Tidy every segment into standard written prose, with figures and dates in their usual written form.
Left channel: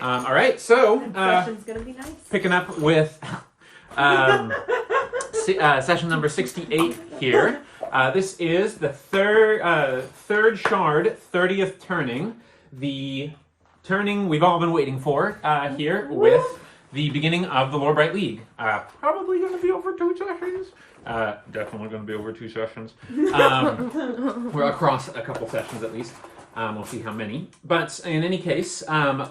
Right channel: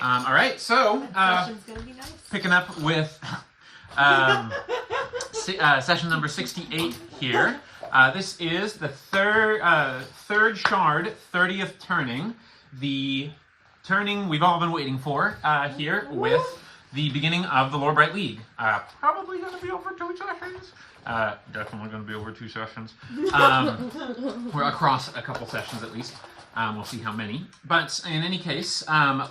All right, so session's gonna be nice. picking up with session number 68 here. This is the third shard, 30th turning. The turning we've all been waiting for here with the beginning of the Lorebright League. Probably going to be over 2 sessions. Definitely going to be over 2 sessions. We're across a couple sessions at least. We'll see how many. But in any case,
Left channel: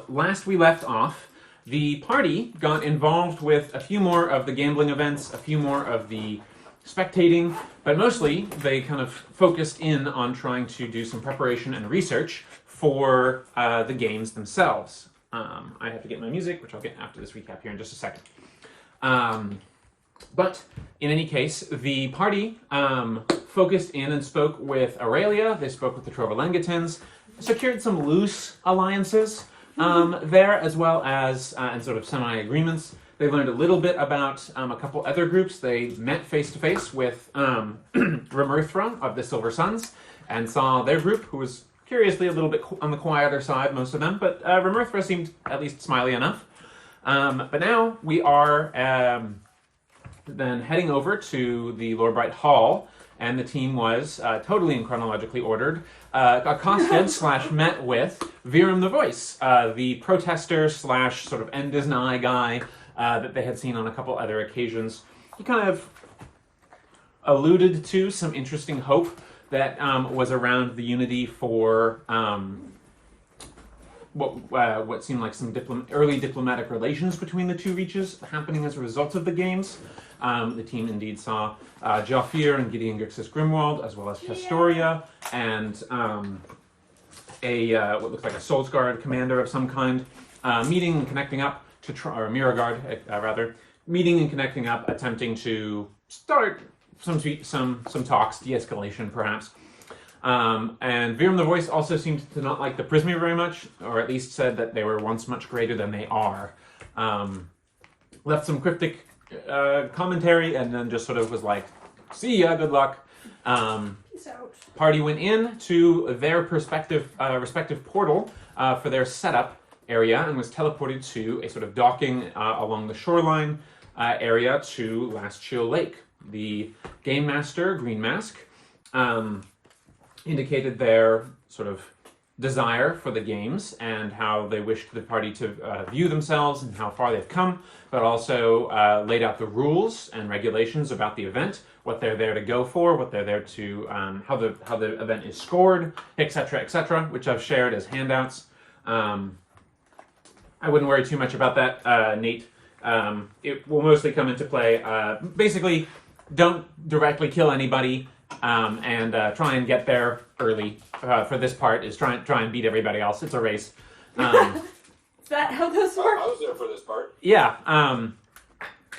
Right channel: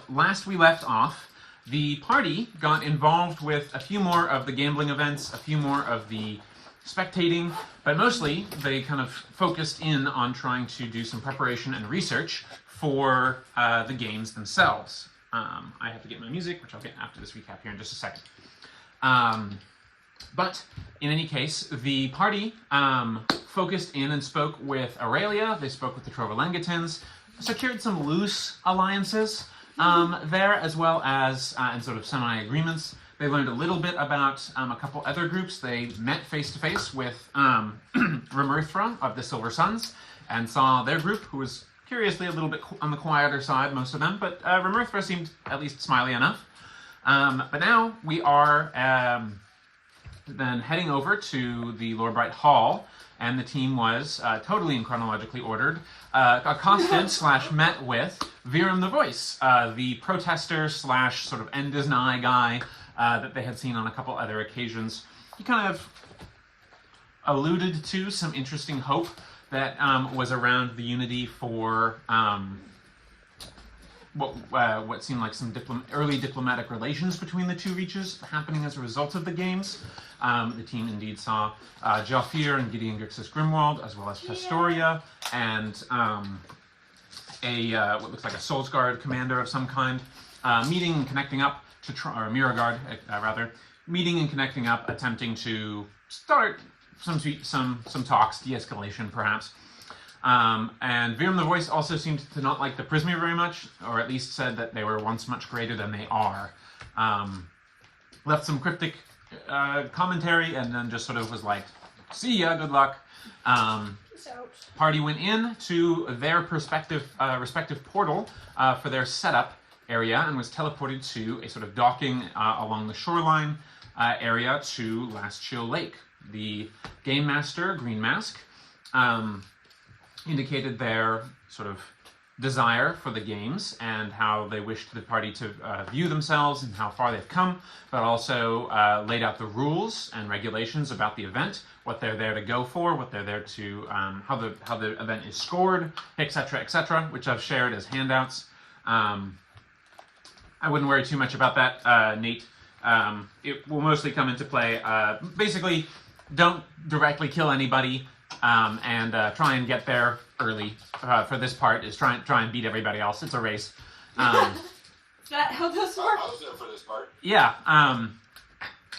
last we left off, the party got involved with a few more of the gambling events, a few more of the spectating, but mostly they kind of focused in on trying to do some preparation and research for the games themselves. I have to get my music, which I'll get after this recap here in just a second. But in any case, the party focused in and spoke with Aurelia. They spoke with the Trovalengatans, secured some loose alliances there, as well as and sort of semi-agreements. They learned a little bit about a couple other groups. They met face-to-face with Remerthra of the Silver Suns and saw their group, who was curiously a little bit on the quieter side, most of them, but Remerthra seemed at least smiley enough. But now we are then heading over to the Lorebright Hall, and the team was totally and chronologically ordered, accosted / met with Virum the Voice, the protester / sort of end is nigh guy that they had seen on a couple other occasions. He kind of alluded to some interesting hope that was around the unity for what seemed like some early diplomatic relations between the two reaches happening as a result of the games. The team indeed saw Jafir and Gideon Grixis Grimwald, as well as Testoria, and what looks like a Souls Guard commander of some kind, meeting and connecting up to or Miragard rather, meeting and connecting up, attempting to start some talks, de-escalation perhaps. And Virum the Voice also seemed to not like the Prismir very much, or at least said that they were once much greater than they are. Left some cryptic commentary, and then just sort of was like, see ya, good luck. Party went in to their respective portal for their setup area and was teleported to a sort of docking along the shoreline area to Last Chill Lake. The Game Master, Green Mask, indicated their sort of desire for the games and how they wished the party to view themselves and how far they've come, but also laid out the rules and regulations about the event, what they're there to go for, what they're there to, how the event is scored, etc., which I've shared as handouts. I wouldn't worry too much about that, Nate. It will mostly come into play. Basically, don't directly kill anybody, and try and get there early. For this part, is try and beat everybody else. It's a race. Is that how those work? I was there for this part. Yeah.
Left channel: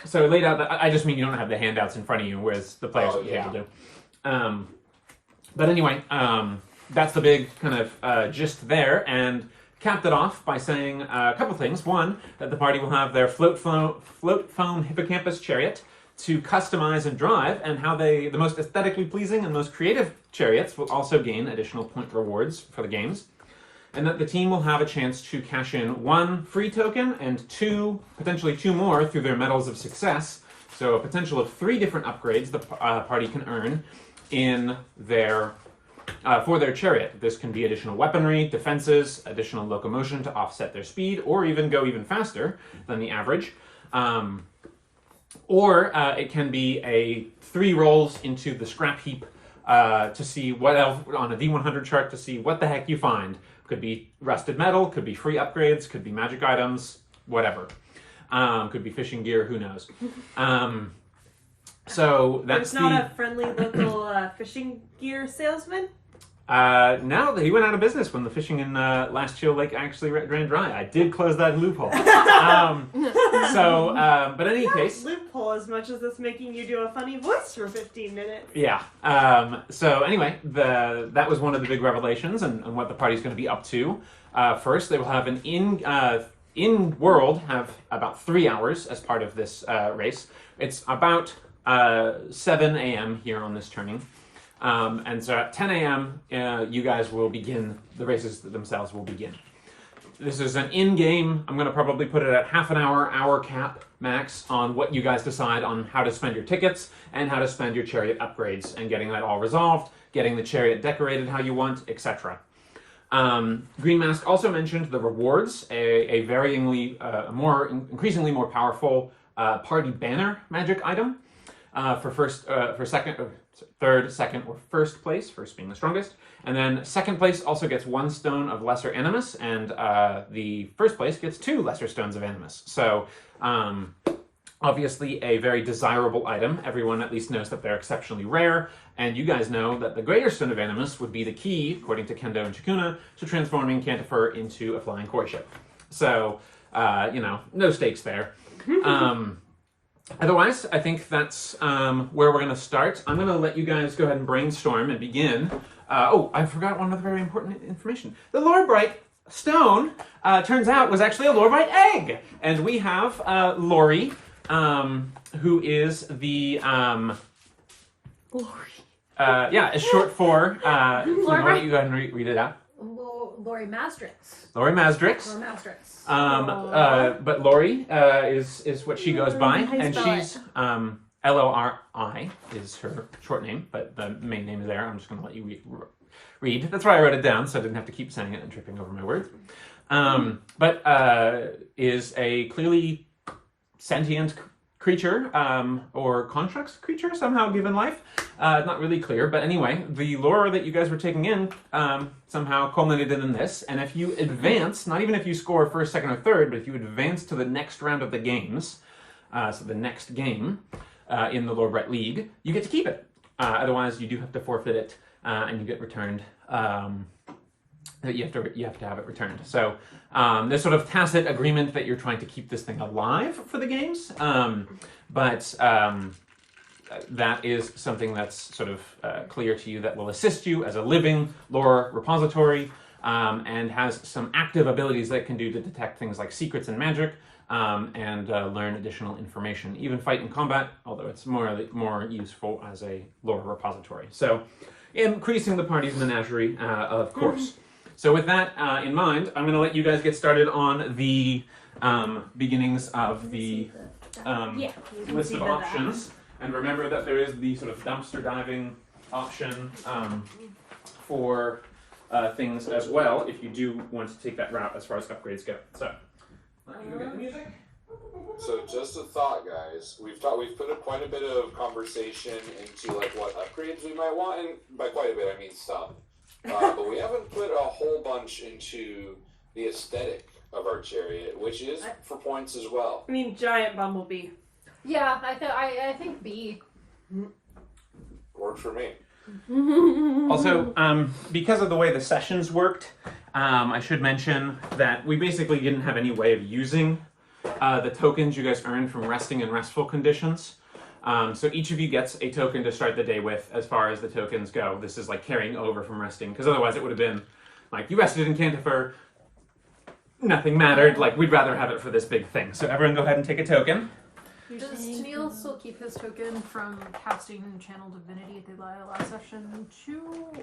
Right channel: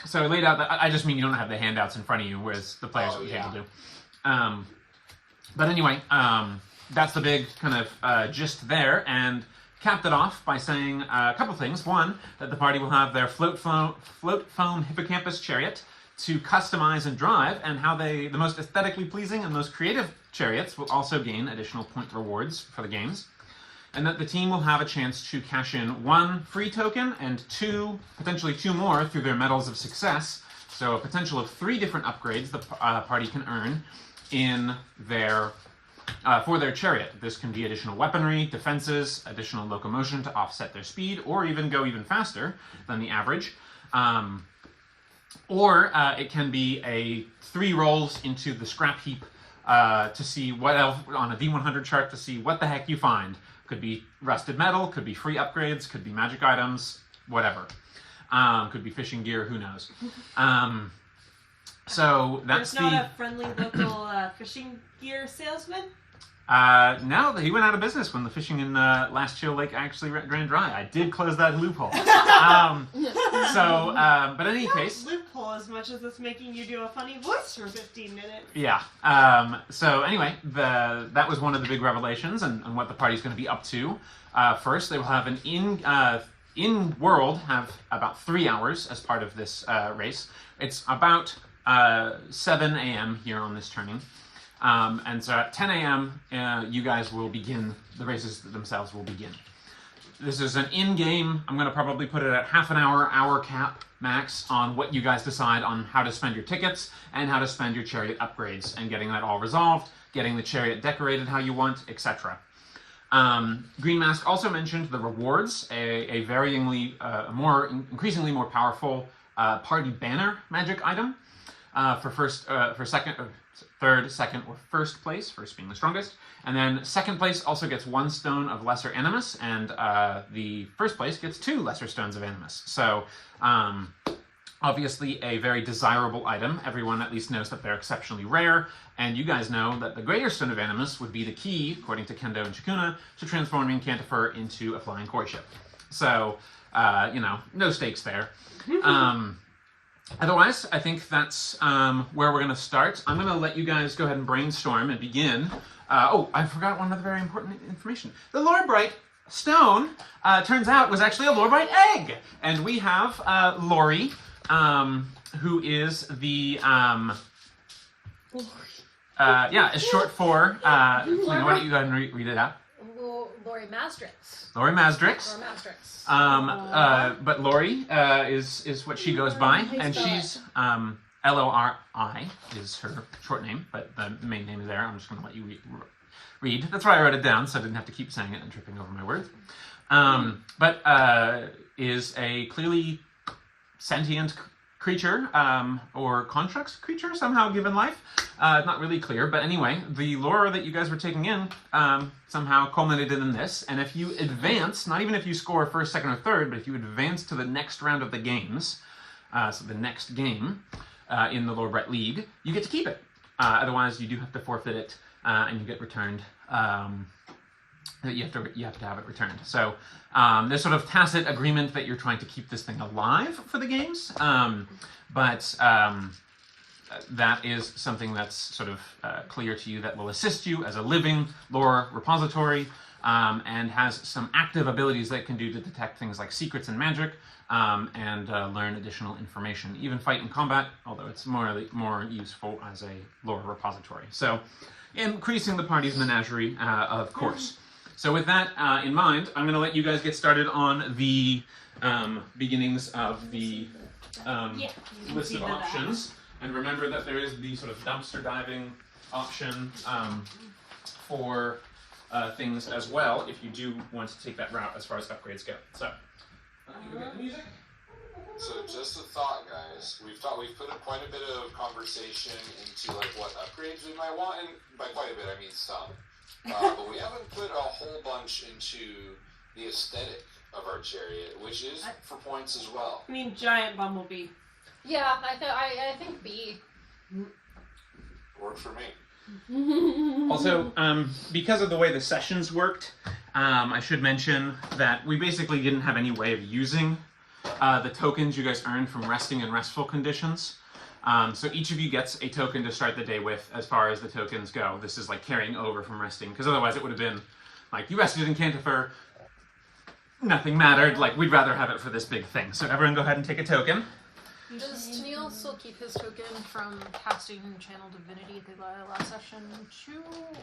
So laid out that I just mean you don't have the handouts in front of you, whereas the players are able to. But anyway, that's the big kind of gist there, and capped it off by saying a couple things. One, that the party will have their Float-Foam Hippocampus Chariot to customize and drive, and how the most aesthetically pleasing and most creative chariots will also gain additional point rewards for the games. And that the team will have a chance to cash in 1 free token and potentially two more through their Medals of Success. So a potential of 3 different upgrades the party can earn in their for their chariot. This can be additional weaponry, defenses, additional locomotion to offset their speed, or even go even faster than the average. Or it can be 3 rolls into the scrap heap to see what else on a D100 chart, to see what the heck you find. Could be rusted metal, could be free upgrades, could be magic items, whatever. Could be fishing gear, who knows. So that's not a friendly local fishing gear salesman? No, he went out of business when the fishing in Last Chill Lake actually ran dry. I did close that loophole. But in any case... loophole as much as it's making you do a funny voice for 15 minutes. Yeah. So anyway, that was one of the big revelations and what the party's going to be up to. First, they will have an in-world, have about 3 hours as part of this race. It's about 7 a.m. here on this turning. And so at 10 a.m., you guys will begin, the races themselves will begin. This is an in-game. I'm going to probably put it at half an hour cap max on what you guys decide on how to spend your tickets and how to spend your chariot upgrades and getting that all resolved, getting the chariot decorated how you want, etc. Green Mask also mentioned the rewards, a varyingly, increasingly more powerful party banner magic item for second, or third, second, or first place, first being the strongest. And then second place also gets 1 stone of Lesser Animus, and the first place gets 2 Lesser Stones of Animus. So, obviously a very desirable item. Everyone at least knows that they're exceptionally rare, and you guys know that the Greater Stone of Animus would be the key, according to Kendo and Shikuna, to transforming Cantifer into a flying koi ship. So, no stakes there. Otherwise, I think that's where we're going to start. I'm going to let you guys go ahead and brainstorm and begin. I forgot one other very important information. The Lorebright stone, turns out, was actually a Lorebright egg. And we have Lori, who is the... is short for... why don't you go ahead and read it out? Lori Mastrix. Lori Mastrix. Lori Mastrix. But Lori is what she goes by, and she's Lori is her short name, but the main name is there. I'm just going to let you read. That's why I wrote it down, so I didn't have to keep saying it and tripping over my words. But is a clearly sentient creature, or constructs creature somehow given life. Not really clear, but anyway, the lore that you guys were taking in somehow culminated in this, and if you advance, not even if you score first, second, or third, but if you advance to the next round of the games, so the next game in the Lorebright League, you get to keep it. Otherwise, you do have to forfeit it, and you get returned. You have to have it returned. So there's sort of tacit agreement that you're trying to keep this thing alive for the games, but that is something that's sort of clear to you that will assist you as a living lore repository, and has some active abilities that it can do to detect things like secrets and magic, and learn additional information, even fight in combat, although it's more useful as a lore repository. So increasing the party's menagerie, of course. So with that in mind, I'm going to let you guys get started on the beginnings of the list of options. And remember that there is the sort of dumpster diving option for things as well, if you do want to take that route as far as upgrades go. So, let me go get the music. So just a thought, guys. We've put quite a bit of conversation into like what upgrades we might want, and by quite a bit I mean some. But we haven't put a whole bunch into the aesthetic of our chariot, which is for points as well. I mean, giant bumblebee. Yeah, I think B. Worked for me. Also, because of the way the sessions worked, I should mention that we basically didn't have any way of using the tokens you guys earned from resting in restful conditions. So each of you gets a token to start the day with as far as the tokens go. This is like carrying over from resting, because otherwise it would have been like, you rested in Cantifer, nothing mattered, like we'd rather have it for this big thing. So everyone go ahead and take a token. Does Tennille still keep his token from casting Channel Divinity at the last session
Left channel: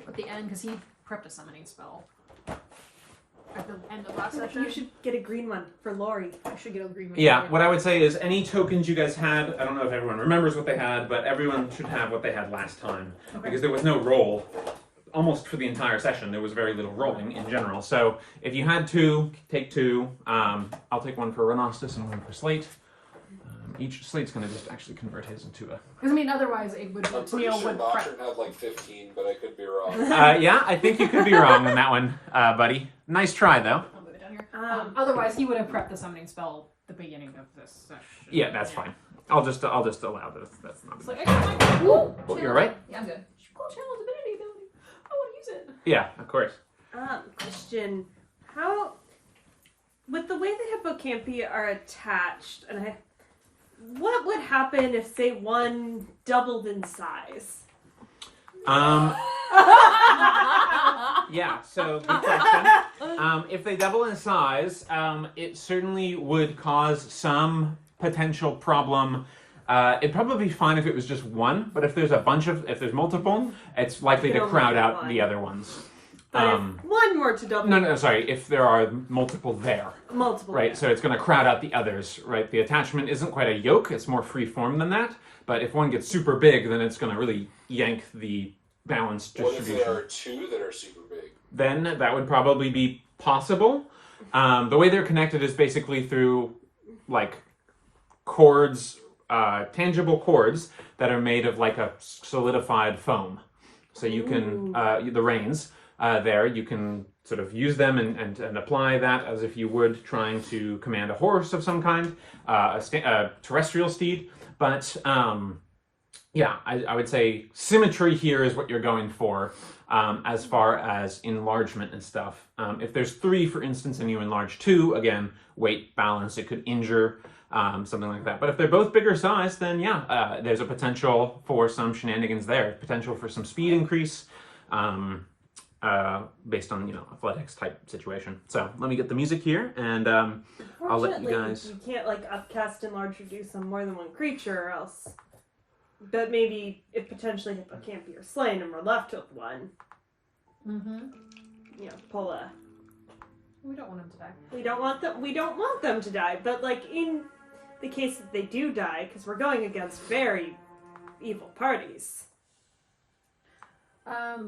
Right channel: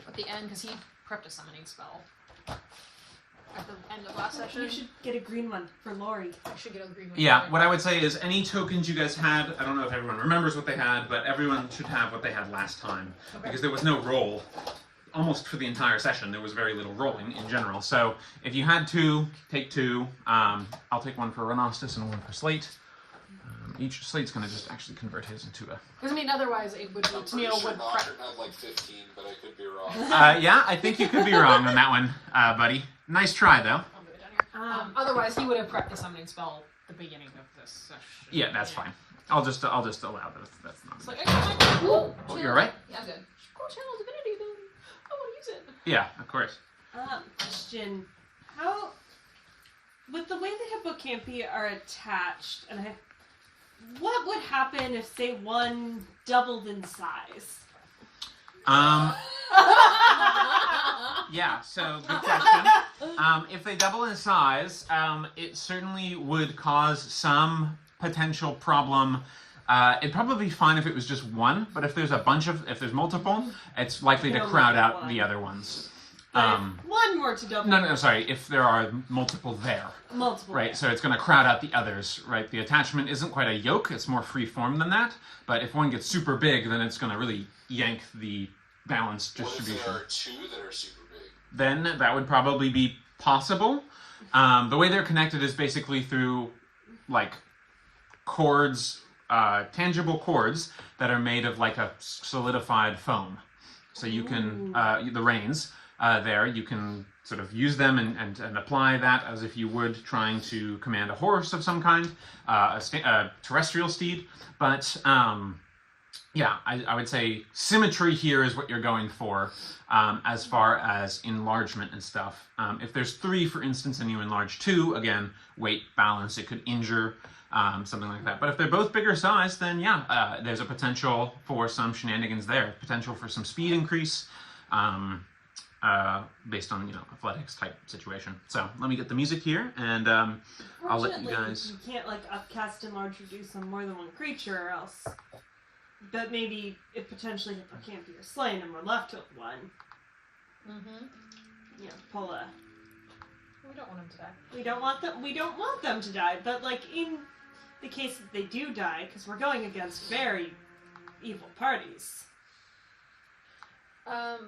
at the end, because he prepped a summoning spell at the end of last session? You should get a green one for Lori. I should get a green one. Yeah, what I would say is any tokens you guys had, I don't know if everyone remembers what they had, but everyone should have what they had last time. Okay. Because there was no roll. Almost for the entire session, there was very little rolling in general. So if you had 2, take 2. I'll take 1 for Renostus and 1 for Slate. Each Slate's going to just actually convert his into a... Because, I mean, otherwise it would... I'm pretty sure Nocturne had like 15, but I could be wrong. Yeah, I think you could be wrong on that one, buddy. Nice try, though. I'll move it down here. Otherwise, he would have prepped the summoning spell at the beginning of this session. Yeah, that's fine. I'll just allow that. That's not... So, Oh, you're right? Yeah, I'm good. Cool Channel Divinity, then. I want to use it. Yeah, of course. Question. How... With the way the Hippocampi are attached, and what would happen if, say, one doubled in size? Yeah, so good question. If they double in size, it certainly would cause some potential problem. It'd probably be fine if it was just one, but if there's multiple, it's likely to crowd out the other ones. But if one were to double, No, sorry. If there are multiple there, multiple, right? So it's going to crowd out the others, right? The attachment isn't quite a yoke; it's more free form than that. But if one gets super big, then it's going to really yank the balance What if distribution. there are two that are super big? Then that would probably be possible. The way they're connected is basically through like cords, tangible cords that are made of like a solidified foam. So you can the reins there, you can sort of use them and apply that as if you would trying to command a horse of some kind, a terrestrial steed. But yeah, I would say symmetry here is what you're going for as far as enlargement and stuff. If there's 3, for instance, and you enlarge 2, again, weight, balance, it could injure, something like that. But if they're both bigger size, then yeah, there's a potential for some shenanigans there. Potential for some speed increase based on, athletics type situation. So let me get the music here, and I'll let you guys... You can't, like, upcast, enlarge, reduce on more than one creature, or else... But maybe if potentially Hippocampi are slain and we're left with one, pull a... We don't want him to die. We don't want them to die, but like in the case that they do die, because we're going against very evil parties.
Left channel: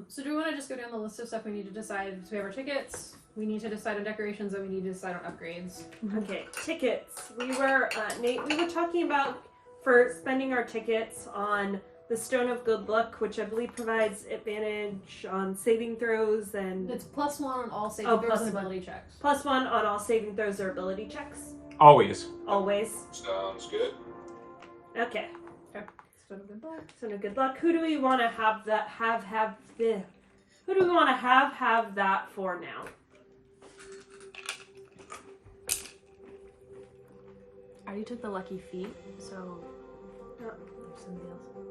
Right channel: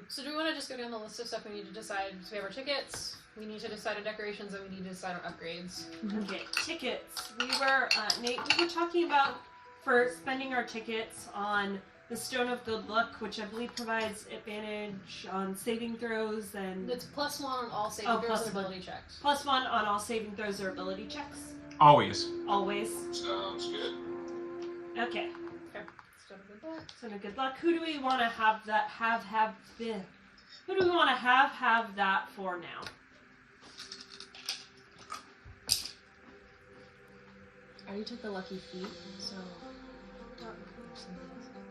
So do we want to just go down the list of stuff we need to decide? So we have our tickets, we need to decide on decorations, and we need to decide on upgrades. Okay, tickets. We were, Nate, we were talking about for spending our tickets on the Stone of Good Luck, which I believe provides advantage on saving throws and... It's +1 on all saving throws and ability checks. +1 on all saving throws or ability checks. Always. Always. Sounds good. Okay. Stone of Good Luck. Stone of Good Luck. Who do we want to have that Who do we want to have that for now? I already took the lucky feet, so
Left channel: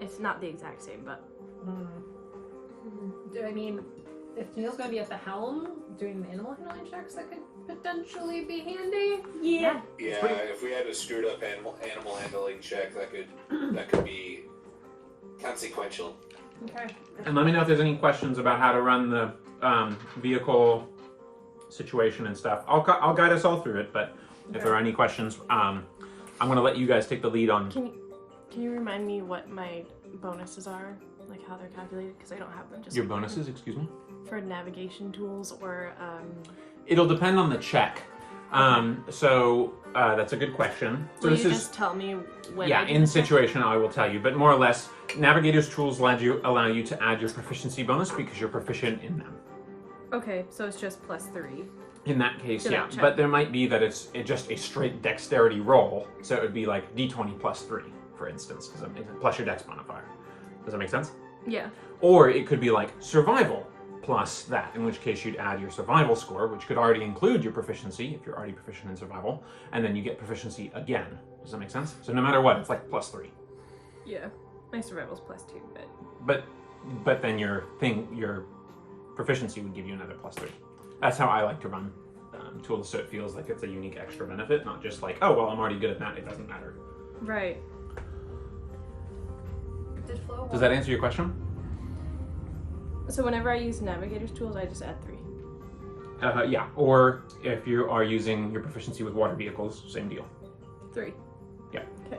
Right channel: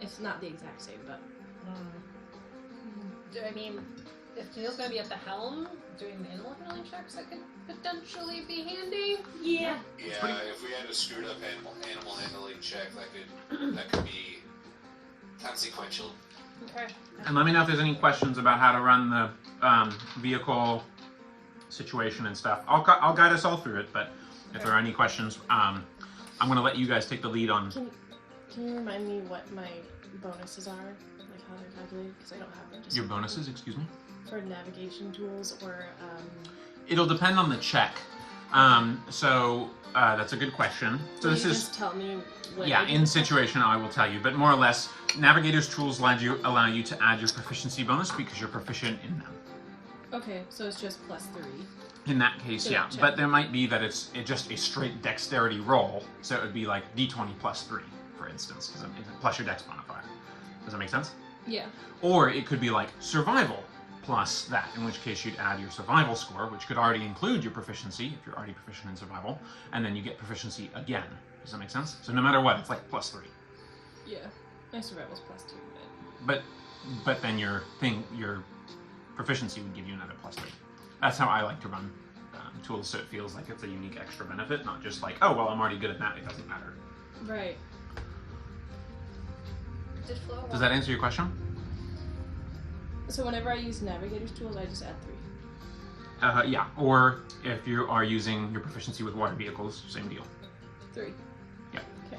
it's not the exact same, but I mean, if Tennille's gonna be at the helm doing the animal handling checks, that could potentially be handy. Yeah. Yeah, if we had a screwed up animal handling check, that could be consequential. Okay. And let me know if there's any questions about how to run the vehicle situation and stuff. I'll guide us all through it, but if there are any questions, I'm going to let you guys take the lead on... Can you remind me what my bonuses are? Like how they're calculated? Because I don't have them. Just Your bonuses, excuse me? for navigation tools or... It'll depend on the check. So that's a good question. So Will this you is... just tell me when Yeah, I in situation I will tell you, but more or less, Navigator's tools allow you to add your proficiency bonus because you're proficient in them. Okay, so it's just +3. In that case, Good yeah. check. But there might be that it's just a straight dexterity roll, so it would be like d20 +3, for instance, plus your dex modifier. Does that make sense? Yeah. Or it could be like survival plus that, in which case you'd add your survival score, which could already include your proficiency, if you're already proficient in survival, and then you get proficiency again. Does that make sense? So no matter what, it's like +3. Yeah. My survival's +2, but... But then your proficiency would give you another +3. That's how I like to run tools, so it feels like it's a unique extra benefit, not just like, oh, well, I'm already good at that, it doesn't matter. Right. Does that answer your question? So whenever I use Navigator's tools, I just add 3. Yeah, or if you are using your proficiency with water vehicles, same deal. 3. Yeah. Okay.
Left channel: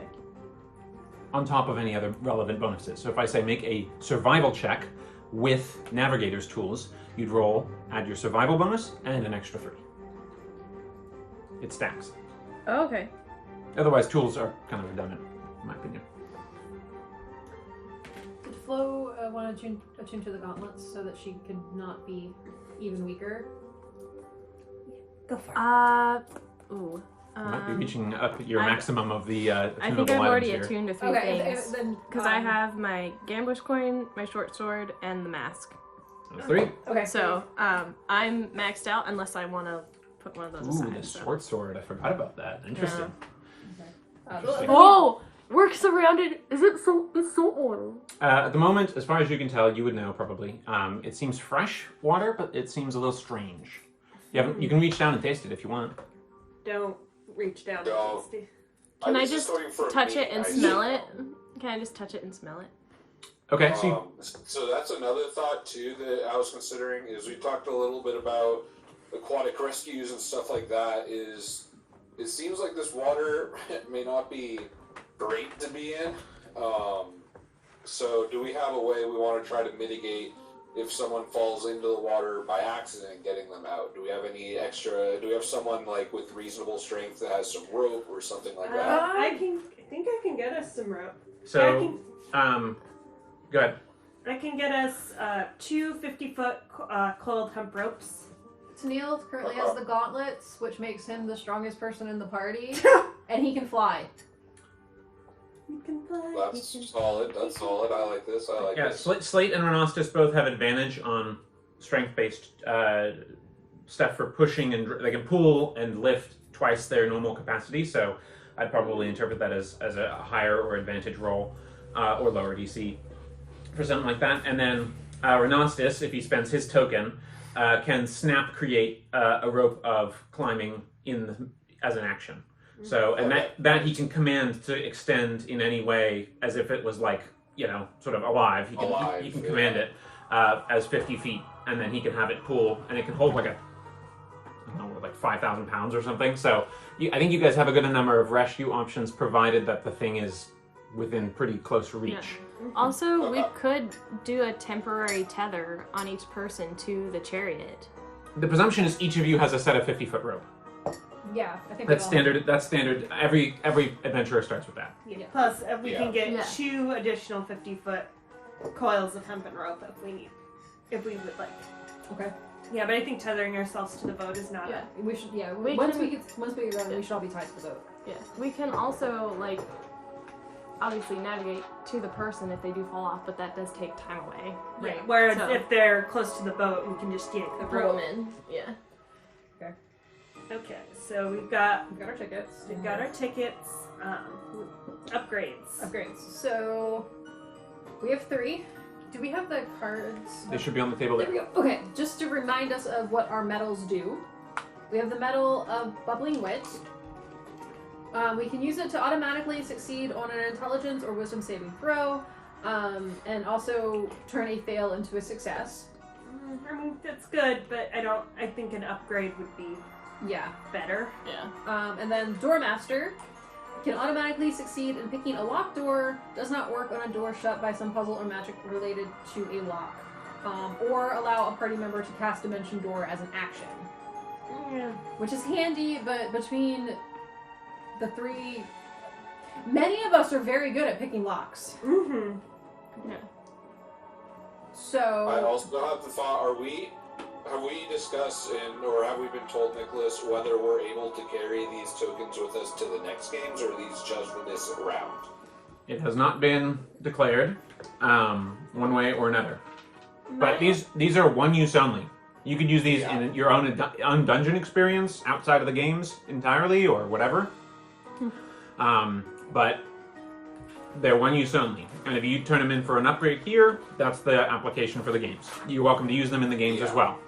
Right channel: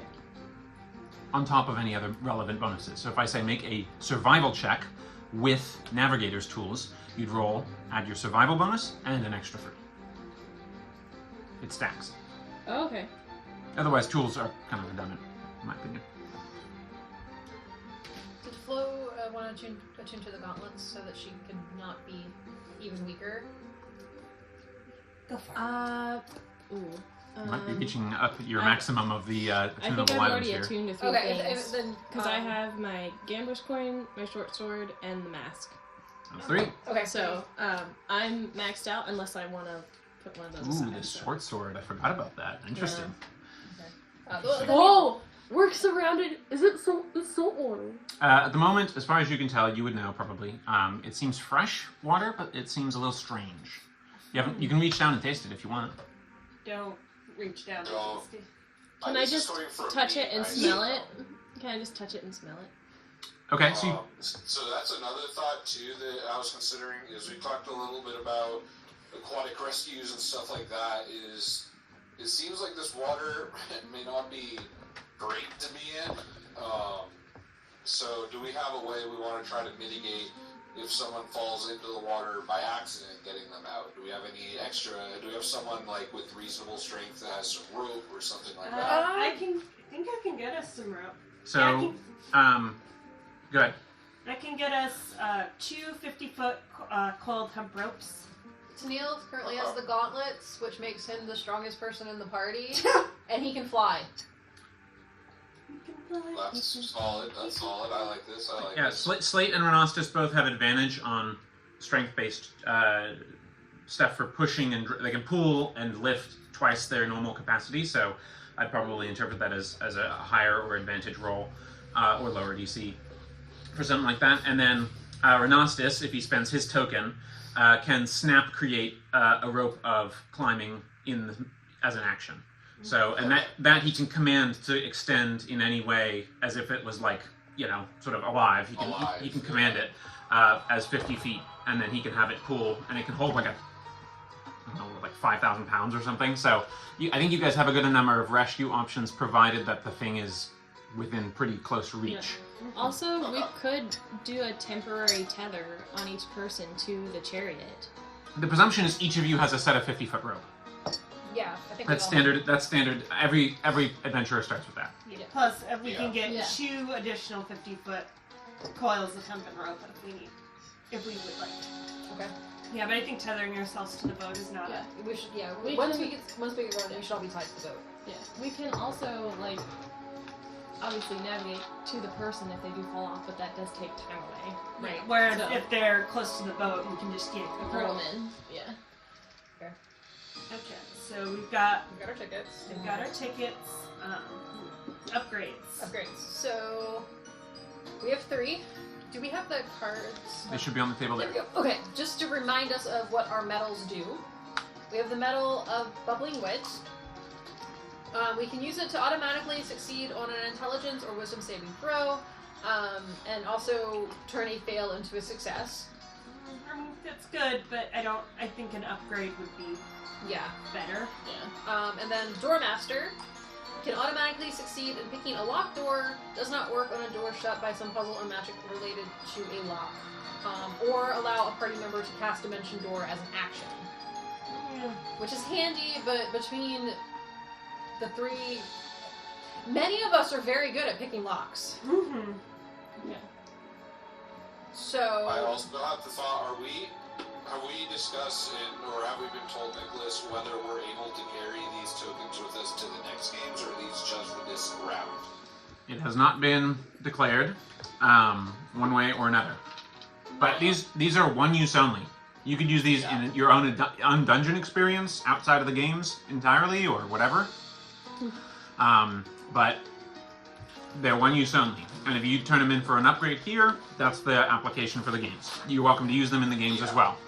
On top of any other relevant bonuses. So if I say make a survival check with Navigator's tools, you'd roll, add your survival bonus, and an extra 3. It stacks. Oh, okay. Otherwise, tools are kind of redundant, in my opinion. Did Flo want to attune to the gauntlets so that she could not be even weaker? Go for it. Ooh. You might be reaching up your maximum of the I think attunable I've items already here. attuned to 3 Okay, things. then Because I have my Gambush coin, my short sword, and the mask. That's 3. Okay, So, I'm maxed out unless I want to put one of those Ooh, aside, the so. short sword. I forgot about that. Interesting. Whoa! We're surrounded. It's so warm. At the moment, as far as you can tell, you would know probably. It seems fresh water, but it seems a little strange. You can reach down and taste it if you want. Don't reach down. No. Can I was just going for a touch it meeting, and I smell said it? Can I just touch it and smell it? Okay, so you, So that's another thought too that I was considering. Is we talked a little bit about aquatic rescues and stuff like that. Is it seems like this water may not be great to be in. So do we have a way we want to try to mitigate if someone falls into the water by accident, getting them out? Do we have any extra? Do we have someone like with reasonable strength that has some rope or something like that? I think I can get us some rope. so go ahead. I can get us 2 50-foot coiled hemp ropes. Tennille currently has the gauntlets, which makes him the strongest person in the party, and he can fly. You can fly. That's solid. That's solid. I like this. I like Yeah, this. Slate and Renastus both have advantage on strength-based stuff for pushing, and they can pull and lift twice their normal capacity. So I'd probably interpret that as a higher or advantage roll or lower DC for something like that. And then Renastus, if he spends his token, can snap create a rope of climbing as an action. So, and that he can command to extend in any way as if it was like, sort of alive. He can command it as 50 feet, and then he can have it pull, and it can hold like 5,000 pounds or something. So I think you guys have a good number of rescue options, provided that the thing is within pretty close reach. Yeah. Also, we could do a temporary tether on each person to the chariot. The presumption is each of you has a set of 50-foot rope. Yeah, I think That's standard. That's standard. Every adventurer starts with that. Yeah. Plus, we can get Yeah. 2 additional 50-foot coils of hemp and rope if we would like. Okay. Yeah, but I think tethering ourselves to the boat is not. Yeah, we should. Yeah, We once can- we get going, we should all be tied to the boat. Yeah. We can also, obviously navigate to the person if they do fall off, but that does take time away. Right. Whereas So- if they're close to the boat, we can just yank the rope. in. Yeah. Okay, so we've got We've got our tickets. our tickets. Upgrades. Upgrades. So we have 3. Do we have the cards? They should be on the table There there. we go. Okay, just to remind us of what our medals do. We have the medal of Bubbling Wit. We can use it to automatically succeed on an intelligence or wisdom saving throw, and also turn a fail into a success. I mean, that's good, but I think an upgrade would be Yeah. better. Yeah. And then Doormaster can automatically succeed in picking a locked door, does not work on a door shut by some puzzle or magic related to a lock, or allow a party member to cast Dimension Door as an action. Yeah. Which is handy, but between the 3, many of us are very good at picking locks. Mm-hmm. So I also have the thought: have we discussed or have we been told, Nicholas, whether we're able to carry these tokens with us to the next games, or are these just for this round? It has not been declared one way or another. But these are one use only. You could use these in your own dungeon experience outside of the games entirely or whatever. But they're one use only. And if you turn them in for an upgrade here, that's the application for the games. You're welcome to use them in the games as well.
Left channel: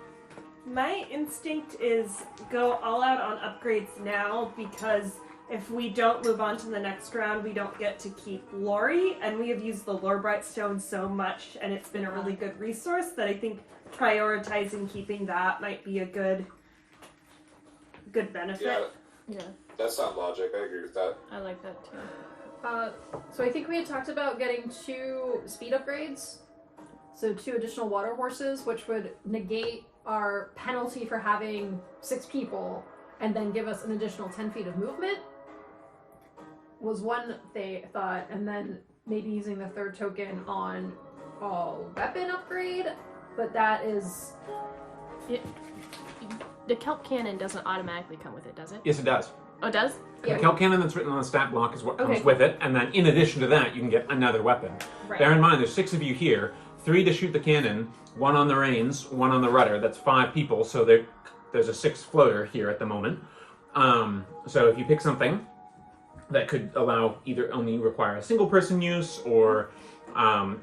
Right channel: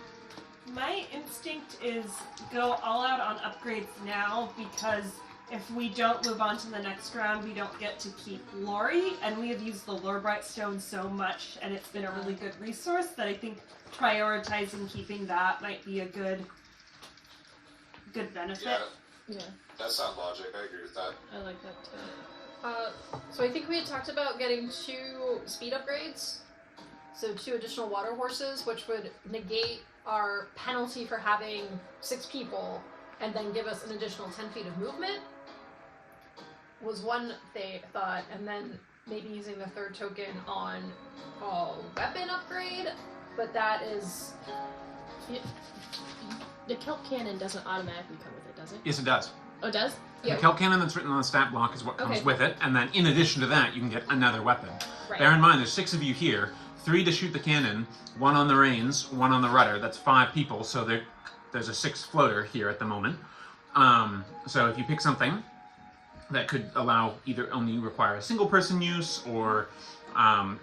My instinct is go all out on upgrades now, because if we don't move on to the next round, we don't get to keep Lori, and we have used the Lorebright Stone so much, and it's been a really good resource that I think prioritizing keeping that might be a good benefit. Yeah, that sounds logic. I agree with that. I like that too. So I think we had talked about getting 2 speed upgrades. So 2 additional water horses, which would negate our penalty for having 6 people, and then give us an additional 10 feet of movement. Was one thought, and then maybe using the 3rd token on a weapon upgrade, but that is... The kelp cannon doesn't automatically come with it, does it? Yes, it does. Oh, it does? The kelp cannon that's written on the stat block is what comes Okay. with it, and then in addition to that, you can get another weapon. Right. Bear in mind, there's 6 of you here, 3 to shoot the cannon, 1 on the reins, 1 on the rudder. That's 5 people, so there's a 6 floater here at the moment. So if you pick something that could allow either only require a single person use, or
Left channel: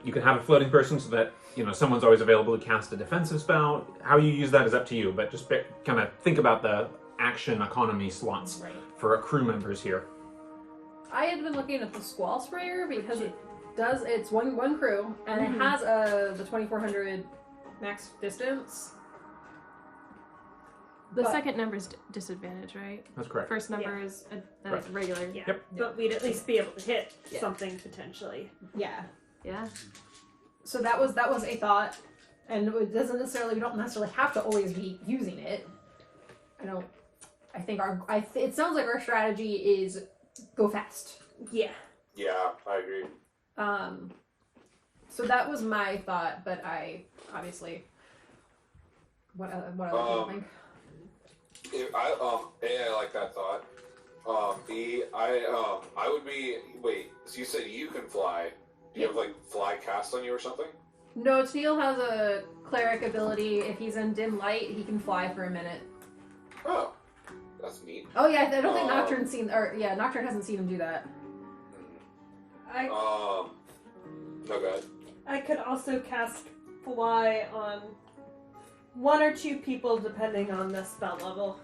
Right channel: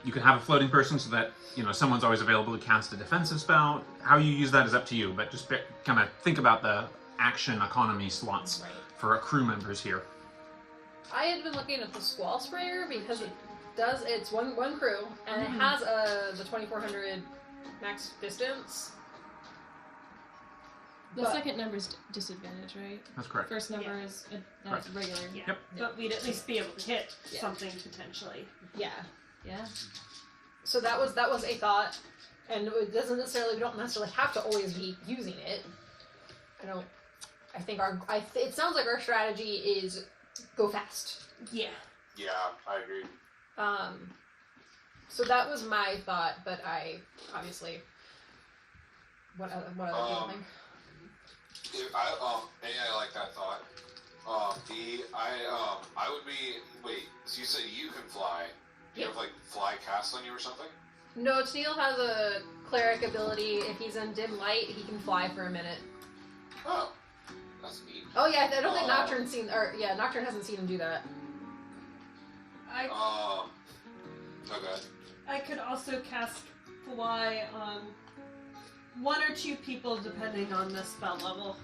you can have a floating person so that someone's always available to cast a defensive spell. How you use that is up to you, but just kind of think about the action economy slots for crew members here. I had been looking at the Squall Sprayer because does. It's one crew, and it has the 2400 max distance. The But- second number is disadvantage, right? That's correct. First number is that's regular. Yeah. Yep. But we'd at least be able to hit Yeah. something potentially. Yeah. Yeah. So that was a thought, and it doesn't necessarily. We don't necessarily have to always be using it. I think it sounds like our strategy is go fast. Yeah. Yeah, I agree. So that was my thought, but I obviously. What other people think? I like that thought. B, I would be. Wait, so you said you can fly? You have like fly cast on you or something? No, Teal has a cleric ability. If he's in dim light, he can fly for a minute. Oh, that's neat. Oh yeah, I don't think Nocturne's seen, Nocturne hasn't seen him do that. No, go ahead. I could also cast fly on one or two people depending on the spell level.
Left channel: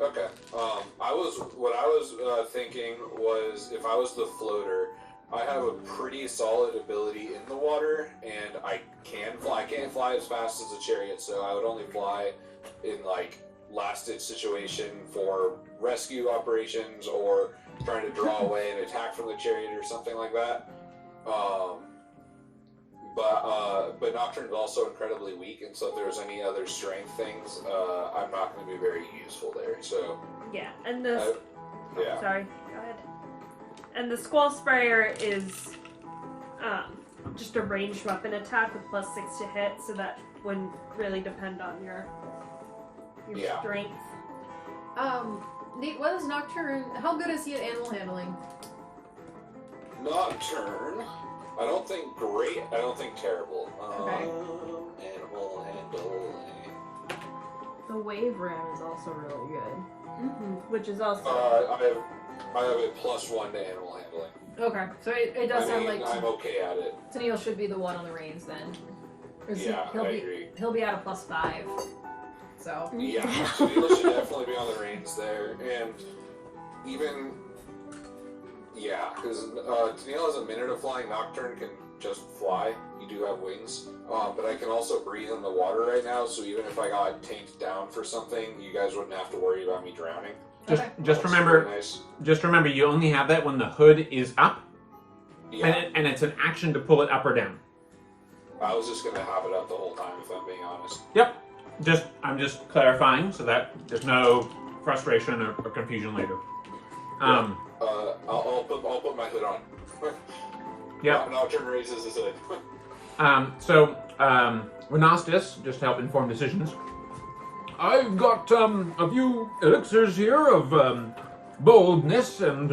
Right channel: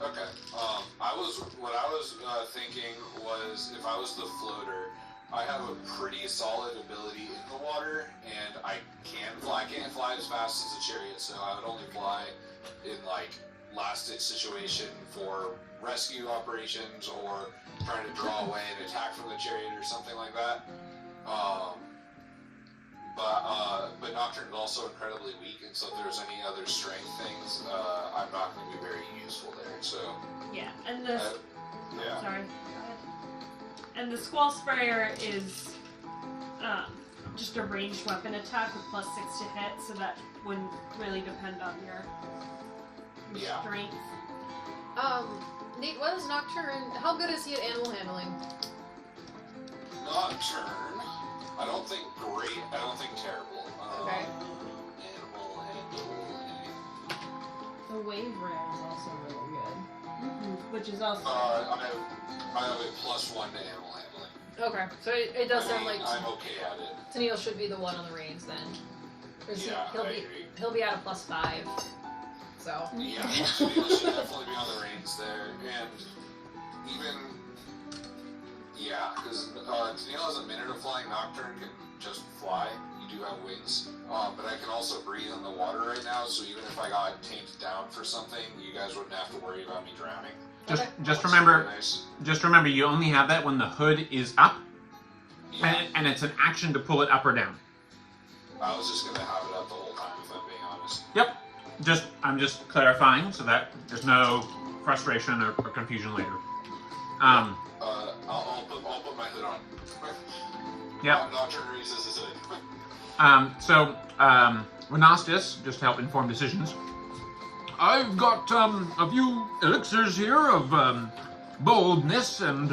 Okay. What I was thinking was if I was the floater, I have a pretty solid ability in the water, and I can fly. I can't fly as fast as a chariot, so I would only fly in like last-ditch situation for rescue operations or trying to draw away an attack from the chariot or something like that. But Nocturne is also incredibly weak, and so if there's any other strength things, I'm not going to be very useful there. So Yeah, and the yeah. sorry, go ahead. And the Squall Sprayer is just a ranged weapon attack with +6 to hit, so that wouldn't really depend on your Yeah. strength. Nate, what is Nocturne? How good is he at animal handling? Nocturne. I don't think great. I don't think terrible. Okay. Animal handling. The wave ram is also really good. Which is also I have a +1 to animal handling. Okay, so it does sound like I'm okay at it. Tennille should be the one on the reins then. Or Yeah, he'll I be, agree. He'll be at a +5. So. Yeah, Tennille should definitely be on the reins there, and even because Tennille has a minute of flying. Nocturne can just fly. You do have wings, but I can also breathe in the water right now. So even if I got tamed down for something, you guys wouldn't have to worry about me drowning. Just remember, really nice. just remember, you only have that when the hood is up, Yeah, and it's an action to pull it up or down. I was just gonna have it up the whole time, if I'm being honest. Yep. I'm just clarifying so that there's no frustration or confusion later. I'll put my hood on. Yep. Nocturne raises his hood. Renastus, just to help inform decisions. I've got a few elixirs here of boldness and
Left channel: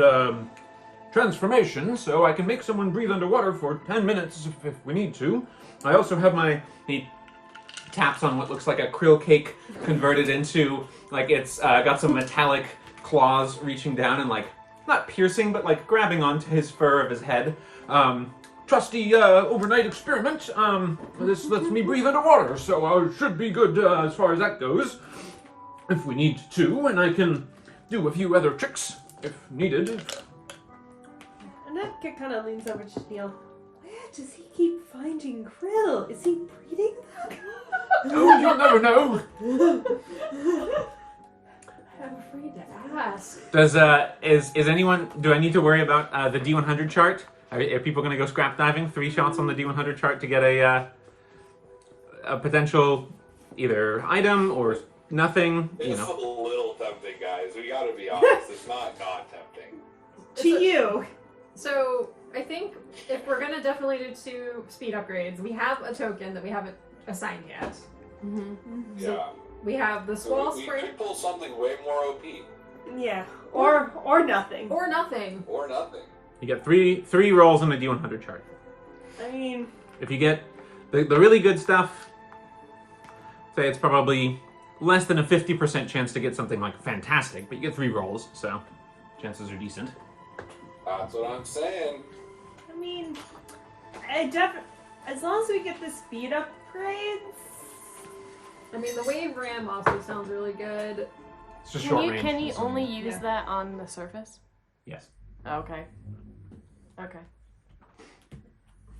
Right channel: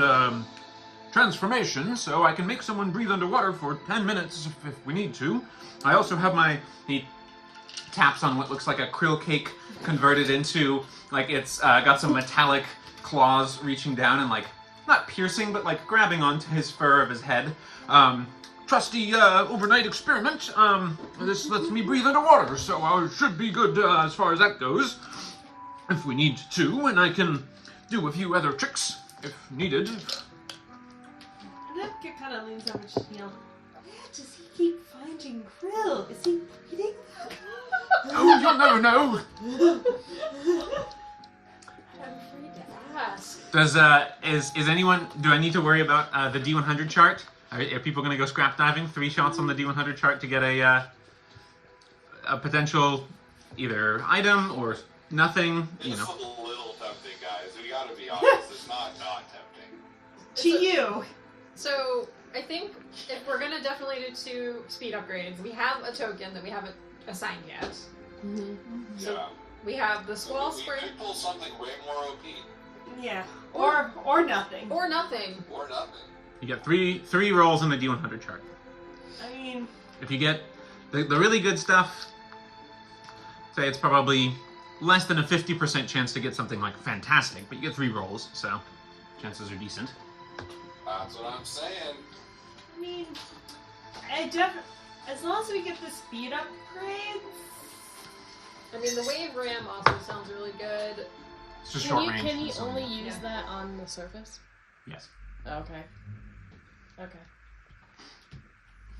transformation, so I can make someone breathe underwater for 10 minutes if we need to. I also have he taps on what looks like a krill cake converted into, like it's got some metallic claws reaching down and like, not piercing, but like grabbing onto his fur of his head. Trusty overnight experiment. This lets me breathe underwater, so I should be good as far as that goes. If we need to, and I can do a few other tricks if needed. And that kind of leans over to Neil. Where does he keep finding krill? Is he breeding them? Oh, you'll never know. I'm afraid to ask. Does is anyone? Do I need to worry about the D100 chart? Are people going to go scrap diving? 3 shots on the D100 chart to get a potential either item or nothing. It's You know. a little tempting, guys. We gotta be honest. It's not tempting. To you. So, I think if we're gonna definitely do 2 speed upgrades, we have a token that we haven't assigned yet. Yeah. We have the Squall We Sprayer. could pull something way more OP. Yeah. Or nothing. Or nothing. Or nothing. You get three rolls in the D100 chart. I mean, If you get the really good stuff, say it's probably less than a 50% chance to get something like fantastic, but you get 3 rolls, so chances are decent. That's what I'm saying. I mean, as long as we get the speed upgrades. I mean, the Wave Ram also sounds really good. It's just Can short you range. can you so- only use Yeah. that on the surface? Yes. Okay. Okay.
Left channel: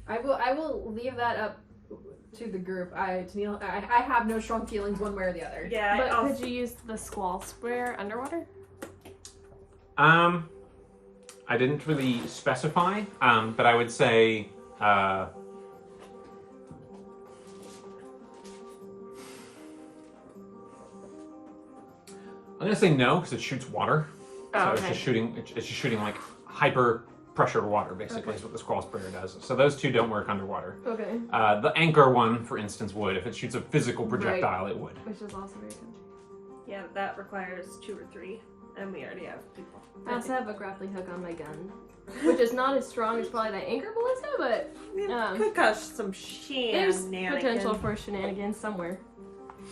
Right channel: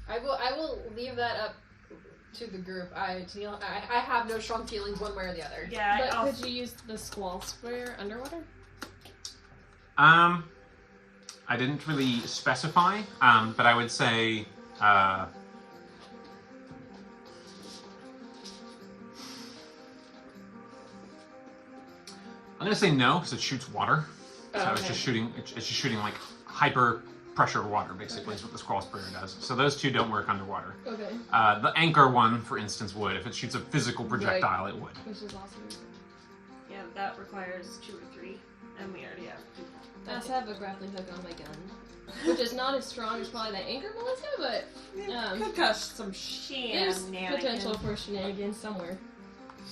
I will leave that up to the group. I have no strong feelings one way or the other. Yeah, But I'll- could you use the squall square underwater? I didn't really specify, but I would say, I'm gonna say no because it shoots water. So Oh, it's okay. just shooting. It's just shooting like hyper pressure water, basically, is what the squall sprayer does. So those two don't work underwater. Okay. The anchor one, for instance, would. If it shoots a physical projectile, it would. Which is also very good. yeah, that requires 2 or 3, and we already have people. I also have a grappling hook on my gun, which is not as strong as probably the anchor ballista, but It could cause some there's shenanigans. potential for shenanigans somewhere.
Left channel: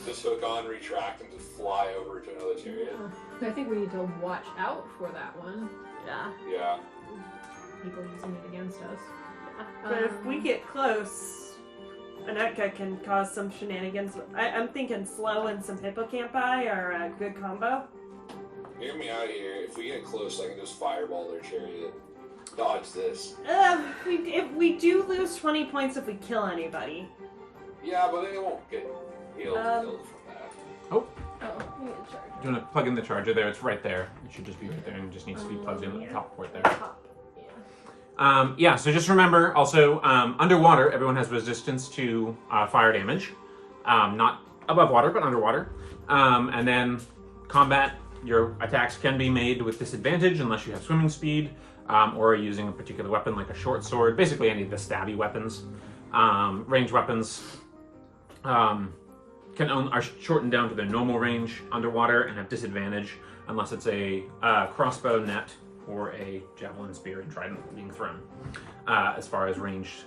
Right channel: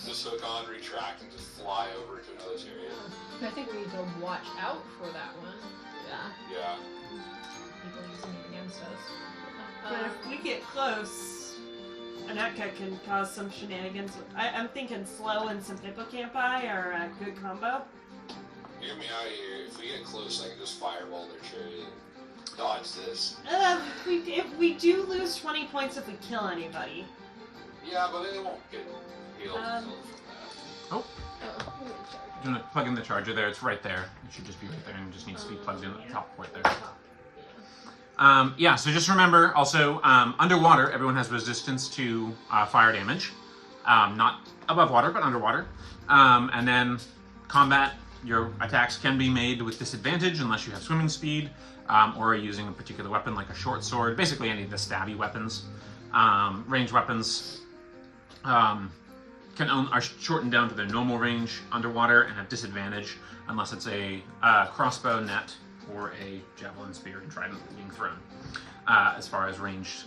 Just hook on, retract, and just fly over to another chariot. I think we need to watch out for that one. Yeah. Yeah. People using it against us. But if we get close, Aneka can cause some shenanigans. I'm thinking slow and some hippocampi are a good combo. Hear me out here. If we get close, I can just fireball their chariot. Dodge this. If we do lose 20 points if we kill anybody. Yeah, but they won't get healed Um, from that. Oh. Do you want to plug in the charger there? It's right there. It should just be right there and just needs to be plugged in at the top port there. Yeah, so just remember also, underwater, everyone has resistance to fire damage. Not above water, but underwater. And then combat, your attacks can be made with disadvantage unless you have swimming speed, or are using a particular weapon like a short sword. Basically any of the stabby weapons. Ranged weapons are shortened down to their normal range underwater and have disadvantage unless it's a crossbow, net, or a javelin, spear, and trident being thrown. As far as ranged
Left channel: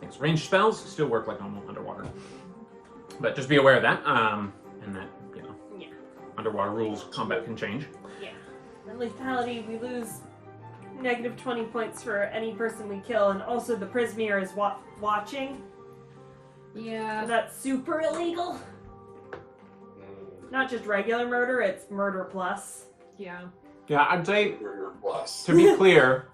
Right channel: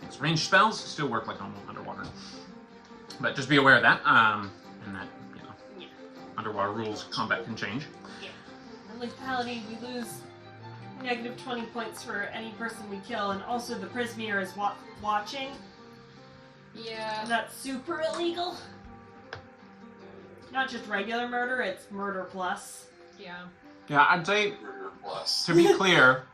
things, ranged spells still work like normal underwater, but just be aware of that. And that Yeah. underwater rules, combat can change. Yeah. And lethality, we lose negative 20 points for any person we kill, and also the prisoner is watching. Yeah. And that's super illegal. Not just regular murder, it's murder plus. Yeah. Yeah, I'd say Murder plus. to be clear,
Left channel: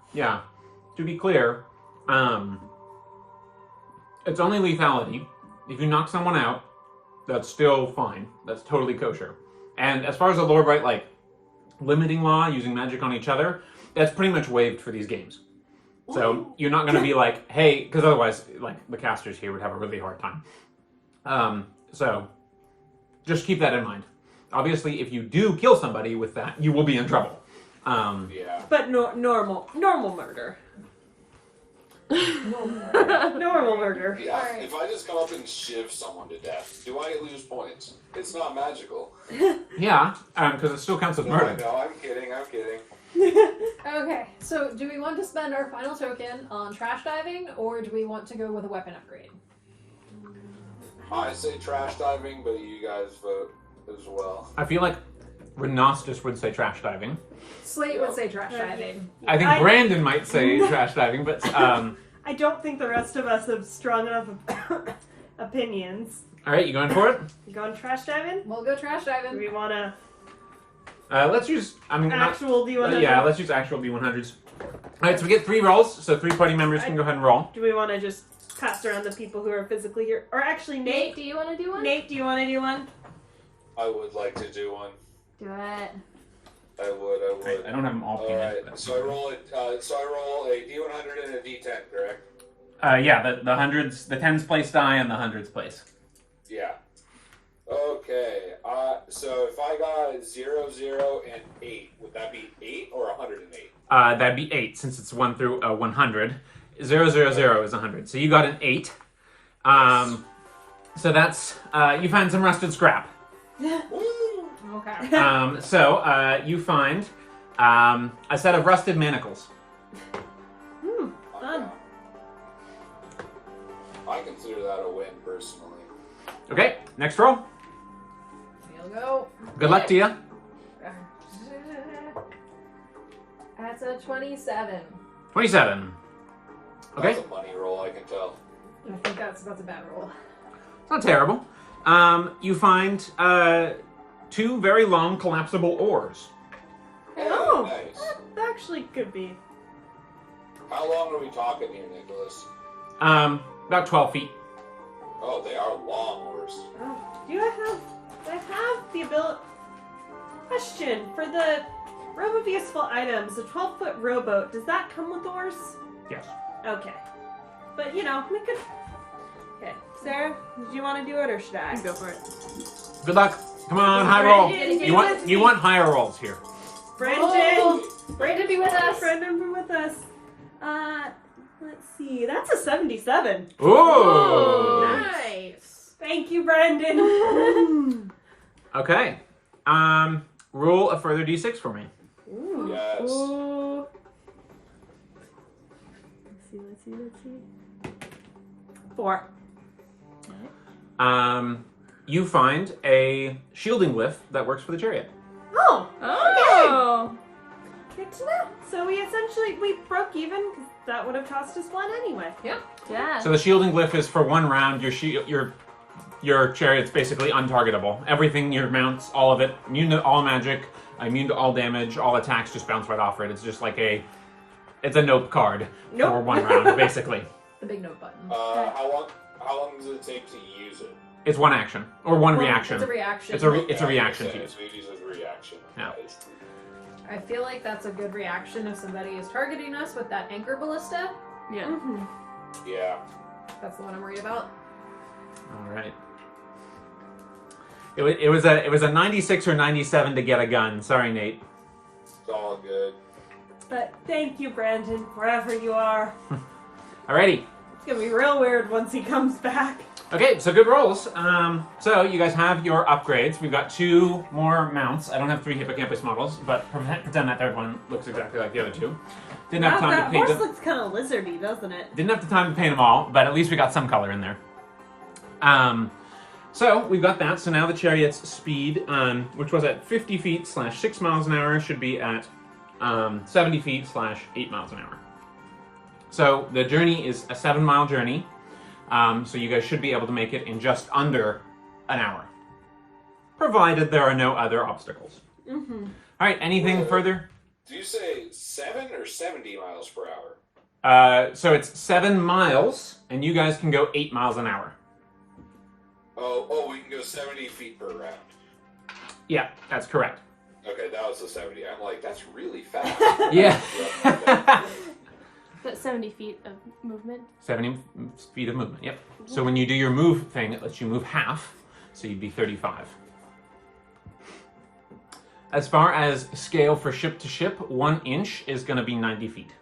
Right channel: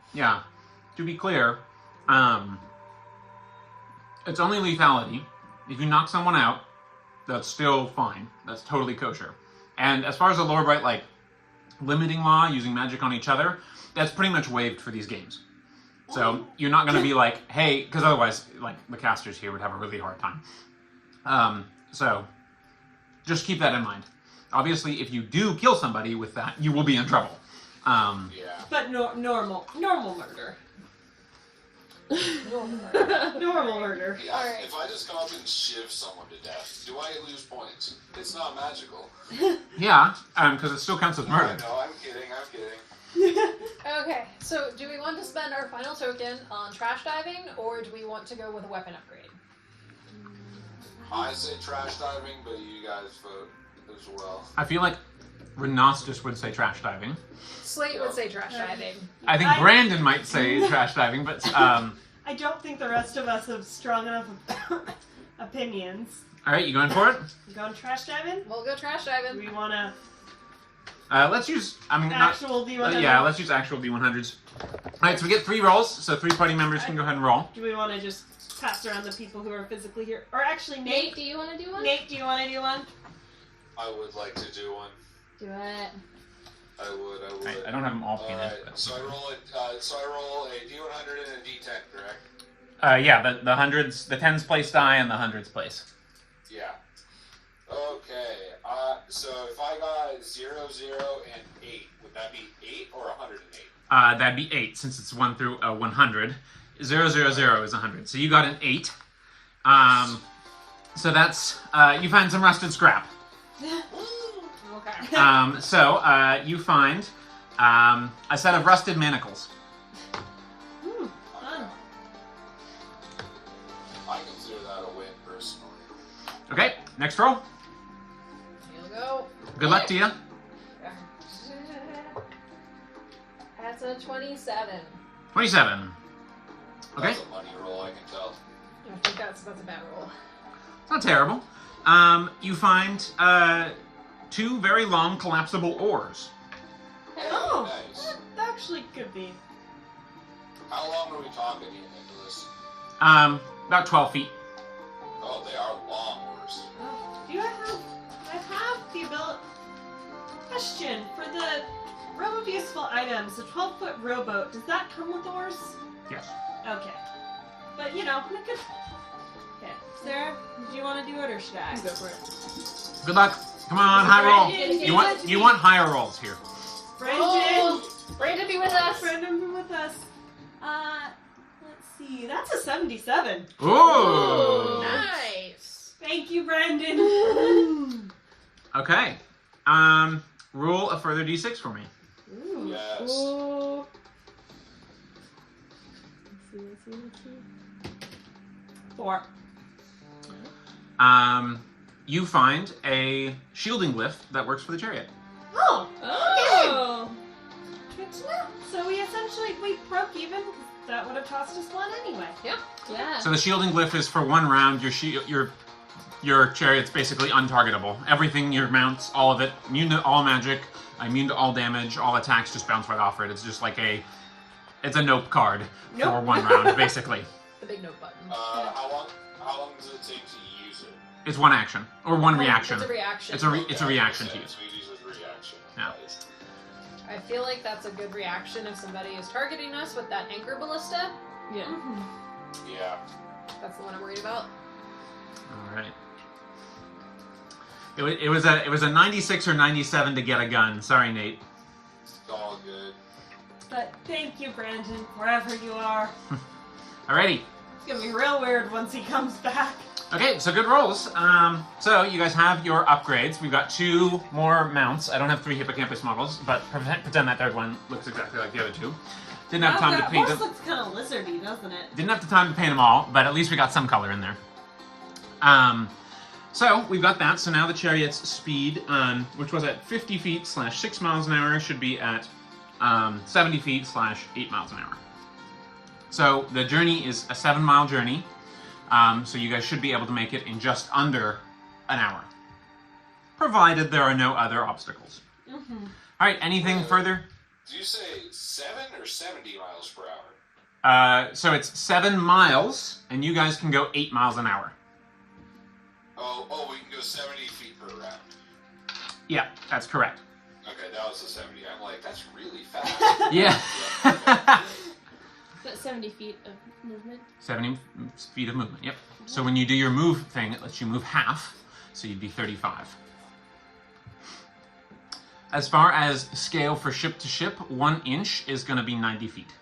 it's only lethality. If you knock someone out, that's still fine. That's totally kosher. And as far as the Lorebright, like, limiting law, using magic on each other, that's pretty much waived for these games. So you're not going to be like, hey, because otherwise, like, the casters here would have a really hard time. So just keep that in mind. Obviously, if you do kill somebody with that, you will be in trouble. Yeah. But normal murder. Normal murder. Yeah, Alright. if I just come up and shiv someone to death, do I lose points? It's not magical. Yeah, because it still counts as murder. No, I'm kidding. Okay, so do we want to spend our final token on trash diving, or do we want to go with a weapon upgrade? I say trash diving, but you guys vote as well. I feel like Renostus would say trash diving. Slate would say trash diving. I think Brandon might say trash diving, but I don't think the rest of us have strong enough opinions. all right, you going for it? You going trash diving? We'll go trash Do diving. we want to Let's use. I mean, not. actual D100? Yeah, let's use actual D100s. All right, so we get 3 rolls, so 3 party members can go ahead and roll. Do we want to just pass around the people who are physically here? Or actually, Nate, Nate, do you want to do one? do you want to do one? I would like to do one. Do it. I would. I don't have them all Alright, so I roll it. So I roll a D100 and a D10, correct? Yeah, the hundreds, the 10s place die, and the hundreds place. Yeah. Okay. So if I got 0, 0, and 8, would that be 8 or 108? That'd be 8 since it's 1 through 100. 0, 0, 0 is 100. So you got an 8. So that's you find some rusted scrap. Okay. So you find a set of rusted manacles. Fun. I consider that a win personally. Okay, next roll. Here we go. Good luck to you. That's a 27. 27. Okay, That's a money roll, I can tell. I think that's a bad roll. it's not terrible. You find 2 very long collapsible oars. Hey, Oh, nice. that actually could be. How long are we talking here, Nicholas? About 12 feet. Oh, they are long oars. Do I have the ability? Question for the room of useful items, the 12-foot rowboat. Does that come with oars? Yes. Okay, but we could. Okay, Sarah, do you want to do it or should I? Go for it. Good luck. Come on, high roll. Brandon, You want higher rolls here. Brandon. Oh, Brandon, be with us. Brandon, be with us. Let's see. That's a 77. Ooh. Nice. Thank you, Brandon. Okay. Roll a further d6 for me. Ooh. Yes. Ooh. Let's see. 4. You find a shielding lift that works for the chariot. Oh. Oh. Good to know. So we broke even because that would have cost us 1 anyway. Yeah. So the shielding lift is for 1 round. Your chariot's basically untargetable. Everything, your mounts, all of it, immune to all magic, immune to all damage, all attacks just bounce right off it. It's just like it's a nope card Nope. for 1 round, basically. The big note button. How long does it take to use it? It's 1 action or 1 reaction. It's a reaction. It's a reaction to use. So it uses reaction. Yeah. That is- I feel like that's a good reaction if somebody is targeting us with that anchor ballista. Yeah. Mm-hmm. Yeah. That's the one I'm worried about. All right. It was a 96 or 97 to get a gun. Sorry, Nate. It's all good. But thank you, Brandon, wherever you are. Alrighty. It's gonna be real weird once he comes back. Okay, so good rolls. So you guys have your upgrades. We've got 2 more mounts. I don't have 3 hippocampus models, but pretend that third one looks exactly like the other 2. Didn't have time to That paint horse them. looks kind of lizardy, doesn't it? Didn't have the time to paint them all, but at least we got some color in there. So we've got that. So now the chariot's speed, which was at 50 feet / 6 miles an hour, should be at 70 feet / 8 miles an hour. So the journey is a 7-mile journey. So you guys should be able to make it in just under an hour, provided there are no other obstacles. Mm-hmm. All right, anything further? Do you say 7 or 70 miles per hour? So it's 7 miles, and you guys can go 8 miles an hour. Oh, we can go 70 feet per round. Yeah, that's correct. Okay, that was the 70. I'm like, that's really fast. Yeah. Yep, okay. But 70 feet of movement. 70 feet of movement, yep. So when you do your move thing, it lets you move half, so you'd be 35. As far as scale for ship to ship, 1 inch is going to be 90 feet.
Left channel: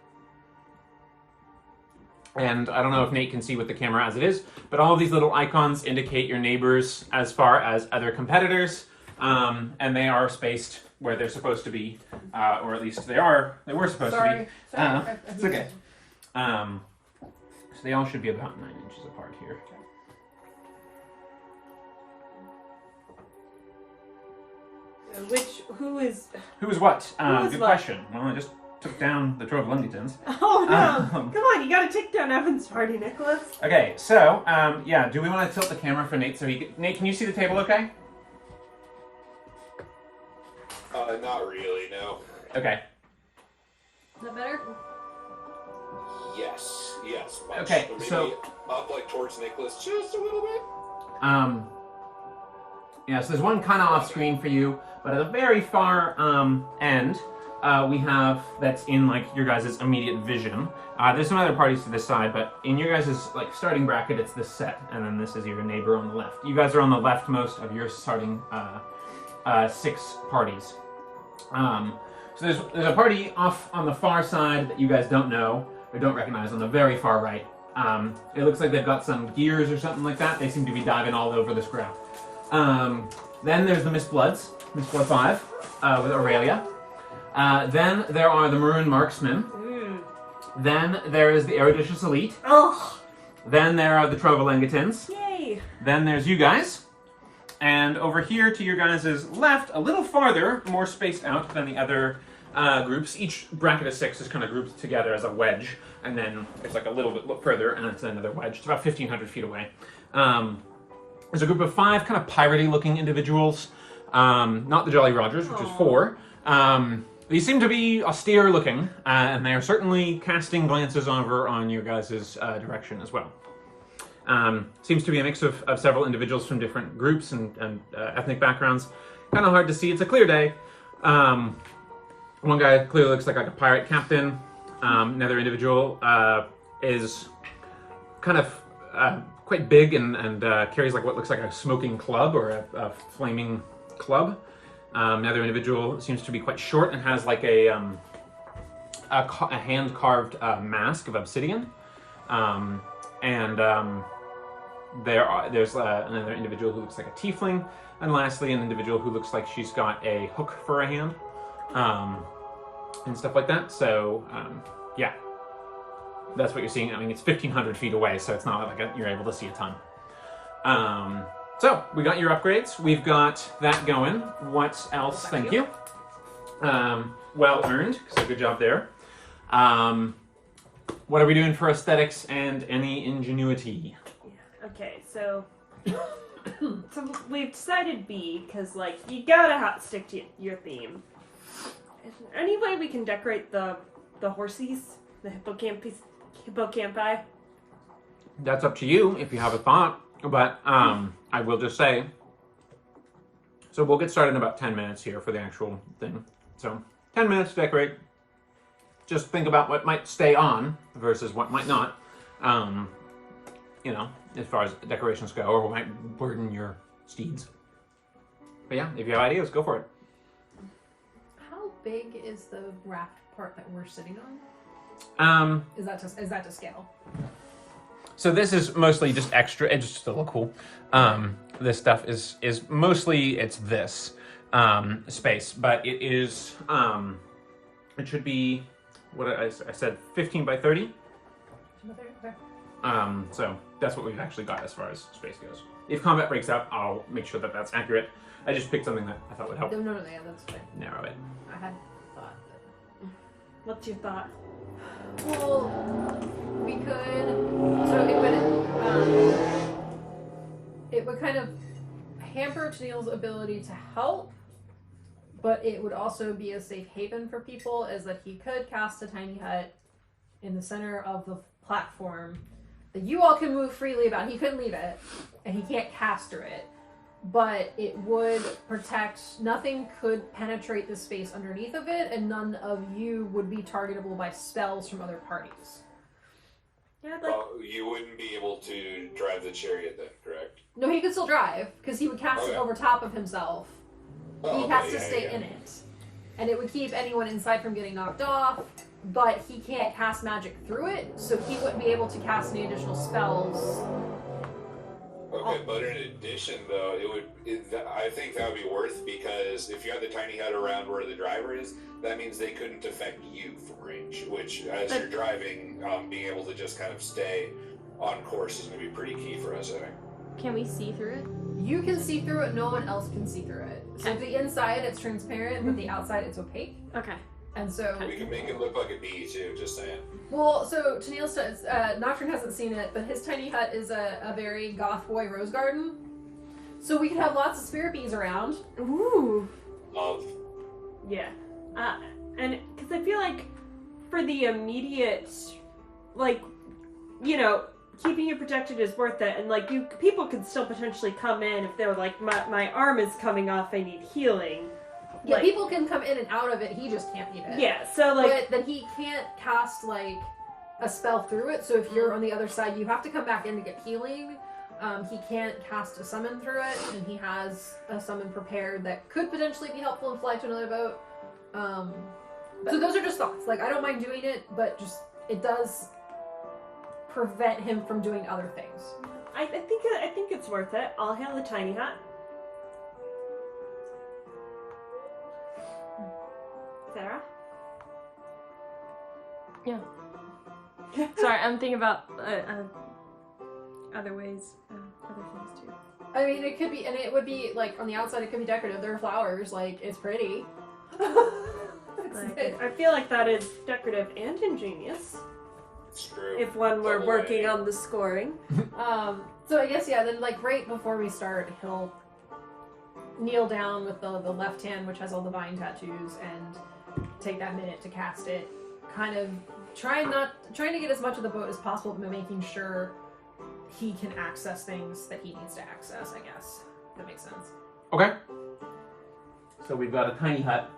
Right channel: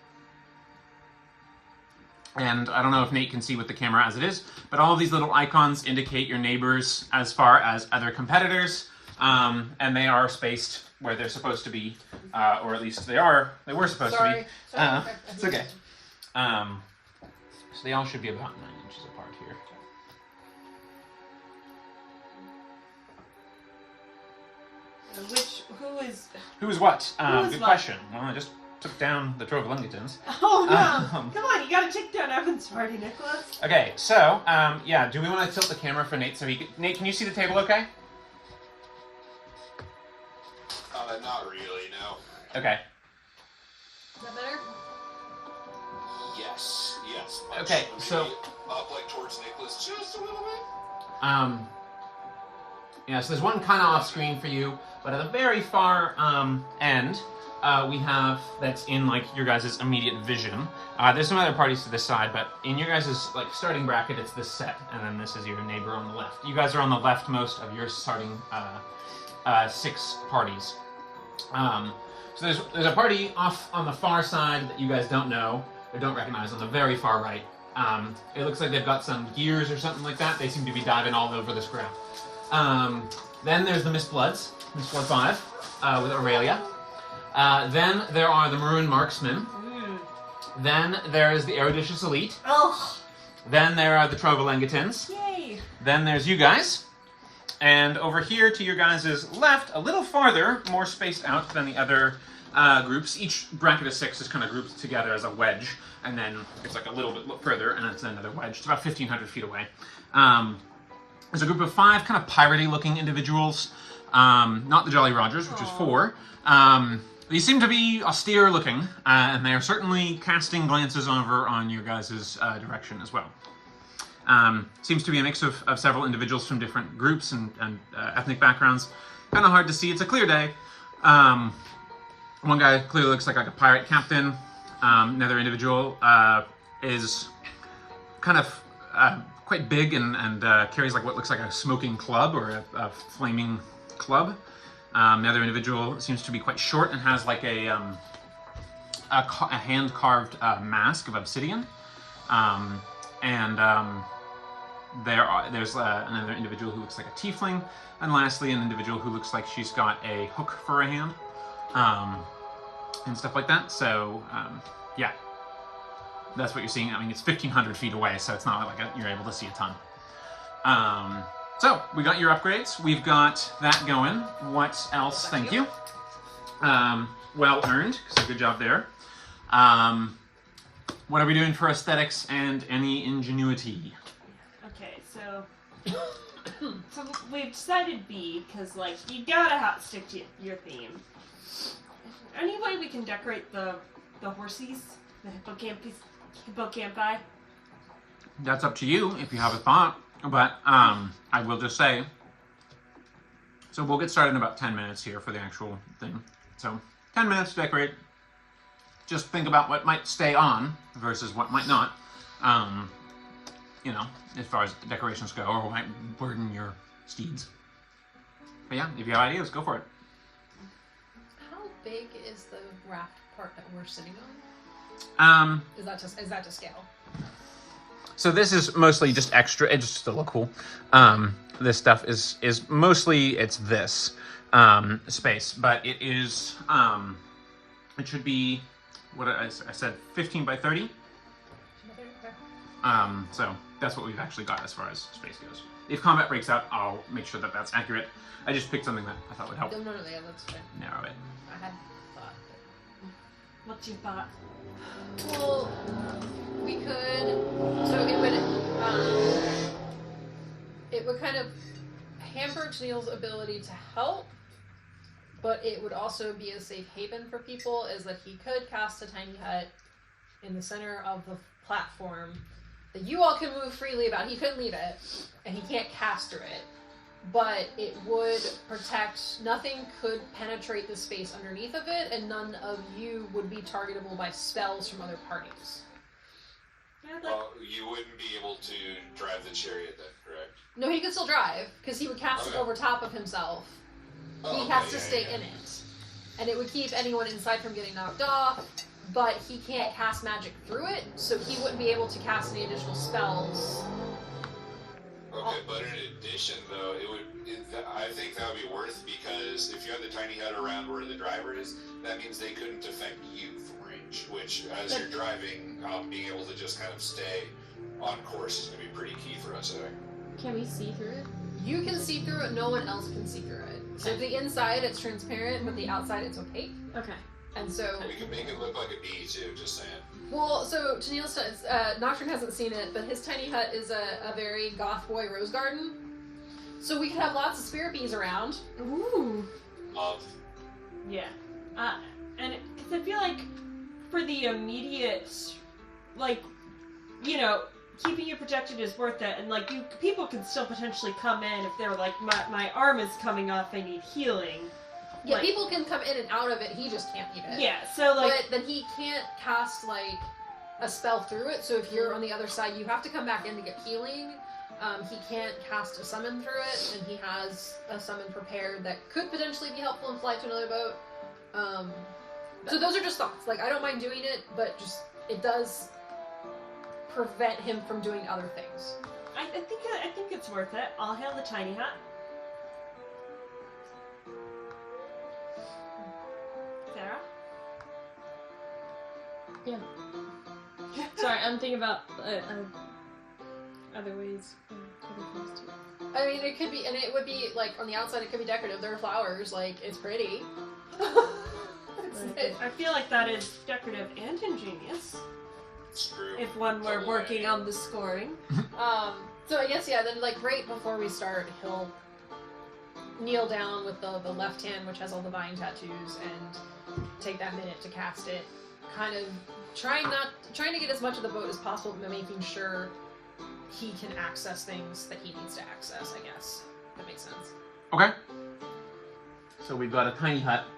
And I don't know if Nate can see with the camera as it is, but all of these little icons indicate your neighbors as far as other competitors, and they are spaced where they're supposed to be, or at least they were supposed to be. It's okay. So they all should be about 9 inches apart here. Who is? Who is what? Who is Good what? question. Well, I just took down the Trovolungitans. Oh no! Um, Come on, you gotta take down Evan's party, Nicholas. Okay, so, yeah, do we want to tilt the camera for Nate so he can... Nate, can you see the table okay? Not really, no. Okay. Is that better? Yes, much. Okay, Maybe so- up like towards Nicholas just a little bit. Yeah, so there's one kind of off screen for you, but at the very far end, we have, that's in like your guys' immediate vision. There's some other parties to this side, but in your guys' like starting bracket, it's this set, and then this is your neighbor on the left. You guys are on the leftmost of your starting 6 parties. So there's a party off on the far side that you guys don't know or don't recognize on the very far right. It looks like they've got some gears or something like that. They seem to be diving all over this ground. Then there's the Miss Blood 5 with Aurelia. Then there are the Maroon Marksmen. Then there is the Eruditious Elite. Oh, Then there are the Trovolungitans. yay! Then there's you guys. And over here to your guys' left, a little farther, more spaced out than the other groups. Each bracket of 6 is kind of grouped together as a wedge, and then it's like a little bit further, and it's another wedge. It's about 1,500 feet away. There's a group of 5 kind of piratey-looking individuals. Not the Jolly Rogers, which is 4. These seem to be austere looking, and they are certainly casting glances over on your guys' direction as well. Seems to be a mix of several individuals from different groups and ethnic backgrounds. Kind of hard to see. It's a clear day. One guy clearly looks like a pirate captain. Another individual is kind of quite big and carries like what looks like a smoking club or a flaming club. Another individual seems to be quite short and has like a hand-carved mask of obsidian. There's another individual who looks like a tiefling, and lastly an individual who looks like she's got a hook for a hand, and stuff like that. So yeah, that's what you're seeing. I mean, it's 1,500 feet away, so it's not like you're able to see a ton. So we got your upgrades. We've got that going. What else? Thank you. Well earned. So good job there. What are we doing for aesthetics and any ingenuity? Okay, so we've decided B because like you gotta stick to your theme. Is there any way we can decorate the horsies, the hippocampi? That's up to you if you have a thought. But I will just say, so we'll get started in about 10 minutes here for the actual thing. So 10 minutes to decorate. Just think about what might stay on versus what might not. You know, as far as decorations go, or what might burden your steeds. But yeah, if you have ideas, go for it. How big is the raft part that we're sitting on? Is that to scale? So this is mostly just extra. It's just to look cool. This stuff is mostly it's this space, but it is it should be what I said 15 by 30. So that's what we've actually got as far as space goes. If combat breaks out, I'll make sure that that's accurate. I just picked something that I thought would help No, that's fine. narrow it. I had thought. What's your thought? Well, we could. So it would kind of hamper Tennille's ability to help, but it would also be a safe haven for people, is that he could cast a tiny hut in the center of the platform that you all can move freely about. He couldn't leave it, and he can't cast through it, but it would protect. Nothing could penetrate the space underneath of it, and none of you would be targetable by spells from other parties. Yeah, like, Well, you wouldn't be able to drive the chariot then, correct? No, he could still drive, because he would cast it Okay. over top of himself. Oh, He has to stay in it. And it would keep anyone inside from getting knocked off, but he can't cast magic through it, so he wouldn't be able to cast any additional spells. Okay, but in addition, though, I think that would be worth, because if you have the tiny hut around where the driver is, that means they couldn't affect you from range, which, as you're driving, being able to just kind of stay on course is going to be pretty key for us, I think. Can we see through it? You can see through it, no one else can see through it. So the inside, it's transparent, but the outside, it's opaque. Okay. And so... We can make it look like a bee, too, just saying. Well, so Tennille says, Nocturne hasn't seen it, but his tiny hut is a very goth boy rose garden. So we can have lots of spirit bees around. ooh. Love. Yeah. And because I feel like for the immediate, like, you know, keeping you protected is worth it. And, like, people could still potentially come in if they're like, my arm is coming off, I need healing. Yeah, Like- people can come in and out of it, he just can't leave it. Yeah, so, like... But then he can't cast, like, a spell through it, so if you're on the other side, you have to come back in to get healing. He can't cast a summon through it, and he has a summon prepared that could potentially be helpful and fly to another boat. So those are just thoughts. Like, I don't mind doing it, but just, it does prevent him from doing other things. I think it's worth it. I'll hail the tiny hut. Sarah? Yeah. Sorry, I'm thinking about other ways. Other things too. I mean, it could be, and it would be, like, on the outside, it could be decorative. There are flowers, like, it's pretty. I feel like that is decorative and ingenious. It's true. If one were Double working whammy. on the scoring. So I guess, yeah, then, like, right before we start, he'll kneel down with the left hand, which has all the vine tattoos, and take that minute to cast it, kind of trying to get as much of the boat as possible, but making sure he can access things that he needs to access, I guess. That makes sense. Okay. So we've got a tiny hut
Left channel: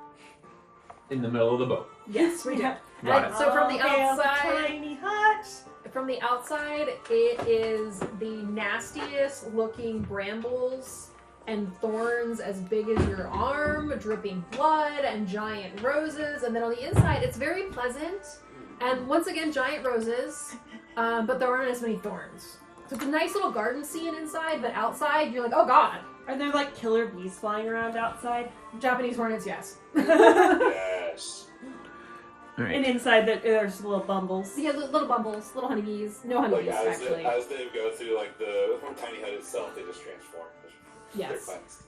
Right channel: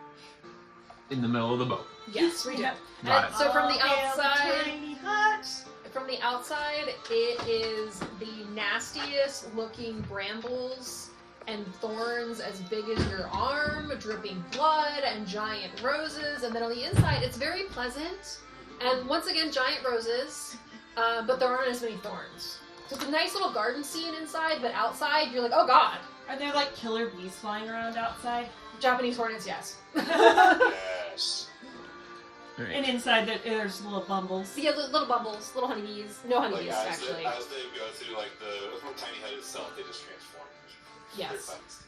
in the middle of the boat. Yes, we do. Got And it. so from the outside, tiny hut. from the outside, it is the nastiest looking brambles and thorns as big as your arm, dripping blood and giant roses. And then on the inside, it's very pleasant. And once again, giant roses, but there aren't as many thorns. So it's a nice little garden scene inside, but outside, you're like, oh god. Are there like killer bees flying around outside? Japanese hornets, yes. Yes. Alright. And inside there's little bumbles. So yeah, little bumbles, little honeybees. No Like honeybees, as actually. as they go through like the tiny hut itself, they just transform. They're Yes. cleansed.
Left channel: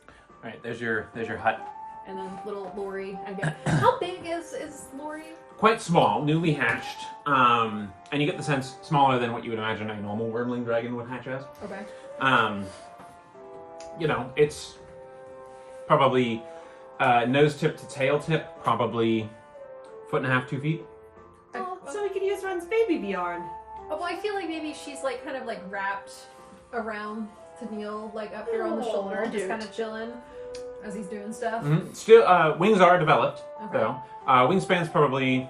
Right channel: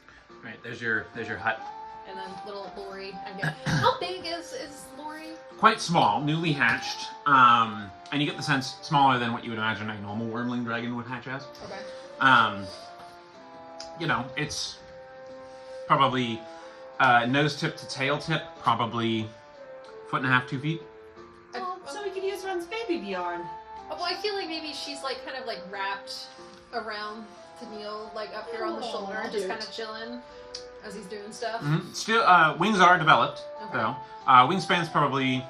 Alright, there's your hut. And then little Lori, I guess. How big is Lori? Quite small, newly hatched. And you get the sense smaller than what you would imagine a normal wormling dragon would hatch as. Okay. You know, it's probably nose tip to tail tip, probably 1.5 to 2 feet. So we can use Run's baby yarn. Oh, well, I feel like maybe she's like kind of like wrapped around Tennille, like up here on the shoulder, just Cute. kind of chilling as he's doing stuff. Mm-hmm. Still, wings are developed, Okay. though. Wingspan's probably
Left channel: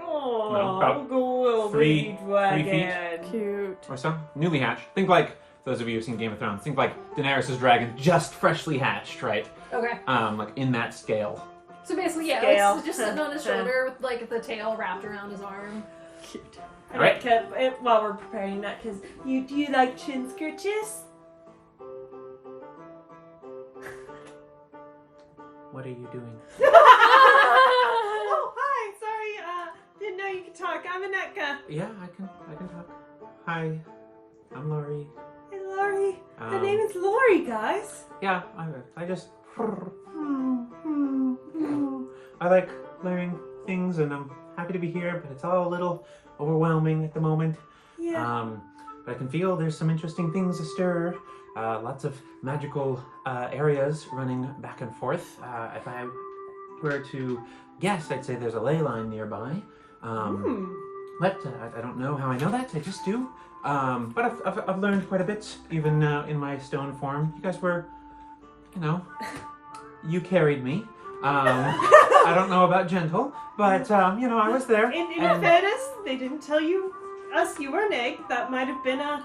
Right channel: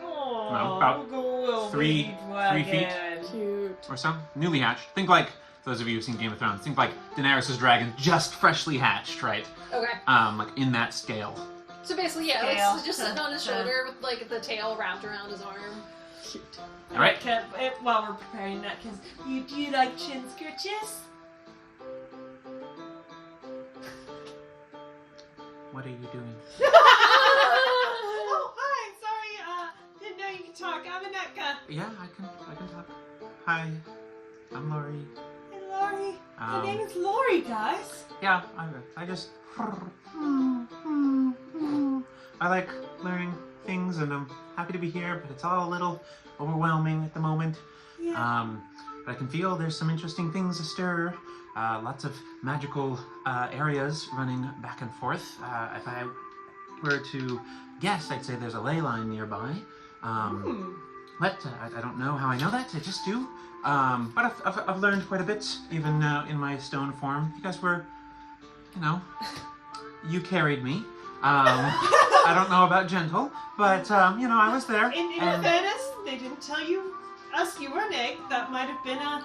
Oh, No, about go three baby feet. dragon. Cute. or so, newly hatched. Think like those of you who've seen Game of Thrones. Think like Daenerys' dragon just freshly hatched, right? Okay. Like in that scale. So basically, yeah, Scale. it's just sitting on his shoulder with like the tail wrapped around his arm. Alright. While we're preparing that, because do you like chin scritches? What are you doing? Oh, hi. Sorry. Didn't know you could talk. I'm Aneka. Yeah, I can talk. Hi, I'm Lori. Hey, Lori. The Um, name is Lori, guys. Yeah, I just. I like learning things, and I'm happy to be here, but it's all a little overwhelming at the moment. Yeah. But I can feel there's some interesting things astir. Lots of magical areas running back and forth. If I were to guess, I'd say there's a ley line nearby. But I don't know how I know that. I just do. But I've learned quite a bit, even in my stone form. You guys were, you carried me. I don't know about gentle, but I was there. In and- fairness, they didn't tell us you were an egg. That might have been a...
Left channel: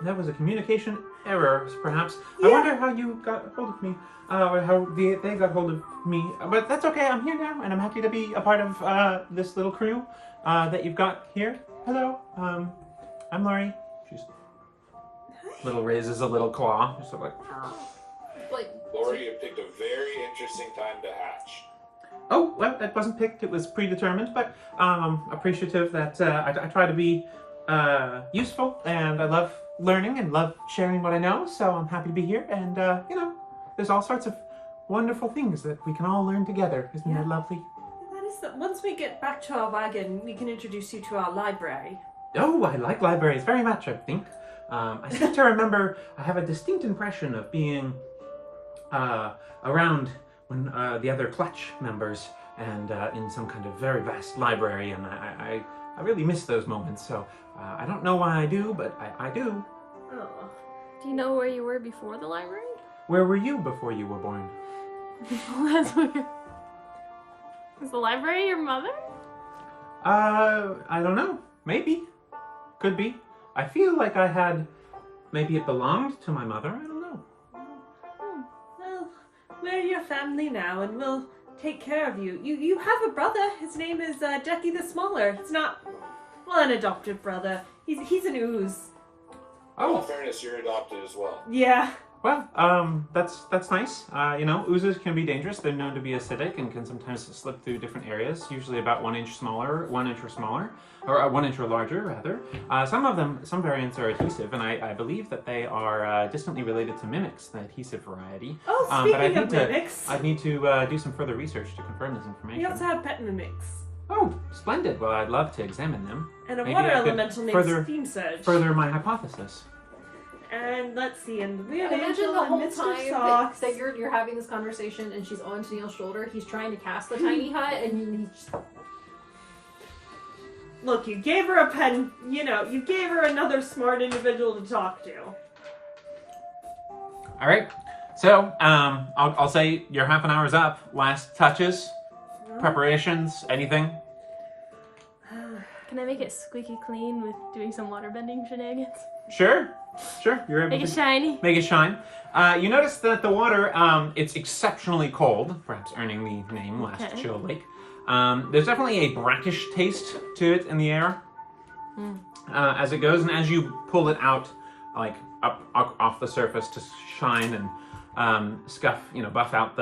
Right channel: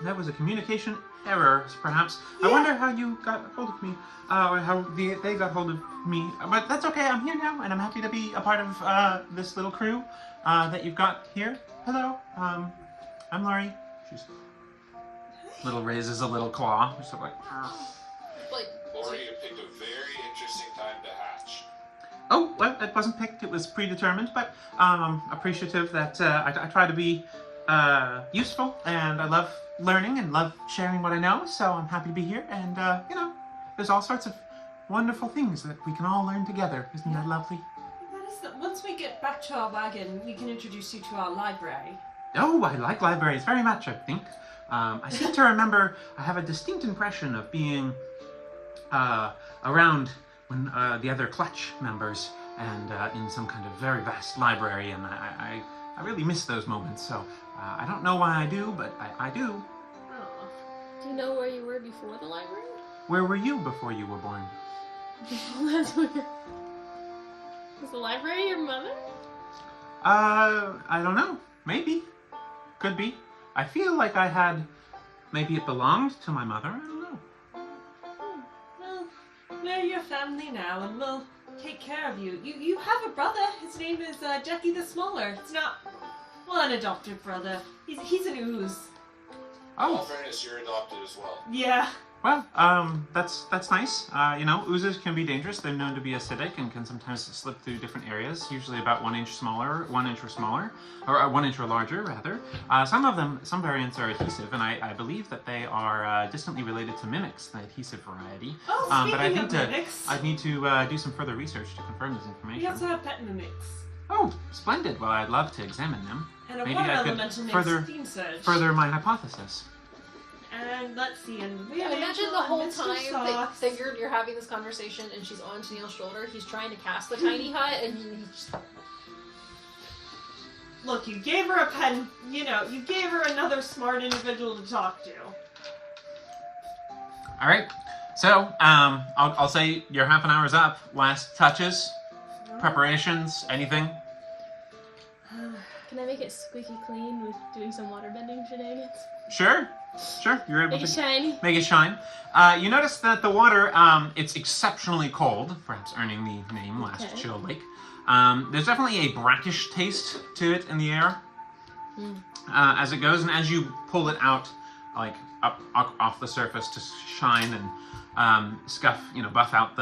That was a communication error, perhaps. I Yeah. wonder how you got hold of me, or how they got hold of me. But that's okay, I'm here now, and I'm happy to be a part of this little crew that you've got here. Hello, I'm Lori. She's little raises a little claw. Just sort of like, Like, Lori, you picked a very interesting time to hatch. oh, well, that wasn't picked, it was predetermined, but appreciative that I try to be useful, and I love learning and love sharing what I know, so I'm happy to be here, and there's all sorts of wonderful things that we can all learn together. Isn't that lovely? That is once we get back to our wagon, we can introduce you to our library. Oh, I like libraries very much, I think. I seem to remember I have a distinct impression of being around when the other Clutch members and in some kind of very vast library, and I really miss those moments, so I don't know why I do, but I do. Oh. Do you know where you were before the library? Where were you before you were born? That's weird. Is the library your mother? I don't know. Maybe. Could be. I feel like I had... Maybe it belonged to my mother. I don't know. Well, we're your family now, and we'll take care of you. You have a brother. His name is Jackie the Smaller. It's not, well, an adopted brother. He's an ooze. In all Oh, fairness, you're adopted as well. Yeah. well, that's nice. Oozes can be dangerous. They're known to be acidic and can sometimes slip through different areas, usually about 1 inch smaller, 1 inch or smaller, or 1 inch or larger, rather. Some variants are adhesive, and I believe that they are distantly related to mimics, the adhesive variety. Oh, But speaking of mimics, I'd need to do some further research to confirm this information. we also have pet mimics. Oh, splendid. Well, I'd love to examine them. And a Maybe water I could elemental named further- Steam Surge. Further my hypothesis. And let's see, and we have Imagine Angel the and whole Mr. time Sauce. that you're having this conversation and she's on Tennille's shoulder, he's trying to cast the tiny hut and he's just... Look, you gave her a pen, you gave her another smart individual to talk to. All right. So, I'll say your half an hour's up. Last touches, preparations, anything? Can I make it squeaky clean with doing some waterbending shenanigans? Sure. You're able Make it to shiny. make it shine. You notice that the water, it's exceptionally cold, perhaps earning the name Last Okay. Chill Lake. There's definitely a brackish taste to it in the air as it goes, and as you pull it out, like up off the surface to shine and buff out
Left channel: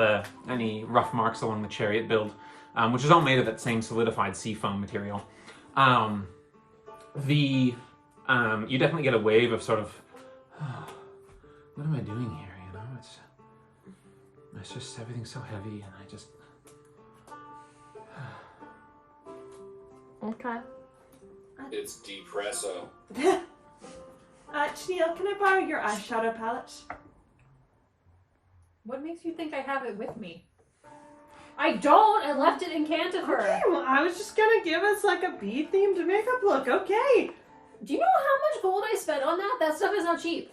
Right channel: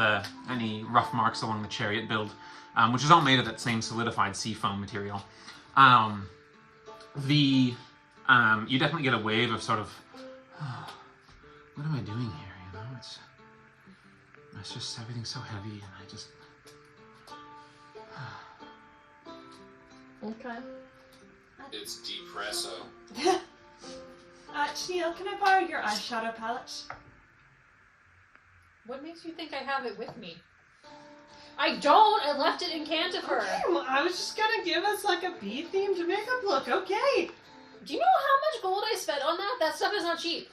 any rough marks along the chariot build, which is all made of that same solidified sea foam material. You definitely get a wave of sort of, what am I doing here? It's just everything's so heavy, and I just. Okay. It's depresso. Tennille, can I borrow your eyeshadow palette? What makes you think I have it with me? I don't! I left it in Cantifer! Okay, well, I was just gonna give us like a bee-themed makeup look, okay? Do you know how much gold I spent on that? That stuff is not cheap.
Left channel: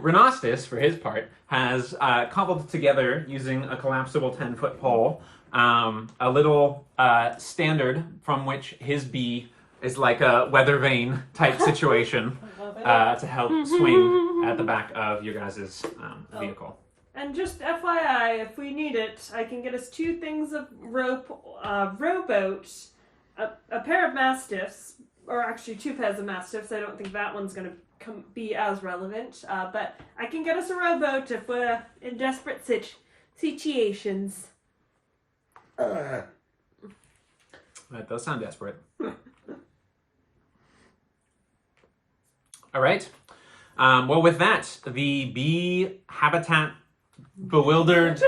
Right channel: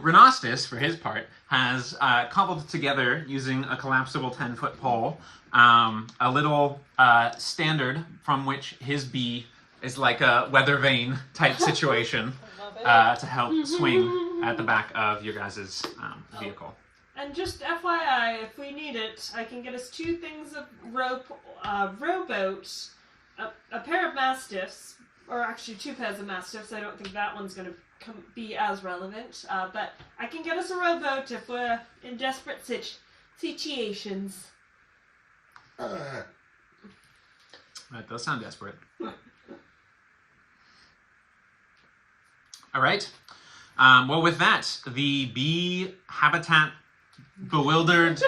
Renostis, for his part, has cobbled together using a collapsible 10-foot pole a little standard from which his bee is like a weather vane type situation to help swing at the back of your guys' vehicle. And just FYI, if we need it, I can get us 2 things of rope, rowboat, a pair of mastiffs, or actually 2 pairs of mastiffs. I don't think that one's going to be as relevant, but I can get us a rowboat if we're in desperate situations. That does sound desperate. All right. Well, with that, the bee habitat bewildered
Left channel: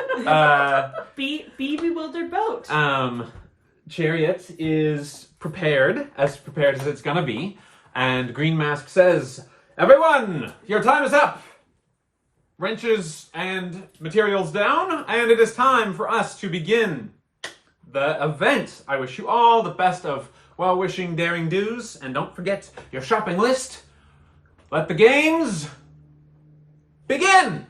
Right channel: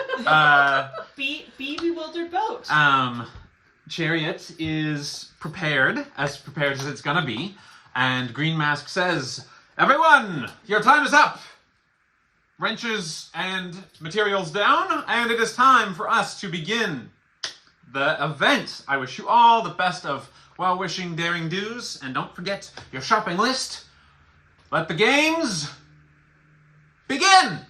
Bewildered boat. chariot is prepared as it's gonna be, and Green Mask says, "Everyone, your time is up. Wrenches and materials down, and it is time for us to begin the event. I wish you all the best of well-wishing daring do's, and don't forget your shopping list. Let the games begin!"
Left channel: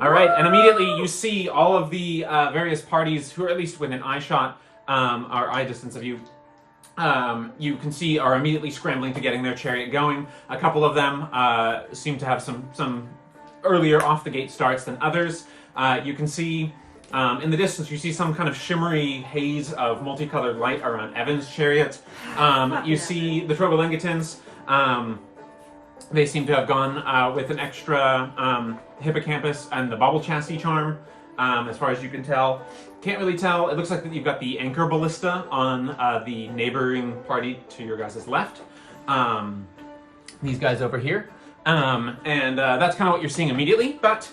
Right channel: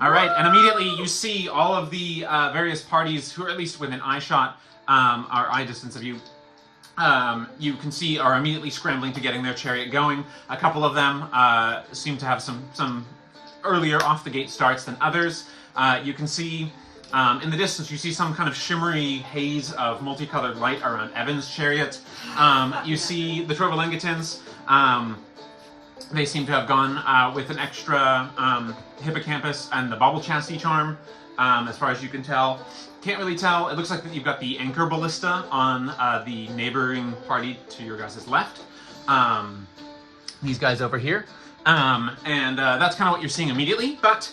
All right, and immediately you see all of the various parties who are at least within eye shot, or eye distance of you. You can see are immediately scrambling to getting their chariot going. A couple of them seem to have some earlier off the gate starts than others. You can see in the distance, you see some kind of shimmery haze of multicolored light around Evan's chariot. You see the Trovolengatans. They seem to have gone with an extra hippocampus and the bauble chassis charm, as far as you can tell. Can't really tell. It looks like that you've got the anchor ballista on the neighboring party to your guys' left. These guys over here. And that's kind of what you're seeing immediately. But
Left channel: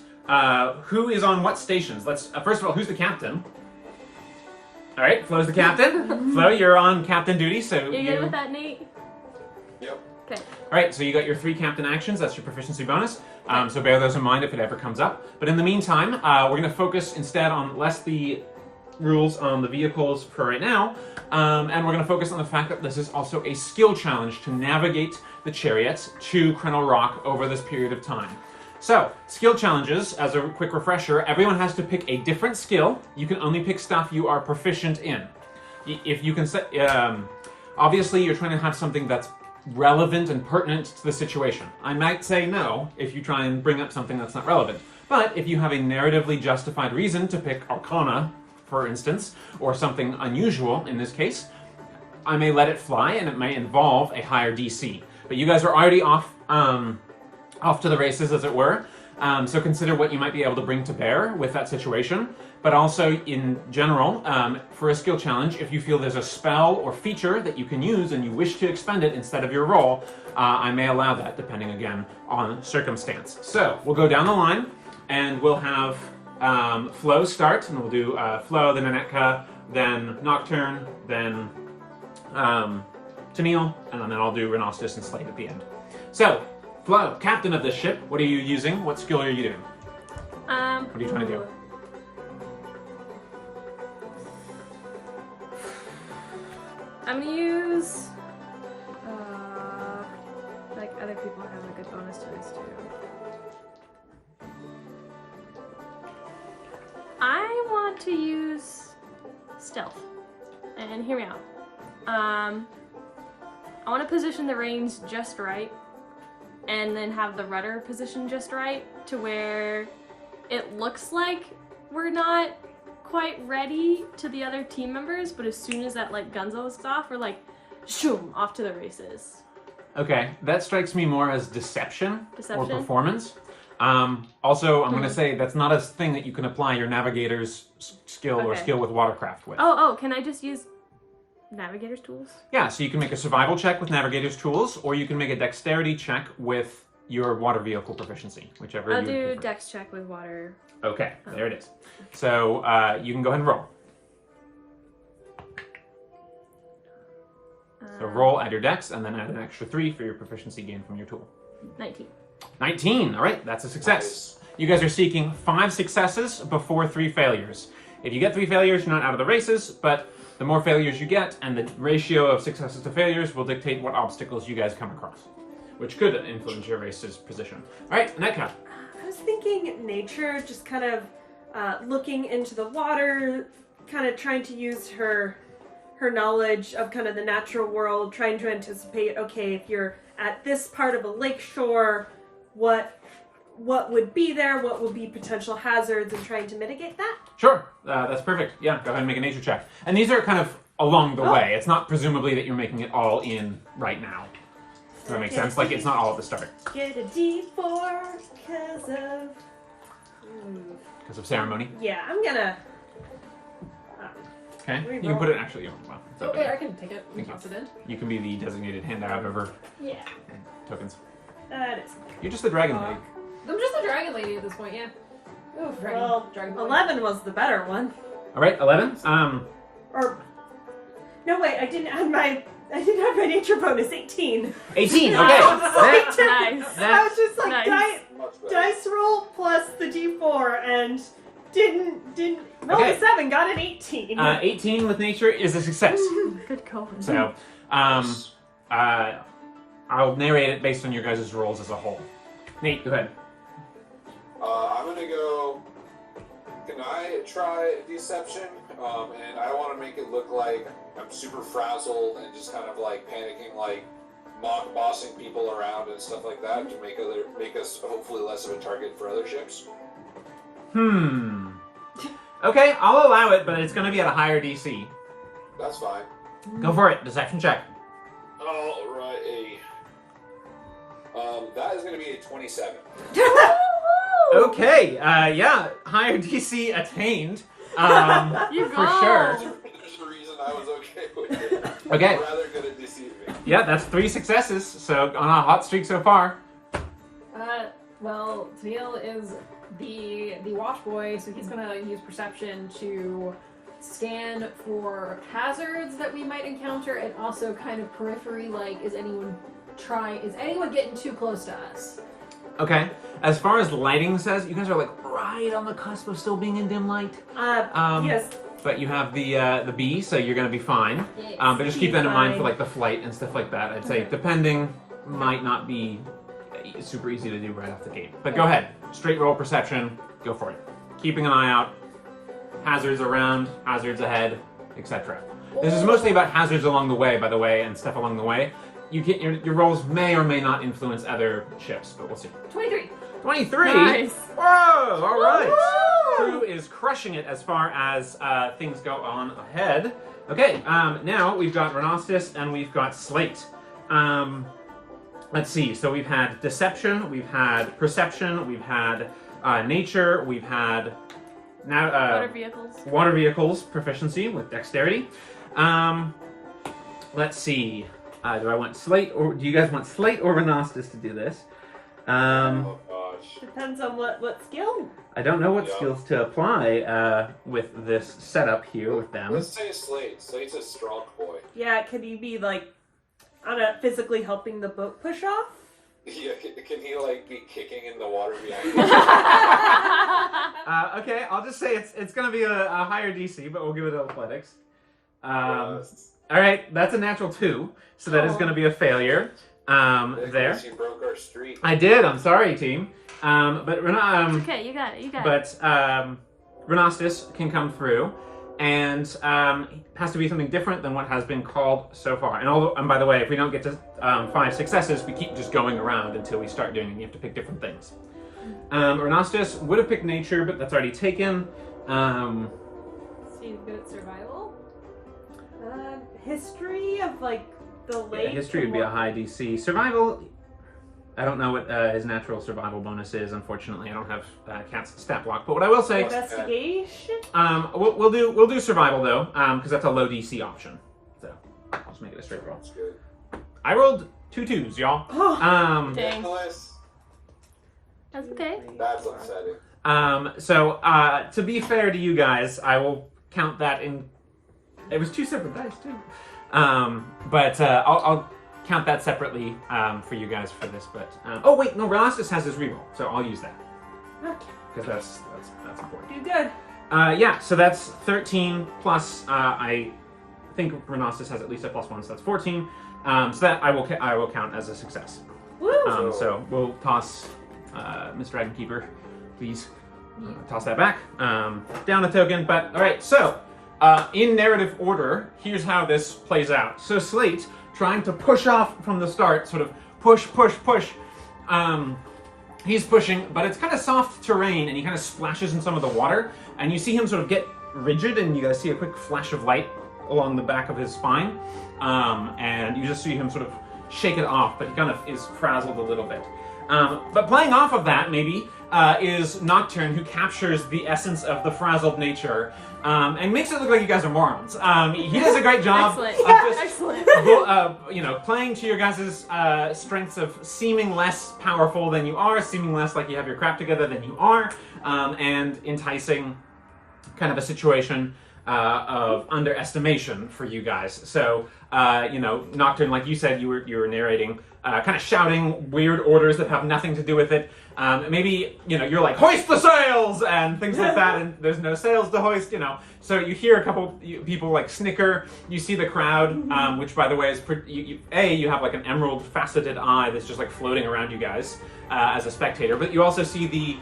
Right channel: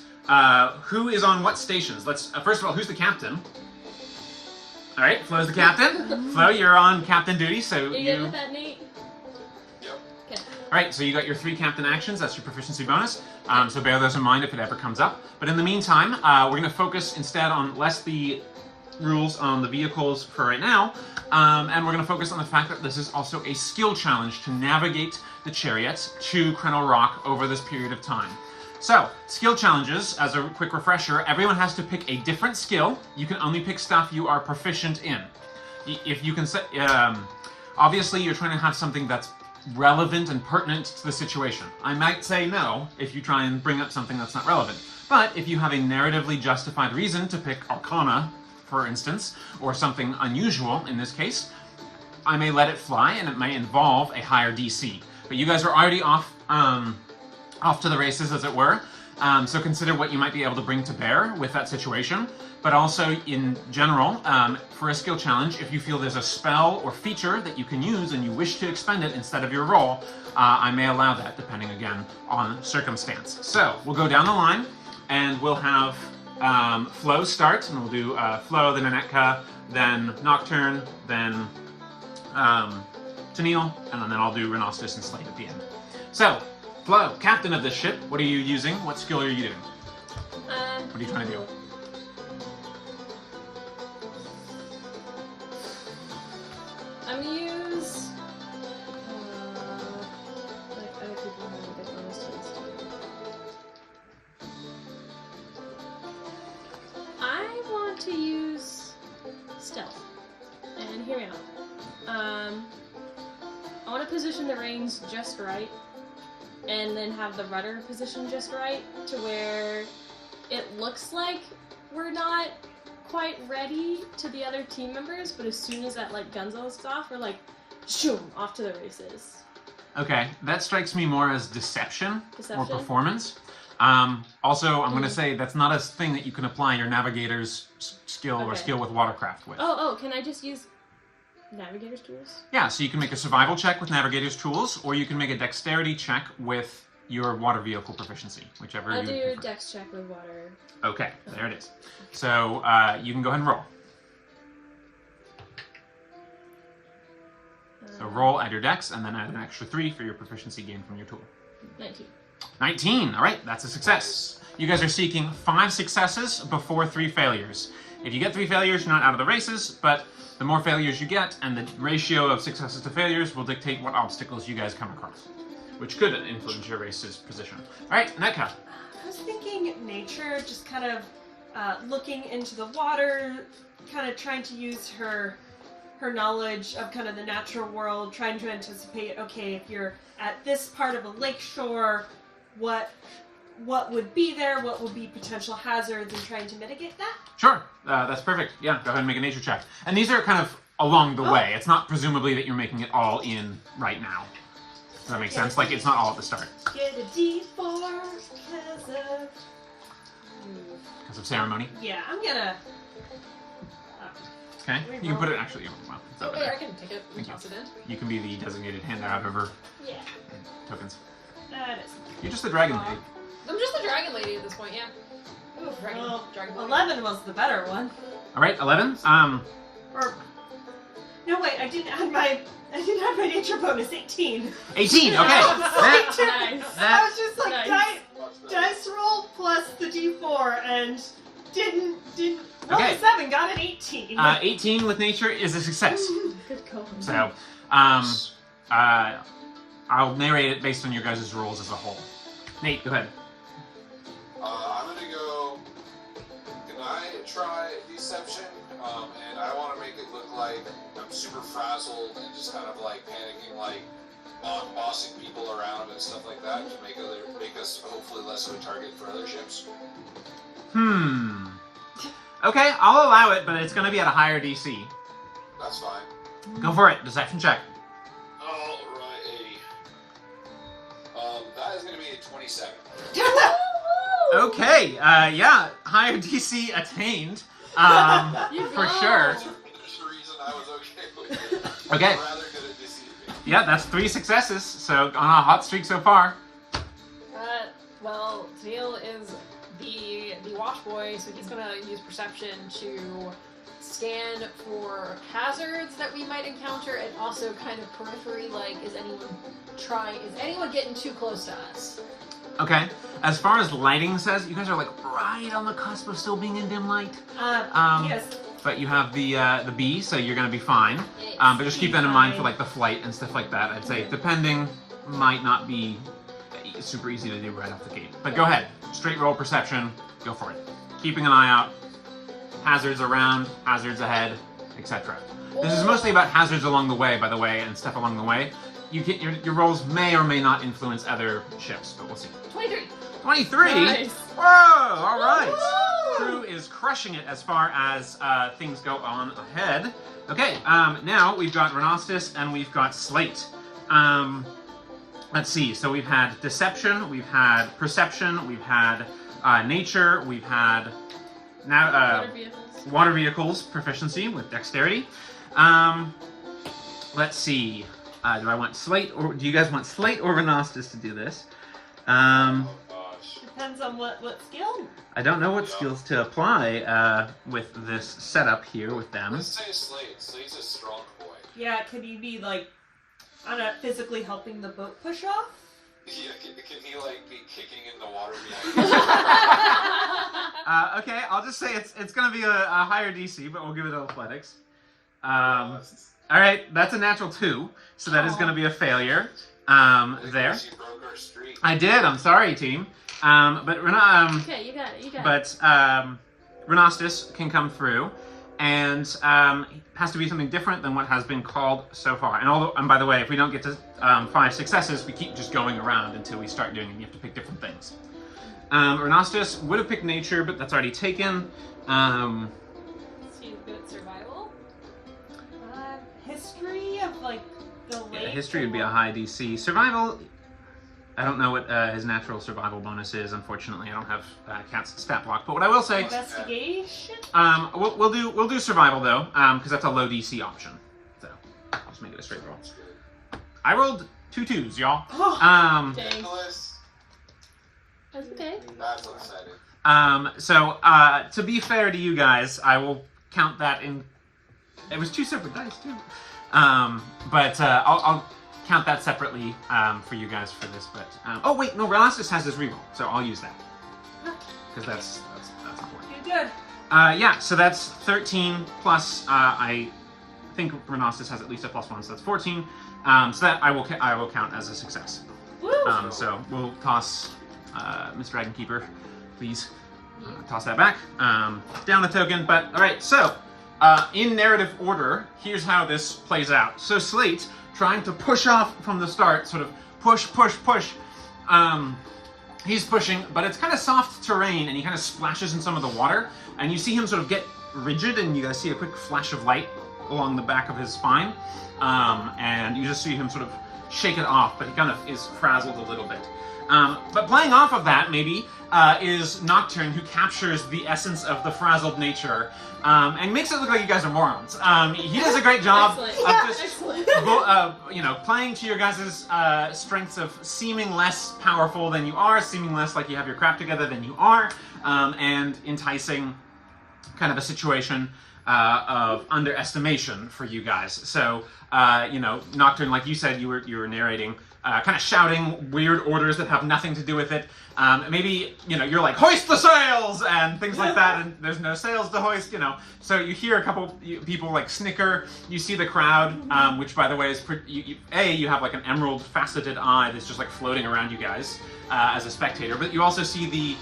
who is on what stations? Let's first of all, who's the captain? All right, Flo's the captain. Flo, you're on captain duty, so You good with that, Nate? Yep. Okay. All right, so you got your 3 captain actions. That's your proficiency bonus. So bear those in mind if it ever comes up. But in the meantime, we're going to focus instead on less the rules on the vehicles for right now, and we're going to focus on the fact that this is also a skill challenge to navigate the chariots to Krennel Rock over this period of time. So, skill challenges, as a quick refresher, everyone has to pick a different skill. You can only pick stuff you are proficient in. If you can say, obviously you're trying to have something that's relevant and pertinent to the situation. I might say no if you try and bring up something that's not relevant. But if you have a narratively justified reason to pick Arcana, for instance, or something unusual in this case, I may let it fly, and it may involve a higher DC. But you guys are already off to the races, as it were. So consider what you might be able to bring to bear with that situation. But also, in general, for a skill challenge, if you feel there's a spell or feature that you can use and you wish to expend it instead of your roll, I may allow that, depending, again, on circumstance. So, we'll go down the line, and we'll have Flo start, and we'll do Flo, then Anetka, then Nocturne, then Tennille, and then I'll do Renostis and Slate at the end. So, Flo, captain of this ship, what are you using? What skill are you doing? What are you trying to do? I'm gonna use. Like other people have a good bonus to this too. I want to use stealth, and hear me out. I want to position the reins just right, and then have the rudder positioned just right to where it looks like we're not quite ready to the other team members, but as soon as that like gunzo goes off, we're like, shoom, off to the races. Okay, that strikes me more as deception, or Deception? performance. Also, I'm going to say that's not a thing that you can apply your navigator's skill or Okay. skill with watercraft with. Oh, can I just use navigator's tools? Yeah, so you can make a survival check with navigator's tools, or you can make a dexterity check with your water vehicle proficiency, whichever I'll you do prefer. dex check with water. Okay, there it is. So you can go ahead and roll. So roll, add your dex, and then add an extra 3 for your proficiency gain from your tool. 19. 19, all right, that's a success. You guys are seeking 5 successes before 3 failures. If you get 3 failures, you're not out of the races, but the more failures you get, and the ratio of successes to failures will dictate what obstacles you guys come across, which could influence your race's position. All right, Netka. I was thinking nature, just kind of looking into the water, kind of trying to use her knowledge of kind of the natural world, trying to anticipate, okay, if you're at this part of a lake shore, what would be there, what would be potential hazards, and trying to mitigate that. Sure, that's perfect. Yeah, go ahead and make a nature check. And these are kind of along the way. It's not presumably that you're making it all in right now. Does that make sense? Like, it's not all at the start. Get a D4 Because of ceremony. Yeah, I'm gonna. Okay, you can put it actually. Well, it's Oh, over wait, I there. can take it and toss it in. You can be the designated handout over Yeah, tokens. that is. You're just the dragon lady. I'm just the dragon lady at this point, yeah. Oof, Dragon- well, dragon boy. 11 was the better one. All right, 11. Or no, wait, I didn't have my nature bonus. 18. 18. Okay. That- Nice. I was just like Nice. Much better. dice roll plus the D4 and didn't roll Okay. a 7, got an 18. 18 with nature is a success. Good call. So, I'll narrate it based on your guys' rolls as a whole. Nate, go ahead. I'm gonna go. Can I try deception? And I want to make it look like I'm super frazzled and just kind of like panicking, like mock bossing people around and stuff like that to make us hopefully less of a target for other ships. Okay, I'll allow it, but it's going to be at a higher DC. That's fine. Go for it. Deception check. Alrighty. That is gonna be a 27. Okay, yeah, higher DC attained. For sure. There's a reason I was okay with it. Okay. I'm rather good at deceiving. Yeah, that's 3 successes, so on a hot streak so far. Well, Tennille is the wash boy, so he's gonna use perception to scan for hazards that we might encounter, and also kind of periphery, like is anyone getting too close to us? Okay, as far as lighting says, you guys are like right on the cusp of still being in dim light. Yes. But you have the B, so you're gonna be fine. Yes. But just keep that in mind Fine. for like the flight and stuff like that. I'd say depending might not be super easy to do right off the gate. But go ahead, straight roll perception, go for it. Keeping an eye out, hazards around, hazards ahead, etc. This is mostly about hazards along the way, by the way, and stuff along the way. You get your rolls may or may not influence other ships, but we'll see. 23. 23. Nice. Whoa! All right. Crew is crushing it as far as things go on ahead. Okay, now we've got Renostis and we've got Slate. Let's see. So we've had Deception, we've had Perception, we've had Nature, we've had now Water vehicles. Water Vehicles proficiency with Dexterity. Let's see. Do I want Slate or do you guys want Slate or Renostis to do this? Oh gosh. Depends on what skill. I don't know what Yeah. skills to apply with this setup here with them. Let's say Slate. Slate's a strong boy. Yeah, could you be like, I don't know, physically helping the boat push off? Yeah, can he like be kicking in the water behind us? Okay, I'll just say it's going to be a higher DC, but we'll give it athletics. Yes. All right, that's a natural 2, so that is going to be a failure. There. You broke our streak. I did. I'm sorry, team. But we're not. Okay, you got it. You got it. But Renostis can come through, and has to be something different than what has been called so far. And by the way, if we don't get to 5 successes, we keep just going around until we start doing it. You have to pick different things. Renostis would have picked nature, but that's already taken. So you good at survival? History of like the lake. History would be a high DC. Survival. I don't know what his natural survival bonus is. Unfortunately, I don't have Cat's stat block. But what I will say, Investigation. we'll do survival though, because that's a low DC option. So I'll just make it a straight roll. That's good. I rolled 2 2s, y'all. Dang. Nicholas, That's okay. that's upsetting. So to be fair to you guys, I will count that in. It was 2 separate dice too. But I'll count that separately for you guys for this. But oh wait, no, Renostis has his reroll, so I'll use that because that's important. Do good. Yeah, so that's 13 plus. I think Renostis has at least a +1, so that's 14. So that I will count as a success. Woo! So we'll toss Miss Dragonkeeper, please. Toss that back. Down a token. But all right, so in narrative order, here's how this plays out. So Slate, trying to push off from the start, sort of push. He's pushing, but it's kind of soft terrain, and he kind of splashes in some of the water, and you see him sort of get rigid, and you guys see a quick flash of light along the back of his spine, and you just see him sort of shake it off, but he kind of is frazzled a little bit. But playing off of that, maybe, is Nocturne, who captures the essence of the frazzled nature, and makes it look like you guys are morons. He does a great job of just, playing to your guys' strengths of seeming less powerful than you are, seeming less like you have your crap together than you are, and enticing kind of a situation of underestimation for you guys. So, Nocturne, like you said, you were narrating, kind of shouting weird orders that have nothing to do with it. Maybe, you're like, hoist the sails, and things like that, and there's no sails to hoist, So you hear a couple people like snicker, you see the crowd, which by the way is, you have like an emerald faceted eye that's just like floating around you guys as a spectator, but you also see the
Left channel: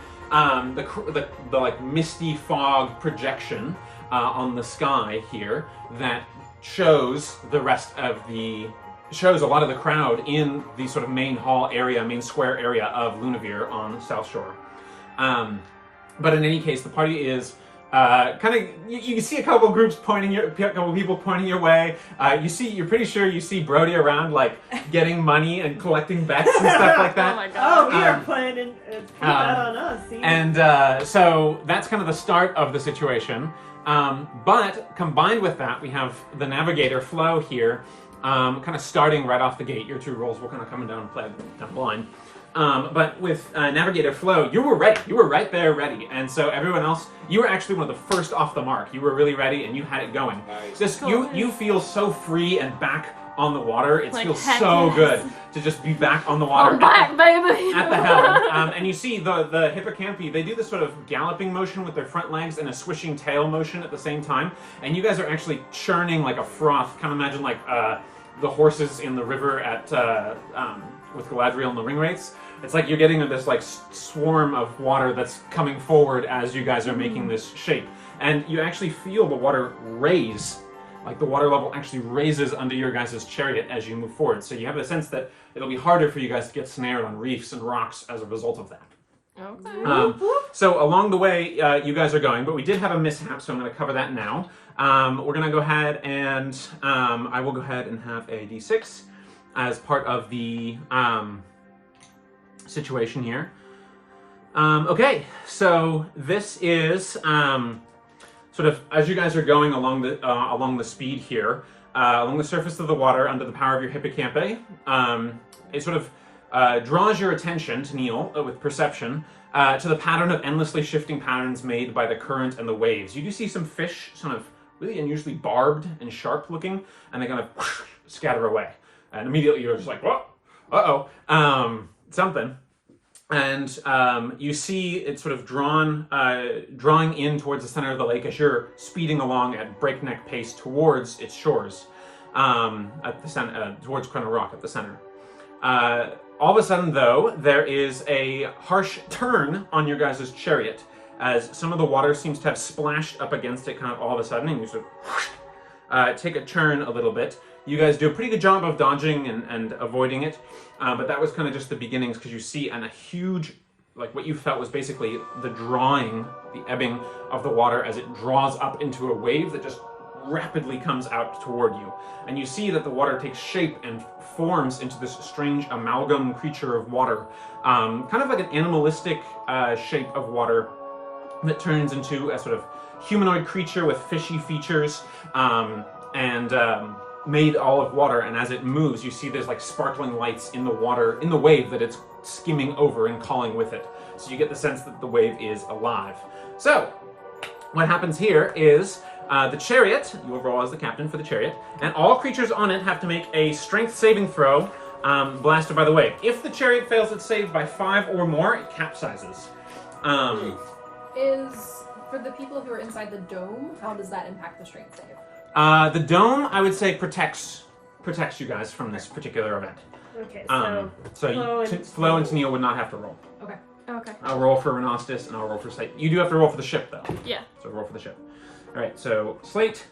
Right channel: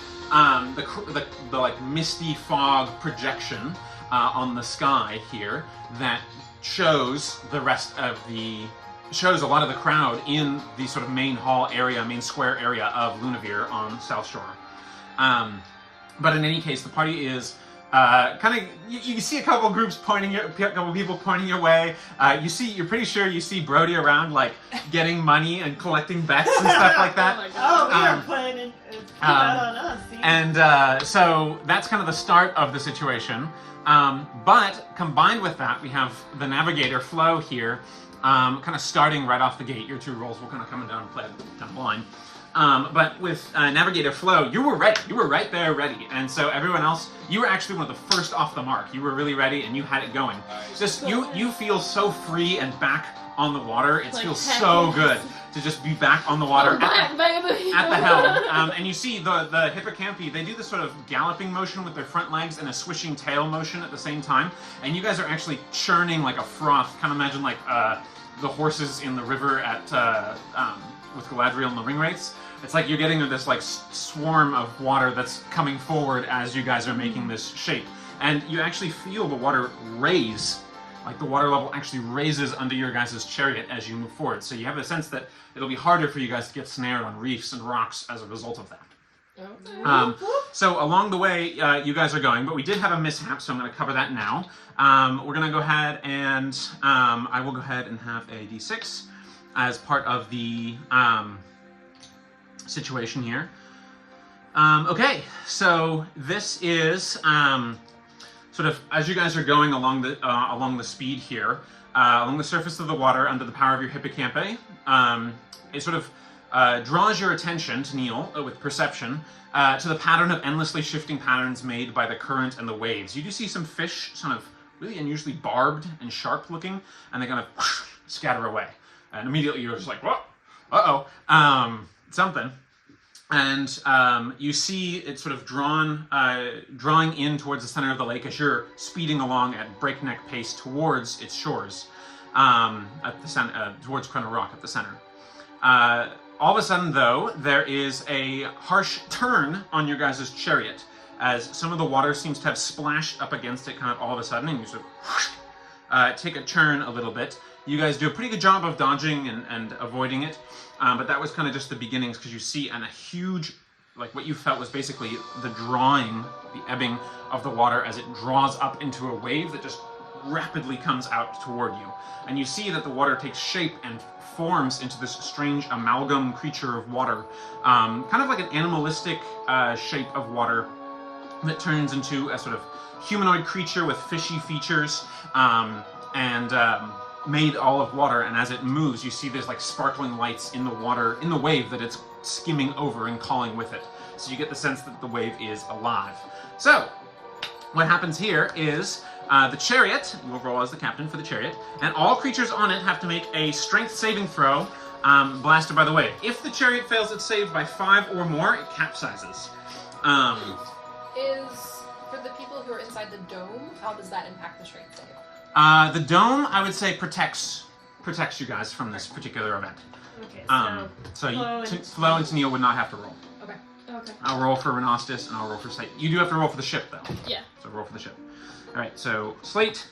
like misty fog projection on the sky here that shows a lot of the crowd in the sort of main square area of Lunavir on South Shore. But in any case, the party is you see a couple groups couple people pointing your way. You're pretty sure you see Brody around, like getting money and collecting bets and stuff like that. Oh, we are planning put that on us. See? And so that's kind of the start of the situation. But combined with that, we have the Navigator Flo here, kind of starting right off the gate. Your 2 rolls will kind of come down and play kind of blind. But with Navigator Flo, you were ready. You were right there ready. And so everyone else, you were actually one of the first off the mark. You were really ready and you had it going. Nice. Just you feel so free and back on the water. It Like, feels heck so yes. good to just be back on the water. I'm back, baby. At the helm, and you see the hippocampi, they do this sort of galloping motion with their front legs and a swishing tail motion at the same time, and you guys are actually churning like a froth. Kind of imagine like the horses in the river at with Galadriel and the ring wraiths. It's like you're getting this like swarm of water that's coming forward as you guys are making this shape, and you actually feel the water raise. Like the water level actually raises under your guys' chariot as you move forward. So you have a sense that it'll be harder for you guys to get snared on reefs and rocks as a result of that. Okay. So along the way, you guys are going, but we did have a mishap, so I'm going to cover that now. We're going to go ahead and I will go ahead and have a d6 as part of the situation here. Okay, so this is sort of as you guys are going along the speed here, along the surface of the water under the power of your hippocampi. It sort of draws your attention to Neil with perception to the pattern of endlessly shifting patterns made by the current and the waves. You do see some fish, sort of really unusually barbed and sharp looking, and they kind of scatter away. And immediately you're just like, whoa, uh-oh. something. And you see it sort of drawing in towards the center of the lake as you're speeding along at breakneck pace towards its shores, at the center, towards Crown Rock at the center. All of a sudden, though, there is a harsh turn on your guys' chariot, as some of the water seems to have splashed up against it kind of all of a sudden, and you sort of take a turn a little bit. You guys do a pretty good job of dodging and avoiding it, but that was kind of just the beginnings, because you see a huge, like what you felt was basically the drawing, the ebbing of the water as it draws up into a wave that just rapidly comes out toward you. And you see that the water takes shape and forms into this strange amalgam creature of water, kind of like an animalistic shape of water that turns into a sort of humanoid creature with fishy features, made all of water. And as it moves, you see there's like sparkling lights in the water, in the wave that it's skimming over and calling with it. So you get the sense that the wave is alive. So what happens here is the chariot, you will roll as the captain for the chariot, and all creatures on it have to make a strength saving throw, blasted by the wave. If the chariot fails its save by 5 or more, it capsizes. Is, for the people who are inside the dome, how does that impact the strength save? The dome, I would say, protects you guys from this particular event. Okay, So Flo and Tennille would not have to roll. Okay. Okay. I'll roll for Renostis, and I'll roll for Slate. You do have to roll for the ship, though. Yeah. So roll for the ship. All right, so Slate.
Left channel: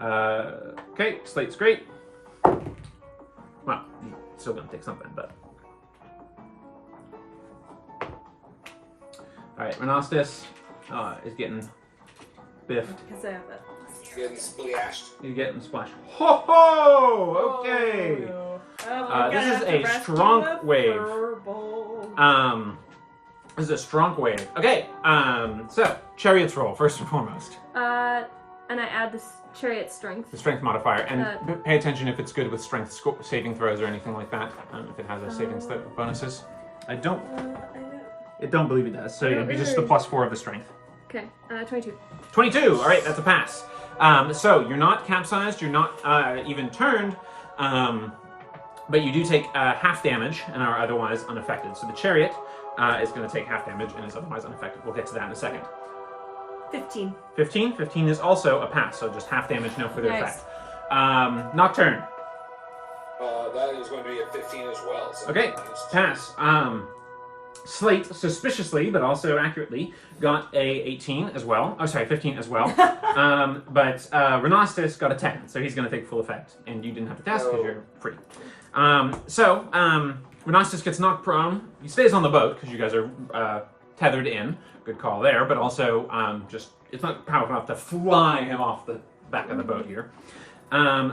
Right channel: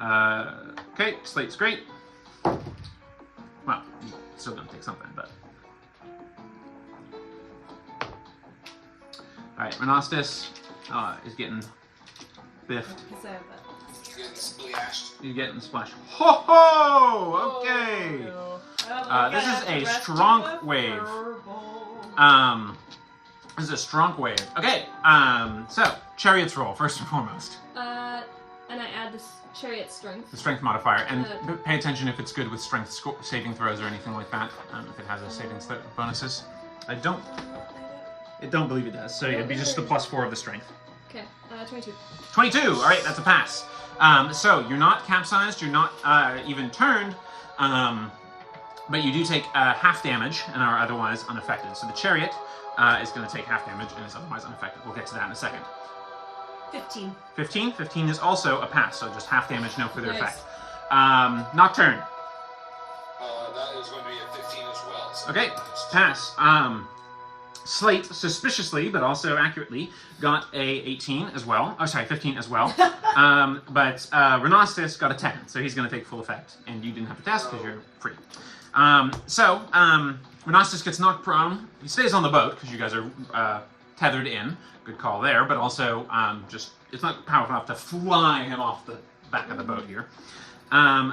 Okay, Slate's great. Well, still gonna take something, but. All right, Renostis is getting biffed. Because I have it. Getting splashed. You're getting splashed. Ho ho! Okay. This is a strong wave. This is a strong wave. Okay. So chariots roll first and foremost. And I add this chariot strength. The strength modifier, and pay attention if it's good with strength saving throws or anything like that. If it has a saving bonuses, I don't believe it does. So it'd be just the +4 of the strength. Okay. 22. 22. All right, that's a pass. So you're not capsized. You're not even turned. But you do take half damage and are otherwise unaffected. So the chariot is going to take half damage and is otherwise unaffected. We'll get to that in a second. 15. 15? 15 is also a pass, so just half damage, no further Nice. effect. Nocturne. That is going to be a 15 as well. So Okay, nice. pass. Slate, suspiciously, but also accurately, got a 18 as well. Oh, sorry, 15 as well. But Renostis got a 10, so he's going to take full effect. And you didn't have to test because you're free. Renostis gets knocked prone. He stays on the boat because you guys are tethered in. Good call there, but also just it's not powerful enough to fly him off the back of the boat here.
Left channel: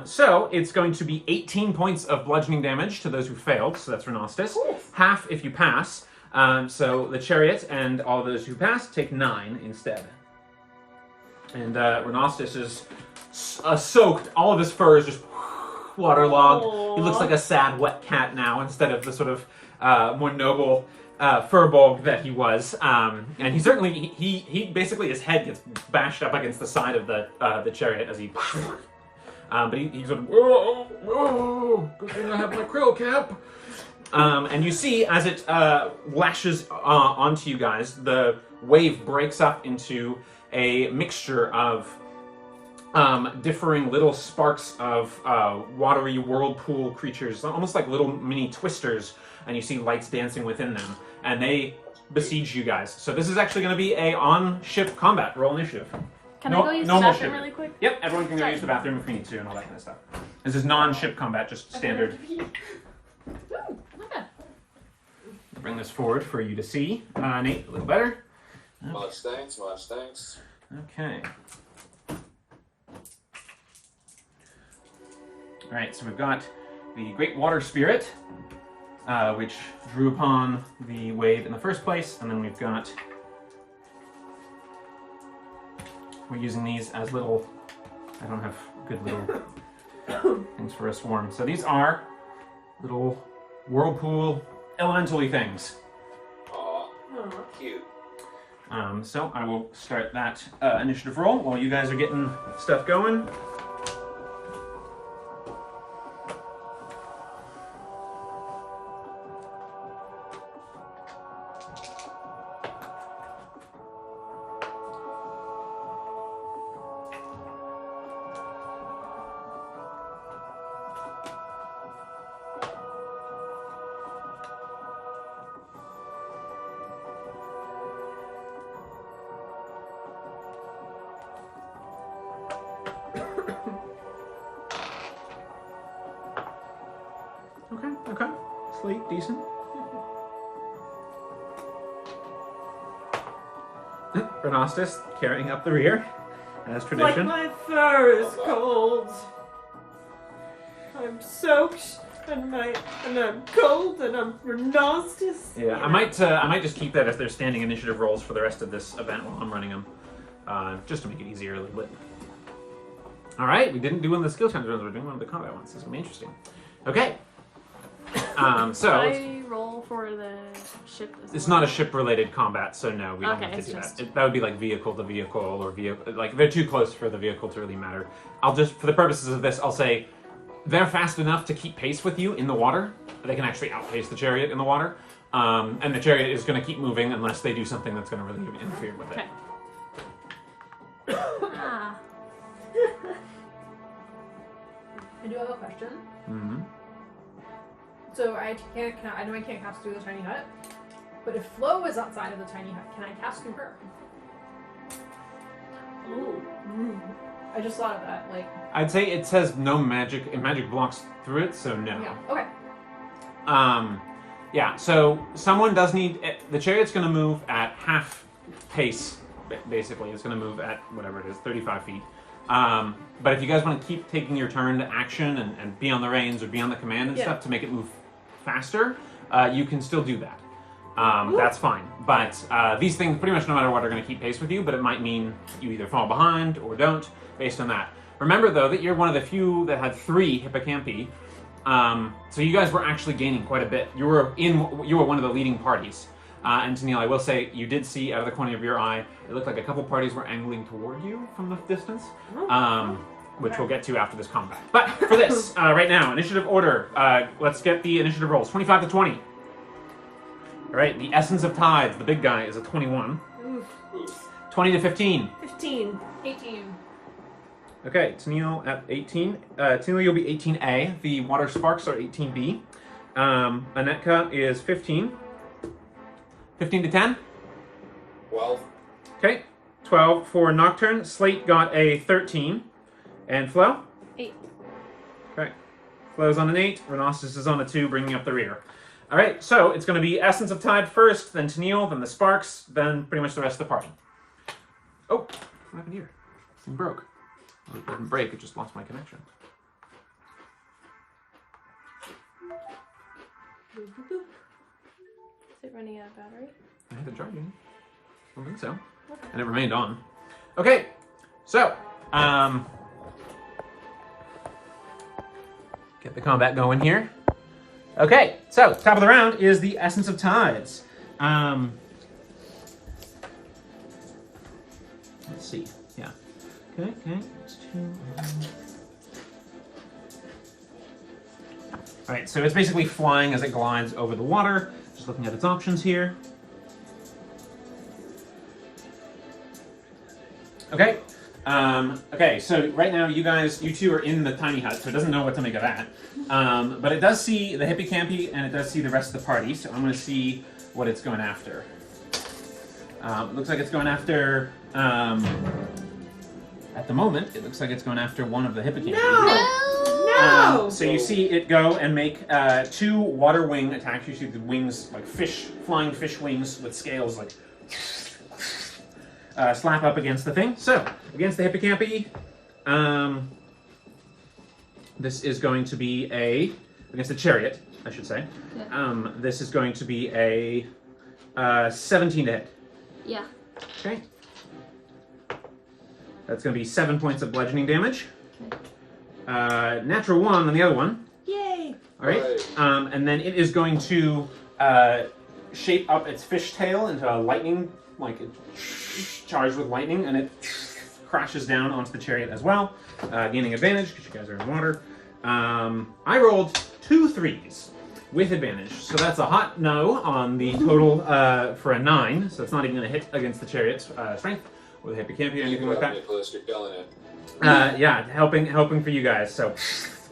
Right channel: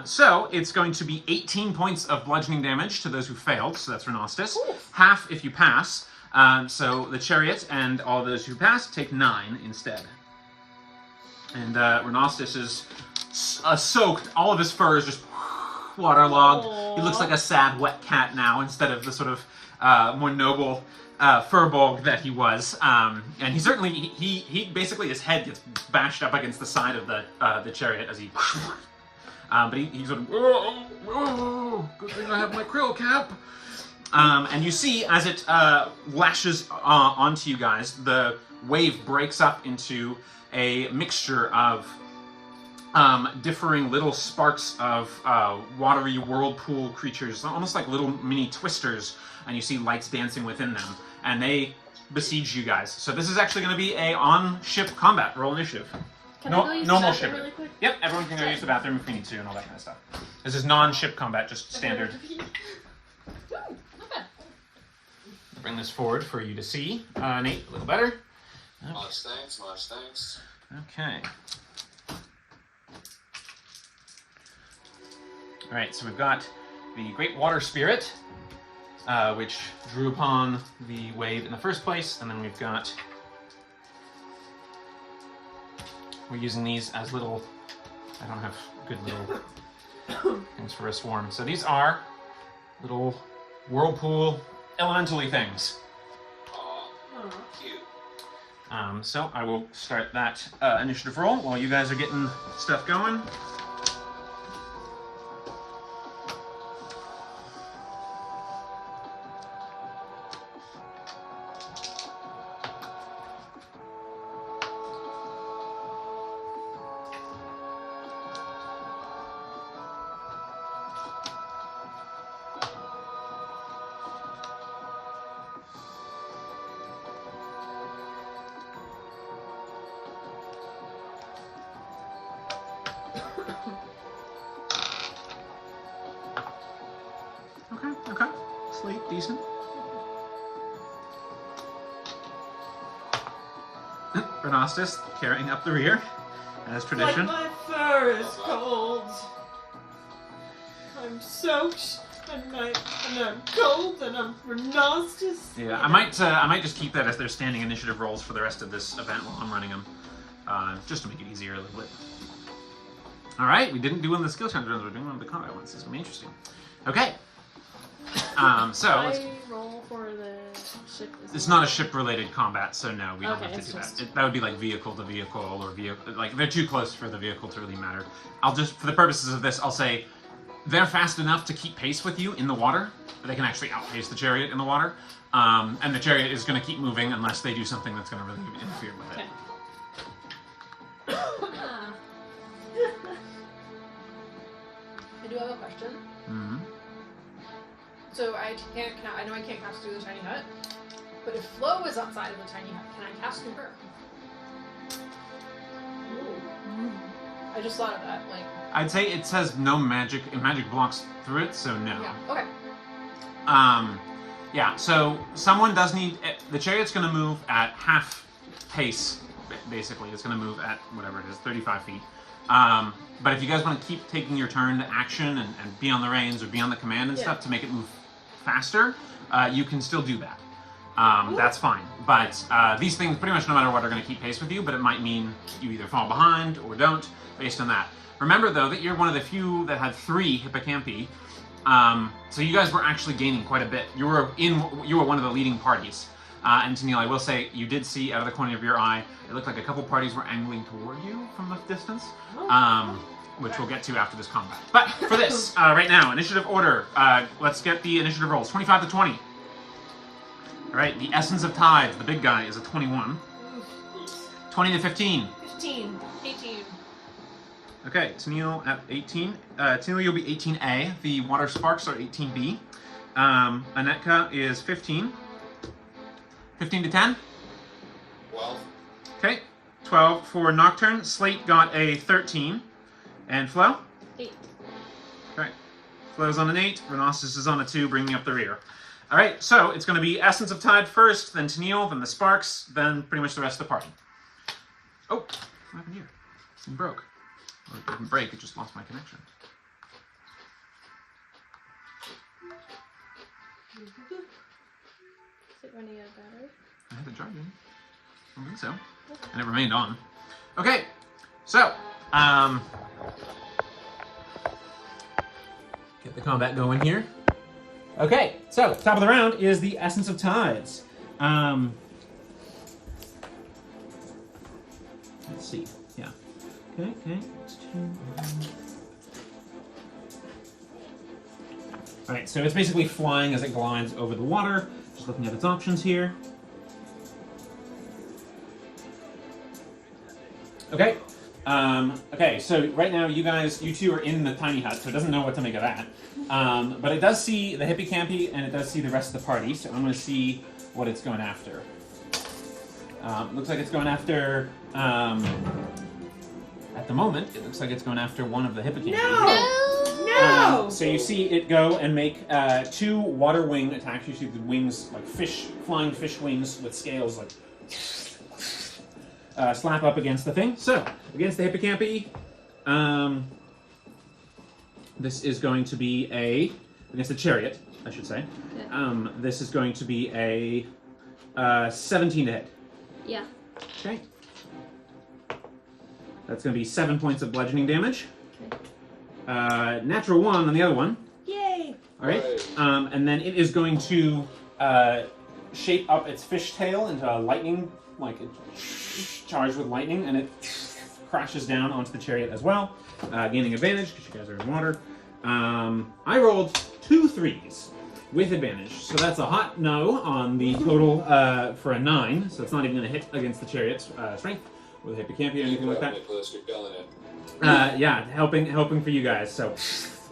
So it's going to be 18 points of bludgeoning damage to those who failed, so that's Renostis. Half if you pass. So the chariot and all of those who pass take 9 instead. And Renostis is soaked. All of his fur is just waterlogged. He looks like a sad wet cat now instead of the sort of more noble furball that he was. And he certainly, he basically, his head gets bashed up against the side of the chariot as he... but he sort of, oh, good thing I have my krill cap. And you see, as it lashes onto you guys, the wave breaks up into a mixture of differing little sparks of watery whirlpool creatures, almost like little mini twisters, and you see lights dancing within them, and they besiege you guys. So this is actually going to be a on-ship combat. Roll initiative. Can I go use the normal bathroom ship. really quick? Yep, everyone can go use the bathroom if we need to and all that kind of stuff. This is non-ship combat, just standard. Not bad. Bring this forward for you to see. Nate, a little better. Much thanks, much thanks. Okay. Alright, so we've got the Great Water Spirit, which drew upon the wave in the first place, and then we've got... We're using these as little... I don't have good little things for a swarm. So these are little whirlpool elementally things. Aw, cute. So I will start that initiative roll while you guys are getting stuff going. slate, decent. Renostis carrying up the rear, as tradition. Like my fur is cold. I'm soaked, and I'm cold, and I'm Renostis. Yeah, I might just keep that as their standing initiative rolls for the rest of this event while I'm running them, just to make it easier a little bit. All right, we didn't do one of the skill challenge runs. We're doing one of the combat ones. This is gonna be interesting. Okay. So let's, I roll for the ship. it's not a ship-related combat, so no, we don't Okay, have to it's do just- that. That would be like vehicle to vehicle or vehicle. Like they're too close for the vehicle to really matter. I'll just, for the purposes of this, I'll say they're fast enough to keep pace with you in the water. They can actually outpace the chariot in the water, and the chariot is going to keep moving unless they do something that's going to really interfere with it. Okay. Ah. I do have a question. Mm-hmm. So I know I can't cast through the tiny hut, but if Flo is outside of the tiny hut, can I cast through her? I just thought of that. Like, I'd say it says no magic. Magic blocks through it, so no. yeah. Okay. Yeah. So someone does need. The chariot's going to move at half pace. Basically, it's going to move at whatever it is, 35 feet. But if you guys want to keep taking your turn to action and be on the reins or be on the command and stuff to make it move faster, you can still do that. That's fine. But these things, pretty much no matter what, are going to keep pace with you, but it might mean you either fall behind or don't, based on that. Remember, though, that you're one of the few that had 3 hippocampi, so you guys were actually gaining quite a bit. You were one of the leading parties. And Tennille, I will say, you did see out of the corner of your eye, it looked like a couple parties were angling toward you from the distance, which we'll get to after this combat. But for this, right now, initiative order, let's get the initiative rolls. 25 to 20. All right, the Essence of Tides, the big guy, is a 21. 20 to 15. 15. 18. Okay, Tennille at 18. Tennille, you'll be 18A. The Water Sparks are 18B. Anetka is 15. 15 to 10? 12. Okay. 12 for Nocturne. Slate got a 13. And Flo? 8. Okay. Flo's on an 8. Renostis is on a 2, bringing up the rear. All right, so it's going to be Essence of Tide first, then Tennille, then the Sparks, then pretty much the rest of the party. Oh, what happened here? This thing broke. Well, it didn't break, it just lost my connection. Is it running out of battery? I had it charging. I don't think so. And it remained on. Okay, so, get the combat going here. Okay, so, top of the round is the Essence of Tides. Let's see, yeah. Okay, next two. Alright, so it's basically flying as it glides over the water. Just looking at its options here. Okay. Okay, so right now you two are in the tiny hut, so it doesn't know what to make of that. But it does see the hippocampi and it does see the rest of the party, so I'm going to see what it's going after. It looks like it's going after, at the moment, it looks like it's going after one of the hippocampi. No! So you see it go and make 2 water wing attacks. You see the wings, like flying fish wings with scales, like slap up against the thing. So, against the hippocampi, this is going to be against the chariot, I should say. Yeah. This is going to be a 17 to hit. Yeah. Okay. That's going to be 7 points of bludgeoning damage. Okay. Natural 1 on the other one. Yay! All right. And then it is going to shape up its fishtail into a lightning, like it's charged with lightning, and it crashes down onto the chariot as well, gaining advantage because you guys are in water. I rolled 2 3s with advantage, so that's a hot no on the total for a 9. So it's not even going to hit against the chariot's strength or the hippocampi or anything like that. Nicholas, you're killing it. Yeah, helping for you guys. So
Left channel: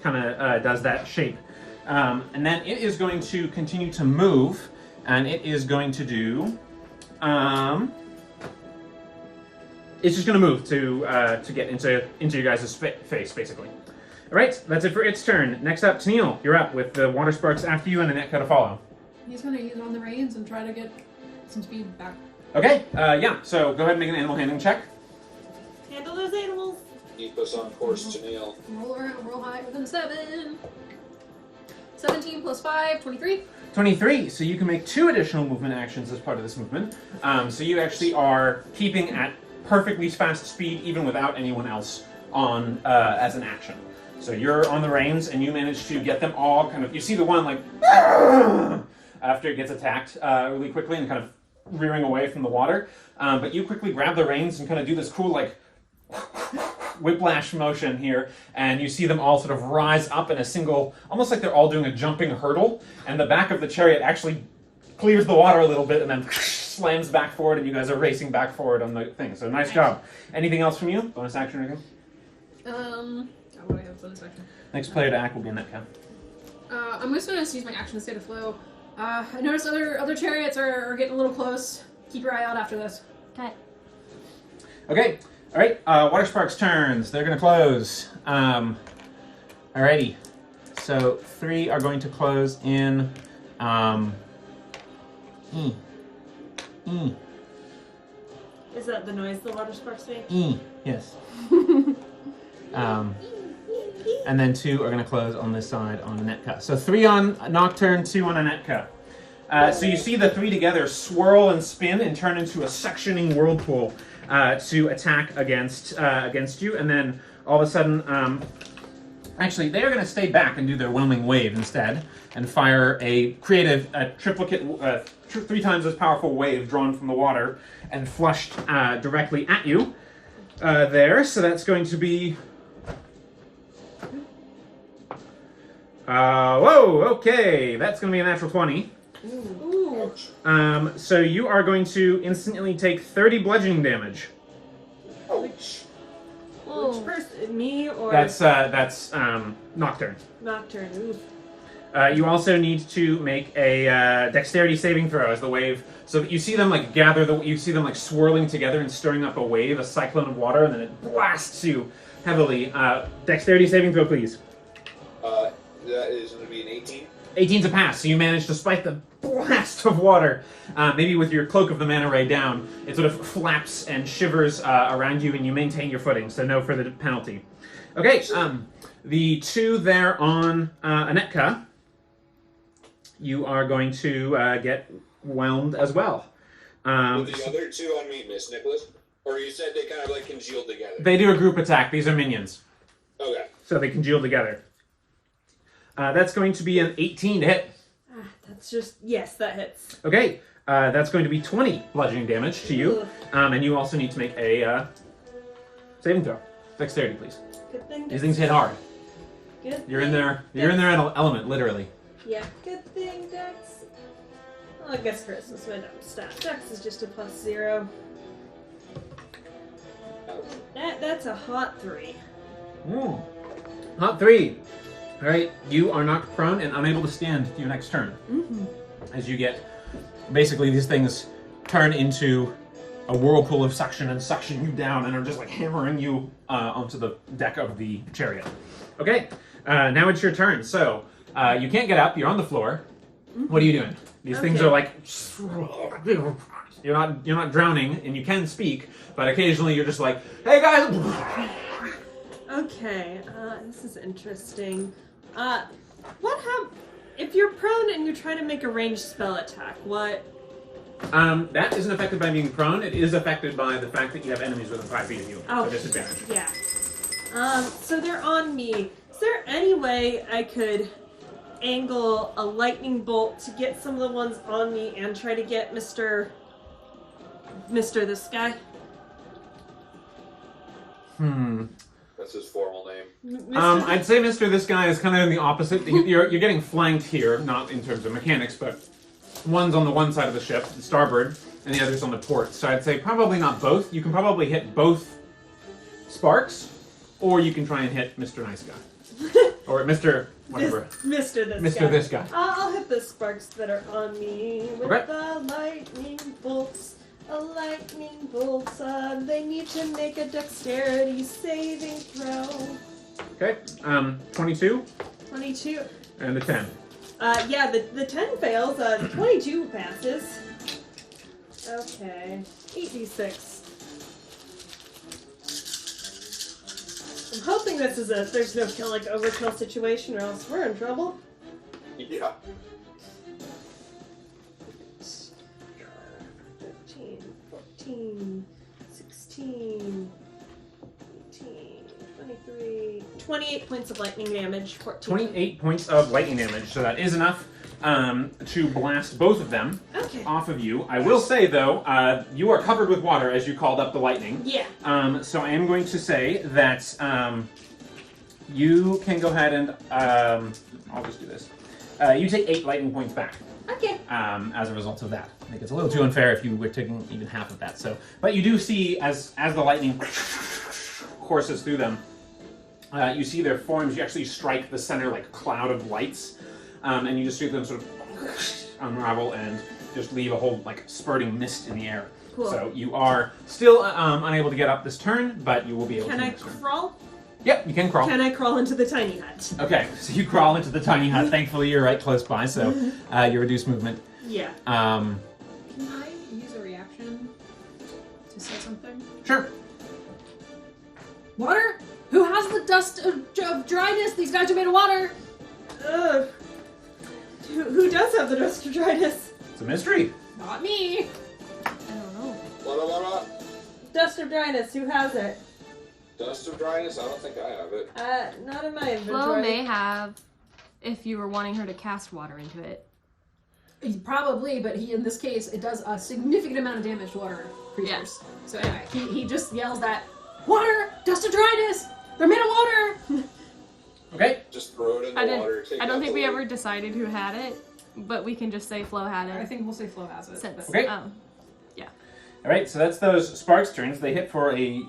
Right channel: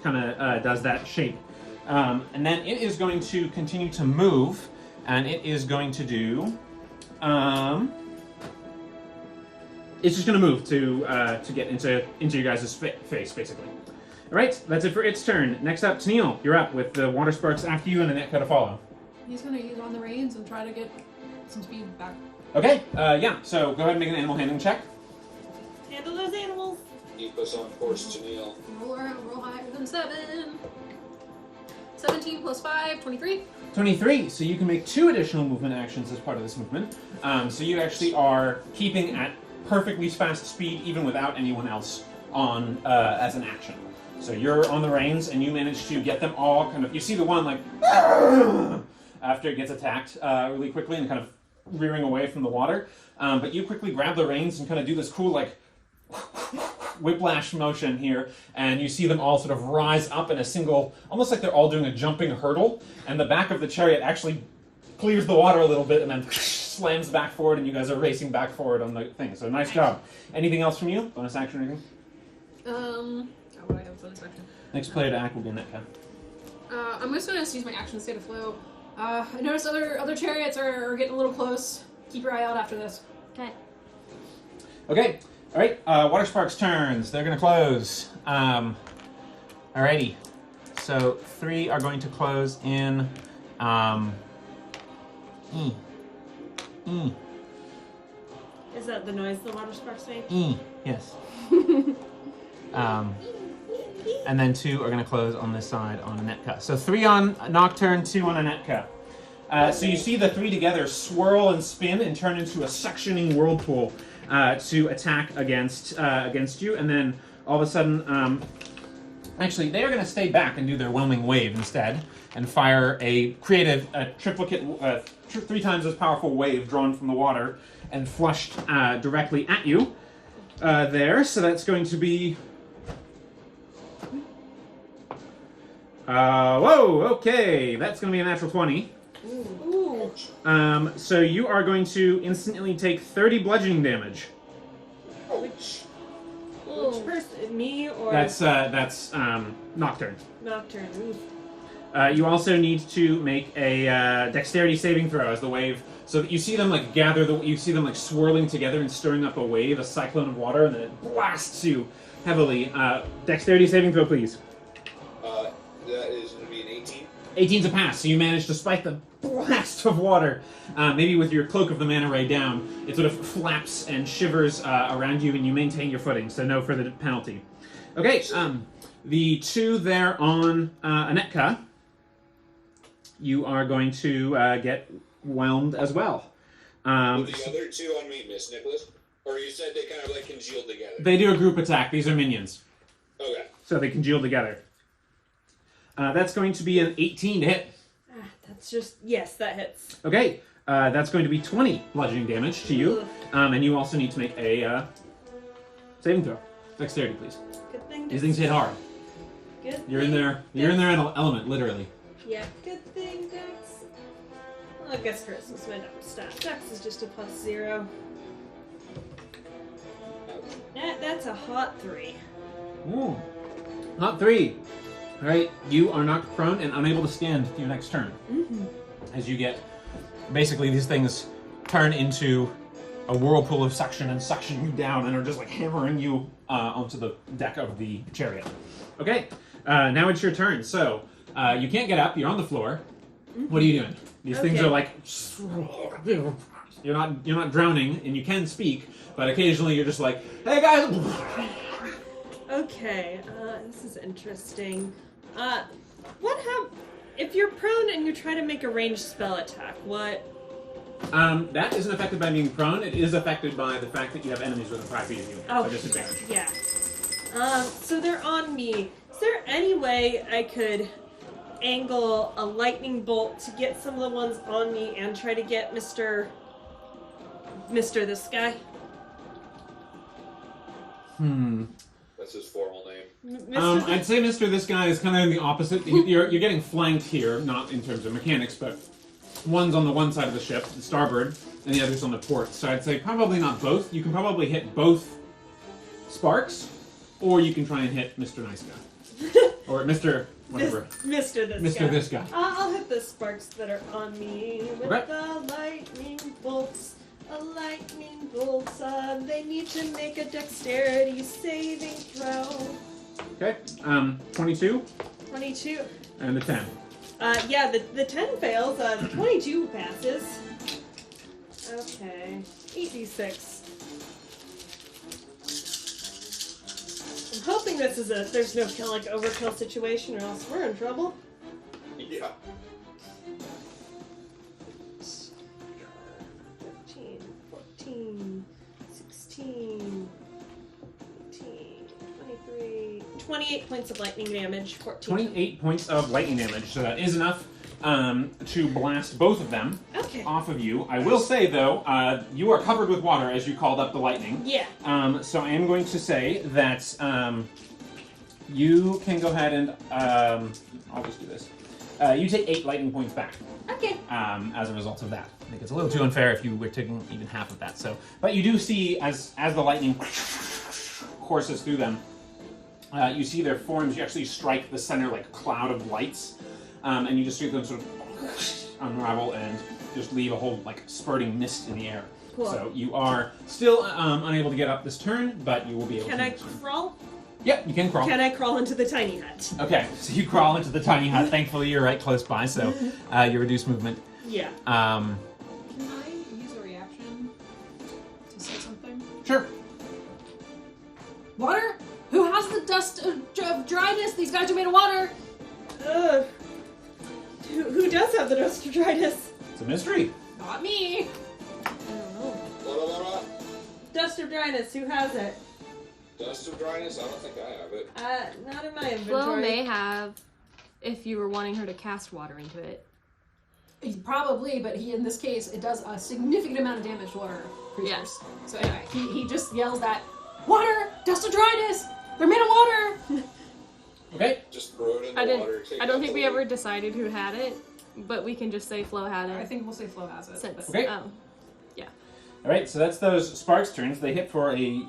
kind of does that shape, and then it is going to continue to move, and it is going to do. It's just going to move to get into your guys' face, basically. All right, that's it for its turn. Next up, Tennille, you're up with the water sparks after you and a Netka to follow. He's gonna use on the reins and try to get some speed back. Okay, yeah, so go ahead and make an animal handling check. Handle those animals. Keep us on course, Tennille. Roll higher than 7. 17 plus 5, 23. 23, so you can make 2 additional movement actions as part of this movement. So you actually are keeping at perfectly fast speed even without anyone else on as an action. So you're on the reins and you manage to get them all kind of, you see the one like after it gets attacked really quickly and kind of rearing away from the water. But you quickly grab the reins and kind of do this cool like whiplash motion here, and you see them all sort of rise up in a single, almost like they're all doing a jumping hurdle, and the back of the chariot actually clears the water a little bit and then slams back forward, and you guys are racing back forward on the thing. So nice job. Anything else from you? Bonus action or anything? What do I have bonus action? Next player to act will be Netka. I'm just gonna use my action to state of flow. I noticed other chariots are getting a little close. Keep your eye out after this. Okay. Okay. All right. Water Sparks turns. They're going to close. Alrighty. So 3 are going to close in. Is that the noise the water sparks make? Yes. And then 2 are going to close on this side on a Netka. So 3 on Nocturne, 2 on a Netka. So you see the 3 together swirl and spin and turn into a suctioning whirlpool to attack against you, and then all of a sudden, actually, they are going to stay back and do their whelming wave instead, and fire a triplicate, 3 times as powerful wave drawn from the water and flushed directly at you there. So that's going to be. Whoa, okay, that's going to be a natural 20. Ooh. So you are going to instantly take 30 bludgeoning damage. Ouch. Which person? Me or That's Nocturne. Nocturne? Ooh. You also need to make a dexterity saving throw as the wave. So that you see them like you see them like swirling together and stirring up a wave, a cyclone of water, and then it blasts you heavily. Dexterity saving throw, please. That is going to be an 18. 18's a pass, so you manage to spike the blast of water. Maybe with your Cloak of the Mana Ray down, it sort of flaps and shivers around you, and you maintain your footing, so no further penalty. Okay, the 2 there on Anetka, you are going to get whelmed as well. With the other 2 on me, Miss Nicholas? Or you said they kind of like congealed together? They do a group attack. These are minions. Okay. So they congeal together. That's going to be an 18 to hit. That's just yes, that hits. Okay, that's going to be 20 bludgeoning damage to you, and you also need to make a saving throw. Dexterity, please. Good thing. These things hit hard. Good. You're in there. You're in their element, literally. Yeah. Good thing, Dex. Well, I guess Christmas went up stat. Dex is just a +0. That's a hot 3. Not 3. All right, you are knocked prone and unable to stand your next turn. As you get, basically these things turn into a whirlpool of suction and suction you down and are just like hammering you onto the deck of the chariot. Okay, now it's your turn. So you can't get up. You're on the floor. What are you doing? These things are like you're not drowning and you can speak, but occasionally you're just like, hey guys. Okay, this is interesting. What happens if you're prone and you try to make a ranged spell attack? What? That isn't affected by being prone. It is affected by the fact that you have enemies within 5 feet of you. Oh, So disadvantage. yeah. So they're on me. Is there any way I could angle a lightning bolt to get some of the ones on me and try to get Mr. this guy? That's his formal name. Mr. I'd say Mr. This guy is kind of in the opposite. You're getting flanked here, not in terms of mechanics, but one's on the one side of the ship, the starboard, and the other's on the port. So I'd say probably not both. You can probably hit both Sparks, or you can try and hit Mr. Nice Guy. Or Mr. whatever. Mr. This guy. I'll hit the sparks that are on me with Okay. the lightning bolts. Lightning bolts. They need to make a dexterity saving throw. Okay. 22 22. and the 10. Yeah, the 10 fails. 22 passes. Okay. 8d6. I'm hoping this is there's no overkill situation or else we're in trouble. Yeah. 15, 14, 16, 18, 23, 28 points of lightning damage. 14. 28 points of lightning damage, so that is enough to blast both of them Okay. off of you. I will say, though, you are covered with water as you called up the lightning. Yeah. So I am going to say that you can go ahead and I'll just do this. You take 8 lightning points back Okay. as a result of that. I think it's a little too unfair if you were taking even half of that. So, but you do see as the lightning courses through them, you see their forms. You actually strike the center cloud of lights, and you just see them sort of unravel and just leave a whole spurting mist in the air. Cool. So you are still unable to get up this turn, but you will be able Can to I next turn. crawl? Yep, you can crawl. Can I crawl into the tiny hut? Okay, so you crawl into the tiny hut. Thankfully, you're right close by, so you reduce movement. Yeah. Can I use a reaction to say something? Sure. Water? Who has the dust of dryness? These guys are made of water. Ugh. Who does have the dust of dryness? It's a mystery. Not me. I don't know. What? Dust of dryness. Who has it? Dust of dryness? I don't think I have it. Not in my Flo inventory. may have, if you were wanting her to cast water into it. Probably, but in this case, it does a significant amount of damage to water creatures. So anyway, he just yells that, water! Dust of dryness! They're made of water! Okay. Just throw it in the water. I don't think we ever decided who had it, but we can just say Flo had it. I think we'll say Flo has it. Since, Okay. Yeah. All right, so that's those sparks turns. They hit for a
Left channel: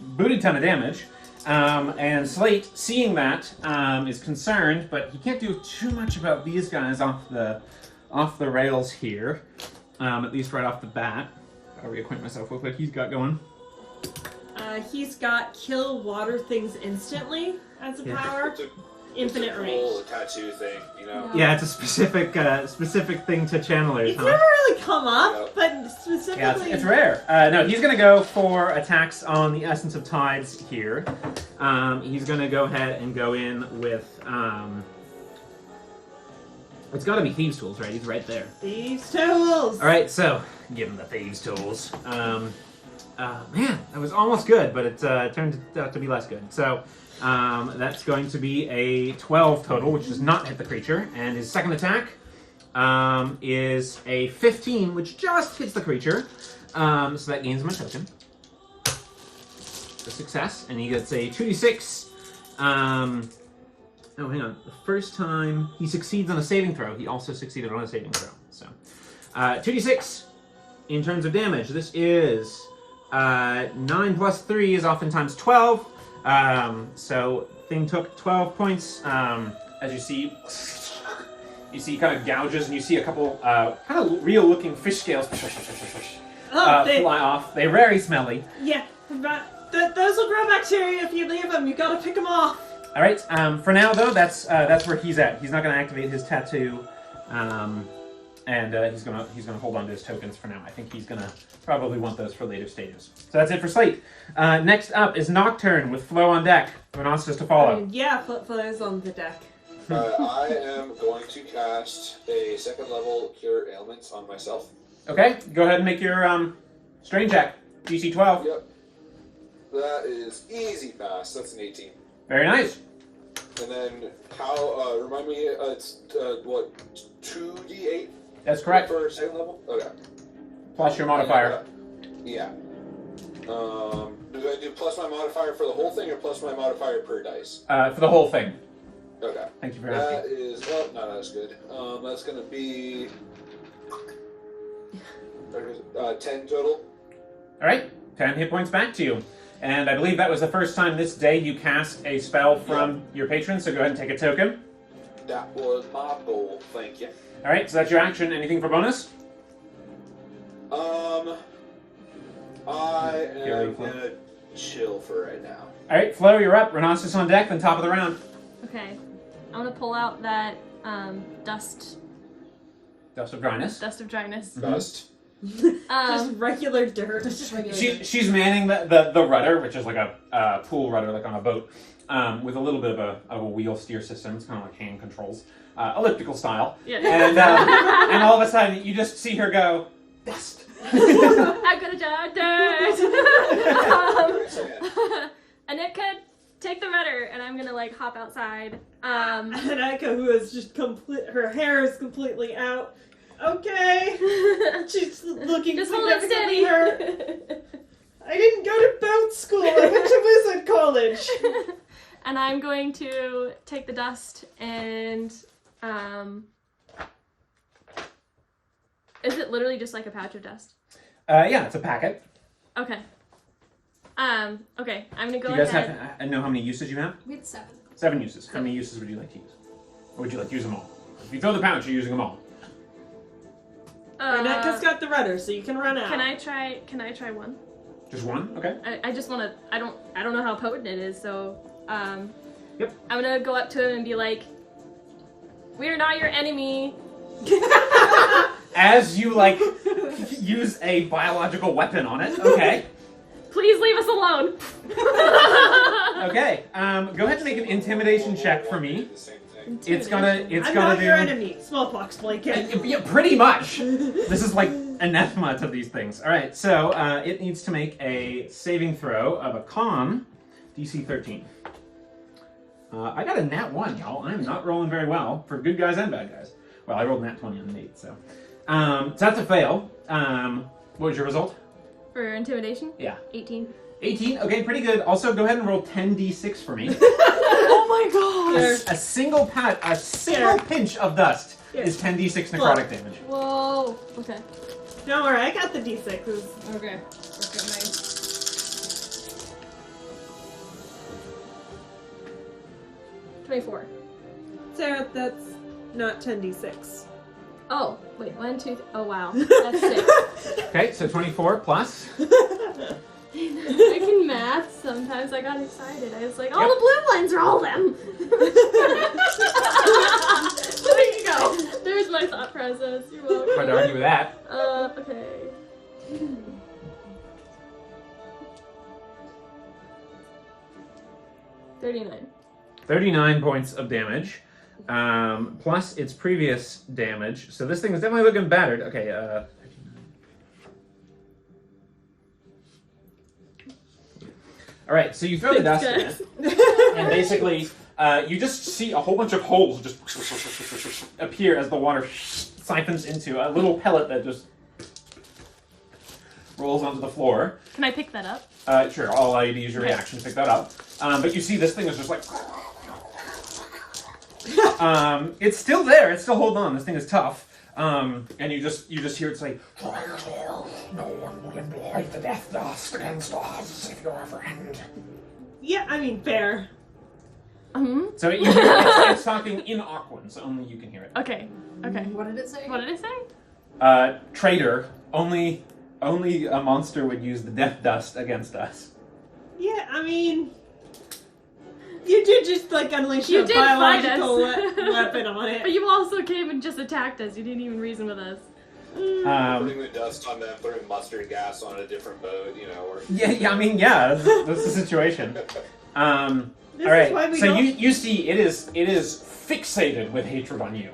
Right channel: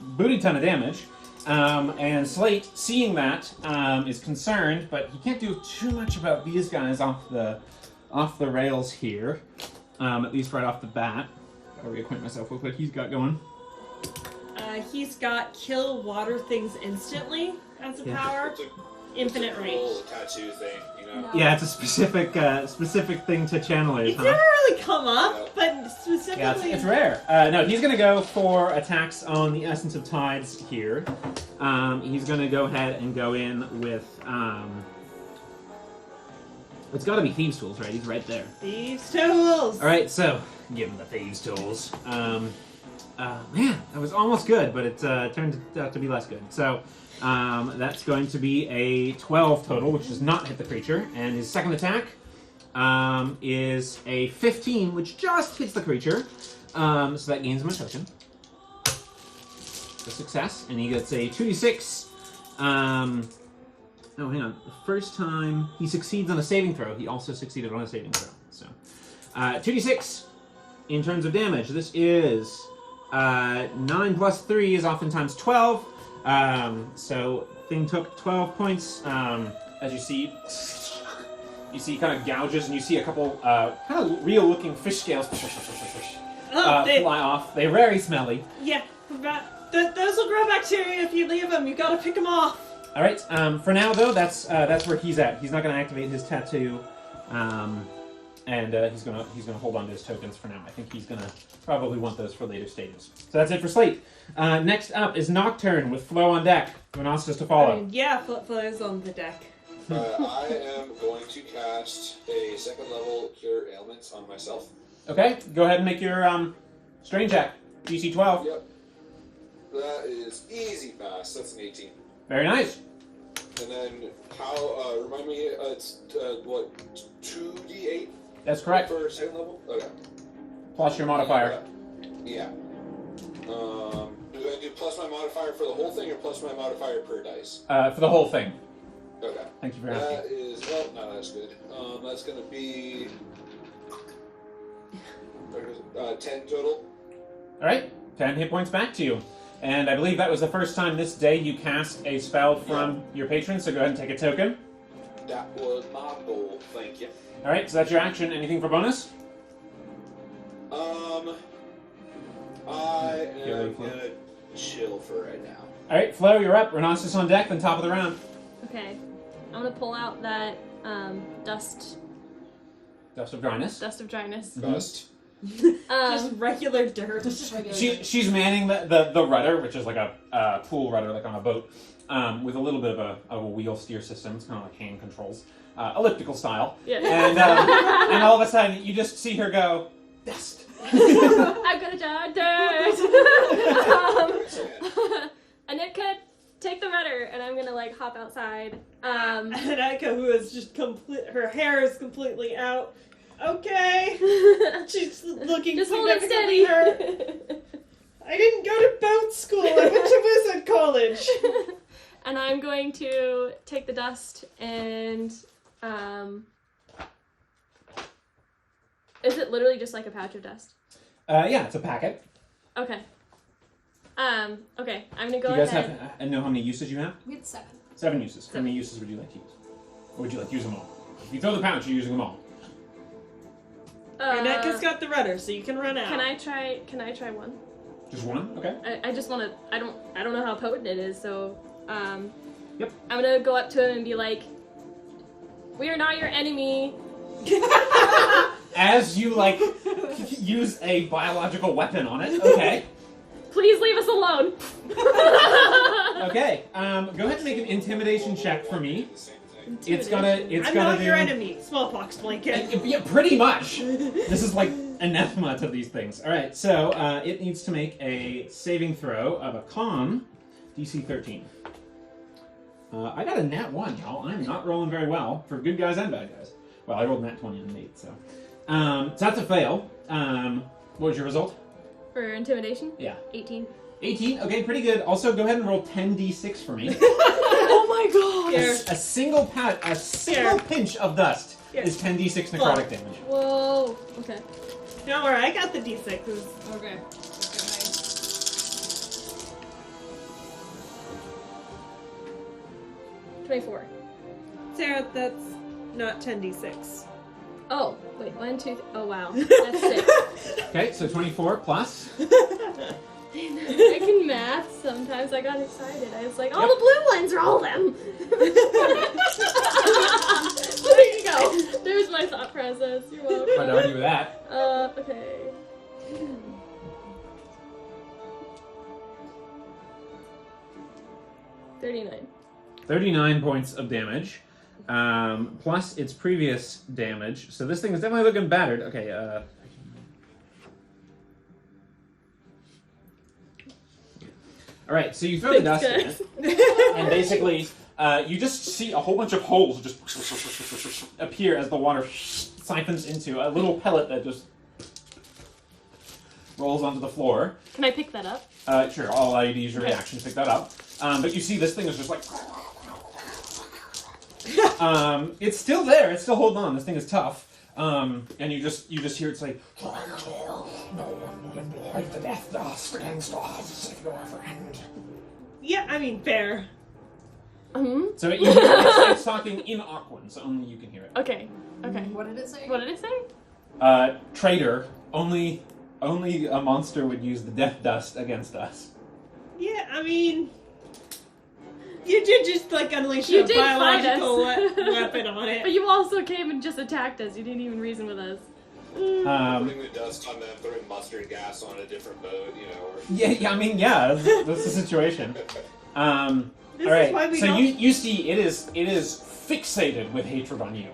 booty ton of damage. And Slate, seeing that, is concerned, but he can't do too much about these guys off the rails here. At least right off the bat. I'll reacquaint myself with what he's got going. He's got kill water things instantly as a power. It's a Infinite cool range. tattoo thing, you know? Yeah, it's a specific thing to channelers, It's huh? never really come up, but specifically. Yeah, it's rare. No, he's going to go for attacks on the Essence of Tides here. He's going to go ahead and go in with... it's got to be Thieves' Tools, right? He's right there. These tools! All right, so give him the Thieves' Tools. Man, that was almost good, but it turned out to be less good. So that's going to be a 12 total, which does not hit the creature. And his second attack is a 15, which just hits the creature. So that gains him a token. A success, and he gets a 2d6. Oh, hang on. The first time he succeeds on a saving throw, he also succeeded on a saving throw. So 2d6 in terms of damage. This is 9 plus 3 is oftentimes 12. So thing took 12 points. As you see kind of gouges, and you see a couple kind of real-looking fish scales They, fly off. They're very smelly. yeah, but those will grow bacteria if you leave them. You gotta pick them off. All right. For now, though, that's where he's at. He's not going to activate his tattoo, and he's gonna hold on to his tokens for now. I think he's gonna probably want those for later stages. So that's it for Slate. Next up is Nocturne with Flo on deck. Who wants us to follow? Yeah, Flo's on the deck. I am going to cast a second level Cure Ailments on myself. Okay. Go ahead and make your strain check. DC 12. Yep. That is easy pass. That's an 18. Very nice. And then how? Remind me. It's what? 2d8 That's correct. for second level. Okay. Plus your modifier. Yeah. Do I do plus my modifier for the whole thing or plus my modifier per dice? For the whole thing. Okay. Thank you for That asking. is not as good. That's gonna be 10 total. All right. 10 hit points back to you. And I believe that was the first time this day you cast a spell from your patron, so go ahead and take a token. That was my goal. Thank you. All right, so that's your action. Anything for bonus? I am Healing gonna chill for right now. All right, Flo, you're up. Rhinoceros on deck, then top of the round. Okay. I'm gonna pull out that dust Dust of dryness. of dryness. Dust. Just regular dirt. Just regular. She's manning the rudder, which is like a pool rudder, like on a boat, with a little bit of a wheel steer system. It's kind of like hand controls, elliptical style. Yeah. And all of a sudden, you just see her go, dust. I'm gonna die dirt. Anika, take the rudder, and I'm gonna like hop outside. And Eka, who is just her hair is completely out. Okay. She's looking Just hold it significantly steady. hurt. I didn't go to boat school. I went to wizard college. And I'm going to take the dust and is it literally just like a patch of dust? Yeah, it's a packet. Okay. Okay, I'm gonna go You guys ahead. have know how many uses you have? We had 7. 7 uses. How many uses would you like to use? Or would you like to use them all? If you throw the pouch, you're using them all. Eka's got the rudder, so you can run out. Can I try one? Just one? Okay. I just wanna I don't know how potent it is, so Yep. I'm gonna go up to him and be like, "We are not your enemy." As you like use a biological weapon on it. Okay. Please leave us alone. Okay. Go ahead and make an intimidation check for me. The same thing. It's gonna I'm gonna not do. your enemy. Smallpox blanket. Yeah, pretty much. This is like anathema to these things. All right. So it needs to make a saving throw of a con DC 13. I got a nat 1, y'all. I'm not rolling very well for good guys and bad guys. Well, I rolled nat 20 on Nate, so. So that's a fail. What was your result? For intimidation? Yeah. 18. 18. Okay, pretty good. Also, go ahead and roll 10d6 for me. Oh my god. A single pinch of dust Here. is 10d6 necrotic damage. Whoa. Okay. Don't worry, I got the D6s. Okay. Okay, nice. $24. Sarah, that's not 10d6. Oh, wait, 1, 2, oh wow. That's 6. Okay, so 24 plus. I can math. Sometimes I got excited. I was like, oh, the blue ones, roll them. There you go. There's my thought process. You're welcome. Try to argue with that. Okay. $39. 39 points of damage, plus its previous damage. So this thing is definitely looking battered. Okay, all right, so you throw the dust in it, and basically you just see a whole bunch of holes just appear as the water siphons into a little pellet that just rolls onto the floor. Can I pick that up? Sure, I'll allow you to use your reaction to pick that up. But you see this thing is just like... it's still there, it's still holding on, this thing is tough. And you just hear it say, no one will employ the death dust against us if you're a friend. Yeah, I mean, fair. Mm-hmm. So it's talking in Aquan, so only you can hear it. Okay. Okay. What did it say? What did it say? Traitor, only a monster would use the death dust against us. Yeah, I mean... You did just, like, unleash You a did fight biological us. weapon on But it. you also came and just attacked us. You didn't even reason with us. Putting the dust on them, throwing mustard gas on a different boat, you know, or... Yeah, I mean, yeah, that's the situation. All This is why right, we so don't... you see it is fixated with hatred on you.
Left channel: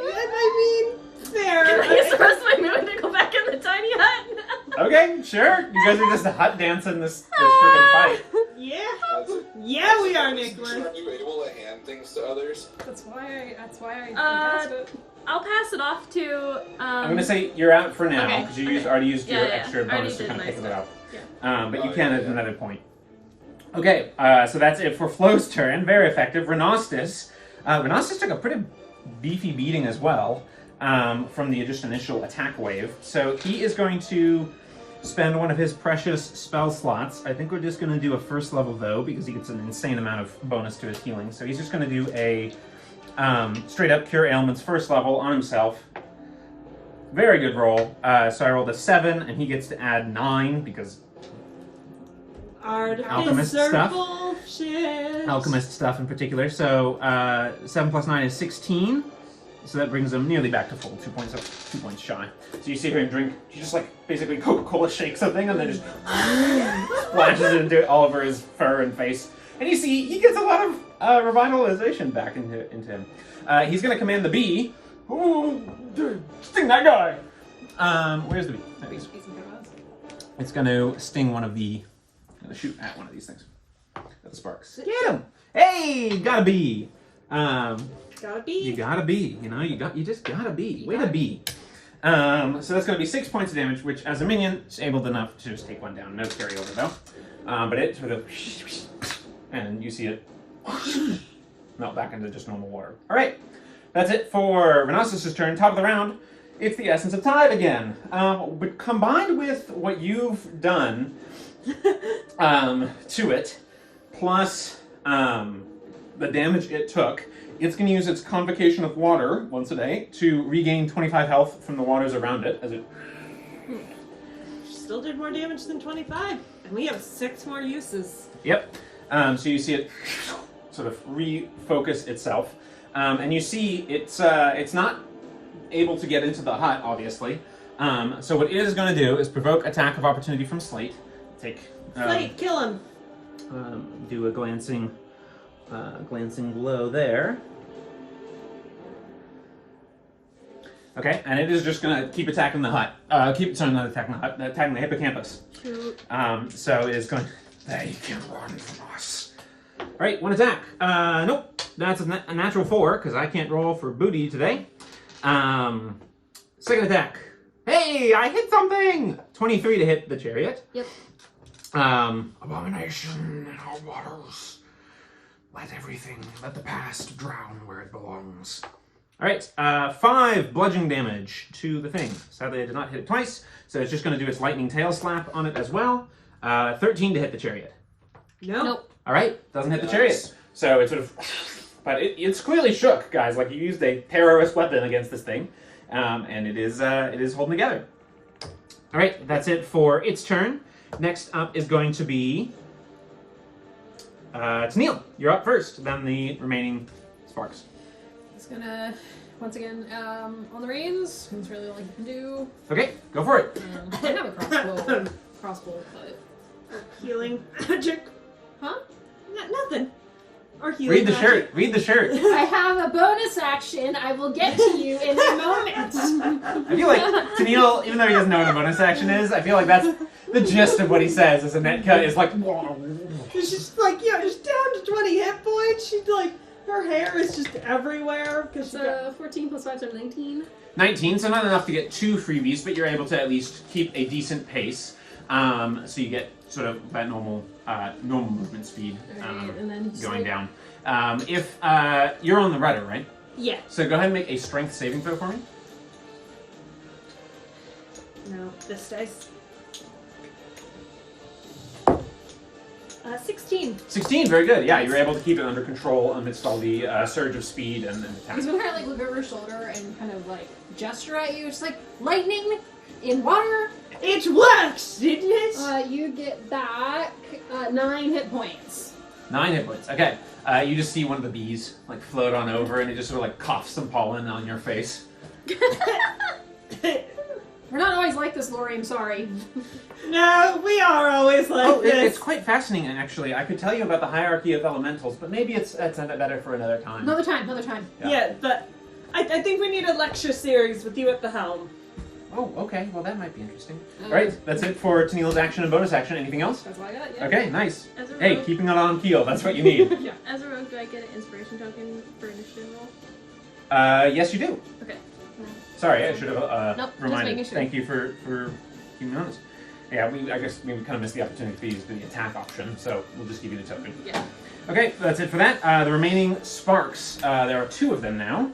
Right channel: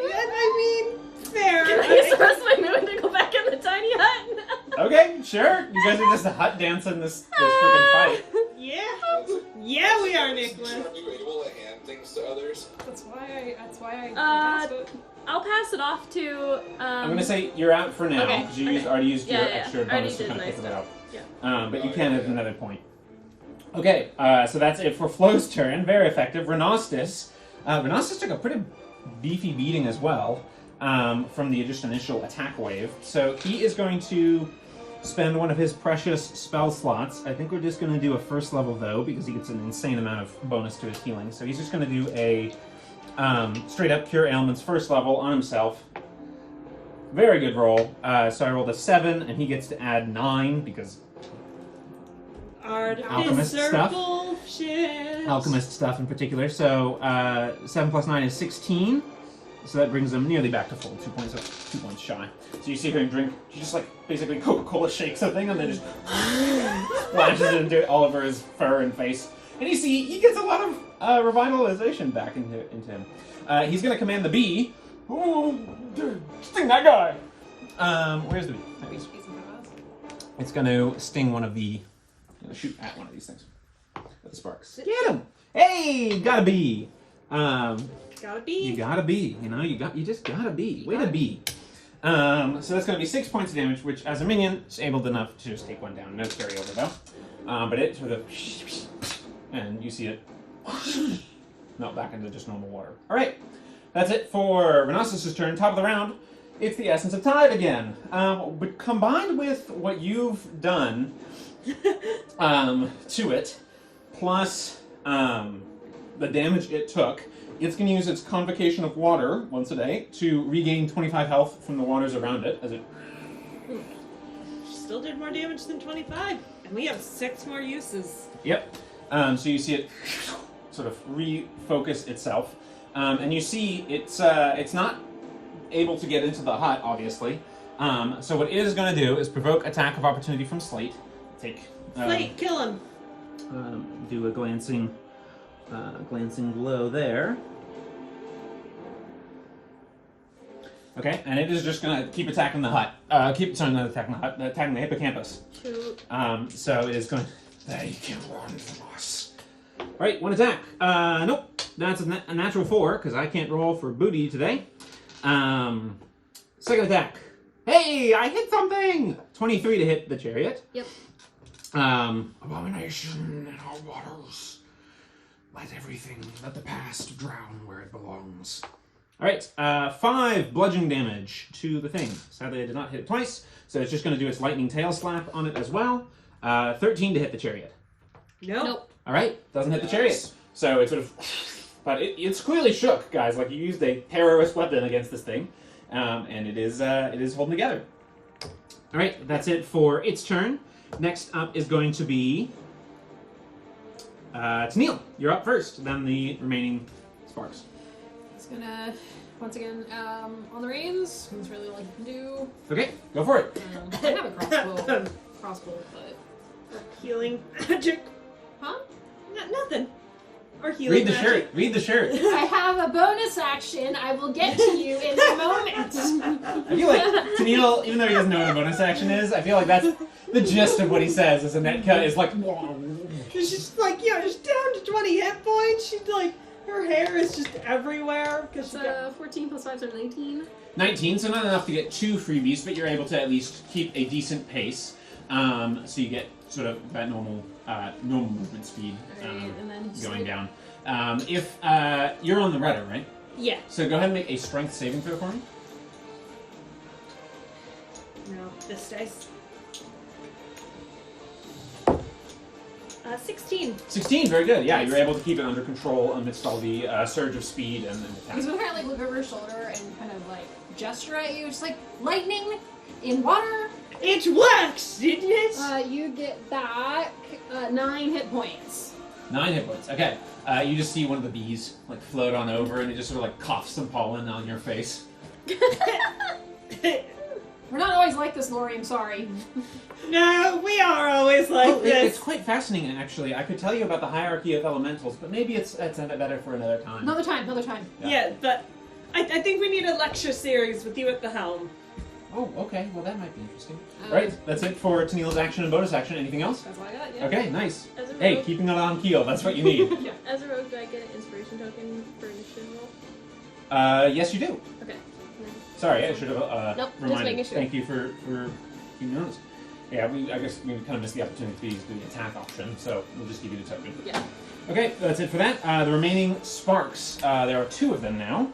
I mean, fair. Can I use the rest of my moon to go back in the tiny hut? Okay, sure. You guys are just hut dancing this freaking fight. Yeah. That's it. Yeah, we are, Nicholas. Are you able to hand things to others? That's why I Uh, passed it. I'll pass it off to. I'm gonna say you're out for now Okay, because you okay. already used your Yeah, extra I already bonus to did kind of my pick it up. Yeah. But you Oh, can yeah, at yeah. another point. Okay, so that's it for Flo's turn. Very effective. Renostis. Renostis took a pretty beefy beating as well from the just initial attack wave. So he is going to spend one of his precious spell slots. I think we're just going to do a first level though because he gets an insane amount of bonus to his healing. So he's just going to do a straight up Cure Ailments first level on himself. Very good roll. So I rolled a 7 and he gets to add 9 because alchemist stuff. Circle shit. Alchemist stuff in particular. So 7 plus 9 is 16. So that brings them nearly back to full, 2 points up, 2 points shy. So you see her drink, she just like basically Coca-Cola shakes something and then just splashes it into all over his fur and face. And you see he gets a lot of revitalization back into him. He's going to command the bee. Oh, sting that guy! Where's the bee? There it is. It's going to sting one of the... Going to shoot at one of these things. At the sparks. Get him! Hey, got a bee! Gotta be. You gotta be, you just gotta be. Way to be. So that's gonna be 6 points of damage, which as a minion is able enough to just take one down. No carryover though. But it sort of, and you see it melt back into just normal water. All right, that's it for Renasus' turn. Top of the round. It's the Essence of Tide again. But combined with what you've done to it, plus the damage it took, it's going to use its Convocation of Water once a day to regain 25 health from the waters around it. As it Still did more damage than 25, and we have 6 more uses. Yep. So you see it sort of refocus itself, and you see it's not able to get into the hut, obviously. So what it is going to do is provoke attack of opportunity from Slate. Take Slate, kill him. Do a glancing blow there. Okay, and it is just gonna keep attacking the hut. Not attacking the hut, attacking the hippocampus. So it is going. They can run from us. All right, one attack. Nope, that's a natural 4 because I can't roll for booty today. Second attack. Hey, I hit something. 23 to hit the chariot. Yep. Abomination in our waters. Let the past drown where it belongs. All right, 5 bludgeoning damage to the thing. Sadly, I did not hit it twice, so it's just going to do its lightning tail slap on it as well. 13 to hit the chariot. Nope. All right, doesn't hit the chariot. So it sort of, but it's clearly shook, guys. Like you used a terrorist weapon against this thing, and it is holding together. All right, that's it for its turn. Next up is going to be Tennille. You're up first. Then the remaining sparks. It's gonna, once again, on the reins. It's really all you can do. Okay, go for it. I have a crossbow, but... Healing magic. Huh? Nothing. Or healing Read the magic. shirt. Read the shirt. I have a bonus action. I will get to you in a moment. I feel like Tennille, even though he doesn't know what a bonus action is, I feel like that's the gist of what he says. Is a net cut is like. She's just like, just down to 20 hit points. She's like, her hair is just everywhere. It's 14 plus 5, so 19. 19, so not enough to get 2 freebies, but you're able to at least keep a decent pace. So you get sort of that normal movement speed Alright, and then going down. If you're on the rudder, right? Yeah. So go ahead and make a strength saving throw for me. No, this dice. 16. 16, very good. Yeah, you're able to keep it under control amidst all the surge of speed and attack. He's gonna kind of like look over his shoulder and kind of like gesture at you, just like lightning in water. It works, didn't it? You get back 9 hit points. 9 hit points. Okay. You just see one of the bees like float on over, and it just sort of like coughs some pollen on your face. We're not always like this, Lori. I'm sorry. No, we are always like this. It's quite fascinating, actually. I could tell you about the hierarchy of elementals, but maybe it's better for another time. Another time. Yeah, but I think we need a lecture series with you at the helm. Oh, okay. Well, that might be interesting. All right, that's it for Tennille's action and bonus action. Anything else? That's all I got, yeah. Okay, nice. As a Hey, rogue, keeping it on keel. That's what you need. Yeah. as a rogue, do I get an inspiration token for initiative roll? Yes, you do. Okay. Sorry, I should have Nope, just reminded. making sure. Thank you for keeping me honest. Yeah, I guess we kind of missed the opportunity for you to do the attack option, so we'll just give you the token. Yeah. Okay, that's it for that. The remaining sparks, there are 2 of them now,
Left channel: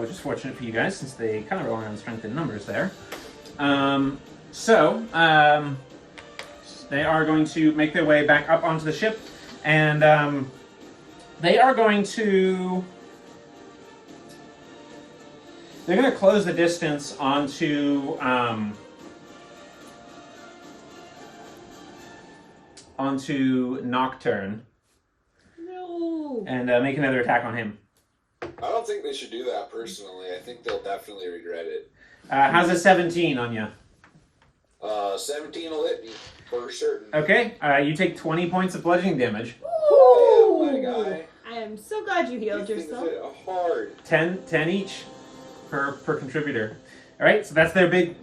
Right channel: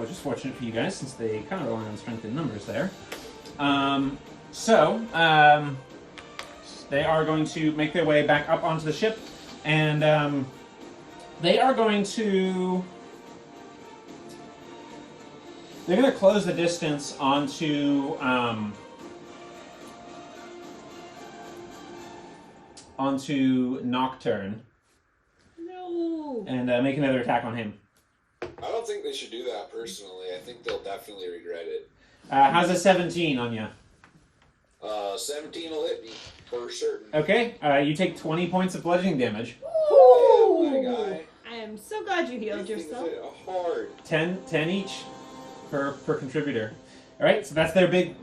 which is fortunate for you guys since they kind of rely on strength in numbers there. They are going to make their way back up onto the ship, and they are going to... They're going to close the distance onto onto Nocturne No. and make another attack on him. I don't think they should do that personally. I think they'll definitely regret it. How's a 17 on you? 17 will hit me, for certain. Okay, you take 20 points of bludgeoning damage. Damn, my guy. I am so glad you healed These things yourself. hit hard. 10 each per contributor. All right, so that's their big...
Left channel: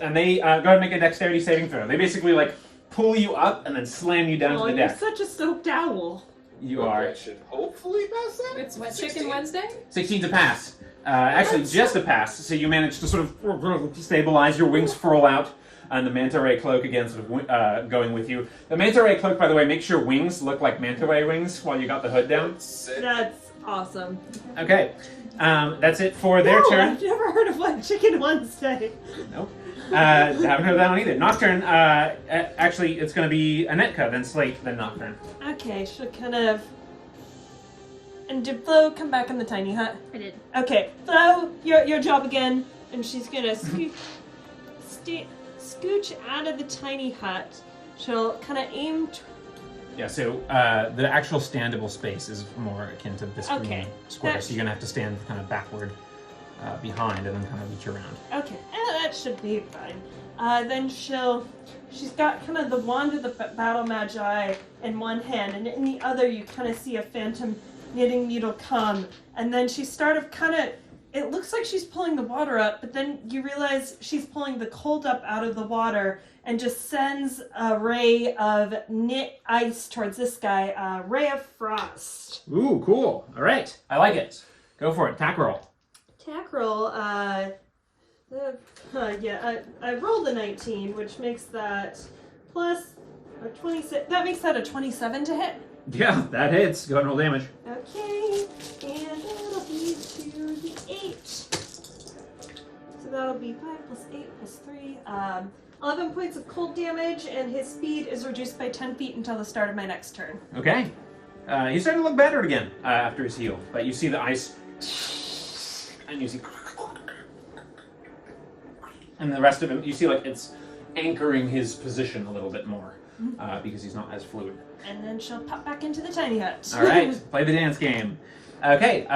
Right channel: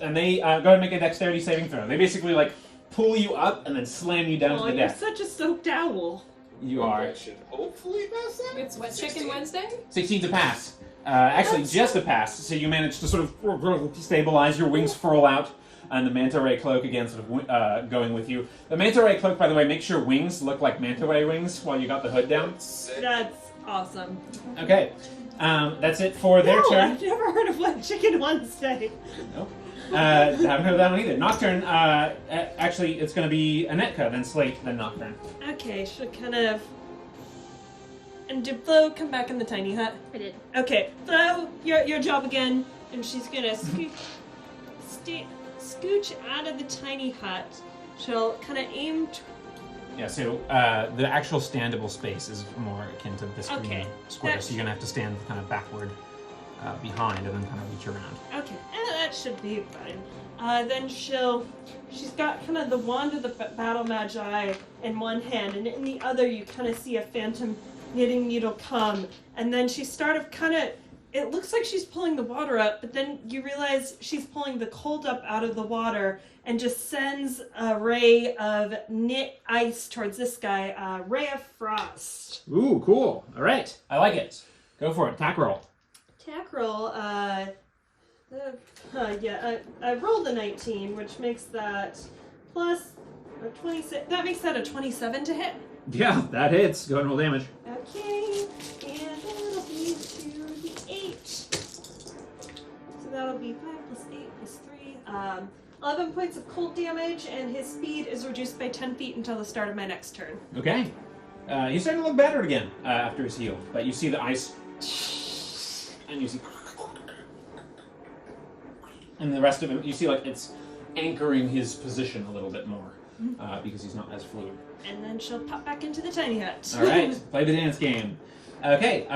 And they go ahead and make a dexterity saving throw. They basically, like, pull you up and then slam you down Oh, to the you're deck. such a soaked owl. You are. I should hopefully pass that. It's what, 16. Chicken Wednesday? 16's a pass. Actually, just a pass. So you manage to sort of stabilize, your wings furl out, and the manta ray cloak again sort of going with you. The manta ray cloak, by the way, makes your wings look like manta ray wings while you got the hood down. Sick. That's awesome. Okay, that's it for their turn. I've never heard of one Chicken Wednesday. Nope. Haven't heard of that one either. Nocturne, actually, it's going to be Anetka, then Slate, then Nocturne. Okay, she'll kind of... And did Flo come back in the tiny hut? I did. Okay, Flo, your job again. And she's gonna scooch out of the tiny hut. She'll kind of aim... Yeah, so the actual standable space is more akin to this green Okay, square, that- so you're going to have to stand kind of backward behind and then kind of reach around. Okay, that should be fine. Then she's got kind of the wand of the battle magi in one hand, and in the other you kind of see a phantom knitting needle come, and then she it looks like she's pulling the water up, but then you realize she's pulling the cold up out of the water and just sends a ray of knit ice towards this guy, a ray of frost. Ooh, cool. All right. I like it. Go for it. Attack roll. Attack roll, I rolled a 19, which makes that plus a 26. That makes that a 27 to hit. Yeah, that hits. Go ahead and roll damage. Okay, and that'll be to the 8. So that'll be 5 plus 8 plus 3. 11 points of cold damage, and his speed is reduced by 10 feet until the start of my next turn. Okay. He's starting to look better again after his heal, but you see the ice, and you see, and the rest of him, you see like it's anchoring his position a little bit more because he's not as fluid. And then she'll pop back into the tiny hut. All right, play the dance game. Okay,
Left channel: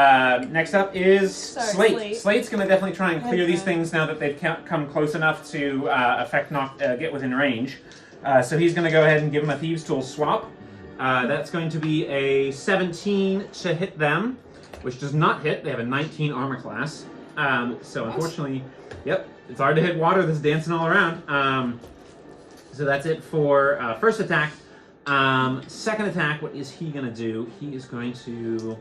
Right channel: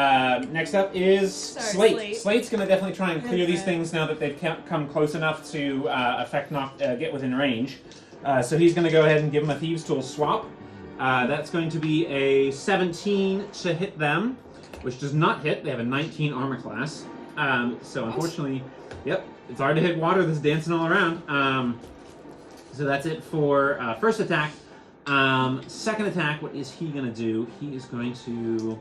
next up is Sorry, Slate. Slate. Slate's going to definitely try and clear these Okay. things now that they've come close enough to get within range. So he's going to go ahead and give him a Thieves' Tool swap. That's going to be a 17 to hit them, which does not hit. They have a 19 armor class. So unfortunately, yep, it's hard to hit water that's dancing all around. So that's it for first attack. Second attack, what is he going to do? He is going to...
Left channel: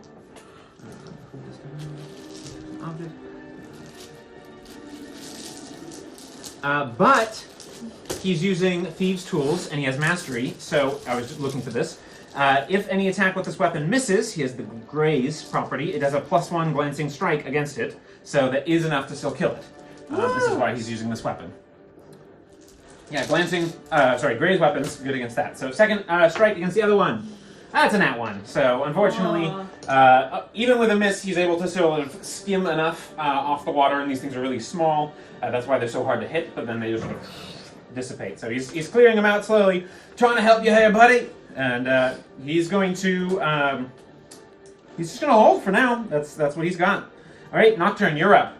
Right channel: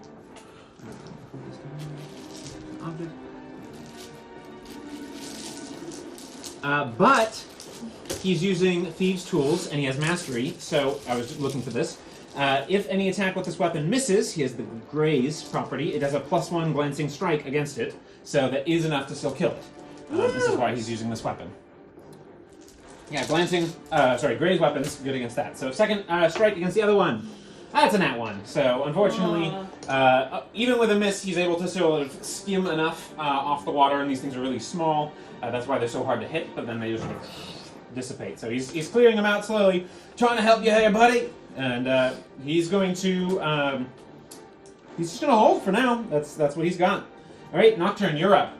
but he's using Thieves' Tools, and he has Mastery, so I was just looking for this. If any attack with this weapon misses, he has the Graze property. It has a +1 glancing strike against it, so that is enough to still kill it. This is why he's using this weapon. Yeah, Graze weapons, good against that. So second strike against the other one. That's a nat 1. So unfortunately, even with a miss, he's able to sort of skim enough off the water, and these things are really small. That's why they're so hard to hit, but then they just sort of dissipate. So he's clearing them out slowly, trying to help you here, buddy. And he's going to, he's just going to hold for now. That's what he's got. All right, Nocturne, you're up.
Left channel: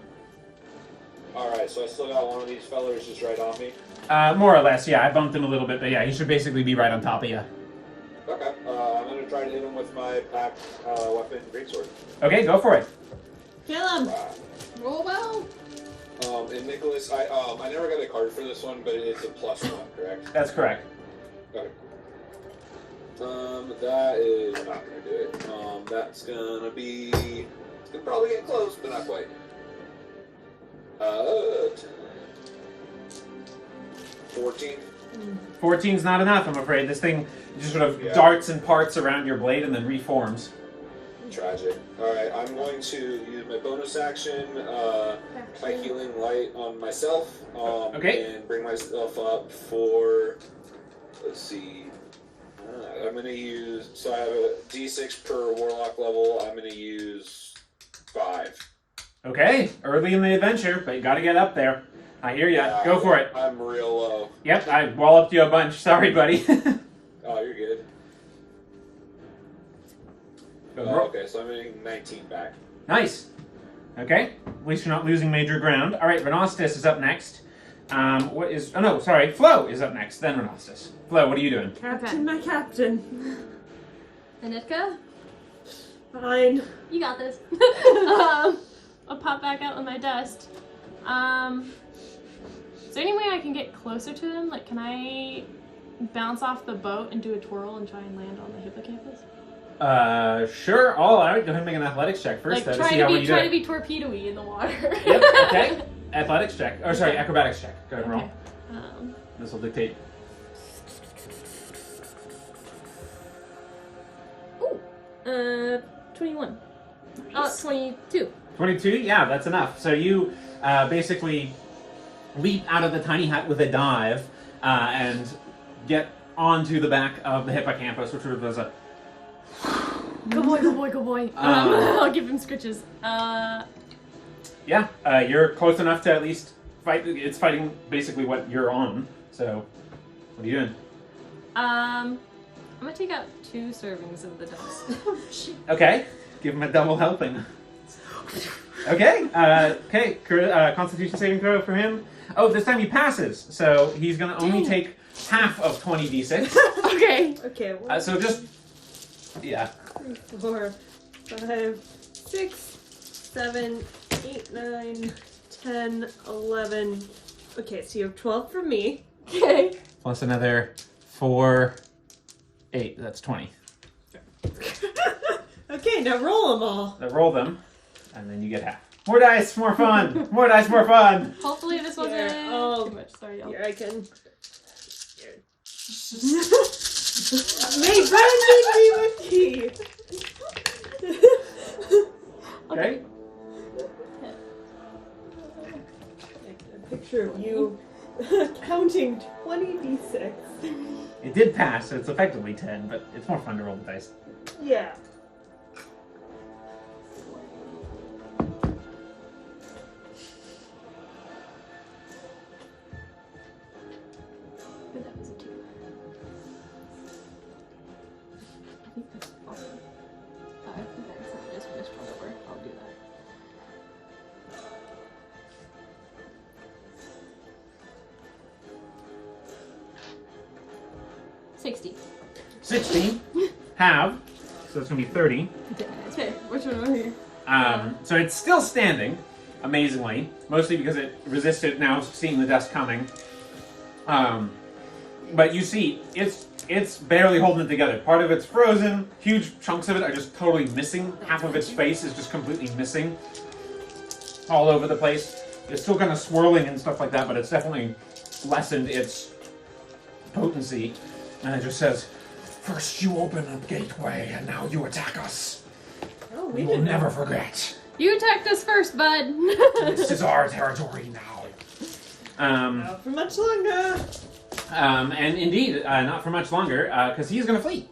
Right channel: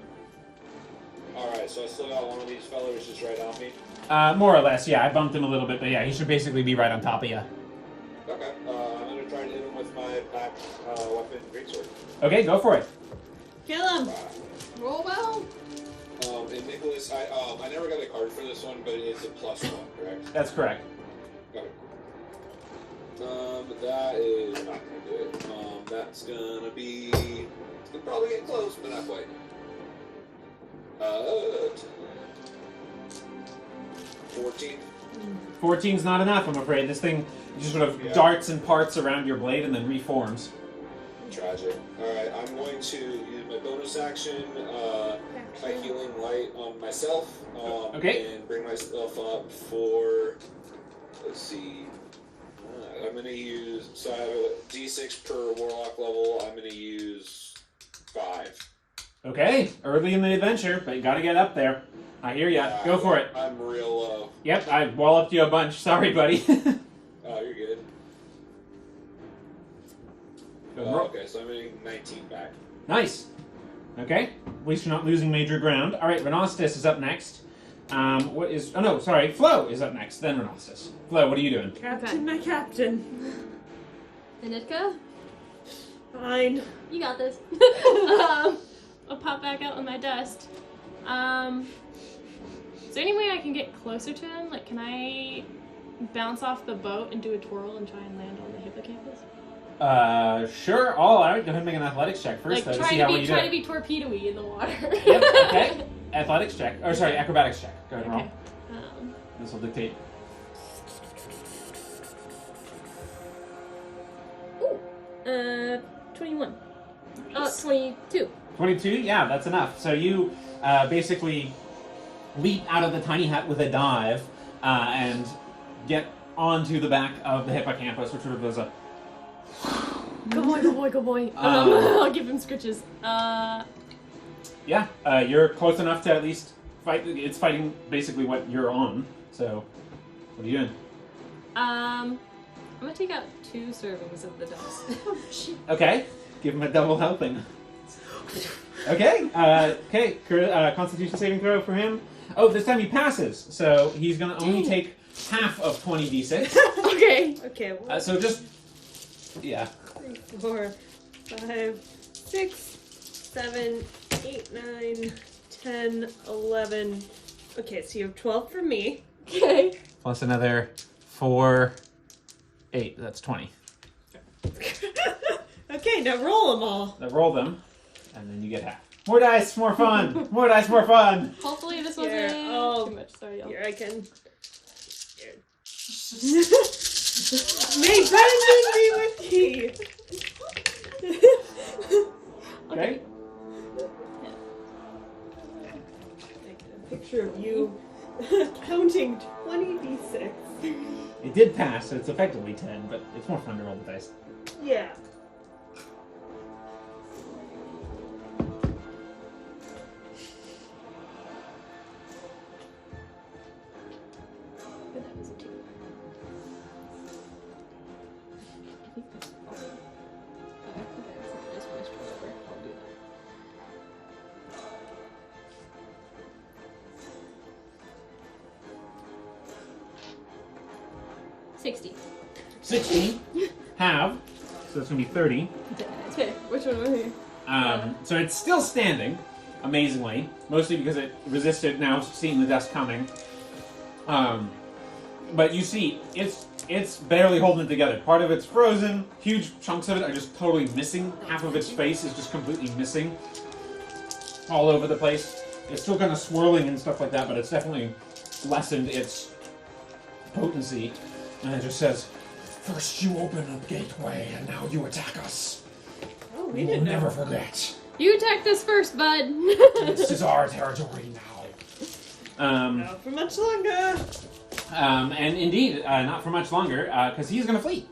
Alright, so I still got one of these fellers just right on me. More or less, yeah. I bumped him a little bit, but yeah, he should basically be right on top of you. Okay, I'm gonna try to hit him with my pack weapon, greatsword. Okay, go for it. Kill him. Roll well. And Nicholas, I never got a card for this one, but it's a +1, correct? That's correct. Okay. That is not gonna do it. That's gonna be. It's gonna probably get close, but not quite. 14. 14's not enough, I'm afraid. This thing just sort of Yeah. darts and parts around your blade and then reforms. Tragic. Alright, I'm going to use my bonus action, my healing light on myself, Okay. and bring myself up for, let's see, I'm going to use, so I have a d6 per warlock level, I'm going to use 5. Okay, early in the adventure, but you gotta get up there. I hear ya. Go for it. I'm real low. Yep, I walloped you a bunch. Sorry, buddy. 19 back. Nice. Okay. At least you're not losing major ground. All right, Renostis is up next. What is... Oh, no, sorry. Flo is up next, then Renostis. Flo, what are you doing? Captain, my captain. Anitka, Fine. you got this. I'll pop back out with my dust. Is there any way I can get closer to him? Like, can I bounce off the boat and do a twirl and try and land on the hippocampus? Sure. All right. Go ahead and make an athletics check first. Like, To see how well you do try to it. be torpedo-y in the water. Yep, okay. Athletics check. Or, sorry, acrobatics check. Go ahead and roll. Okay. This will dictate. 21. Nice. 22. 22? Yeah, that's enough. So you basically leap out of the tiny hut with a dive and get onto the back of the hippocampus, which sort of does a... Good boy, good boy, good boy. I'll give him scritches. Yeah, you're close enough to at least fight. It's fighting basically what you're on. So, what are you doing? I'm gonna take out 2 servings of the dust. Okay, give him a double helping. Okay, Constitution saving throw for him. Oh, this time he passes, so he's gonna only take half of 20d6. Okay. Okay, So just, yeah. 3, 4, 5, 6, 7, 8, 9, 10, 11. Okay, so you have 12 for me. Okay. Plus another 4, 8. That's 20. Okay, now roll them all. Now roll them, and then you get half. More dice, more fun. More dice, more fun. Hopefully this wasn't Here, oh, too much. Sorry, y'all. Here, I can. May Brandon be with thee. Okay. A picture of you counting 20d6. It did pass, so it's effectively 10, but it's more fun to roll the dice. Yeah. But that was a 2. I think I just finished over. I'll do that. 60. 16. Have. So it's going to be 30. Okay, which one am I here? So it's still standing, amazingly, mostly because it resisted now seeing the dust coming. But you see, it's barely holding it together. Part of it's frozen, huge chunks of it are just totally missing. Half of its face is just completely missing. All over the place. It's still kind of swirling and stuff like that, but it's definitely lessened its potency. And it just says, "First you open a gateway, and now you attack us. Oh, We will never forget. You attacked us first, bud. This is our territory now." Not for much longer. And indeed, not for much longer, because he's going to flee.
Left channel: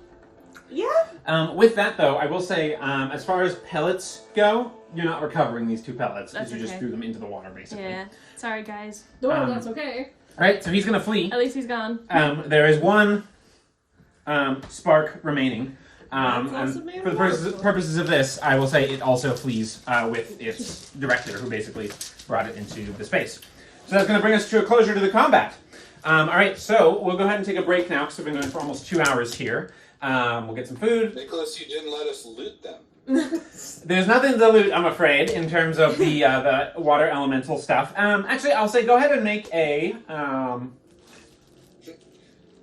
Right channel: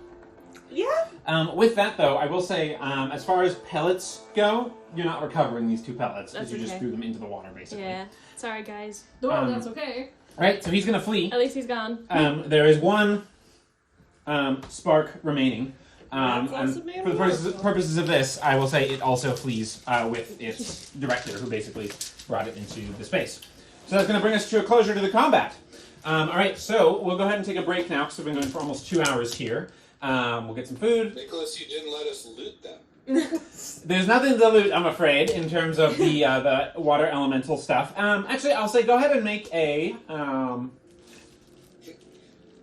Yeah. With that, though, I will say, as far as pellets go, you're not recovering these 2 pellets, because That's you just okay. threw them into the water, basically. Yeah. Sorry, guys. No, that's okay. Alright, so he's going to flee. At least he's gone. There is 1 spark remaining. That's And also very for the wonderful. purposes of this, I will say it also flees with its director, who basically brought it into the space. So that's going to bring us to a closure to the combat. Alright, so we'll go ahead and take a break now, because we've been going for almost 2 hours here. We'll get some food. Nicholas, you didn't let us loot them. There's nothing to loot, I'm afraid, in terms of the water elemental stuff. Actually, I'll say go ahead and make a...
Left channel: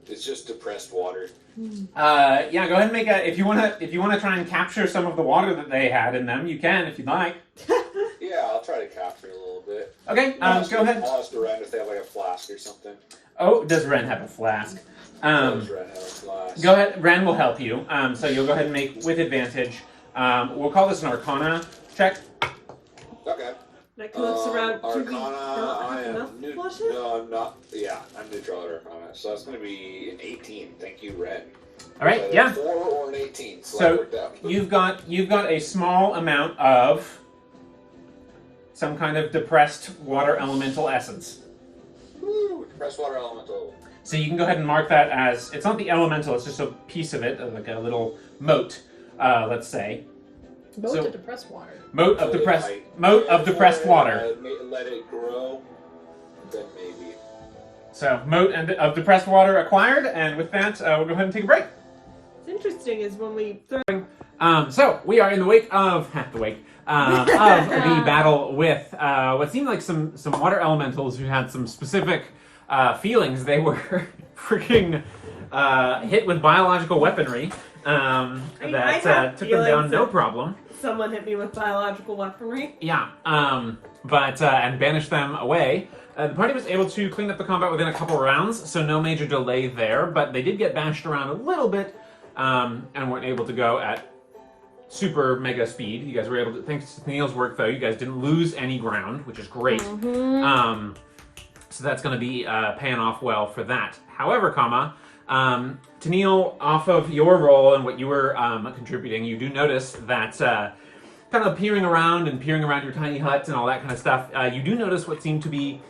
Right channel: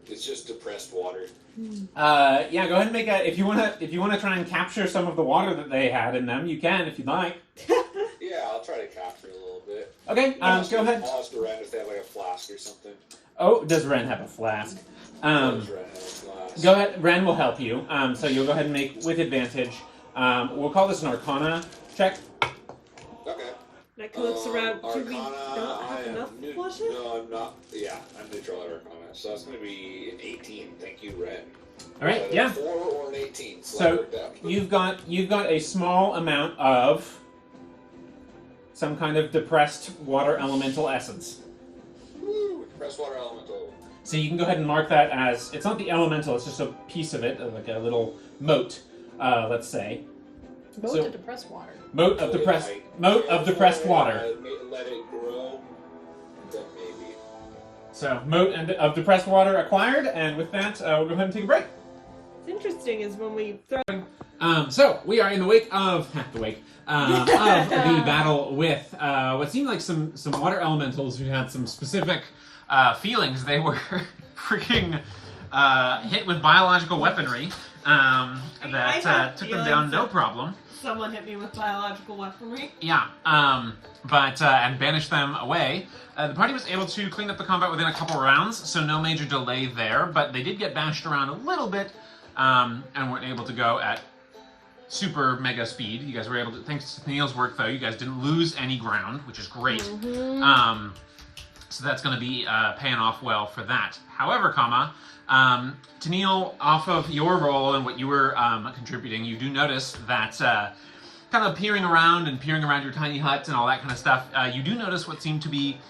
It's just depressed water. yeah, go ahead and make a... If you wanna try and capture some of the water that they had in them, you can, if you'd like. Yeah, I'll try to capture a little bit. Okay, go ahead. I'll ask Ren if they have like a flask or something. Oh, does Ren have a flask? Does Ren have a flask? Go ahead, Ren will help you. So you'll go ahead and make with advantage. We'll call this an Arcana check. Okay. That looks around. Do we Arcana, not I have enough am neutral. washes? No, I'm not. Yeah, I'm neutral at Arcana. So that's going to be an 18. Thank you, Ren. All right, Either yeah. 4 or an 18. So, So that worked out. you've got a small amount of some kind of depressed water elemental essence. Woo, depressed water elemental. So you can go ahead and mark that as, it's not the elemental, it's just a piece of it, like a little mote, let's say. Moat So- to depressed water. Moat of depressed water. Let it grow, then maybe. So moat of depressed water acquired, and with that, we'll go ahead and take a break. What's interesting is when we throw So we are in the wake of of the battle with what seemed like some water elementals who had some specific feelings. They were freaking hit with biological weaponry I that have took them down feelings no of- problem. someone hit me with biological weaponry. Yeah, but and banished them away. The party was able to clean up the combat within a couple rounds, so no major delay there. But they did get bashed around a little bit, and weren't able to go at super mega speed. You guys were able to, thanks to Neil's work though, you guys didn't lose any ground, which is great. So that's going to be paying off well for that. However, Tennille, off of your role and what you were contributing, you do notice that kind of peering around your tiny hut and all that kind of stuff, you do notice what seemed to be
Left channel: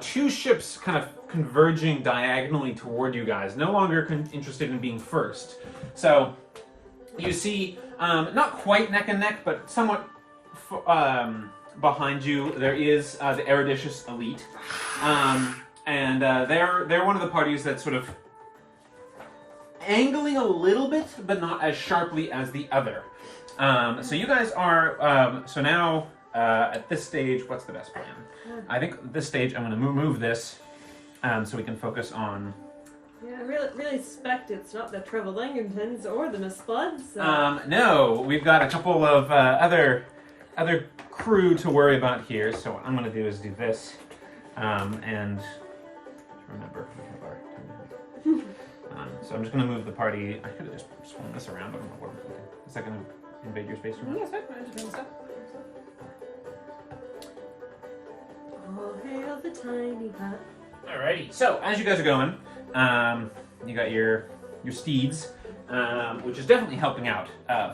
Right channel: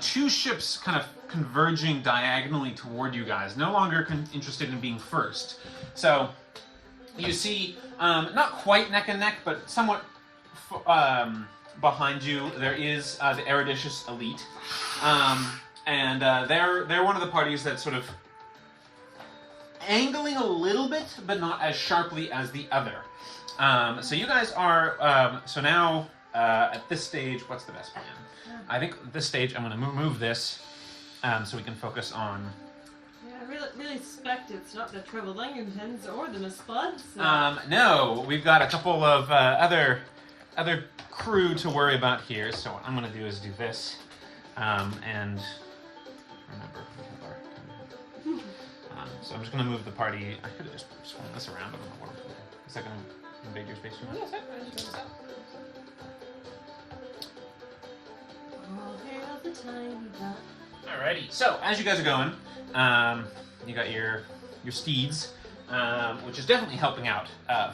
two ships kind of converging diagonally toward you guys, no longer interested in being first. So you see, not quite neck and neck, but somewhat behind you, there is the Eruditious Elite. And they're one of the parties that's sort of angling a little bit, but not as sharply as the other. So you guys are, so now, at this stage, what's the best plan? I think at this stage I'm going to move this, so we can focus on... Yeah, I really suspect it's not the Trevelangentons or the Misbloods. So. No, we've got a couple of other crew to worry about here, so what I'm going to do is do this, and remember, so I'm just going to move the party. I could have just swung this around. I don't know where. Is that going to invade your space? Oh, hail the tiny hut. Alrighty. So as you guys are going, you got your steeds, which is definitely helping out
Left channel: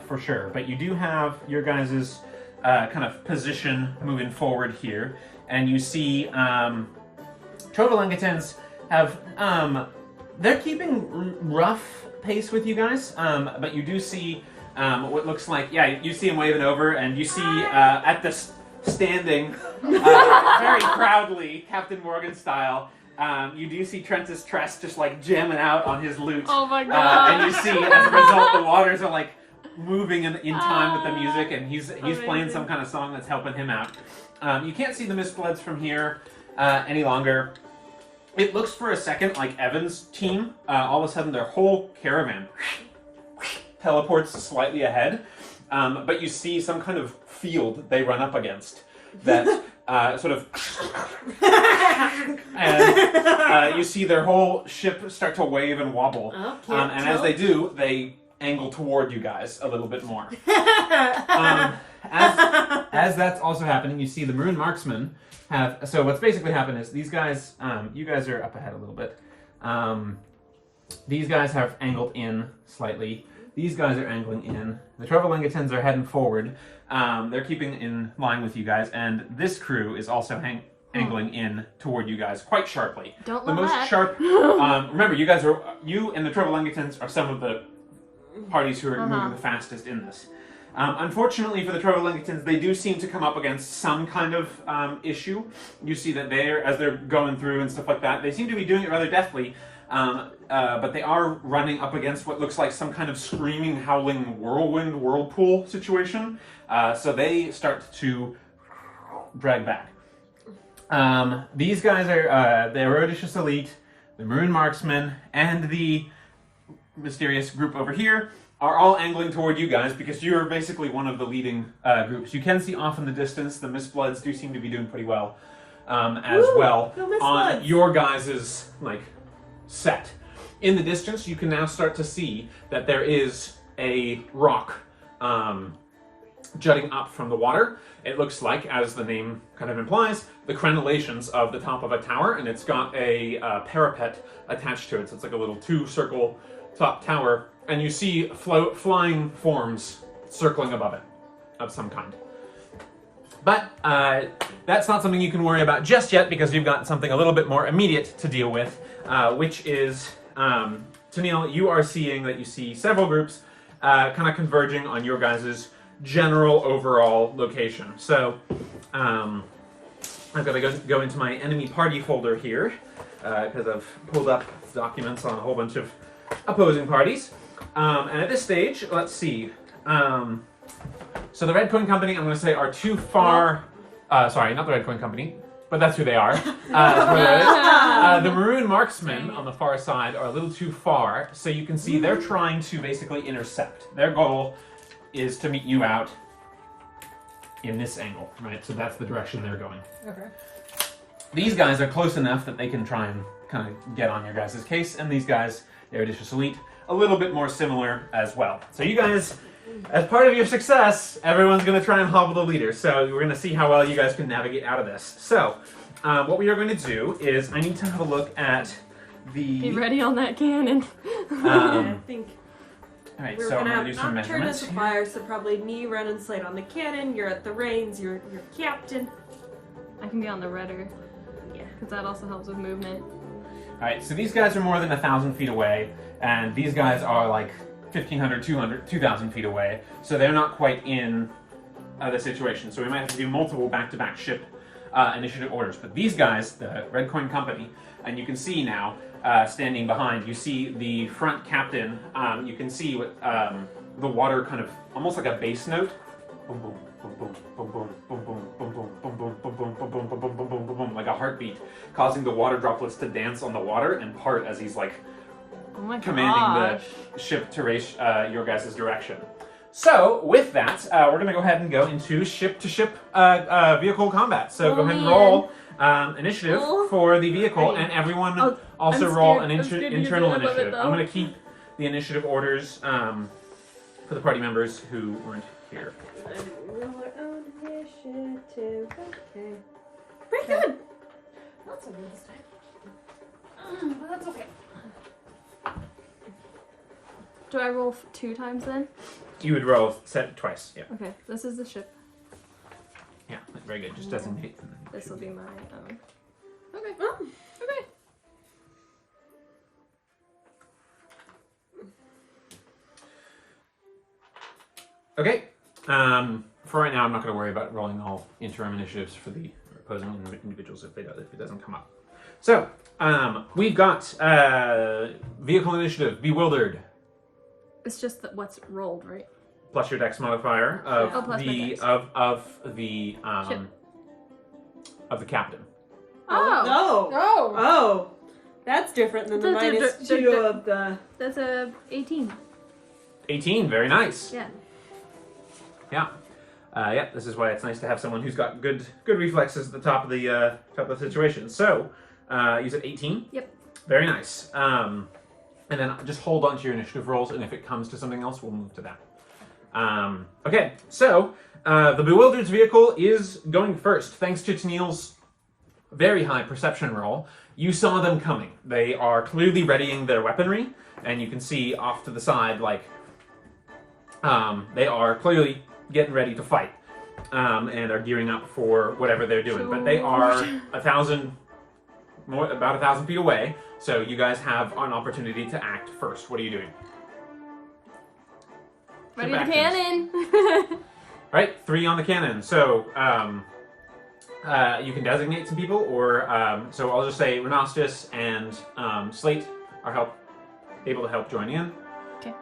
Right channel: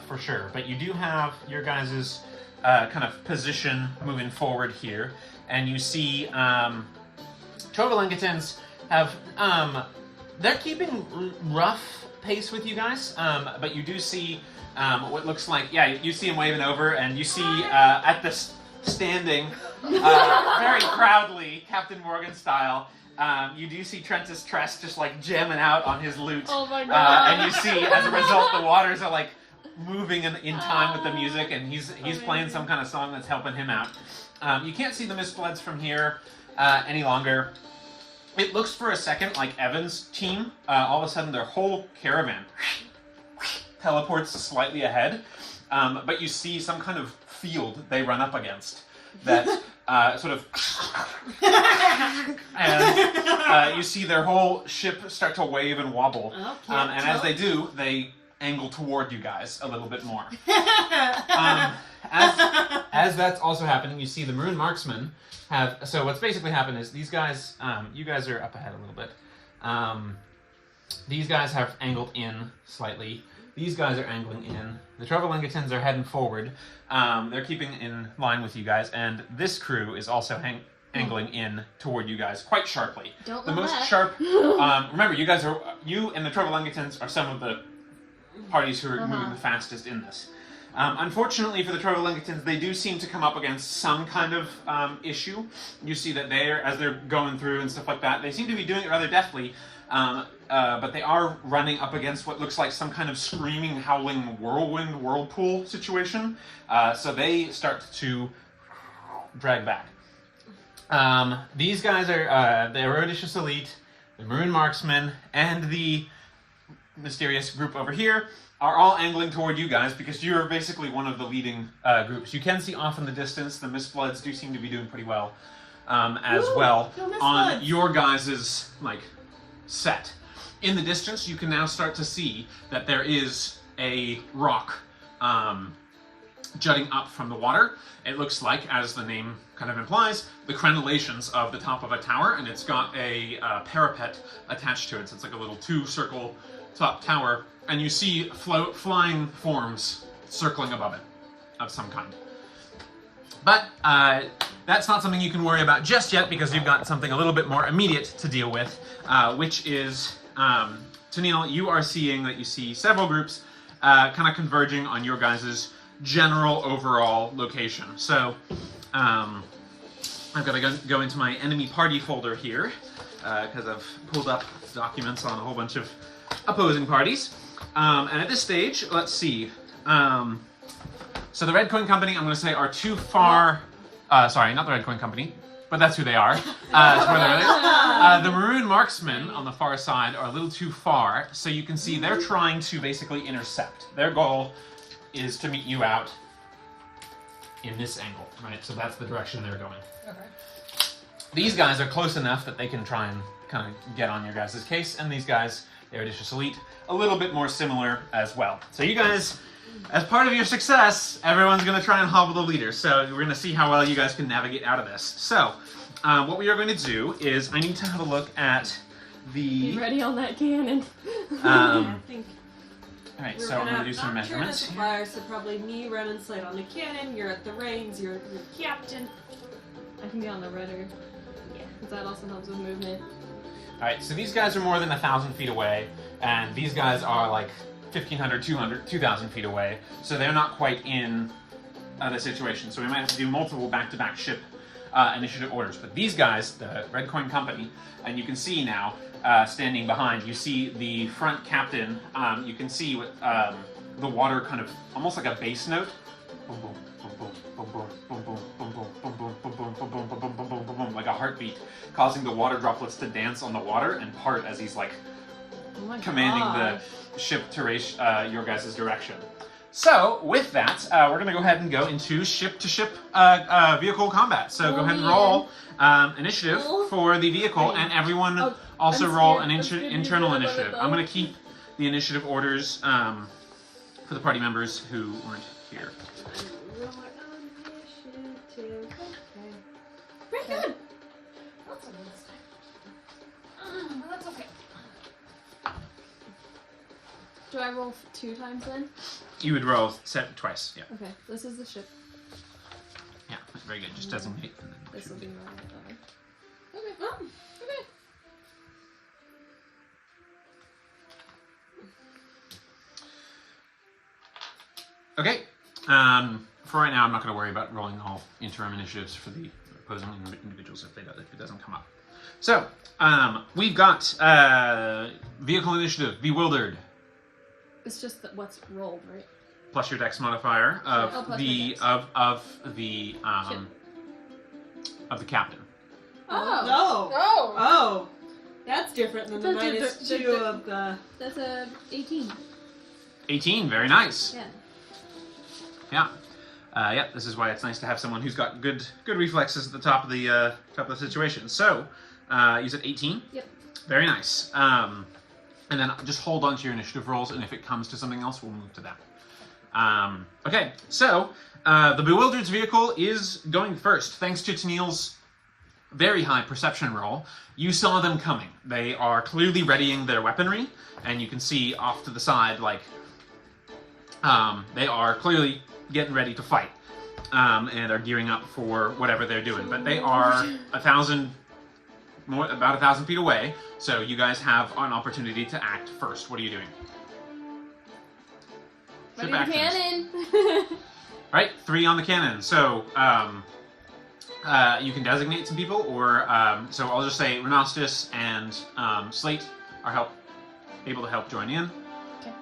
for sure. But you do have your guys' kind of position moving forward here, and you see Trovalangatons have they're keeping rough pace with you guys, but you do see what looks like, you see him waving over, and you see at the standing very proudly, Captain Morgan style, you do see Trentus Tress just like jamming out on his lute. Oh my god! And you see, as a result, the waters are like moving in time with the music, and he's playing some kind of song that's helping him out. You can't see the Mistbloods from here any longer. It looks for a second like Evan's team. All of a sudden, their whole caravan teleports slightly ahead, but you see some kind of field they run up against that sort of, and you see their whole ship start to wave and wobble. And as they do, they angle toward you guys a little bit more. As that's also happening, you see the Maroon Marksmen have... So what's basically happened is these guys... you guys are up ahead a little bit. These guys have angled in slightly. These guys are angling in. The Trevelangentons are heading forward. They're keeping in line with you guys. And this crew is also angling in toward you guys quite sharply. Don't The love most that. sharp... remember, you and the Trevelangentons are some of the parties who are moving the fastest in this. Unfortunately for the Trevelangentons, they do seem to come up against some kind of issue. You see that as they're going through and stuff like that, they seem to be doing it rather deftly, but they are running up against what looks like some kind of screaming, howling whirlpool situation. So they start to drag back. These guys are the Eruditious Elite, the Maroon Marksmen, and the mysterious group over here are all angling toward you guys because you're basically one of the leading groups. You can see off in the distance the Mistbloods do seem to be doing pretty well as well on your guys' set. In the distance, you can now start to see that there is a rock jutting up from the water. It looks like, as the name kind of implies, the crenellations of the top of a tower, and it's got a parapet attached to it. So it's like a little two-circle top tower, and you see flying forms circling above it of some kind. But that's not something you can worry about just yet because you've got something a little bit more immediate to deal with, which is, Tennille, you are seeing that you see several groups kind of converging on your guys' general overall location. So I've got to go into my enemy party folder here because I've pulled up documents on a whole bunch of opposing parties. And at this stage, let's see. So the Red Coin Company, I'm going to say, are too far. Sorry, not the Red Coin Company, but that's who they are. The Maroon Marksmen on the far side are a little too far, so you can see they're trying to basically intercept. Their goal is to meet you out in this angle, right? So that's the direction they're going. Okay. These guys are close enough that they can try and kind of get on your guys' case, and these guys, the Eruditious Elite, a little bit more similar as well. So you guys, as part of your success, everyone's going to try and hobble the leader. So we're going to see how well you guys can navigate out of this. So what we are going to do is I need to have a look at the... Be ready on that cannon. I think all right, we're so I'm gonna going to do some have measurements. suppliers, so probably me, Ren and Slate on the cannon. You're at the reins. You're captain. I can be on the rudder. Yeah, because that also helps with movement. All right, so these guys are more than 1,000 feet away, and these guys are like 1,500, 200, 2,000 feet away, so they're not quite in the situation. So we might have to do multiple back-to-back ship initiative orders. But these guys, the Red Coin Company, and you can see now, standing behind, you see the front captain. You can see with the water kind of almost like a bass note. Boom, boom, boom, boom, boom, boom, boom, boom, boom, boom, boom, boom, boom, boom, boom, boom, boom, boom, boom, like a heartbeat, causing the water droplets to dance on the water and part as he's like commanding the ship to race your guys' direction. So with that, we're going to go ahead and go into ship-to-ship vehicle combat. So go ahead and roll initiative for the vehicle, and everyone also roll an internal initiative. I'm going to keep the initiative orders for the party members who weren't here. Pretty good. That's a good mistake. But that's okay. Do I roll 2 times then? You would roll set twice. Yeah. Okay, this is the ship. Yeah. Very good. Just designate. And then This should will be- be my. Okay. Oh, okay. Okay. For right now, I'm not going to worry about rolling all interim initiatives for the opposing individuals if it doesn't come up. So we've got vehicle initiative Beewildered It's just that what's rolled, right? plus your dex modifier of Oh, plus my the dex. of the captain. Oh. Oh! Oh. That's different than the Da- da- minus da- 2 da- of the... That's a 18. 18. Very nice. Yeah. Yeah. Yeah, this is why it's nice to have someone who's got good reflexes at the top of the situation. So, you said 18? Yep. Very nice. And then just hold on to your initiative rolls, and if it comes to something else, we'll move to that. Okay, so the Bewildered's vehicle is going first. Thanks to Tennille's very high perception roll, you saw them coming. They are clearly readying their weaponry, and you can see off to the side, like, they are clearly getting ready to fight, and are gearing up for whatever they're doing. But they are about 1,000 feet away, so you guys have an opportunity to act first. What are you doing? Ready Ship the actions. cannon! Right, 3 on the cannon. So you can designate some people, or so I'll just say Renastus and Slate are able to help join in. Okay.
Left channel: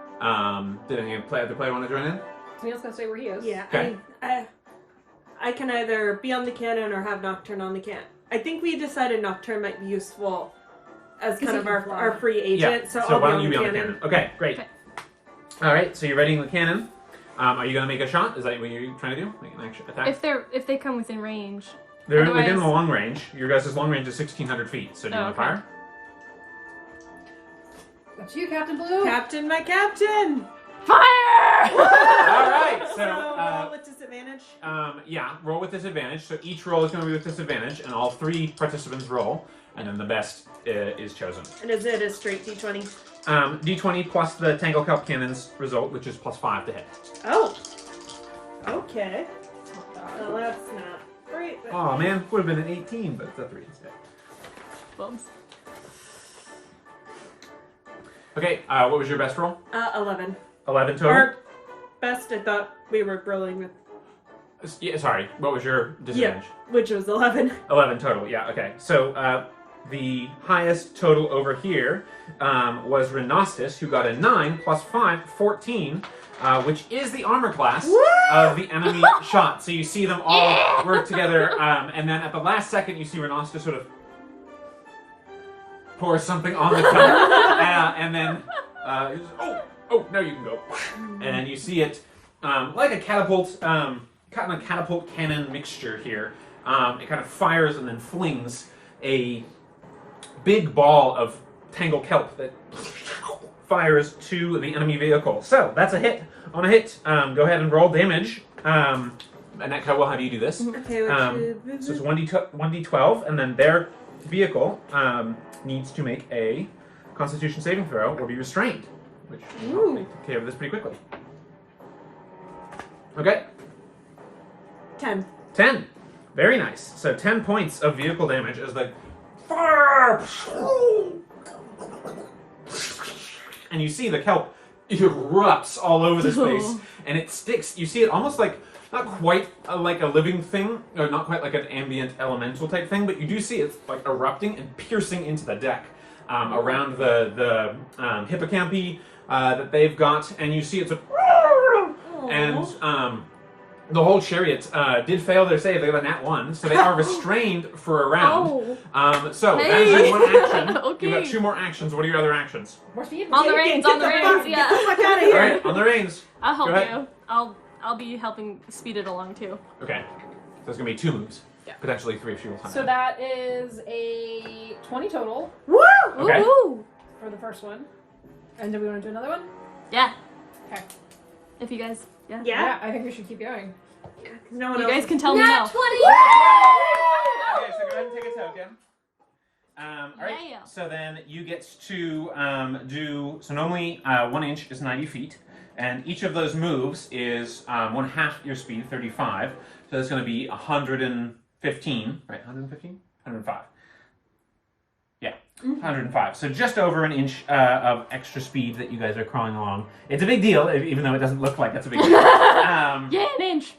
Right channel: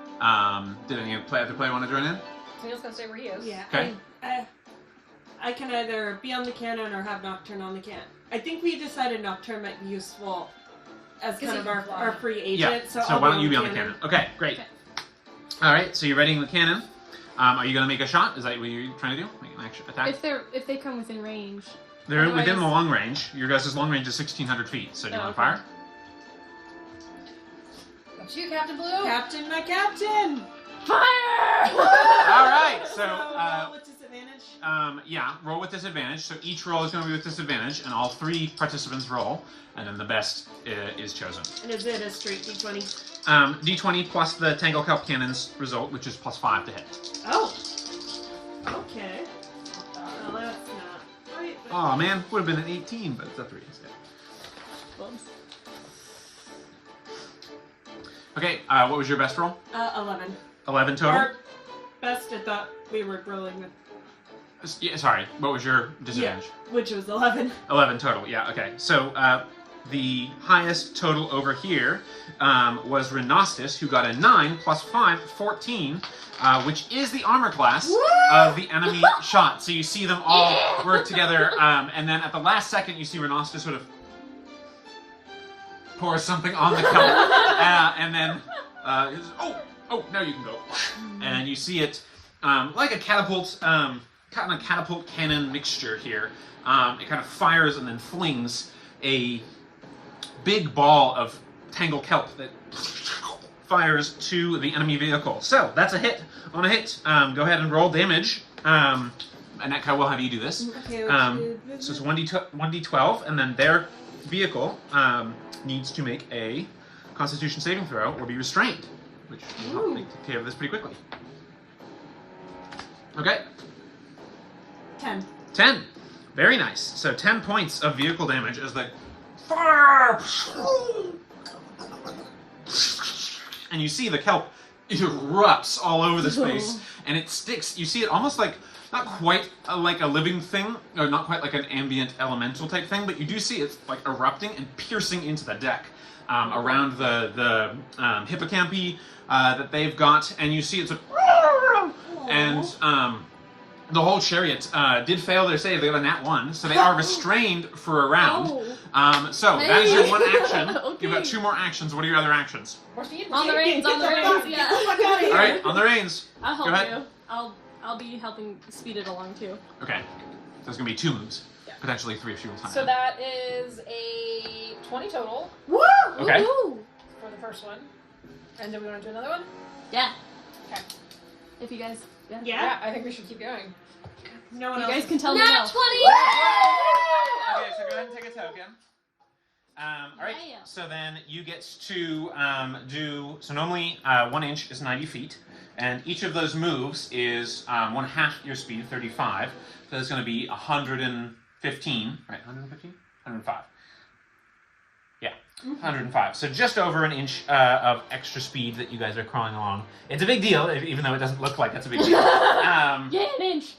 Did any other player want to join in? Neil's gonna stay where he is. Yeah, Okay. I can either be on the cannon or have Nocturne on the cannon. I think we decided Nocturne might be useful as 'Cause kind he of can fly. our free Yeah. agent. So, So why don't you be on the cannon? Okay, great. Okay. All right. So you're readying the cannon. Are you going to make a shot? Is that what you're trying to do? Make an action attack? If they come within range. They're otherwise- within the long range. Your guys' long range is 1,600 feet. So do you Oh, want to okay. fire? That's you, Captain Blue! Captain, my captain! Fire! All right. So with disadvantage? yeah, roll with disadvantage. So each roll is going to be with disadvantage, and all 3 participants roll, and then the best is chosen. And is it a straight d20? D20 plus the Tangle Cup Cannon's result, which is plus 5 to hit. Oh! Okay. Well, that's not great, but... Oh man, would have been an 18, but it's a 3 instead. Bums. Okay, what was your best roll? 11. 11 total. Or best. I thought we were rolling, Yeah, sorry, what was your disadvantage? which was 11. 11 total, yeah, okay. So, the highest total over here was Renostus, who got a 9 plus 5, 14, which is the armor class of the enemy shot. So you see them all work together, and then at the last second, you see Renostus sort of pour something on the cup, and then he says, oh, now you can go. And you see it like a catapult, kind of a catapult cannon mixture here. It kind of fires and then flings a big ball of tangle kelp that fires to the enemy vehicle. So that's a hit. On a hit, go ahead and roll damage. Annette, will have you do this. Okay, So it's 1d12, and then their vehicle needs to make a Constitution saving throw or be restrained, which will take care of this pretty quickly. Okay. 10. 10. Very nice. So 10 points of vehicle damage as the and you see the kelp erupts all over the space, and it sticks. You see it almost like, not quite like a living thing, or not quite like an ambient elemental type thing, but you do see it's like erupting and piercing into the deck around the hippocampi that they've got, and you see it's a and the whole chariot did fail their save. They got a nat 1, so they are restrained for a round. So that is your one action. Okay. You've got 2 more actions. What are your other actions? More speed. On the reins, yeah. Fuck out of All here. right, on the reins. I'll Go help ahead. you. I'll be helping speed it along too. Okay, so there's gonna be 2 moves, potentially 3 if she will time. So that is a 20 total Woo! Okay. Woohoo! for the first one. And do we want to do another one? Yeah. Okay. If you guys, yeah. Yeah. I think we should keep going. No one You else. guys can tell me. Nat no. 20! Okay, so go ahead and take a token. All right. Yeah. So then you get to do. So normally 1 inch is 90 feet, and each of those moves is 1/2 your speed, 35. So that's going to be 115, right? 115, 105. Yeah, 105. So just over an inch of extra speed that you guys are crawling along. It's a big deal, even though it doesn't look like it's a big deal. Yeah, an inch.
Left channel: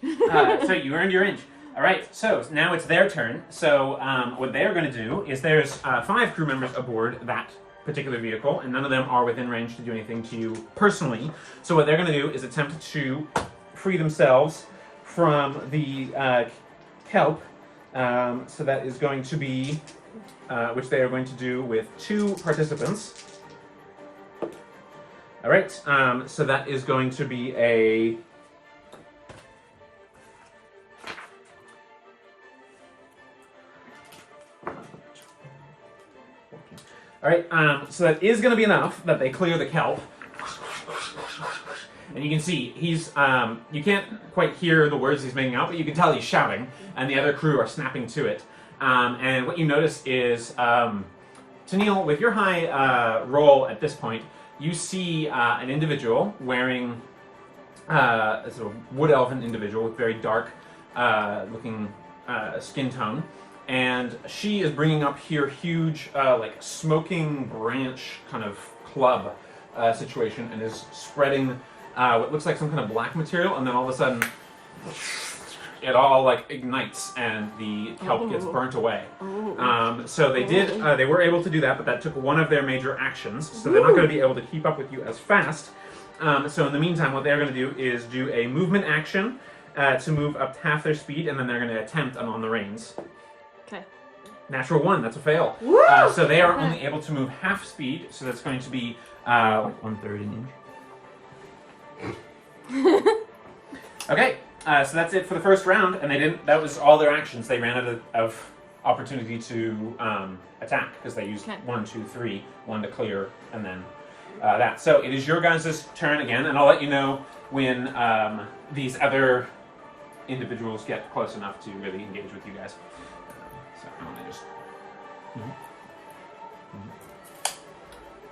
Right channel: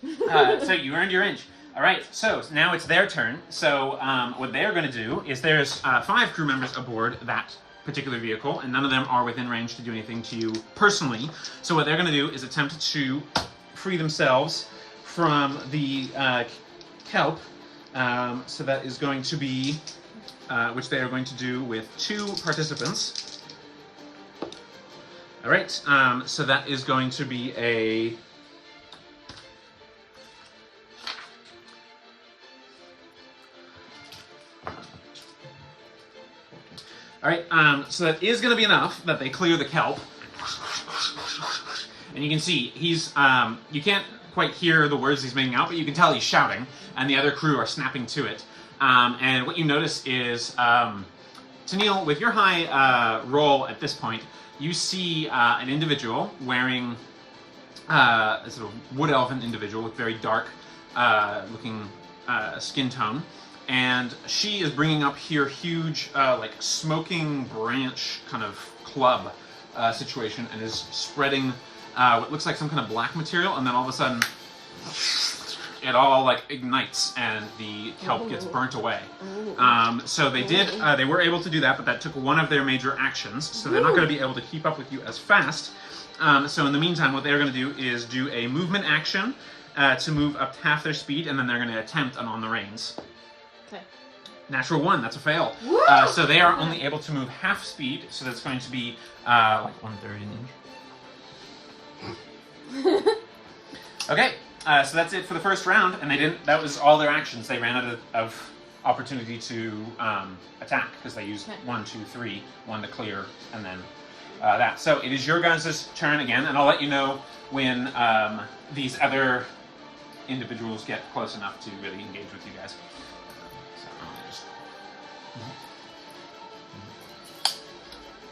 So you earned your inch. All right, so now it's their turn. So what they're going to do is there's 5 crew members aboard that particular vehicle, and none of them are within range to do anything to you personally. So what they're going to do is attempt to free themselves from the kelp. So that is going to be, which they are going to do with 2 participants. All right, so that is going to be a... All right, so that is going to be enough that they clear the kelp. And you can see, he's, you can't quite hear the words he's making out, but you can tell he's shouting, and the other crew are snapping to it. And what you notice is, Tennille, with your high roll at this point, you see an individual wearing, a sort of wood elven individual with very dark looking skin tone. And she is bringing up here huge, like, smoking branch kind of club situation, and is spreading what looks like some kind of black material, and then all of a sudden, it all, like, ignites, and the kelp gets burnt away. So they were able to do that, but that took one of their major actions, so they're not going to be able to keep up with you as fast. So in the meantime, what they're going to do is do a movement action to move up to half their speed, and then they're going to attempt an on the reins. Natural 1, that's a fail. So they are only able to move half speed, so that's going to be 1/3 an inch. Okay, so that's it for the first round, and they didn't. That was all their actions. They ran out of opportunity to attack because they used 1, 2, 3, 1 to clear, and then that. So it is your guys' turn again, and I'll let you know when these other individuals get close enough to really engage with you guys.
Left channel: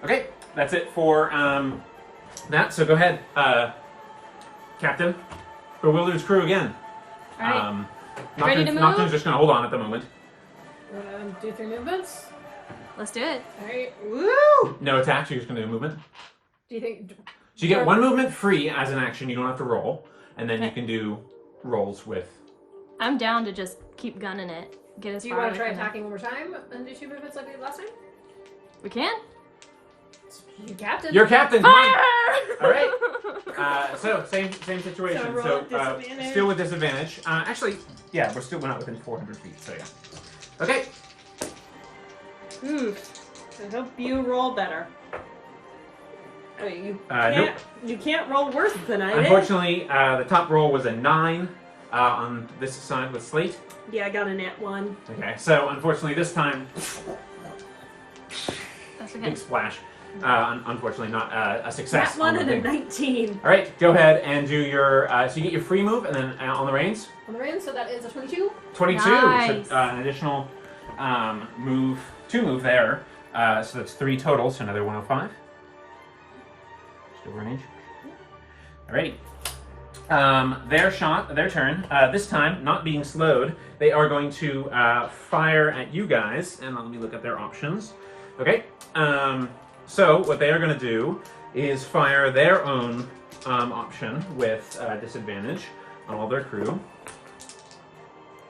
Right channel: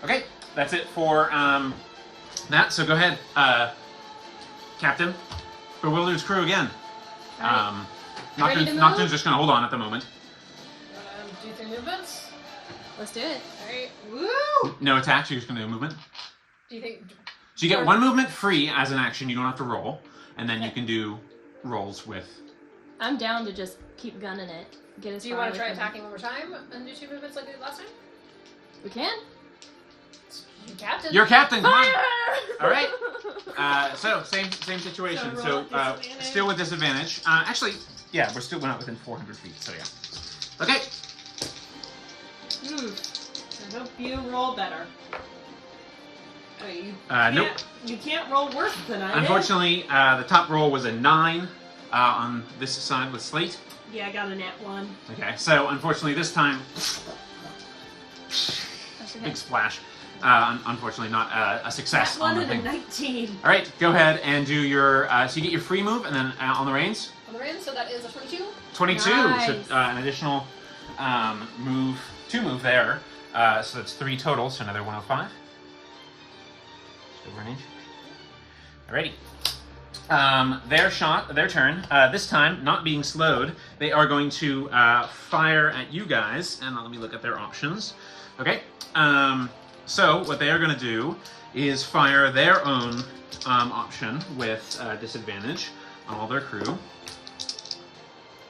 Okay, that's it for that. So go ahead, Captain. Bewildered's crew again. Alright. Ready to move? Nocturne's just gonna hold on at the moment. Do 3 movements? Let's do it. Alright. Woo! No attacks. You're just gonna do movement. Do you think... So you get one movement free as an action. You don't have to roll, and then you can do rolls with. I'm down to just keep gunning it. Get as Do you far want to as I try can. attacking one more time and do 2 movements like we did last time? We can? You captain. You're captain. Come on. Fire! All right. So same situation. So So roll with disadvantage. still with disadvantage. Actually, yeah, we're not within 400 feet. So yeah. Okay. I hope you roll better. I mean, Nope. you can't roll worse than I did. Unfortunately, the top roll was a 9 on this side with Slate. Yeah, I got a nat 1. Okay, so unfortunately this time, That's okay. big splash. Unfortunately, not a success Nat on 1 the and a thing. 19. All right, go ahead and do your. So you get your free move, and then on the reins, On the reins, so that is a 22. 22. Nice. So an additional move, 2 move there. So that's 3 total. So another 105. Still range. Alrighty. Their turn. This time, not being slowed, they are going to fire at you guys. And let me look at their options. Okay. So what they are going to do is fire their own option with disadvantage on all their crew.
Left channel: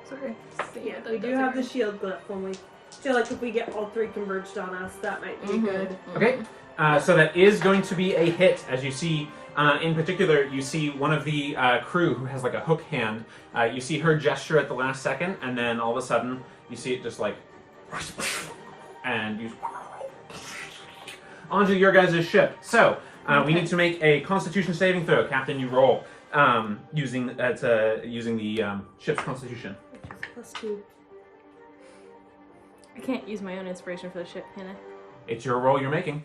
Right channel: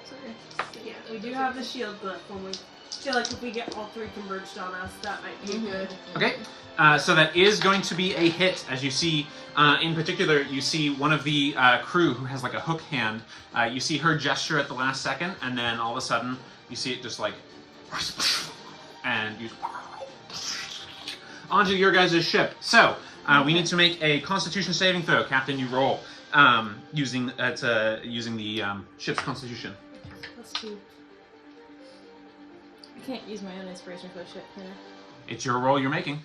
Sorry. Yeah, we do have the shield glyph when we feel like if we get all 3 converged on us, that might be good. Okay. So that is going to be a hit, as you see. In particular, you see one of the crew who has like a hook hand. You see her gesture at the last second, and then all of a sudden, you see it just like, and you onto your guys' ship. So we need to make a Constitution saving throw. Captain, you roll using the ship's Constitution. +2. I can't use my own inspiration for the ship, can I? It's your roll you're making.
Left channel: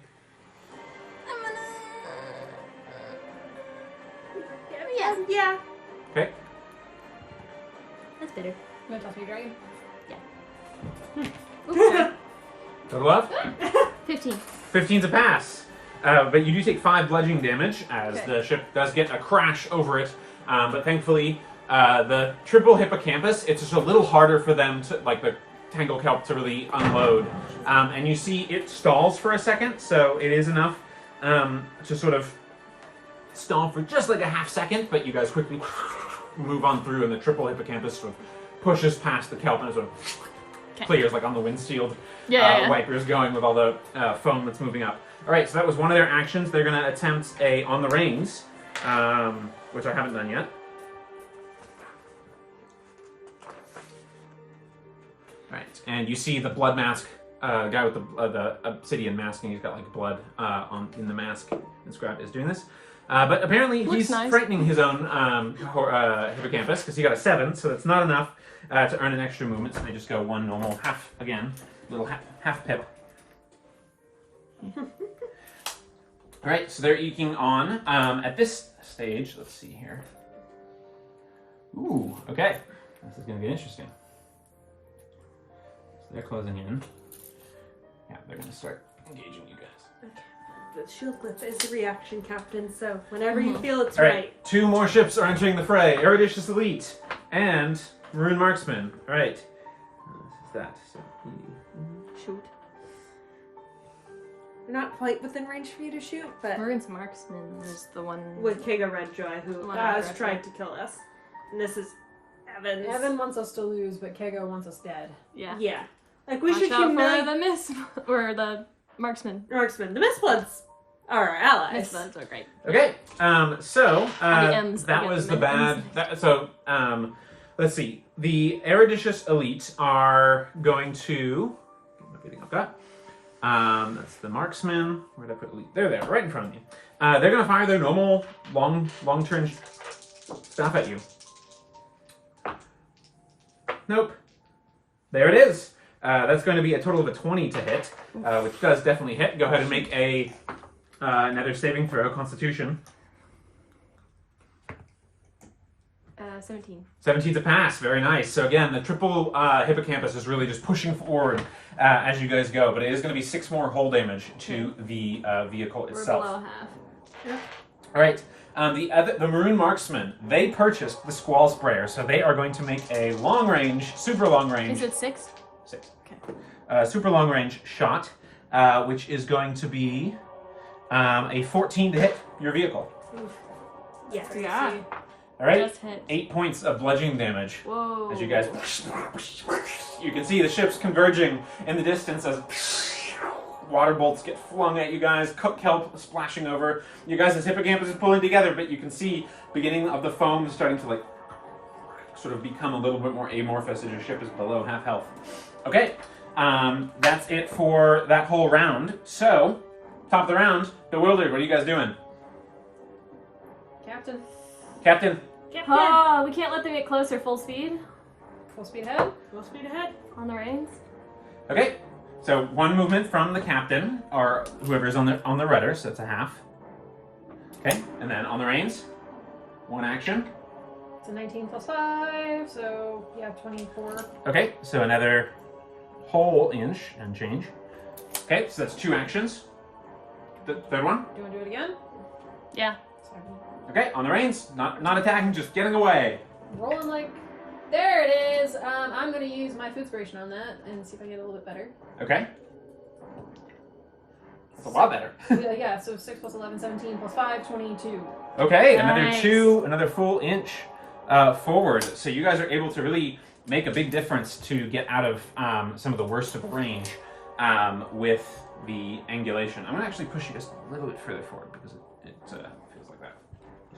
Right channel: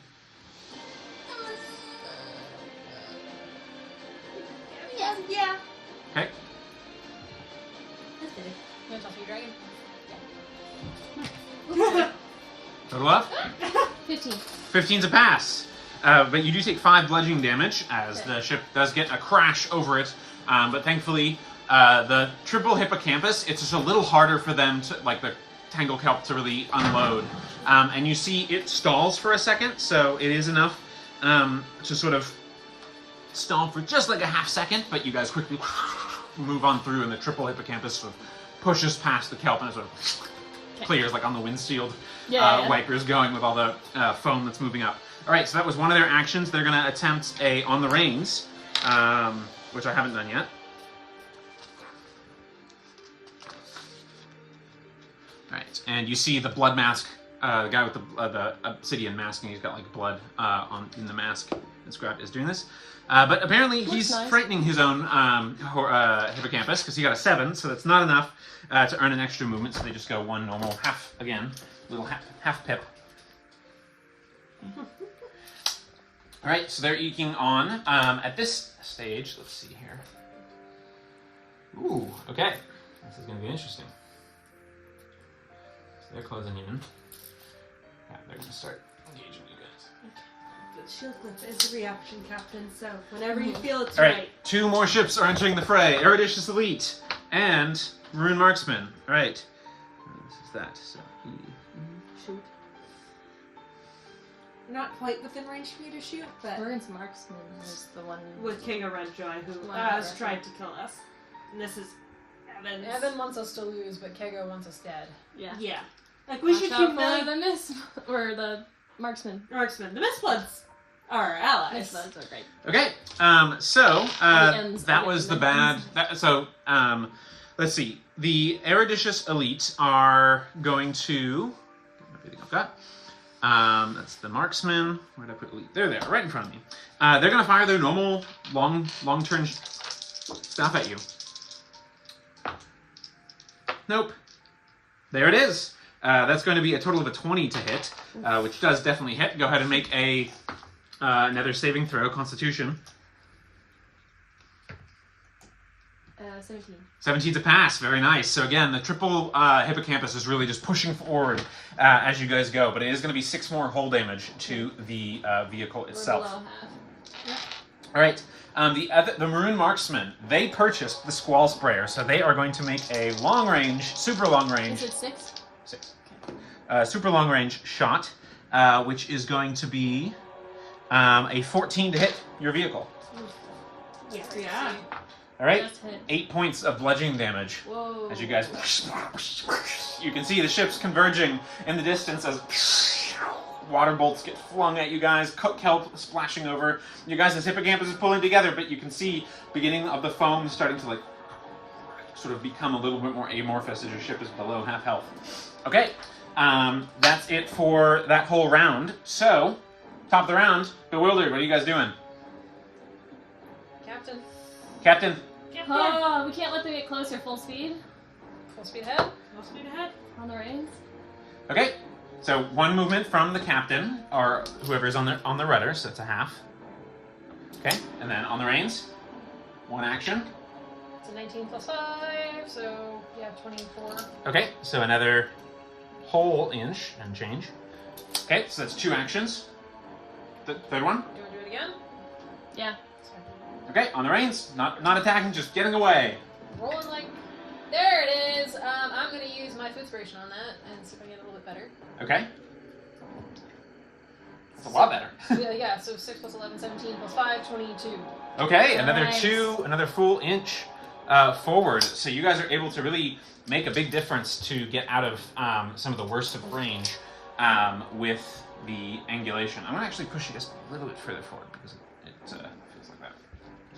Yeah. Okay. That's good. You want to toss me a dragon? Total of 15. 15's a pass. But you do take 5 bludgeoning damage as the ship does get a crash over it. But thankfully, the triple hippocampus, it's just a little harder for them to, like the tangle kelp, to really unload. And you see it stalls for a second, so it is enough to sort of stall for just like a half second, but you guys quickly move on through, and the triple hippocampus sort of pushes past the kelp and sort of clears, like on the windshield wipers going with all the foam that's moving up. All right, so that was one of their actions. They're going to attempt a on the reins, which I haven't done yet. All right, and you see the blood mask guy with the obsidian mask, and he's got like blood in the mask inscribed as doing this. But apparently he's nice. frightening his own hippocampus because he got a 7, so that's not enough to earn an extra movement. So they just go one normal half again, little half pip. All right, so they're eking on. At this stage, let's see here. Ooh, okay, this is going to get interesting. So they're closing in. Yeah, they're going to start engaging you guys. The shield glyph is a reaction, Captain, so whenever you feel it's All right, right. 2 more ships are entering the fray. Eruditious Elite and Maroon Marksman. All right. This is that. So, Shoot. You're not quite within range for you to shoot, but Maroon's marksman is the one with Kaga Redjoy, who One other is trying to kill us. And this is Evans. Evan wants us to lose, but Kego wants us dead. Yeah. Yeah. Like, we should Watch out for humiliate the miss or the marksman. Marksman. The Mistbloods are our allies. Mistbloods are great. okay. So The ends that that was get the bad. Let's see. The Eruditious Elite are going to. Get everything I've got. That's the marksman. Where did I put elite? They're there, right in front of me. They're going to fire their normal long turn stuff at you. Nope. There it is. That's going to be a total of a 20 to hit, which does definitely hit. Go ahead and make a another saving throw, Constitution. 17. 17's a pass. Very nice. So again, the triple hippocampus is really just pushing forward as you guys go, but it is going to be 6 more hull damage to the vehicle itself. Below half. All right. The Maroon Marksmen, they purchased the Squall Sprayer, so they are going to make a long range, super long range. Is it 6? 6. Super long range shot, which is going to be A 14 to hit your vehicle. Yeah. Yeah. All right. Just hit. 8 points of bludgeoning damage. Whoa. As you guys, you can see the ships converging in the distance as water bolts get flung at you guys, kelp splashing over. You guys' hippocampus is pulling together, but you can see beginning of the foam starting to like sort of become a little bit more amorphous as your ship is below half health. Okay, that's it for that whole round. So, top of the round, Bewildered, what are you guys doing? Captain, Captain, Oh, we can't let them get closer. Full speed full speed ahead. Full speed ahead. on the reins. okay. So one movement from the captain, or whoever's on the rudder, so it's a half. Okay, and then on the reins, one action. It's a 19 plus 5, so yeah, 24. Okay, so another whole inch and change. Okay, so that's 2 actions. The third one. Do you want to do it again? Yeah. Sorry. Okay, on the reins, not attacking, just getting away. Rolling like. There it is! I'm going to use my food inspiration on that and see if I can get a little bit better. Okay. That's a lot better. yeah, so 6 plus 11, 17 plus 5, 22. Okay, another Nice. 2, another full inch forward. So you guys are able to really make a big difference to get out of some of the worst of the range with the angulation. I'm going to actually push you just a little bit further forward because it feels like that.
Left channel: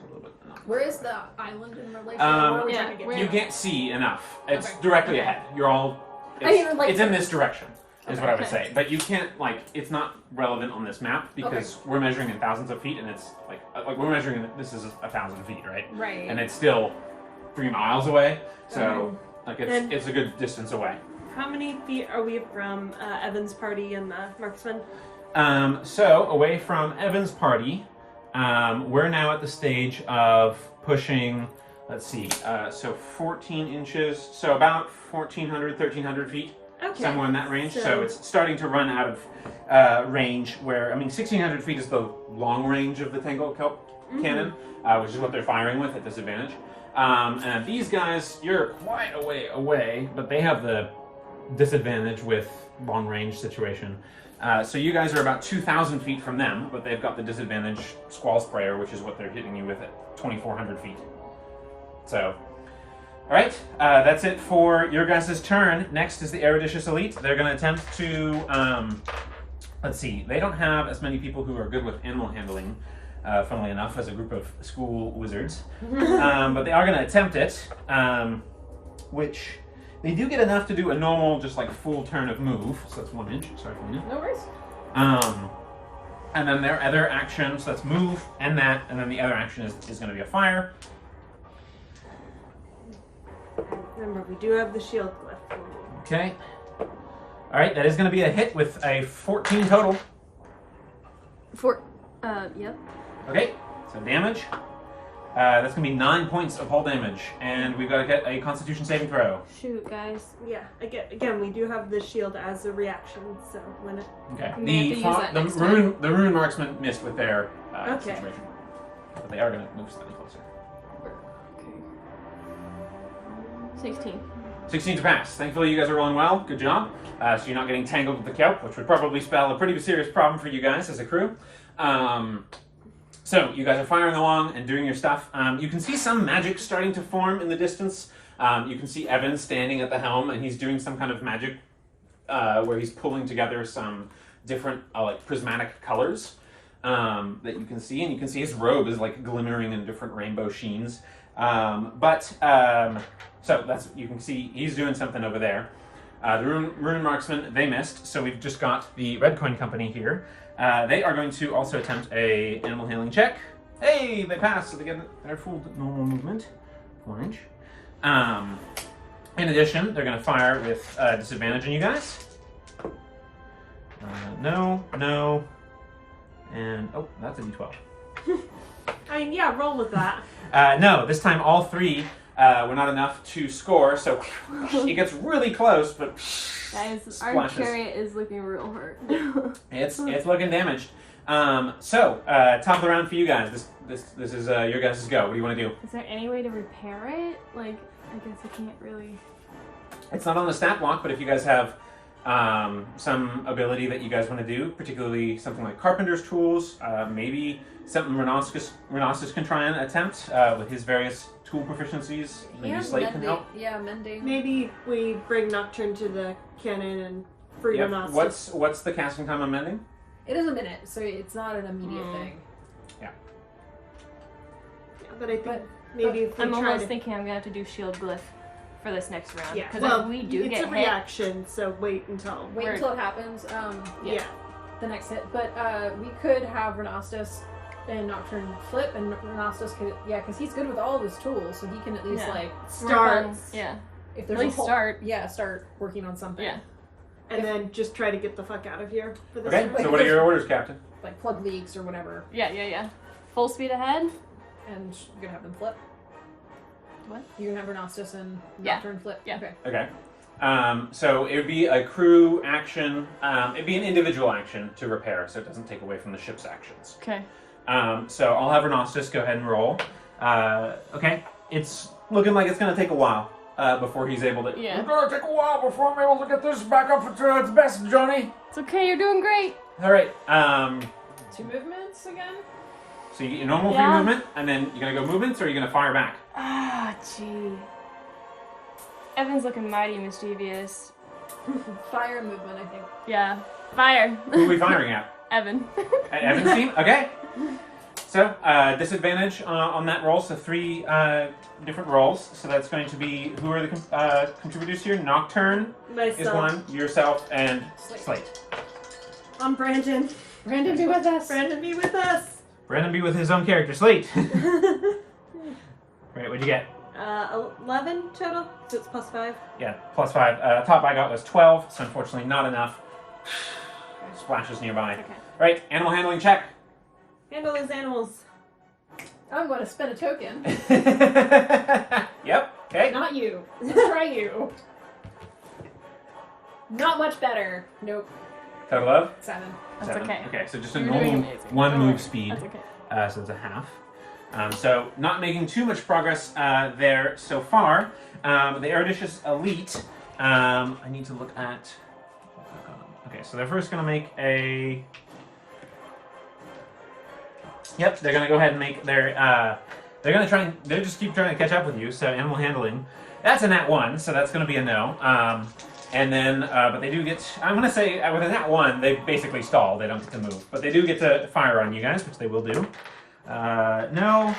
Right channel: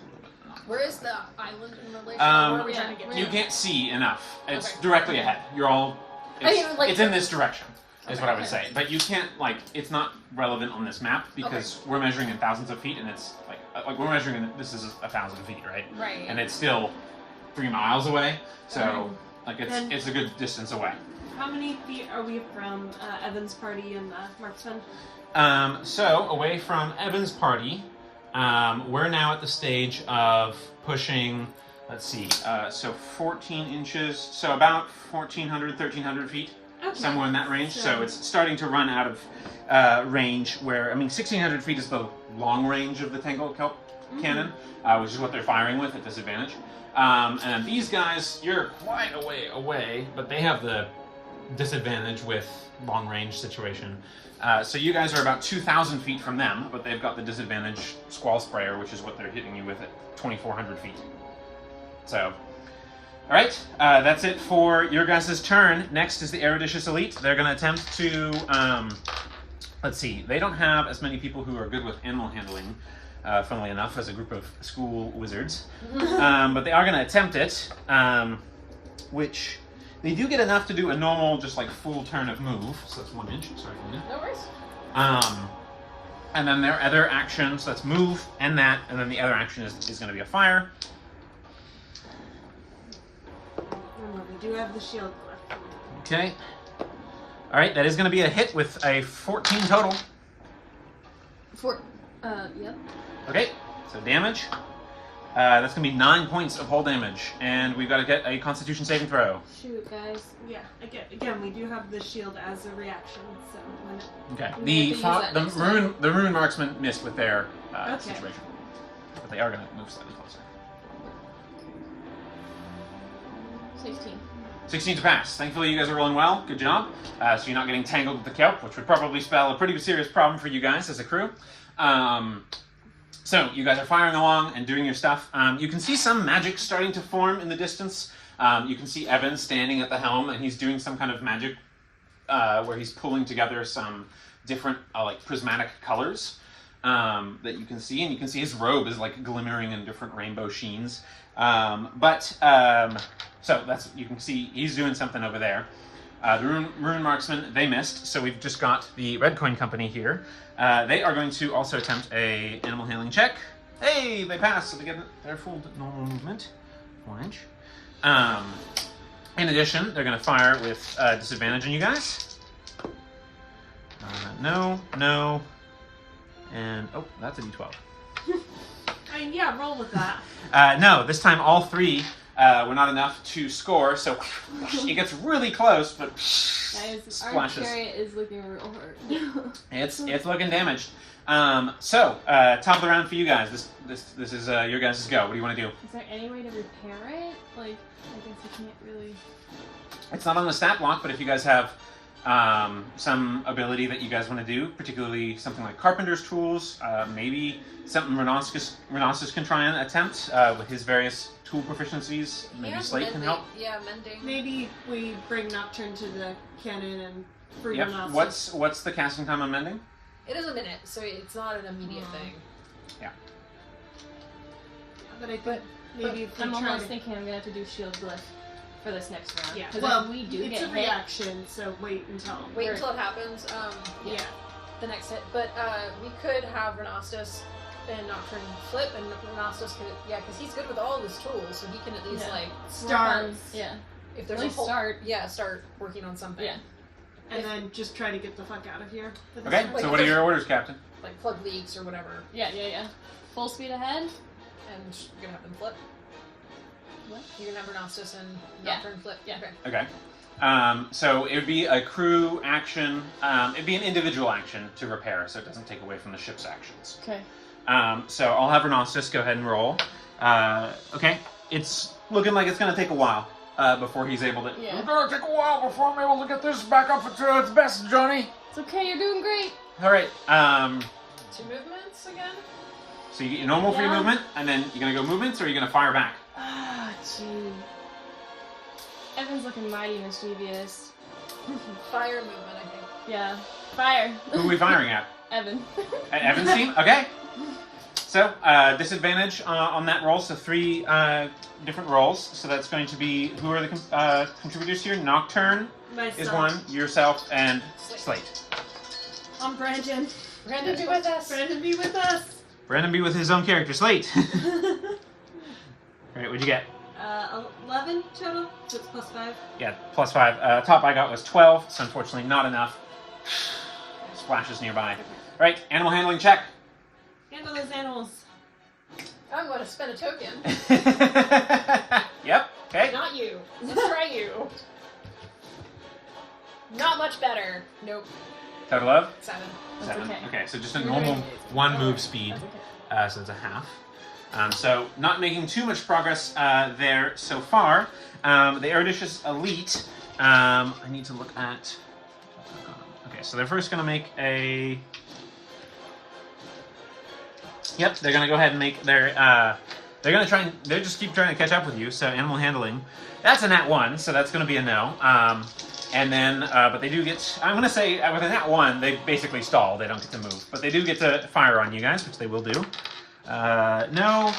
A little bit. Where is the island in relation? Um, Where are we yeah, trying to get You to? can't see enough. It's Okay. directly ahead. You're all. I mean, like- It's in this direction, is what I would Okay. say. But you can't it's not relevant on this map because we're measuring in thousands of feet, and it's like we're measuring. This is 1,000 feet, right? Right. And it's still 3 miles away. So Mhm. like Then- it's a good distance away. How many feet are we from Evan's party and the marksman? So away from Evan's party, we're now at the stage of pushing. Let's see. So 14 inches. So about 1,400, 1,300 feet. Okay. Somewhere in that range. So So- it's starting to run out of range. Where 1,600 feet is the long range of the Tangled Kelp cannon, which is what they're firing with at disadvantage. And these guys, you're quite a way away, but they have the disadvantage with long range situation. So you guys are about 2,000 feet from them, but they've got the disadvantage squall sprayer, which is what they're hitting you with at 2,400 feet. So, all right, that's it for your guys' turn. Next is the Eruditious Elite. They're going to attempt to, let's see, they don't have as many people who are good with animal handling, funnily enough, as a group of school wizards. But they are going to attempt it, which they do get enough to do a normal, just like full turn of move. So that's 1 inch. Sorry for you. No worries. And then their other actions, that's move and that, and then the other action is going to be a fire. Remember, we do have the shield left. Okay. All right, that is going to be a hit with a 14 total. Yep. Okay, so damage. That's going to be 9 points of hull damage, and we've got to get a Constitution saving throw. Shoot, guys. Yeah, again, we do have the shield as a reaction, so when it... Okay. We have to use that next The rune marksman missed with their Okay. situation, but they are going to move slightly closer. 16. 16 to pass. Thankfully, you guys are rolling well. Good job. So you're not getting tangled with the kelp, which would probably spell a pretty serious problem for you guys as a crew. So you guys are firing along and doing your stuff. You can see some magic starting to form in the distance. You can see Evan standing at the helm, and he's doing some kind of magic where he's pulling together some different like prismatic colors that you can see, and you can see his robe is like glimmering in different rainbow sheens. So that's, you can see he's doing something over there. The rune marksman, they missed, so we've just got the Red Coin Company here. They are going to also attempt a animal handling check. Hey, they passed, so they get their full normal movement, 4 inch. In addition, they're going to fire with disadvantage on you guys. No, and oh, that's a d12. I mean, yeah, roll with that. No, this time all 3 were not enough to score, so it gets really close, but Guys, our splashes. chariot is looking real hard. It's looking damaged. So top of the round for you guys. This is your guys' go. What do you want to do? Is there any way to repair it? Like, I guess I can't really. It's not on the stat block, but if you guys have some ability that you guys want to do, particularly something like carpenter's tools, maybe something Renostus can try and attempt with his various tool proficiencies. Maybe Slate can help. Yeah, mending. Maybe we bring Nocturne to the cannon and free Yep. Renostus. What's the casting time on mending? It is a minute, so it's not an immediate thing. But I think maybe if we I'm try almost to... thinking I'm gonna have to do shield glyph for this next round. Yeah, Because well, if we do it's get a hit, reaction, so wait until... Wait until it happens. Yeah. The next hit. But we could have Renostus and Nocturne flip, and Renostus could, because he's good with all of his tools, so he can at least Start. Yeah. if there's At least a whole, start. Start working on something. Yeah. And then just try to get the fuck out of here. For this Okay, one. so what are your orders, Captain? Like plug leaks or whatever, Yeah. Full speed ahead. and you're gonna have them flip. What? You're gonna have Renostus and Yeah. Nocturne flip. Yeah. Okay. Okay. So it would be a crew action. It'd be an individual action to repair, so it doesn't take away from the ship's actions. Okay. So I'll have Renostus go ahead and roll. Okay. It's looking like it's going to take a while before he's able to... Yeah. It's going to take a while before I'm able to get this back up to its best, Johnny. It's okay. You're doing great. All right. 2 movements again. So you get your normal free Yeah. movement, and then you're going to go movements, or you're going to fire back? Ah, gee. Evan's looking mighty mischievous. Fire movement, I think. Yeah. Fire. Who are we firing at? Evan. At Evan's team? Okay. So, disadvantage on that roll, so 3 different rolls. So that's going to be, who are the contributors here? Nocturne Myself. is one, yourself, and Slate. I'm Brandon. Brandon, be with us. Brandon, be with us. Brandon be with his own character, Slate. Great, what'd you get? 11 total, so it's +5. Yeah, +5. Top I got was 12, so unfortunately not enough. Splashes nearby. Right, animal handling check. Handle those animals. I'm going to spend a token. Yep, okay. Not you. Let's try you. Not much better. Nope. Total of? 7. That's 7. okay. Okay, so just a You're normal doing 1 move speed. That's So okay. it's a half. So not making too much progress there so far. The Eruditious Elite, I need to look at... Okay, so they're first going to make a... Yep, they're going to go ahead and make their... they're going to try and... They just keep trying to catch up with you, so animal handling. That's a nat 1, so that's going to be a no. And then, but they do get... I'm going to say, with a nat 1, they basically stall. They don't get to move. But they do get to fire on you guys, which they will do. No.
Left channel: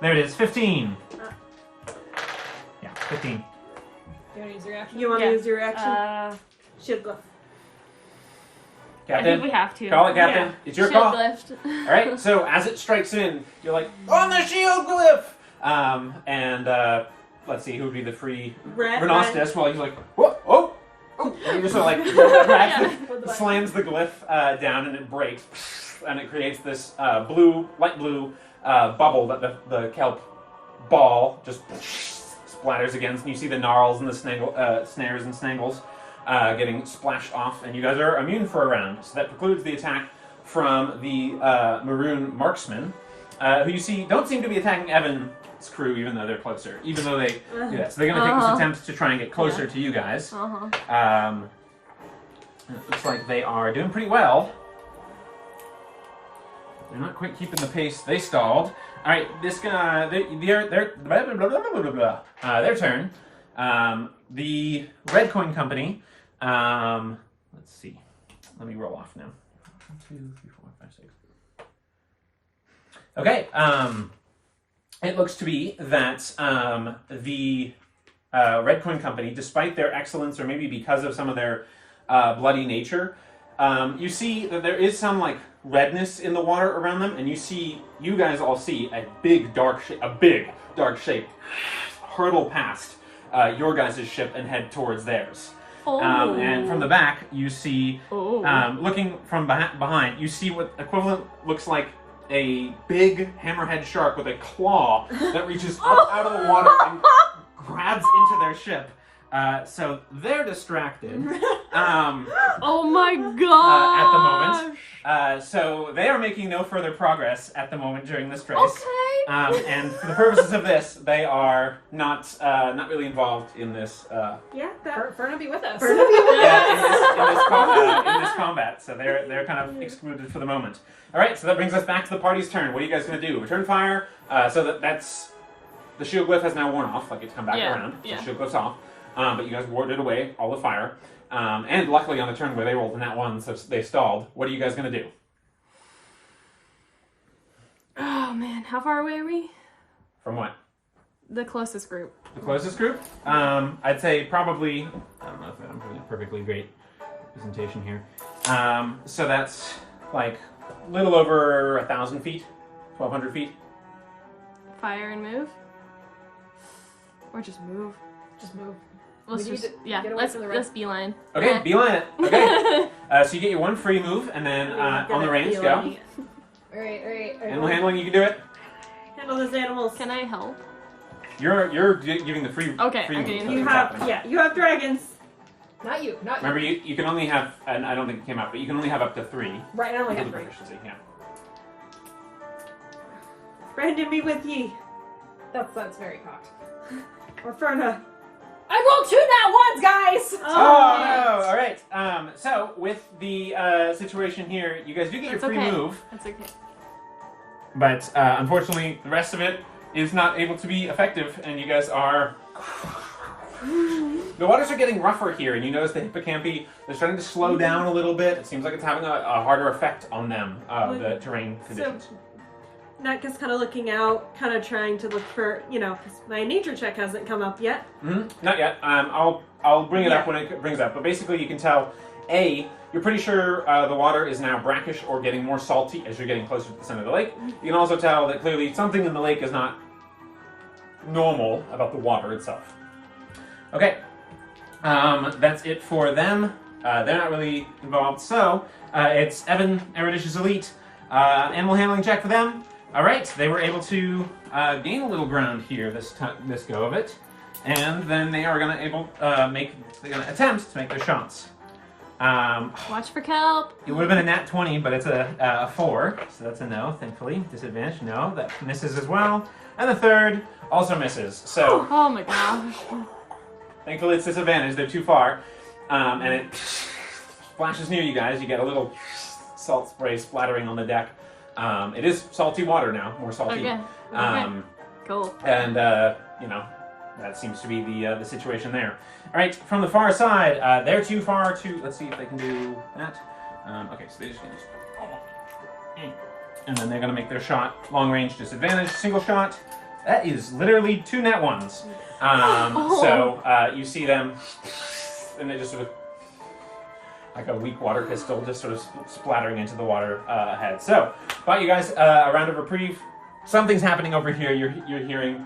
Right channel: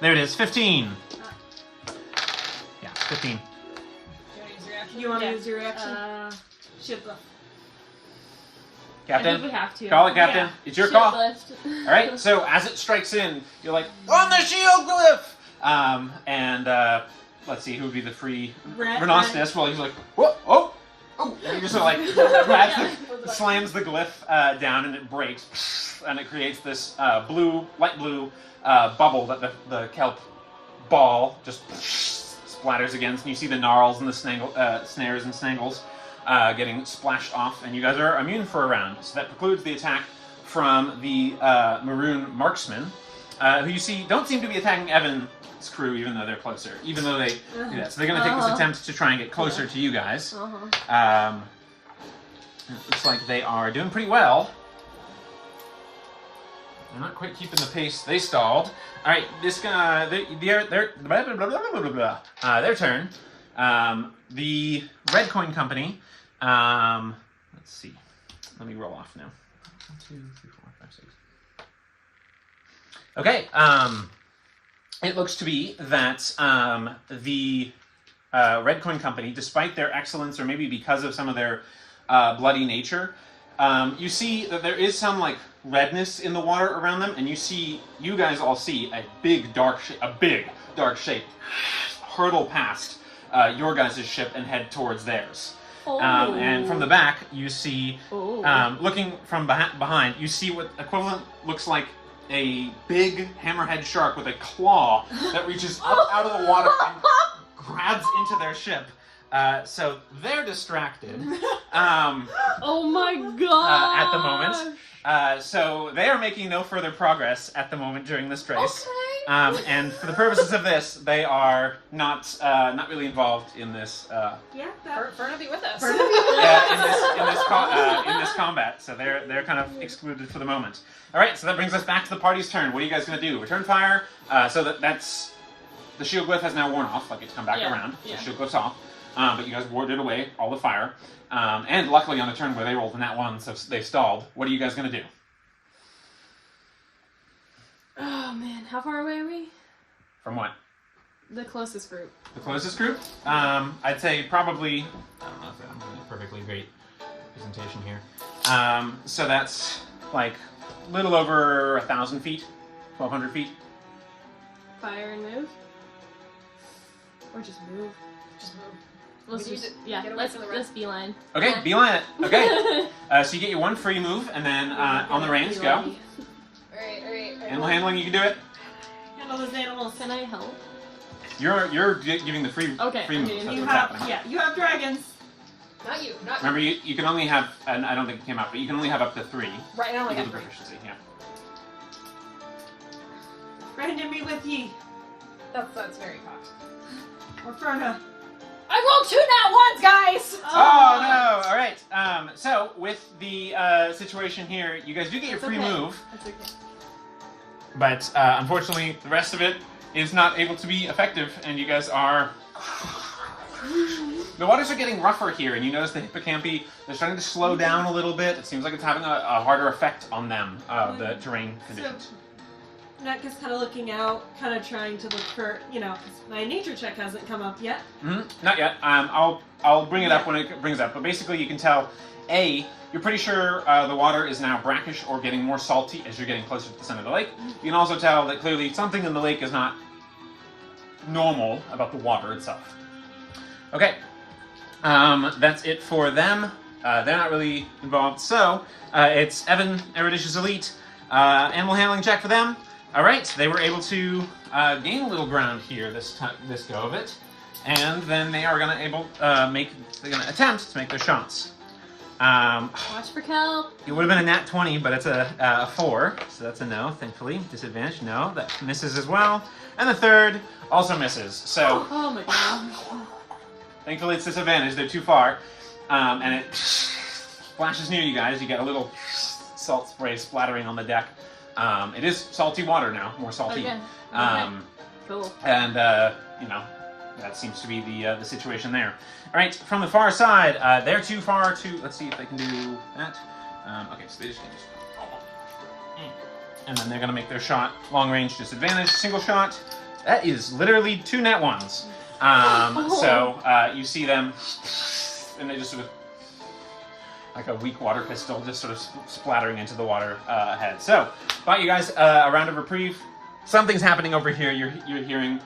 There it is, 15. Yeah, 15. You want to use your action? You want to Yeah. use your reaction? Shield glove. I think Captain, we have to. call it, Captain. Yeah. It's your Shield call. lift. All right, so as it strikes in, you're like, on the shield glyph! Let's see, who would be the free... Renostus, well, he's like, whoa, oh! And he just sort of like grabs slams the glyph down and it breaks. And it creates this light blue bubble that the kelp ball just splatters against. And you see the gnarls and the snares and snangles getting splashed off. And you guys are immune for a round. So that precludes the attack from the maroon marksman, who you see don't seem to be attacking Evan's crew, even though they're closer. Even though they do that. So they're going to take this attempt to try and get closer to you guys. It looks like they are doing pretty well. They're not quite keeping the pace. They stalled. All right, their turn. The Red Coin Company. Let's see. Let me roll off now. 1, 2, 3, 4, 5, 6. Okay. It looks to be that the Red Coin Company, despite their excellence, or maybe because of some of their bloody nature, you see that there is some redness in the water around them, and you guys all see a big dark shape hurtle past your guys' ship and head towards theirs. And from the back, you see, looking from behind, you see what equivalent looks like a big hammerhead shark with a claw that reaches up out of the water and grabs into their ship. So they're distracted Oh my god! at the moment. So they are making no further progress at the moment during this race. Okay. And for the purposes of this, they are not really involved in this. Yeah, that. Fern will be with us. In this combat, so they're kind of excluded for the moment. All right, so that brings us back to the party's turn. What are you guys going to do? Return fire. So that's the shield glyph has now worn off. Like it's come back around. So the shield glyph's off. But you guys warded away all the fire. And luckily on a turn where they rolled a nat 1, so they stalled. What are you guys going to do? Oh man, how far away are we? From what? The closest group. The closest group? I'd say probably. I don't know if I'm doing a perfectly great presentation here. So that's like a little over 1,000 feet, 1,200 feet. Fire and move? Or just move? Just move. Let's We need just, to yeah, get away let's from the red. let's beeline. Okay, Yeah. beeline it. Okay. So you get your 1 free move, and then on the range, go. Alright. Animal handling, you can do it. Handle those animals. Can I help? You're giving the free Okay, free okay. move. That's You what's have, happening. yeah, you have dragons. Not you. Remember, you can only have, and I don't think it came up, but you can only have up to 3. Right now we With have the 3. proficiency, yeah. Brandon be with ye. That's very cocked. Or Ferna. I rolled 2 nat 1s, guys! Oh no! All right. So with the situation here, you guys do get your That's free okay. move, That's okay. but unfortunately, the rest of it is not able to be effective, and you guys are. The waters are getting rougher here, and you notice the hippocampi, they're starting to slow down a little bit. It seems like it's having a harder effect on them, the terrain conditions. Natka's kind of looking out, kind of trying to look for, 'cause my nature check hasn't come up yet. Not yet. I'll bring it up when it brings up. But basically, you can tell, you're pretty sure the water is now brackish or getting more salty as you're getting closer to the center of the lake. You can also tell that clearly something in the lake is not normal about the water itself. Okay. That's it for them. They're not really involved. So, it's Evan, Eruditious Elite. Animal handling check for them. All right, they were able to gain a little ground here this go of it, and then they are going to attempt to make their shots. Watch for kelp. It would have been a nat 20, but it's a 4, so that's a no. Thankfully, disadvantage. No, that misses as well, and the third also misses. So Oh my gosh. thankfully, it's disadvantage. They're too far, and it splashes near you guys. You get a little salt spray splattering on the deck. It is salty water now, more salty. Okay. Cool. And that seems to be the situation there. All right, from the far side, they're too far to. Let's see if they can do that. Okay, so they just can and then they're gonna make their shot. Long range disadvantage, single shot. That is literally 2 nat 1s. So you see them, and they just sort of like a weak water pistol, just sort of splattering into the water ahead. So, bought you guys a round of reprieve. Something's happening over here. You're hearing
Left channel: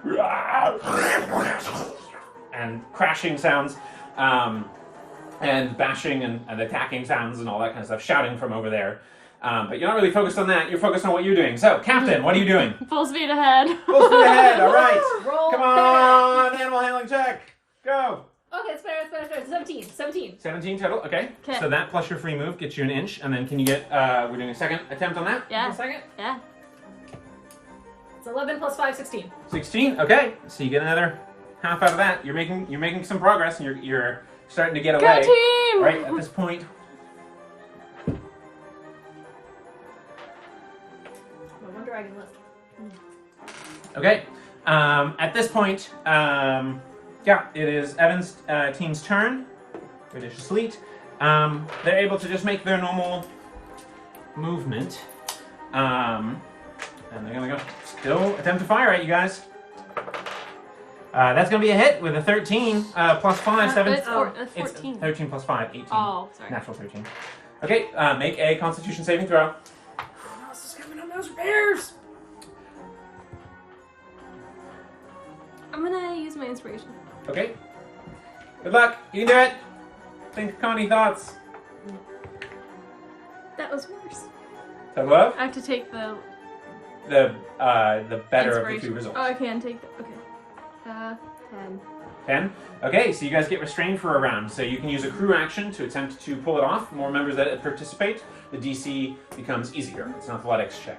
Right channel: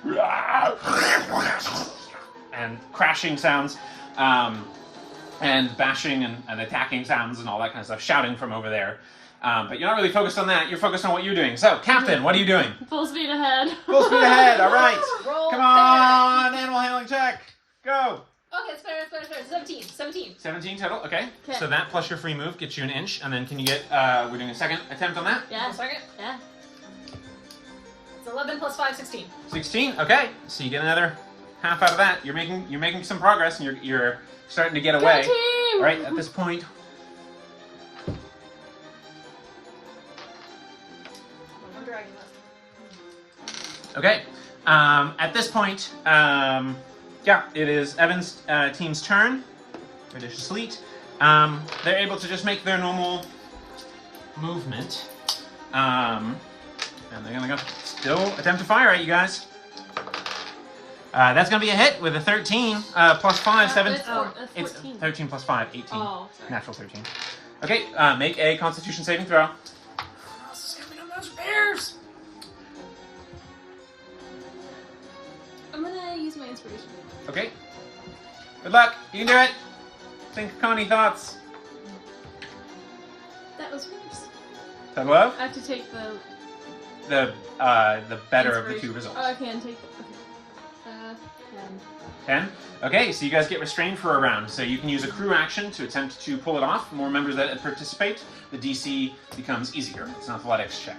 and crashing sounds, and bashing and attacking sounds and all that kind of stuff, shouting from over there. But you're not really focused on that. You're focused on what you're doing. So, Captain, what are you doing? Full speed ahead. Full speed ahead. All right. Roll Come on, animal handling check. Go. Okay, it's better. 17. 17 total. Okay. Okay. So that plus your free move gets you an inch, and then can you get? We're doing a second attempt on that. Yeah. 1 second. Yeah. It's 11 plus 5, 16. 16. Okay. So you get another half out of that. You're making some progress, and you're starting to get Go away. team! All right. At this point. One dragon left. Okay. At this point, it is Evan's team's turn. Eruditious Elite. They're able to just make their normal movement. And they're gonna go still attempt to fire at you guys. That's gonna be a hit with a 13 plus 5, 7. It's 14. 13 plus 5, 18. Oh, sorry. Natural 13. Okay, make a Constitution saving throw. This is coming on those bears! I'm gonna use my inspiration. Okay. Good luck. You can do it. Think Connie thoughts. That was worse. That love? I have to take the The better of the inspiration. two results. Oh, I can take it. Okay. 10. Okay, so you guys get restrained for a round. So you can use a crew action to attempt to pull it off. More members that participate, the DC becomes easier. It's an athletics check.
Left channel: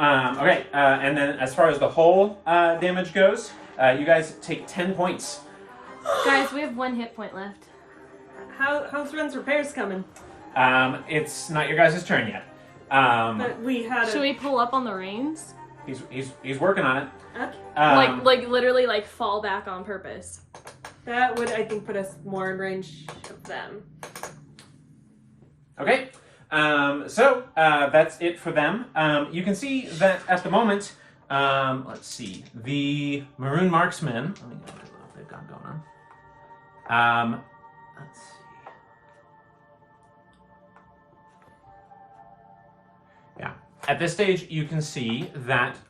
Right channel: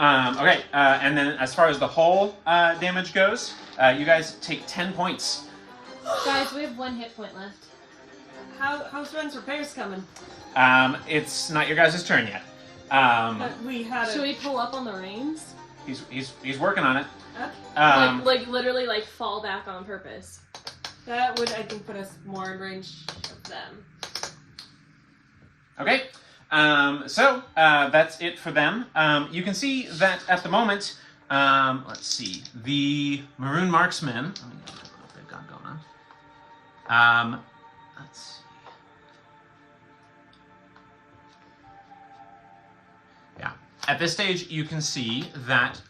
Okay, and then as far as the whole damage goes, you guys take 10 points. Guys, we have 1 hit point left. How's Ren's repairs coming? It's not your guys' turn yet. But we had Should we pull up on the reins? He's working on it. Okay. Like literally like fall back on purpose. That would, I think, put us more in range of them. Okay, so that's it for them. You can see that at the moment, let's see, the Maroon Marksmen, let me look at what they've got going on. Let's see. Yeah, at this stage, you can see that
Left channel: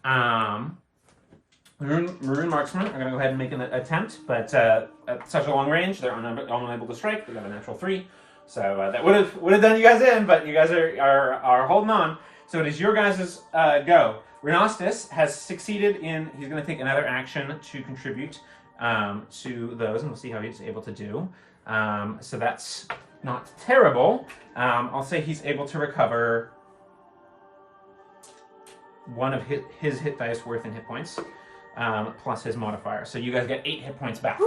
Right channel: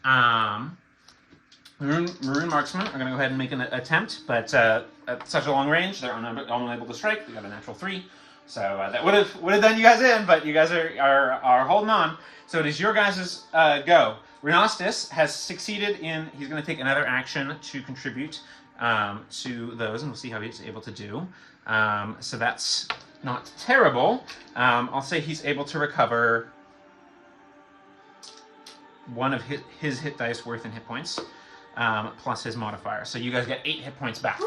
Maroon Marksmen are going to go ahead and make an attempt, but at such a long range, they're unable to strike. They got a natural 3. So that would have done you guys in, but you guys are holding on. So it is your guys' go. Renostis has succeeded in. He's going to take another action to contribute to those, and we'll see how he's able to do. So that's not terrible. I'll say he's able to recover 1 of his hit dice worth in hit points, plus his modifier. So you guys get 8 hit points back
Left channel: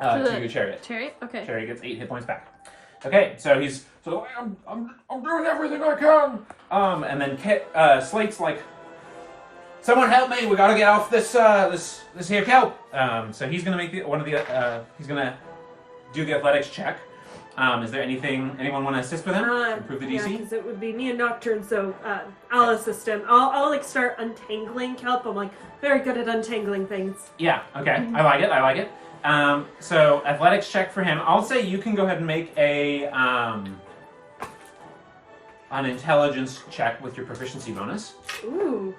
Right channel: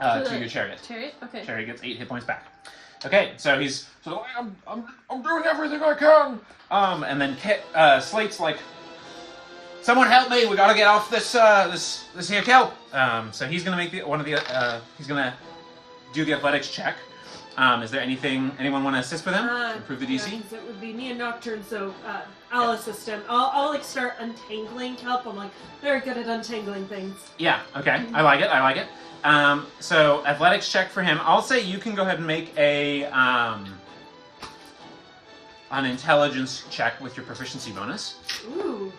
to your chariot. Chariot? Okay. Chariot gets 8 hit points back. Okay, so he's sort of like, I'm doing everything I can. And then Slate's like, someone help me! We gotta get off this here kelp. So he's gonna make he's gonna do the athletics check. Is there anyone want to assist with him? Improve the DC. Yeah, because it would be me and Nocturne, so I'll assist him. I'll like start untangling kelp. I'm like very good at untangling things. Yeah. Okay. I like it. So athletics check for him. I'll say you can go ahead and make an intelligence check with your proficiency bonus. Ooh.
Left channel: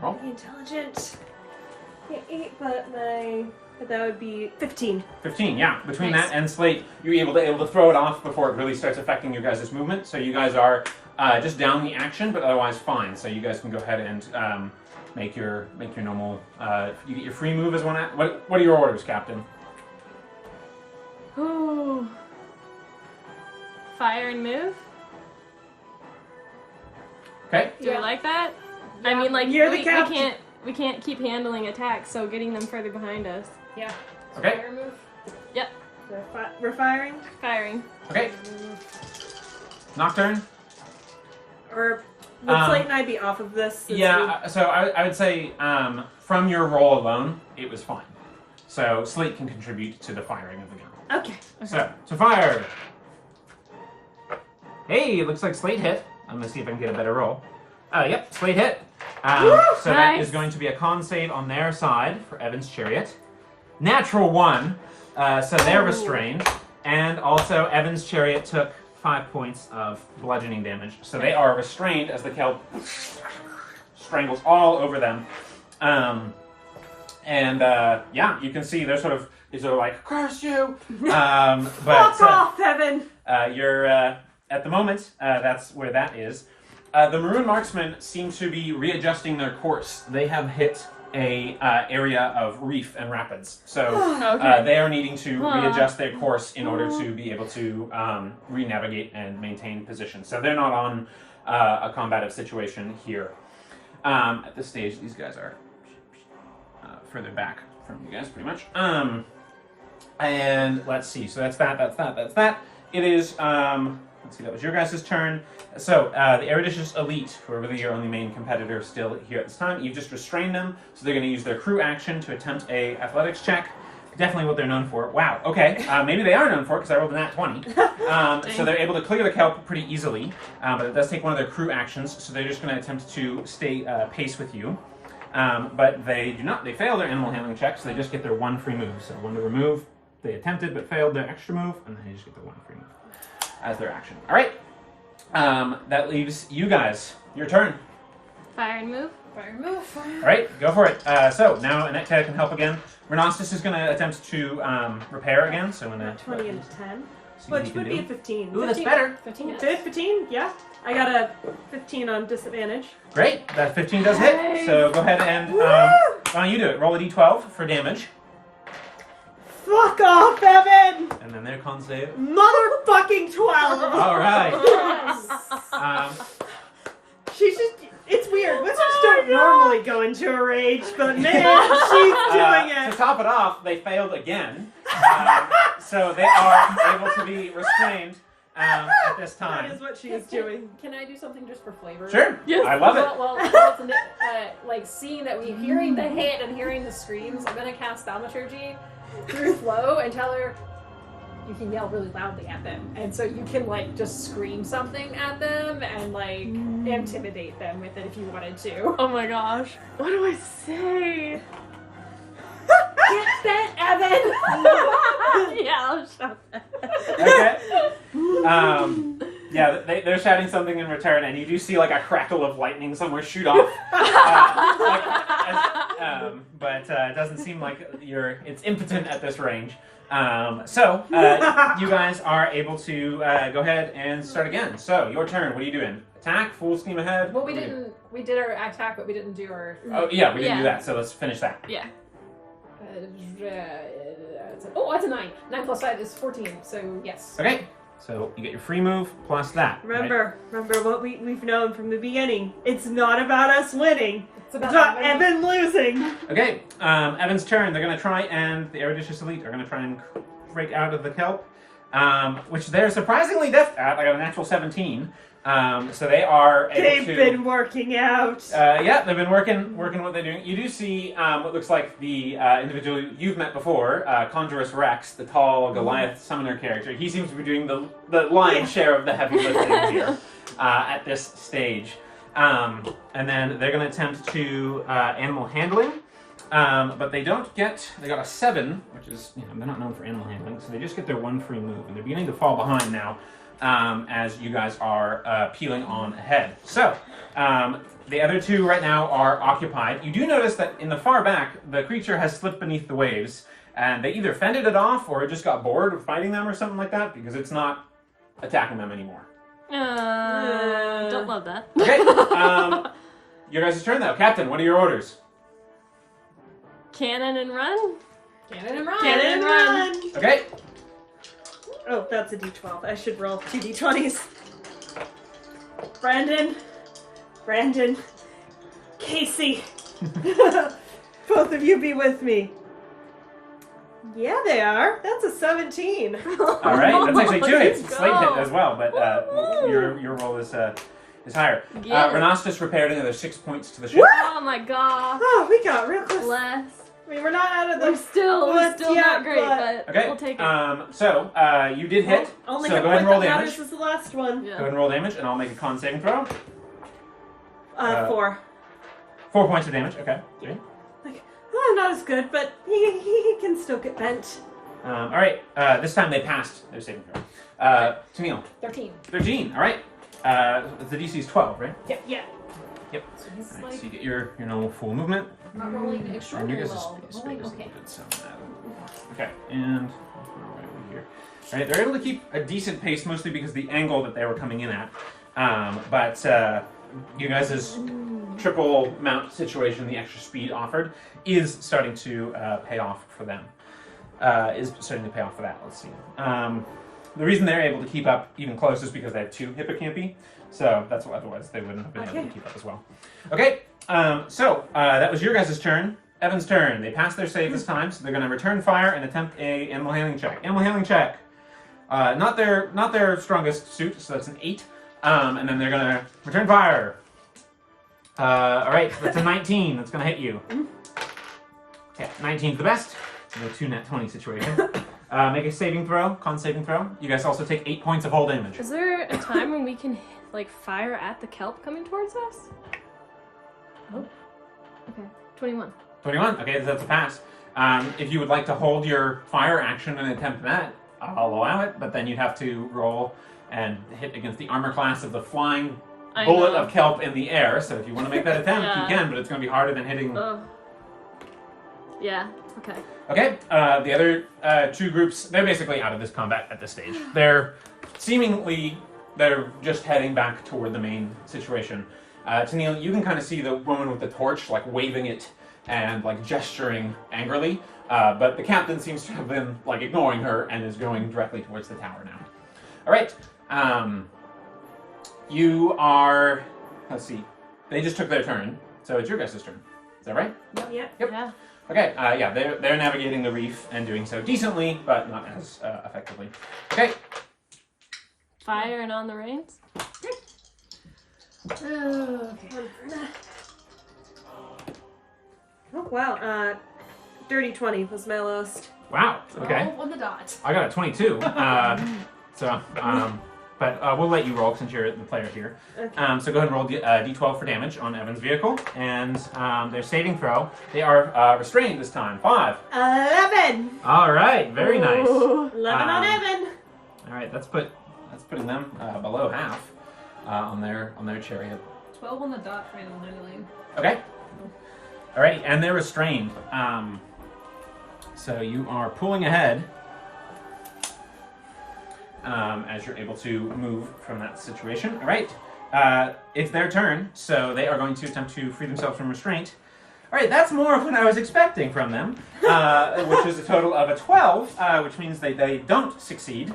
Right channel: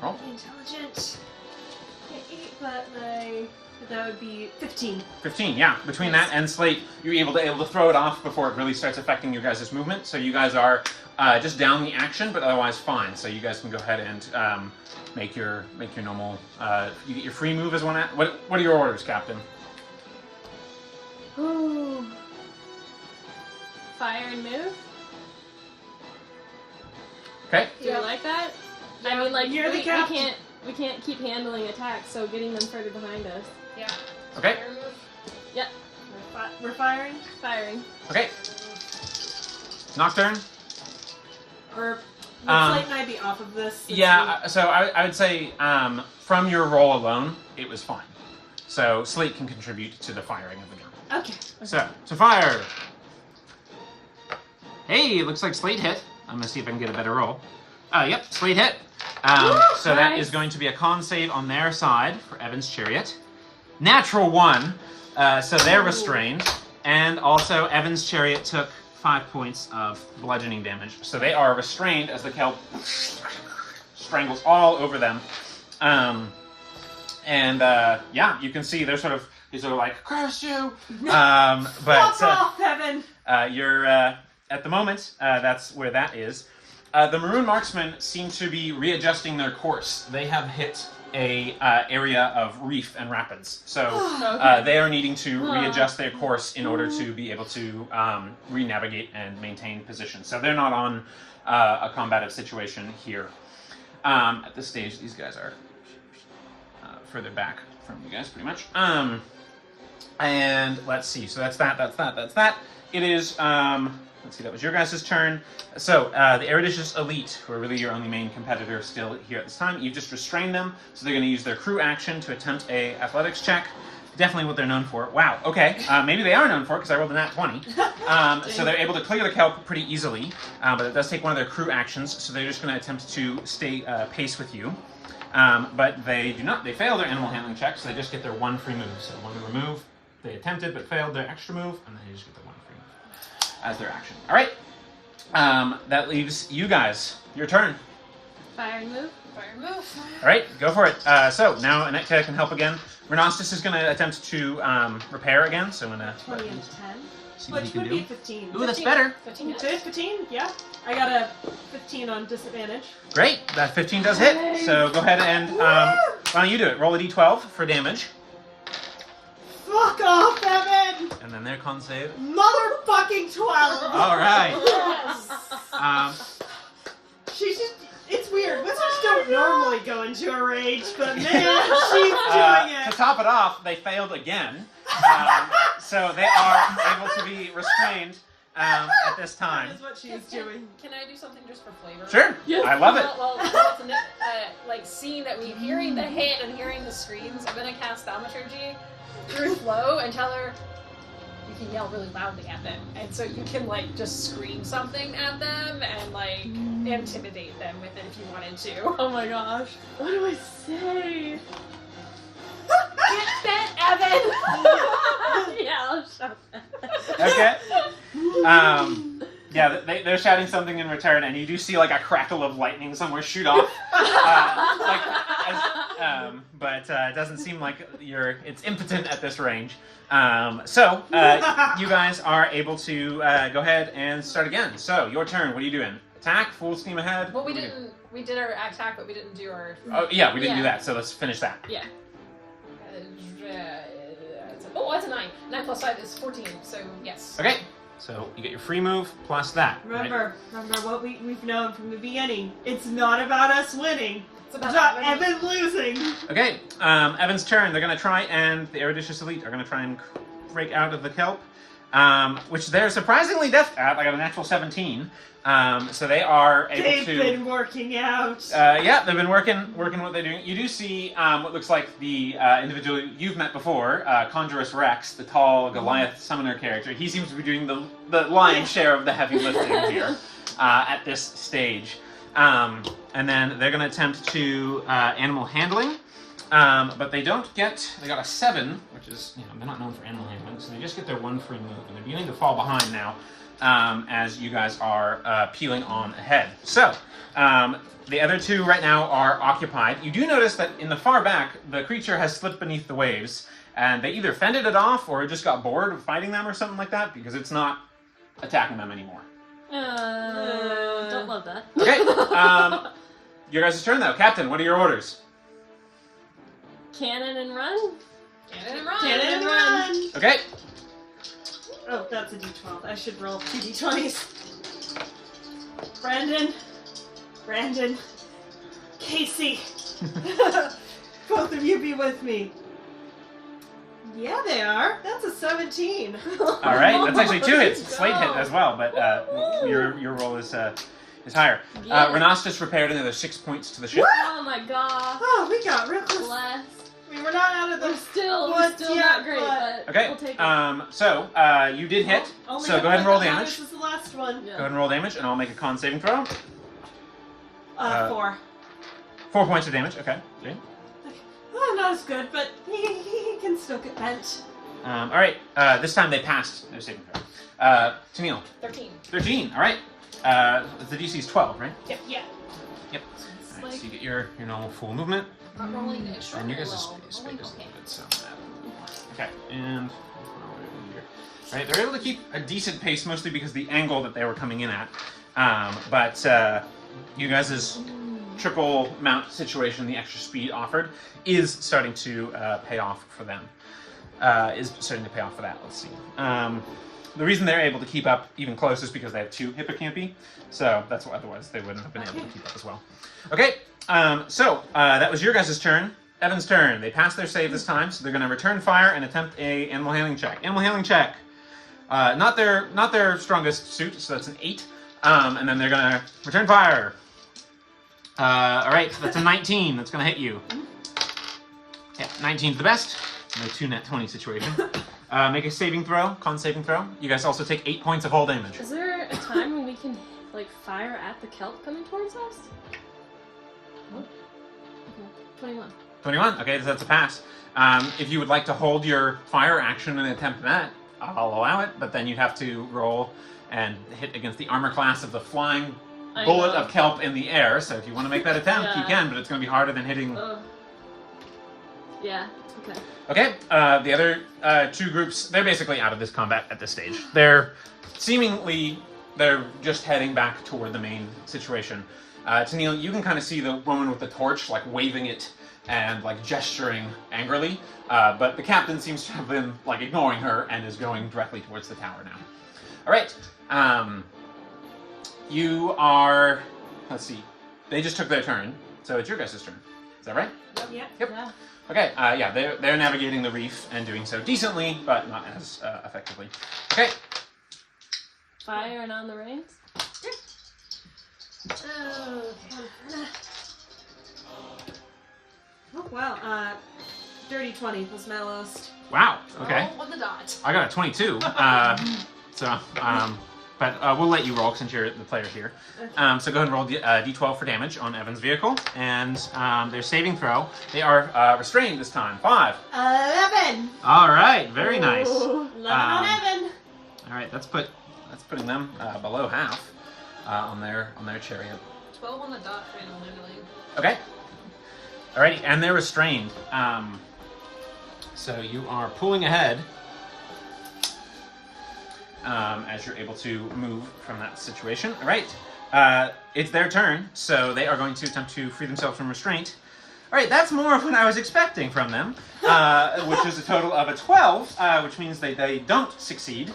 Roll. Intelligent. Yeah, 8, but that would be 15. 15, yeah. Between that and Slate, you're able to throw it off before it really starts affecting your guys' movement. So you guys are just down the action, but otherwise fine. So you guys can go ahead and make your normal. You get your free move as one. What are your orders, Captain? Ooh. Fire and move. Okay. Do you like that? I mean, like You're the captain. we can't keep handling attacks, so getting them further behind us. Yeah. Okay. Fire move. Yep. We're firing? Firing. Okay. Nocturne. Or would Slate and I be off of this? Yeah. So I would say from your roll alone, it was fine. So Slate can contribute to the firing of the gun. Okay. So to fire. Hey, looks like Slate hit. I'm gonna see if I can get a better roll. Yep, Slate hit. So that nice. is going to be a con save on their side for Evan's chariot. Natural 1, so they're restrained. And also Evan's chariot took 5 points of bludgeoning damage. So they are restrained as the kelp strangles all over them. Yeah, you can see they're sort of like, curse you! But Fuck off, Evan! you're, at the moment, that's where that is. The Maroon Marksmen seem to be readjusting their course. They have hit a area of reef and rapids. So they are needing to readjust their course in order to be able to re-navigate and maintain position. So they're not on a combative situation here. At this stage, these guys are further back from you guys, pretty much. And let's see. So that's that. It is... let's see, that was your guys' turn. So, the Eruditious Elite, who are really your only main competitor still here at this time, you've just restrained them, so they're going to use their crew action to attempt a athletics check. Definitely what they're known for. Wow, okay. Maybe they are known for it, because I rolled a nat 20. So they're able to clear the kelp pretty easily, but it does take one of their crew actions, so they're just going to attempt to stay pace with you. But they do not. They fail their animal handling check, so they just get their 1 free move. So 1 to remove, they attempted but failed their extra move, and then they just get their 1 free move as their action. All right. That leaves you guys. Your turn. Fire and move. Fire move. All right, go for it. So now Anetka can help again. Renostis is going to attempt to repair again. So I'm going to 20 and 10. see what Which he can would be a do. 15. Ooh, that's better. 15 hits. 15? Yeah. I got a 15 on disadvantage. Great. That 15 does hit. So go ahead and why don't you do it? Roll a d12 for damage, Fuck off, Evan! and then their con save. Motherfucking 12! All right. She's just, it's weird. Wizards don't normally go into a rage, but man, she's doing To it. top it off, they failed again. So they are able to be restrained at this That time. is what she is doing. Can I do something just for flavor? Sure. Yes. I love it. Well, like seeing that we hearing the hit and hearing the screams, I'm gonna cast Thaumaturgy through Flo and tell her you can yell really loudly at them, and so you can like just scream something at them and like intimidate them with it if you wanted to. Oh my gosh. What do I say? Get that, Evan! Yeah, I'll shout. Okay. Yeah, they're shouting something in return, and you do see like a crackle of lightning somewhere shoot off. But it doesn't seem like it's impotent at this range. So you guys are able to go ahead and start again. So your turn. What are you doing? Attack, full steam ahead. Well, we did our attack, but we didn't do our. Oh yeah, we didn't do Yeah. that. So let's finish that. Yeah. Oh, that's a 9. 9 plus 5 is 14. So yes. Okay. So you get your free move plus that. right? Remember what we've known from the beginning. It's not about us winning. It's It's about Evan losing. Okay, Evan's turn. They're going to try and the Eruditious Elite are going to try and break out of the kelp, which they're surprisingly deft at. I got a natural 17. So they are able They've to. been working out. Yeah, they've been working what they're doing. You do see what looks like the individual you've met before, Conjurus Rex, the tall Goliath summoner character. He seems to be doing the lion's share of the heavy lifting here at this stage. And then they're going to attempt to animal handling, but they don't get. They got a 7, which is they're not known for animal handling, so they just get their 1 free move, and they're beginning to fall behind now. As you guys are peeling on ahead. So, the other 2 right now are occupied. You do notice that in the far back, the creature has slipped beneath the waves, and they either fended it off or just got bored of fighting them or something like that, because it's not attacking them anymore. Don't love that. Okay, your guys' turn now. Captain, what are your orders? Cannon and run? Cannon and run! Cannon and run. Okay, Oh, that's a d12. I should roll 2 d20s. Brandon, Casey. Both of you be with me. Yeah, they are. That's a 17. all right. That's actually 2 hits. Slate hit as well, but your roll is higher. Yeah. Renas just repaired another 6 points to the ship. Oh my god. Oh, we got real close. Bless. I mean, we're not out of We're the... still But, not yeah, great, but- but Okay, we'll take it. so you did hit. Only So go ahead and roll damage. This is the last one. Go ahead and roll damage, and I'll make a con saving throw. 4. 4 points of damage. Okay. Okay. Oh, not as good, but he can still get bent. All right. This time they passed their saving throw. Tennille, 13. 13. All right. The DC is 12, right? Yeah. Yep. So this is All right, like so you get your normal full movement. not rolling an Our extraordinary niggas is roll, but rolling okay. Okay, and all right, they're able to keep a decent pace, mostly because the angle that they were coming in at. But you guys' triple mount situation, the extra speed offered, is starting to pay off for them. Is starting to pay off for that. Let's see. The reason they're able to keep up even close is because they have 2 hippocampi, so that's why otherwise they wouldn't have been able to keep up as well. Okay, so that was your guys' turn. Evan's turn. They passed their save this time, so they're going to return fire and attempt a animal handling check. Animal handling check. Not their strongest suit, so that's an 8. And then they're going to return fire. All right, that's a 19. That's going to hit you. Yeah, 19's the best. No 2 net 20 situation. Make a saving throw, con saving throw. You guys also take 8 points of hull damage. Is there a time when we can fire at the kelp coming towards us? Oh. Okay. 21. 21. Okay, so that's a pass. If you would like to hold your fire action and attempt that, I'll allow it, but then you'd have to roll and hit against the armor class of the flying I bullet know. of kelp in the air. So if you want to make that attempt, you Yeah. can, but it's going to be harder than hitting. Yeah. Okay. Okay, the other 2 groups, they're basically out of this combat at this stage. They're just heading back toward the main situation. Tennille, you can kind of see the woman with the torch, like, waving it and, like, gesturing angrily, but the captain seems to have been, like, ignoring her and is going directly towards the tower now. All right, you are let's see. They just took their turn, so it's your guys' turn. Is that right? Yep. Yep. Yeah. Okay, yeah, they're navigating the reef and doing so decently, but not as effectively. Okay. Fire and on the reins. Oh, wow. Dirty 20 was my lowest. Wow. Okay. On the dot. I got a 22. But we'll let you roll since you're the player here. Okay. So go ahead and roll d12 for damage on Evan's vehicle, and their saving throw. They are restrained this time. 5. 11! All right. Very nice. Ooh, 11 on Evan! All right. That's putting them below half on their chariot. 12 on the dot for animal handling. Okay. Alrighty, and they're restrained. So you are pulling ahead as you're able to move from that situation. All right, it's their turn, so they are going to attempt to free themselves from restraint. All right, that's more of what I was expecting from them, which is a total of a 12, which means they don't succeed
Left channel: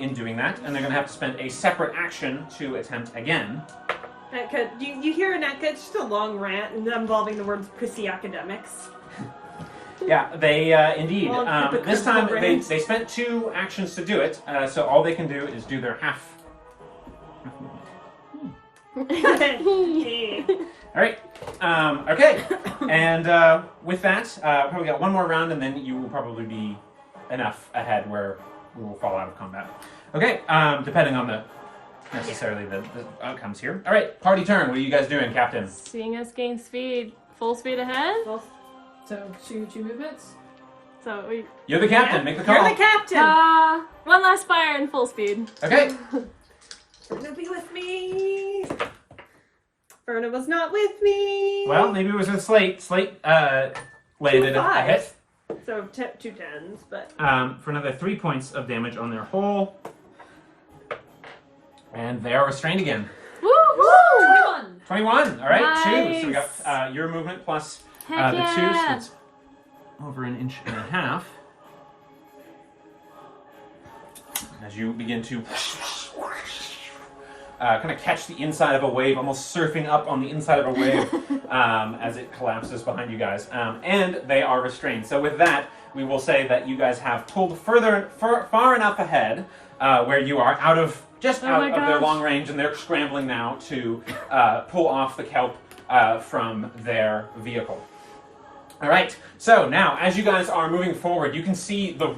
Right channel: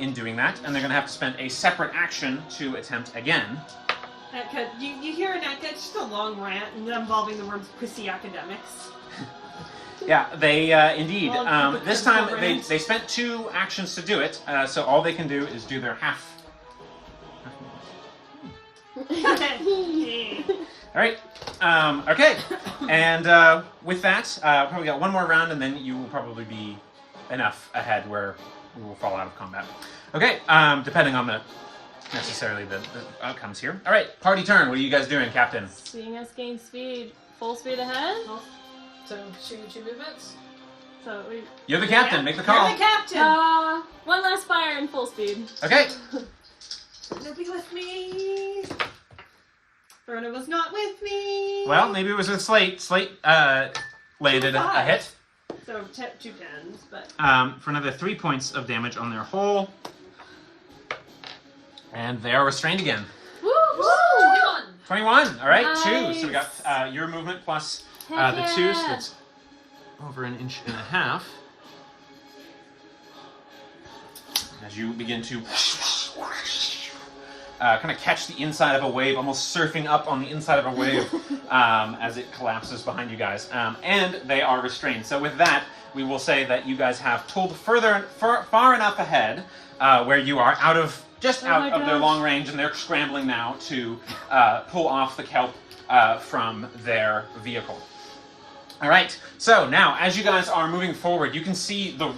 in doing that, and they're going to have to spend a separate action to attempt again. You hear an echo, it's just a long rant involving the words pussy academics. Yeah, they indeed. This time they range. spent 2 actions to do it, so all they can do is do their half. All right. Okay. And with that, probably got one more round, and then you will probably be enough ahead where we will fall out of combat. Okay. Depending on the outcomes here. All right. Party turn. What are you guys doing, Captain? Seeing us gain speed. Full speed ahead. So, two movements? So we. You're the captain. Yeah, Make the call. You're the captain! One last fire and full speed. Okay. You'll be with me. Verna was not with me. Well, maybe it was with Slate. Slate landed a hit. So 2 10s, but For another 3 points of damage on their hull. And they are restrained again. Woo! 21! 21. All right, Nice. 2. So we got your movement plus Heck the 2, so yeah. that's over an inch and a half. As you begin to kind of catch the inside of a wave, almost surfing up on the inside of a wave as it collapses behind you guys. And they are restrained. So with that, we will say that you guys have pulled far enough ahead where you are out of their gosh. long range, and they're scrambling now to pull off the kelp from their vehicle. All right. So now, as you guys are moving forward, you can see the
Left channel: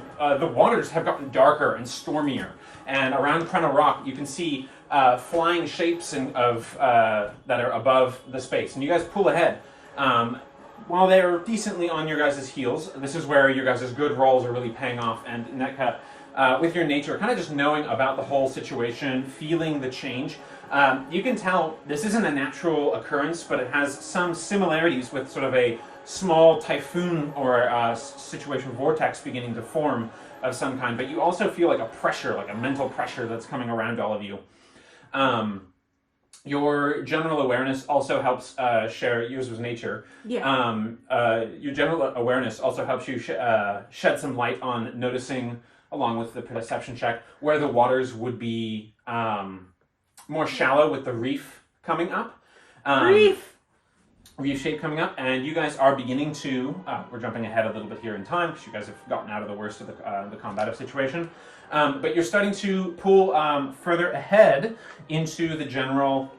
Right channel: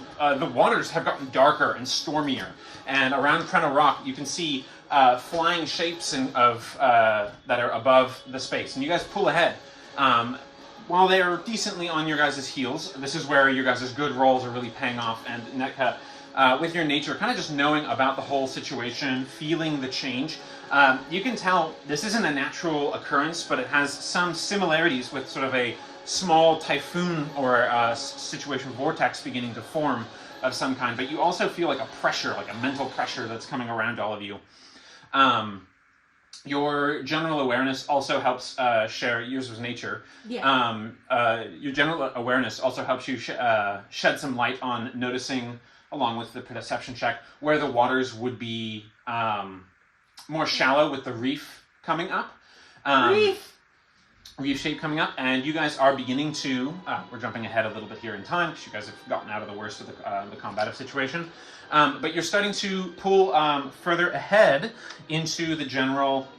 waters have gotten darker and stormier, and around Krenna Rock, you can see flying shapes that are above the space, and you guys pull ahead. While they're decently on your guys' heels, this is where your guys' good rolls are really paying off, and Netka, with your nature, kind of just knowing about the whole situation, feeling the change, you can tell this isn't a natural occurrence, but it has some similarities with sort of a small typhoon or a situation vortex beginning to form of some kind, but you also feel like a pressure, like a mental pressure that's coming around all of you. Your general awareness also helps share yours with nature. yeah. Your general awareness also helps you shed some light on noticing, along with the perception check, where the waters would be more shallow with the reef coming up. Reef shape coming up, and you guys are beginning to, we're jumping ahead a little bit here in time because you guys have gotten out of the worst of the combative situation, but you're starting to pull further ahead into the general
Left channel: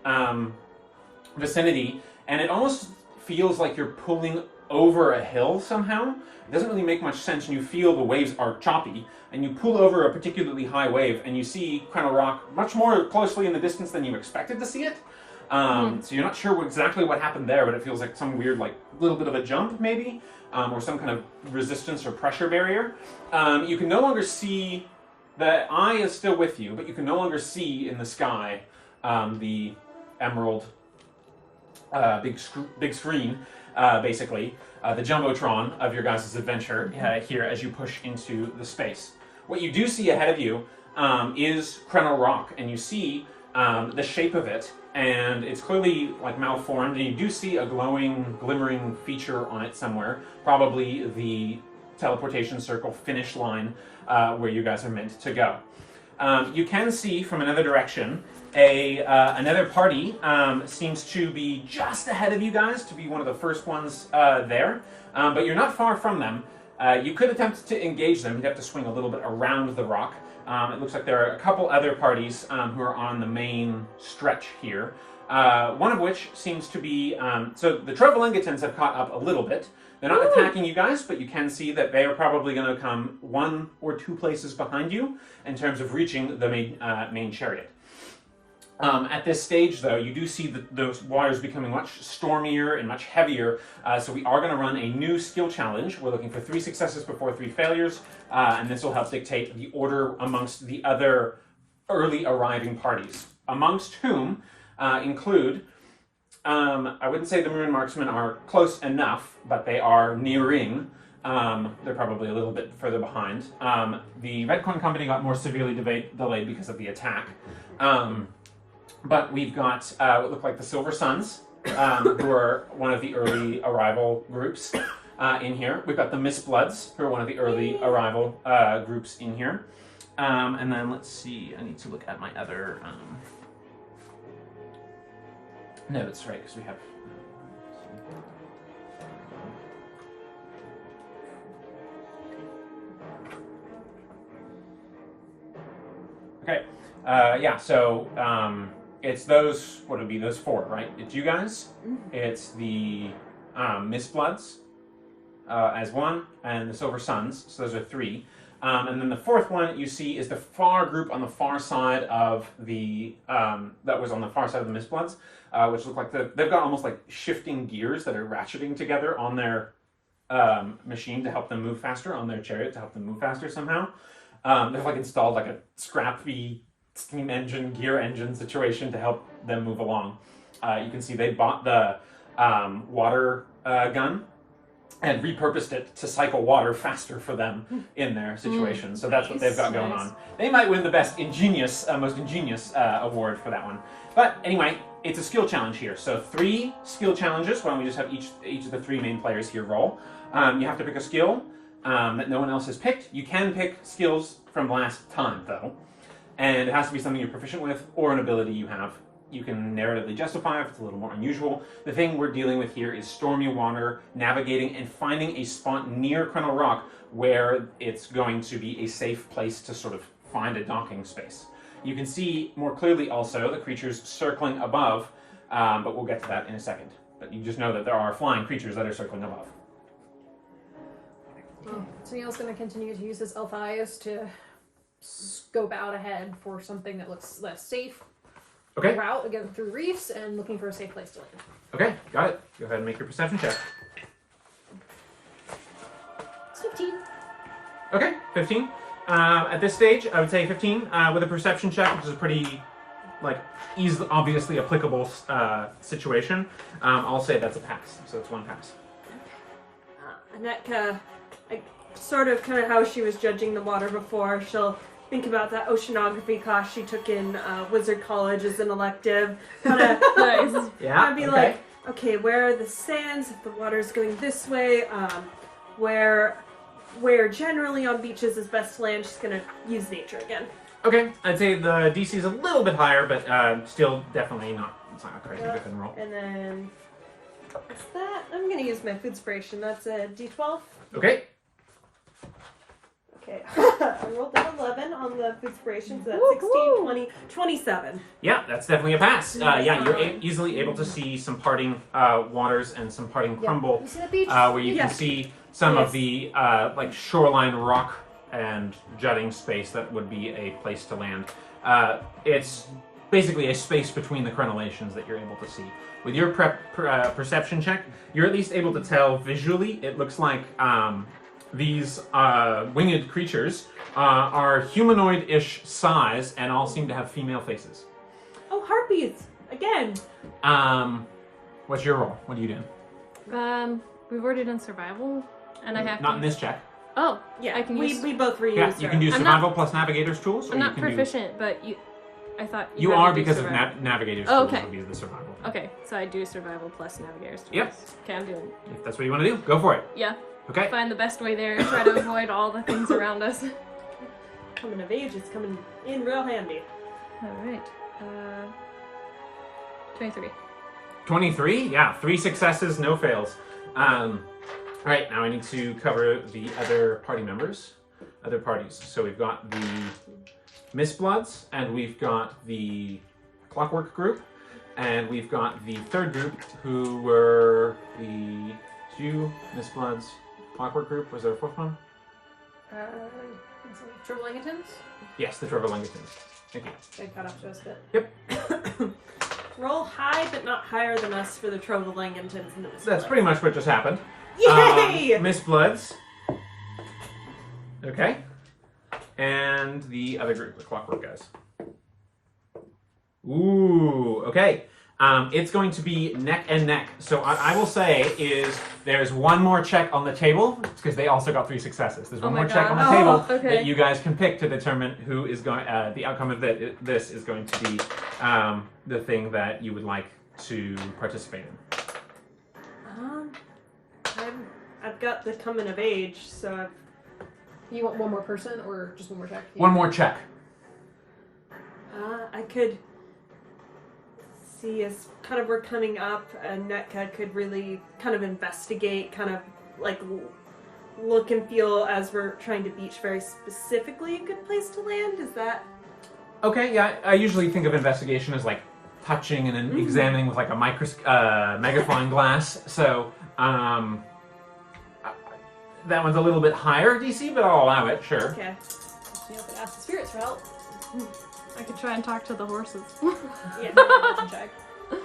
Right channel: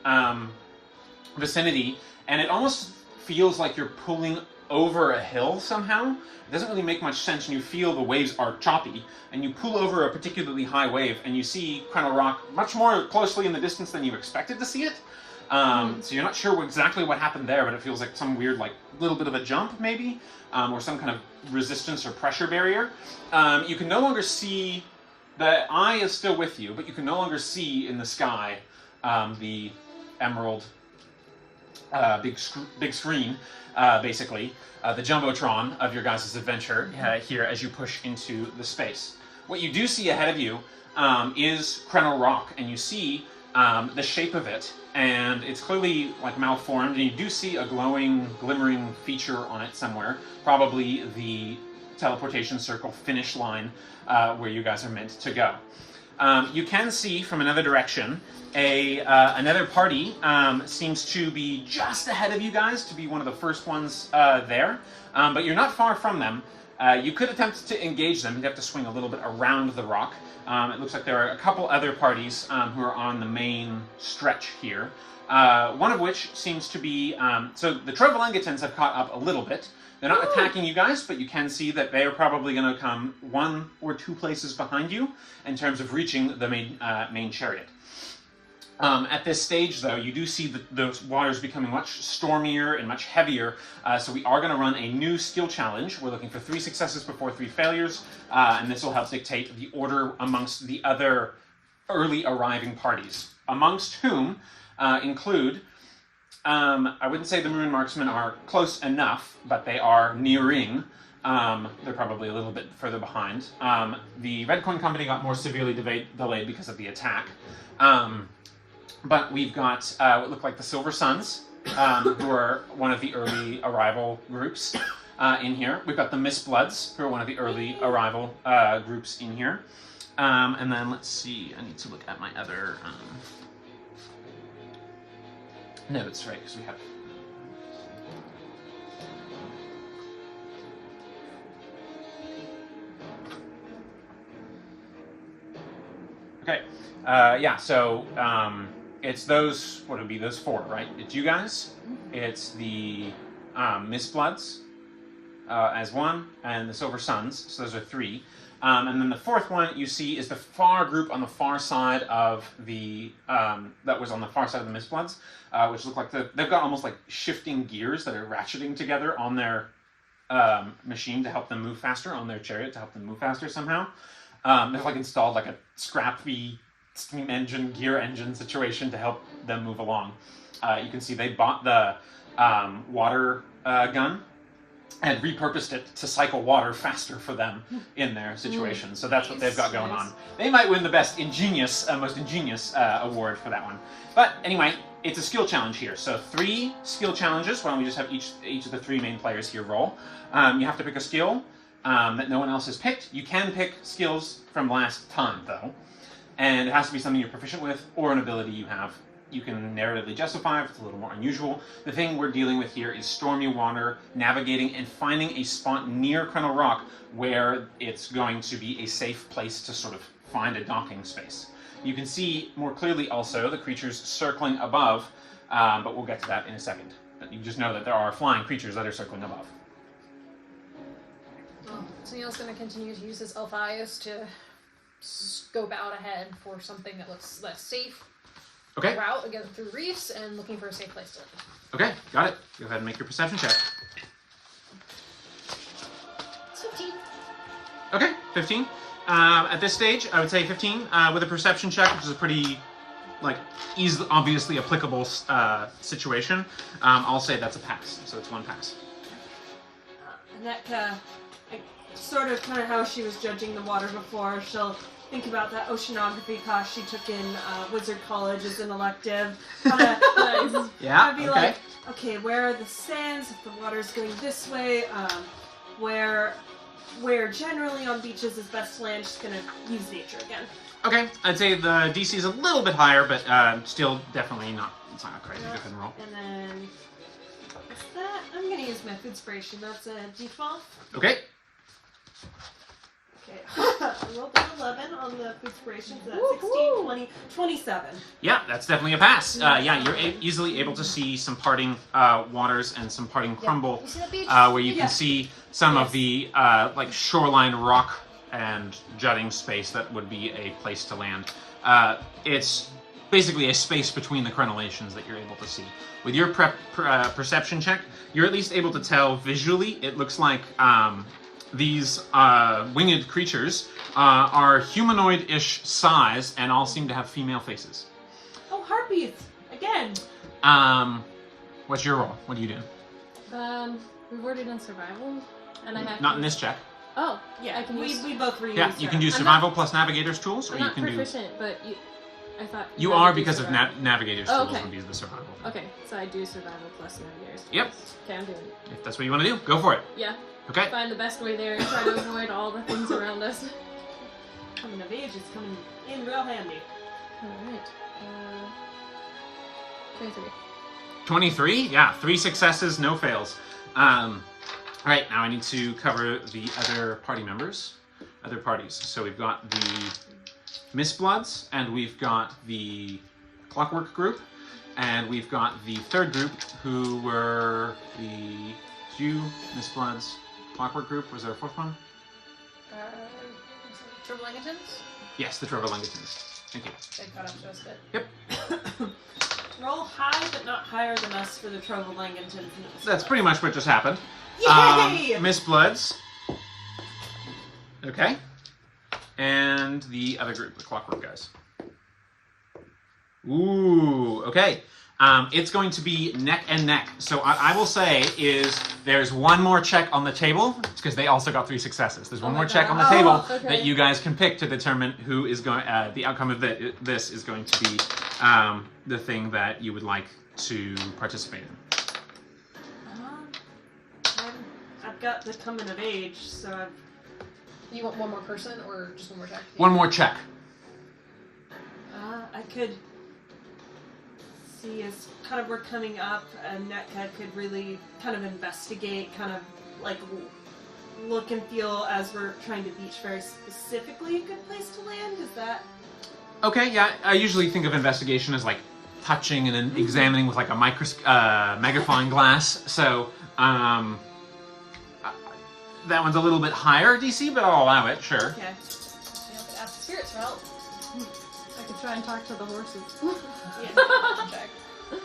vicinity, and it almost feels like you're pulling over a hill somehow. It doesn't really make much sense, and you feel the waves are choppy, and you pull over a particularly high wave, and you see Krenna Rock much more closely in the distance than you expected to see it. So you're not sure exactly what happened there, but it feels like some weird, like, little bit of a jump, maybe, or some kind of resistance or pressure barrier. You can no longer see, the eye is still with you, but you can no longer see in the sky the emerald big screen, basically, the jumbotron of your guys' adventure here as you push into the space. What you do see ahead of you is Krenna Rock, and you see the shape of it, and it's clearly like malformed, and you do see a glowing, glimmering feature on it somewhere, probably the teleportation circle finish line where you guys are meant to go. you can see from another direction another party seems to be just ahead of you guys, to be one of the first ones there. But you're not far from them. You could attempt to engage them. You'd have to swing a little bit around the rock. It looks like there are a couple other parties who are on the main stretch here. One of which seems to be... so the Trovalengatans have caught up a little bit. They're not attacking you guys, but you can see that they are probably going to come 1 or 2 places behind you in terms of reaching the main chariot. At this stage, though, you do see those waters becoming much stormier and much heavier, so we are going to run a new skill challenge. We're looking for 3 successes before 3 failures, and this will help dictate the order amongst the other early arriving parties, amongst whom include, I wouldn't say the Maroon Marksmen are close enough, but they are nearing. They're probably a little bit further behind. The Red Coin Company got more severely delayed because of the attack. But we've got what look like the Silver Suns, who are one of the early arrival groups in here. We've got the Mistbloods, who are one of the early arrival groups in here. And then let's see, I need to look at my other notes, right, because we have... Okay, yeah, so it's those, what would be those 4, right? It's you guys, it's the Mistbloods as 1, and the Silver Suns, so those are 3. And then the 4th one you see is the far group on the far side of the, that was on the far side of the Mistbloods, which look like they've got almost like shifting gears that are ratcheting together on their machine to help them move faster, on their chariot to help them move faster somehow. They've like installed like a scrappy steam engine, gear engine situation to help them move along. You can see they bought the water gun and repurposed it to cycle water faster for them in their situation. So that's what they've got going on. They might win the best ingenious, most ingenious award for that one. But anyway, it's a skill challenge here. So 3 skill challenges. Why don't we just have each of the 3 main players here roll. You have to pick a skill that no one else has picked. You can pick skills from last time, though. And it has to be something you're proficient with or an ability you have. You can narratively justify if it's a little more unusual. The thing we're dealing with here is stormy water, navigating, and finding a spot near Crennel Rock where it's going to be a safe place to sort of find a docking space. You can see more clearly also the creatures circling above, but we'll get to that in a second. But you just know that there are flying creatures that are circling above. So Neil's going to continue to use his elf eyes to scope out ahead for something that looks less safe. Okay. Go out again through reefs and looking for a safe place to land. Okay, got it. Go ahead and make your perception check. It's 15. Okay, 15. At this stage, I would say 15 with a perception check, which is a pretty, like, easily, obviously applicable situation. I'll say that's a pass, so it's 1 pass. And that kind of how she was judging the water before. She'll think about that oceanography class she took in Wizard College as an elective. Nice. Yeah, be like, okay, where are the sands if the water's going this way? Where generally on beaches is best to land, she's going to use nature again. Okay, I'd say the DC is a little bit higher, but still definitely not. It's not a crazy different roll. And then, what's that? I'm going to use my food inspiration. That's a D12. Okay. Okay, I rolled an 11 on the food inspiration, so that's 16, 20, 27. Yeah, that's definitely a pass. Yeah, you're easily able to see some parting waters and some parting crumble, You see the beach? where you can see some of the like shoreline rock and jutting space that would be a place to land. It's basically a space between the crenellations that you're able to see. With your perception check, you're at least able to tell visually. It looks like these winged creatures are humanoid-ish size and all seem to have female faces. Oh, harpies! Again! What's your roll? What are you doing? We've already done survival, and I have Not in this check. Oh, Yeah, I can use. we both reused Yeah, you can do I'm survival plus navigator's tools, or I'm you not can proficient, but I thought do... You had are to do because of survival. navigator's Oh, tools okay. would be the survival thing. Okay, so I do survival plus navigators. Yep. Okay, I'm doing it. If that's what you want to do, go for it. Yeah. Okay. Find the best way there. Try to avoid all the things around us. coming of age is coming in real handy. Alright. 23. 23? Yeah, 3 successes, no fails. Alright, now I need to cover the other party members. Other parties. So we've got the Mistbloods, and we've got the Clockwork group, and we've got the third group, who were the few Mistbloods, Clockwork group. Was there a fourth one? Trevelingtons? Yes, the Trevelingtons. Thank you. They caught up to us a bit. Roll high, but not higher than us for the Trevelingtons. That's pretty much what just happened. Yay! Mistbloods. Okay. And the other group, the Clockwork guys. Ooh, okay. It's going to be neck and neck. So I will say is there's one more check on the table, because they also got 3 successes. There's one more check on the table that you guys can pick to determine who is going. The outcome of this is going to be the thing that you would like to participate in. I've got the coming of age, so You want one more person or just one more check? One more check. I could see as kind of we're coming up, and Netka could really kind of investigate, kind of like look and feel as we're trying to beach very specifically a good place to land. Is that Okay, yeah. I usually think of investigation as like touching and then examining with like a magnifying glass. So that one's a little bit higher DC, but I'll allow it. Sure. okay? You know, ask the spirits for help. I could try and talk to the horses. Yeah. Check. Do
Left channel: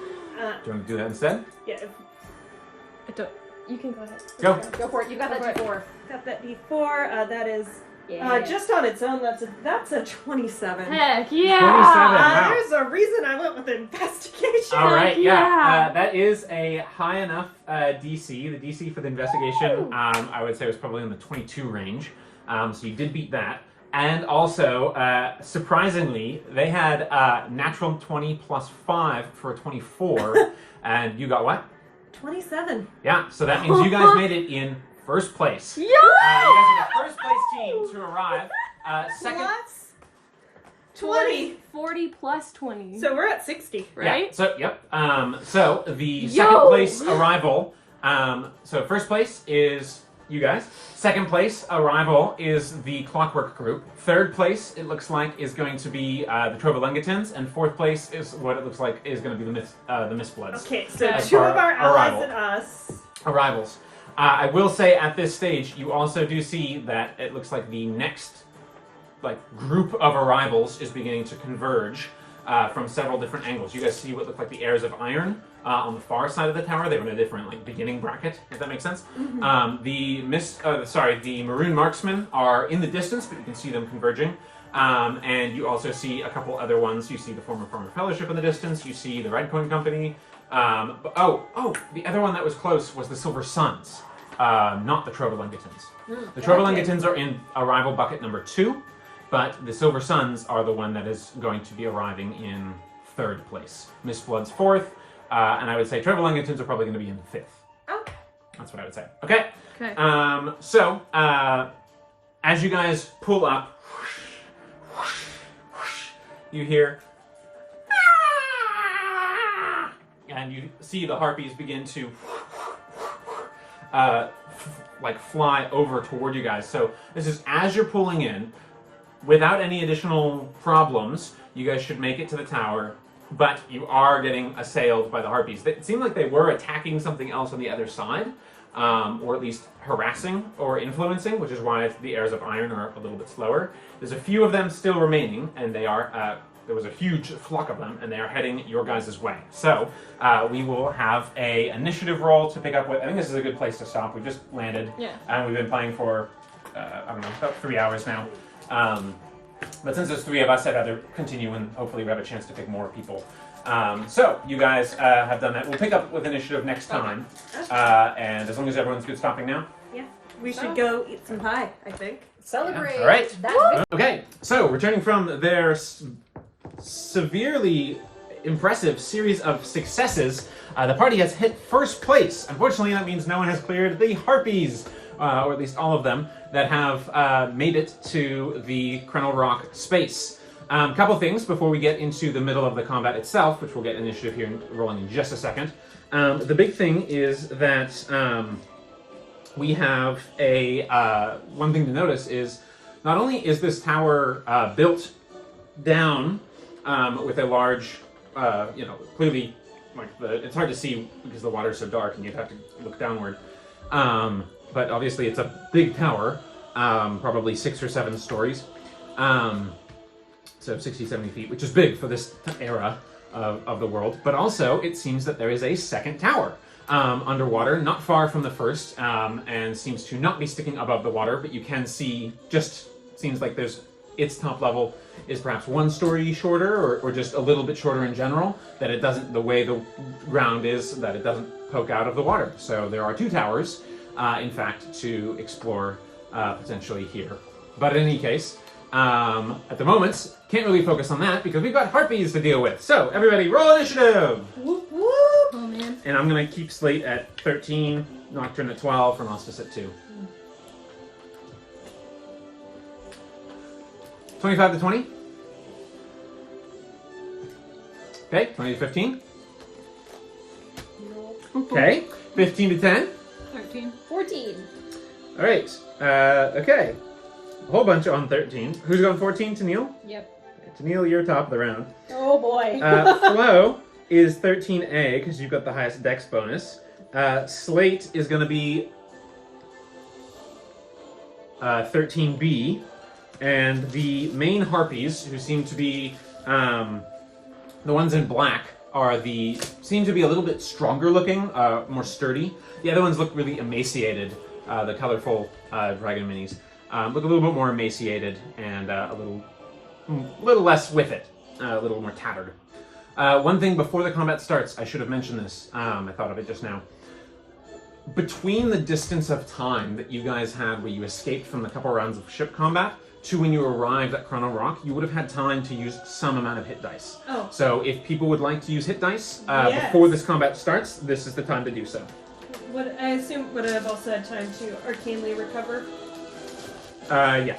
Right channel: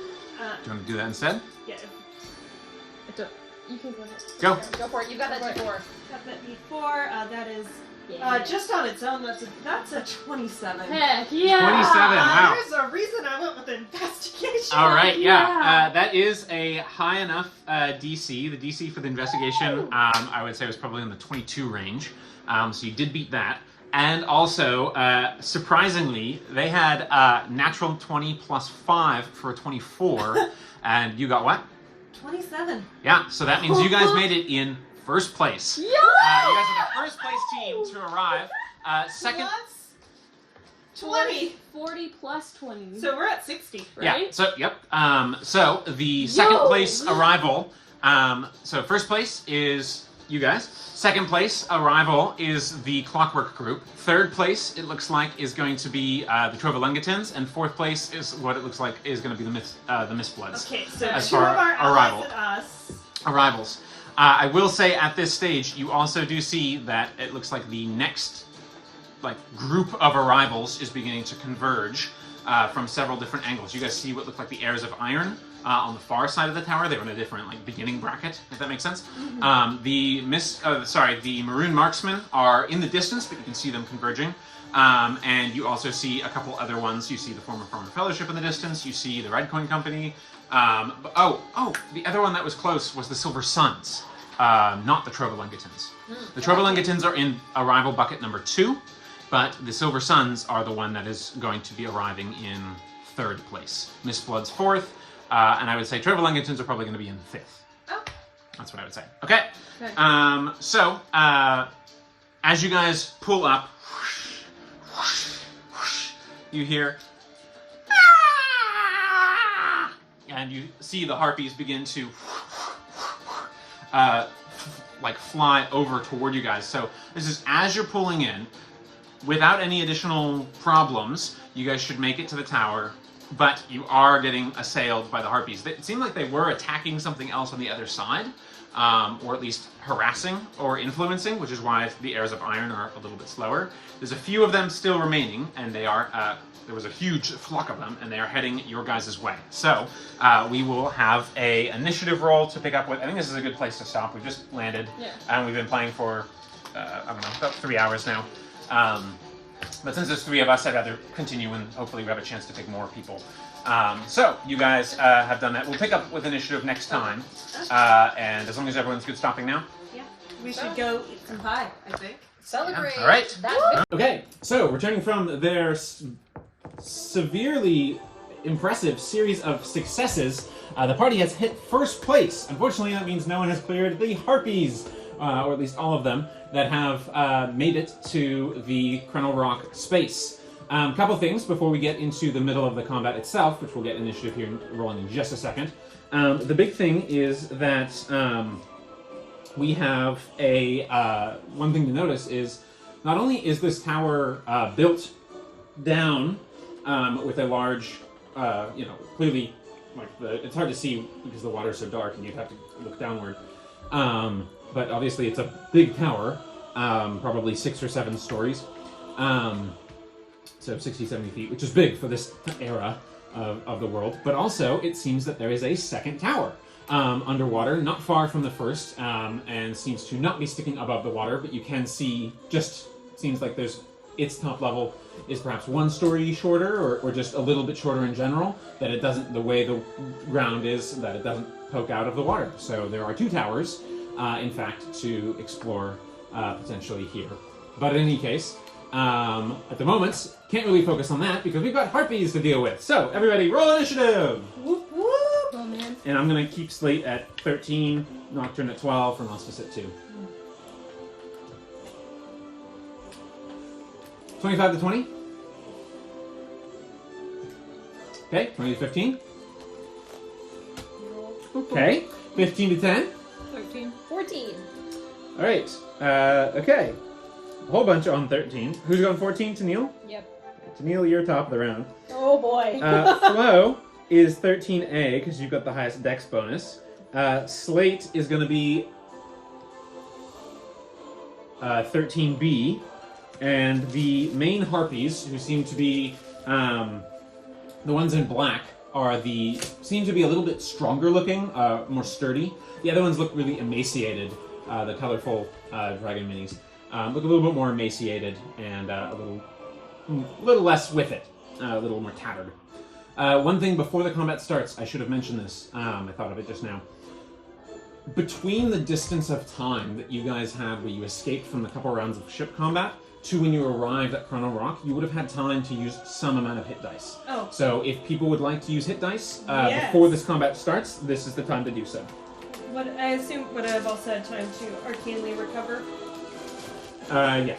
you want to do that instead? Yeah. You can go ahead. Go. Go for it. You got that D4. Got that D4. That is Yeah. just on its own. That's a 27. Heck yeah! 27. Wow. There's a reason I went with investigation. All right, yeah. Yeah. That is a high enough DC. The DC for the investigation, I would say, was probably in the 22 range. So you did beat that. And also, surprisingly, they had natural 20 plus 5 for a 24. And you got what? 27. Yeah, so that means you guys made it in first place. Yeah! You guys are the first place team to arrive. Second. Plus 20. 40 plus 20. So we're at 60, right? Yeah, so, yep. So the second place arrival, so first place is you guys. Second place arrival is the Clockwork group. Third place, it looks like, is going to be the Trovalengatons, and fourth place is what it looks like is going to be the Mistbloods. Okay, so As 2 far of our arrival. allies and us. Arrivals. I will say at this stage, you also do see that it looks like the next group of arrivals is beginning to converge from several different angles. You guys see what look like the heirs of iron on the far side of the tower. They're in a different beginning bracket, if that makes sense. The maroon marksmen are in the distance, but you can see them converging. And you also see a couple other ones. You see the former Fellowship in the distance. You see the Red Coin Company. The other one that was close was the Silver Suns, not the Trovalengatons. The Trovalengatons are in arrival bucket number 2. But the Silver Suns are the one that is going to be arriving in third place. Mistblood's fourth, and I would say Trevelyangatons are probably going to be in fifth. Oh. That's what I would say. Okay. Okay. As you guys pull up, you hear, and you see the harpies begin to fly over toward you guys. So this is as you're pulling in. Without any additional problems, you guys should make it to the tower, but you are getting assailed by the harpies. It seemed like they were attacking something else on the other side, or at least harassing or influencing, which is why the heirs of iron are a little bit slower. There's a few of them still remaining, and they are, there was a huge flock of them, and they are heading your guys' way. So, we will have a initiative roll to pick up with. I think this is a good place to stop. We've just landed, and we've been playing for, about 3 hours now. But since there's 3 of us, I'd rather continue and hopefully we have a chance to pick more people. So, you guys have done that. We'll pick up with initiative next time. And as long as everyone's good stopping now. Yeah. We should go eat some pie, I think. Celebrate. All right. That Okay, so returning from their severely impressive series of successes, the party has hit first place. Unfortunately, that means no one has cleared the harpies. or at least all of them, that have made it to the Krenel Rock space. Couple things before we get into the middle of the combat itself, which we'll get initiative here rolling in just a second. The big thing is that we have one thing to notice is not only is this tower built down with a large, clearly, it's hard to see because the water's so dark and you'd have to look downward. But obviously it's a big tower, probably 6 or 7 stories. So 60, 70 feet, which is big for this era of the world. But also, it seems that there is a second tower underwater, not far from the first, and seems to not be sticking above the water, but you can see, seems like its top level is perhaps 1 story shorter, or just a little bit shorter in general, that it doesn't, the way the ground is, that it doesn't poke out of the water. So there are 2 towers, in fact, to explore potentially here. But in any case, at the moment, can't really focus on that because we've got harpies to deal with. So, everybody, roll initiative! Whoop, whoop. Oh man. And I'm going to keep Slate at 13, Nocturne at 12, Renostus at 2. 25 to 20? Okay, 20 to 15? Okay, 15 to 10? 13. 14. Alright, okay. A whole bunch on 13. Who's going 14? Tennille? Yep. Tennille, you're top of the round. Oh boy. Flo is 13A because you've got the highest dex bonus. Slate is going to be 13B. And the main harpies, who seem to be the ones in black, seem to be a little bit stronger looking, more sturdy. The other ones look really emaciated, the colorful dragon minis. Look a little bit more emaciated and a little less with it, a little more tattered. One thing before the combat starts, I should have mentioned this. I thought of it just now. Between the distance of time that you guys had where you escaped from the couple rounds of ship combat to when you arrived at Krenel Rock, you would have had time to use some amount of hit dice. Oh. So if people would like to use hit dice Yes. before this combat starts, this is the time to do so. I assume would I have also had time to arcanely recover? Yeah.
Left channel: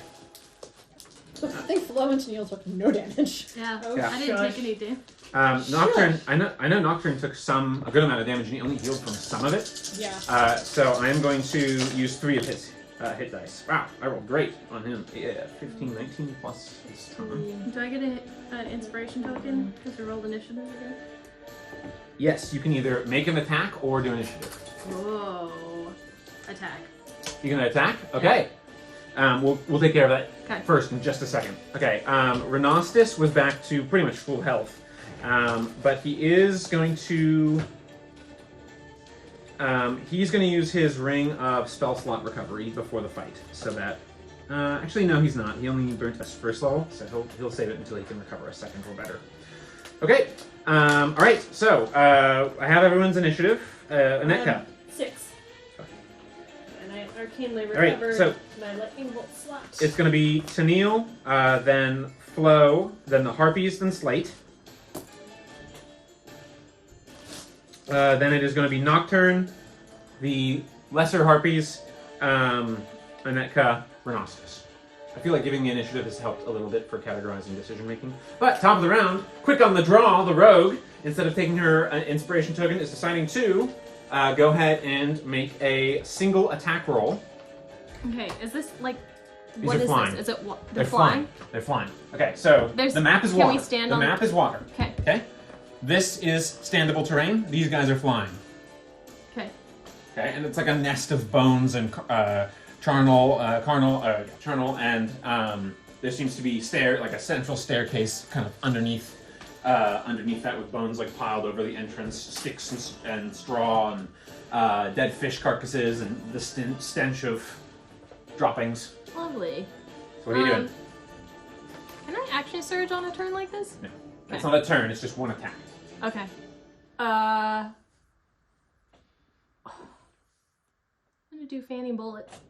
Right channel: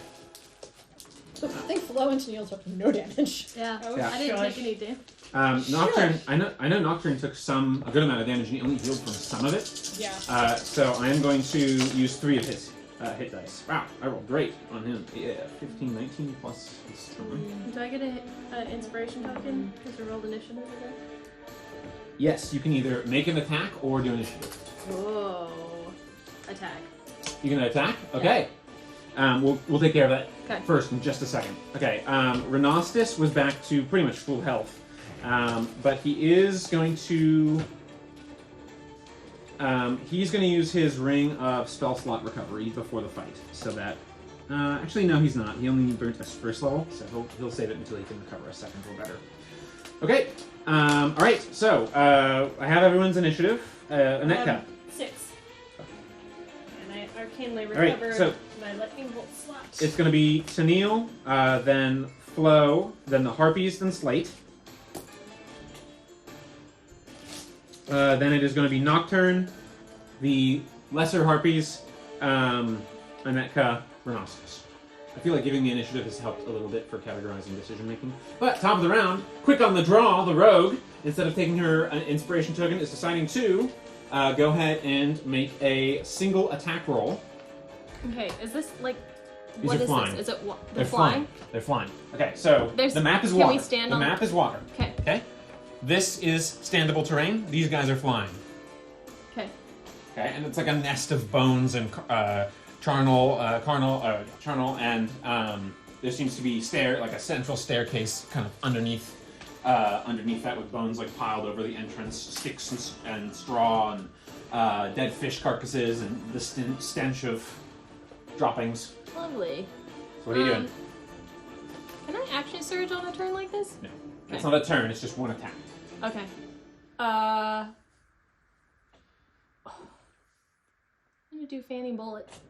I think Flo and Tennille took no damage. Yeah. Oh, Yeah. I didn't shush. take anything. Nocturne, I know Nocturne took a good amount of damage and he only healed from some of it. Yeah. So I am going to use 3 of his hit dice. Wow, I rolled great on him. Yeah, 15, 19 plus his charm. Do I get an inspiration token because you rolled initiative again? Yes, you can either make an attack or do initiative. Whoa. Attack. You gonna attack? Okay. We'll take care of that Okay. first in just a second. Okay. Renostus was back to pretty much full health, but he is going to. He's going to use his ring of spell slot recovery before the fight, so that. Actually, no, he's not. He only burnt us first level, so he'll save it until he can recover a second or better. Okay. All right. So I have everyone's initiative. Anetka. 6. And I arcanely All right, recovered so my lightning bolt slot. it's going to be Tennille, then Flo, then the Harpies, then Slate. Then it is going to be Nocturne, the Lesser Harpies, Anetka, Renostus. I feel like giving the initiative has helped a little bit for categorizing decision making. But top of the round, quick on the draw, the Rogue, instead of taking her inspiration token, is deciding to go ahead and make a single attack roll. Okay, is this like... These what are is flying. this? Is it They're flying. They're flying. Okay, so the map is can water. we stand the on- map is water. Okay. Okay. This is standable terrain. These guys are flying. Okay. Okay, and it's like a nest of bones and charnel, and there seems to be like a central staircase kind of underneath that with bones like piled over the entrance, sticks and straw and dead fish carcasses and the stench of droppings. Lovely. So what are you doing? Can I actually surge on a turn like this? No, it's Okay. not a turn. It's just one attack. Okay. I'm gonna do fanny bullets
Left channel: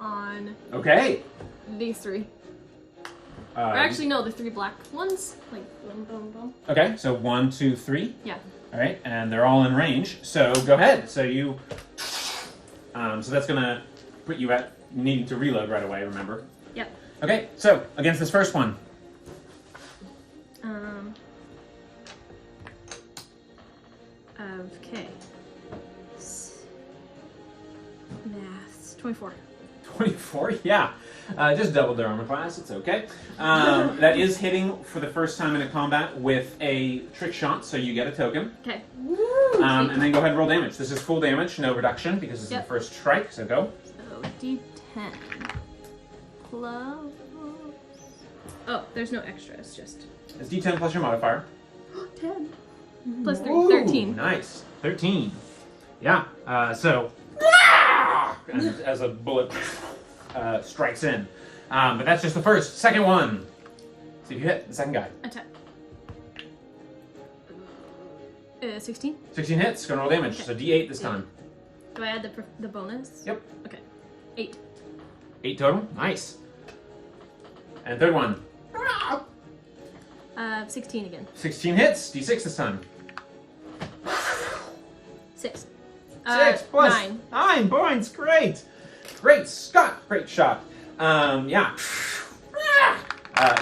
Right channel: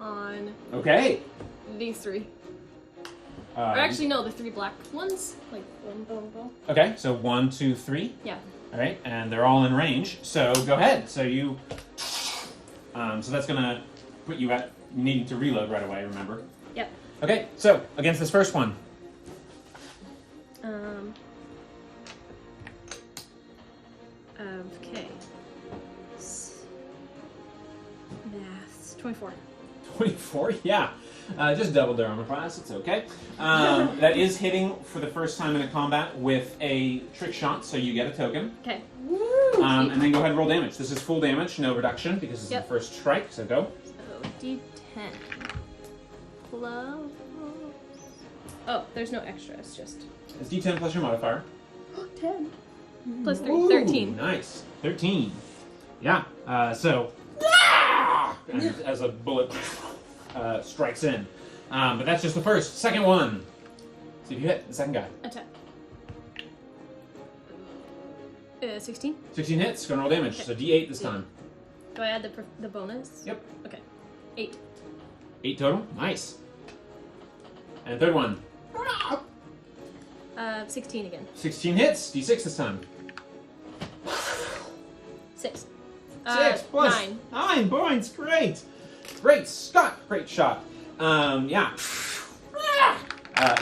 on Okay. these 3. Or actually, no, the 3 black ones. Like, boom, boom, boom. Okay, so 1, 2, 3. Yeah. All right, and they're all in range. So go ahead. So you, so that's gonna put you at needing to reload right away, remember? Yep. Okay, so against this first one. Okay. Maths. 24. 24, yeah. Just double their armor class, it's okay. That is hitting for the first time in a combat with a trick shot, so you get a token. Okay. And then go ahead and roll damage. This is full damage, no reduction, because this is the first strike, so go. So D10. Plus. Oh, there's no extra, it's just It's D10 plus your modifier. 10. Plus 3, Ooh, 13. Nice. 13. Yeah, so... and as a bullet strikes in. But that's just the first. Second one. See if you hit the second guy. Attack. 16. 16 hits, gonna roll damage. Okay. So D8 this time. Do I add the bonus? Yep. Okay. 8. 8 total. Nice. And third one. 16 again. 16 hits. D6 this time. 6. 6 plus 9. 9 points. Great. Great, Scott. Great shot. Yeah.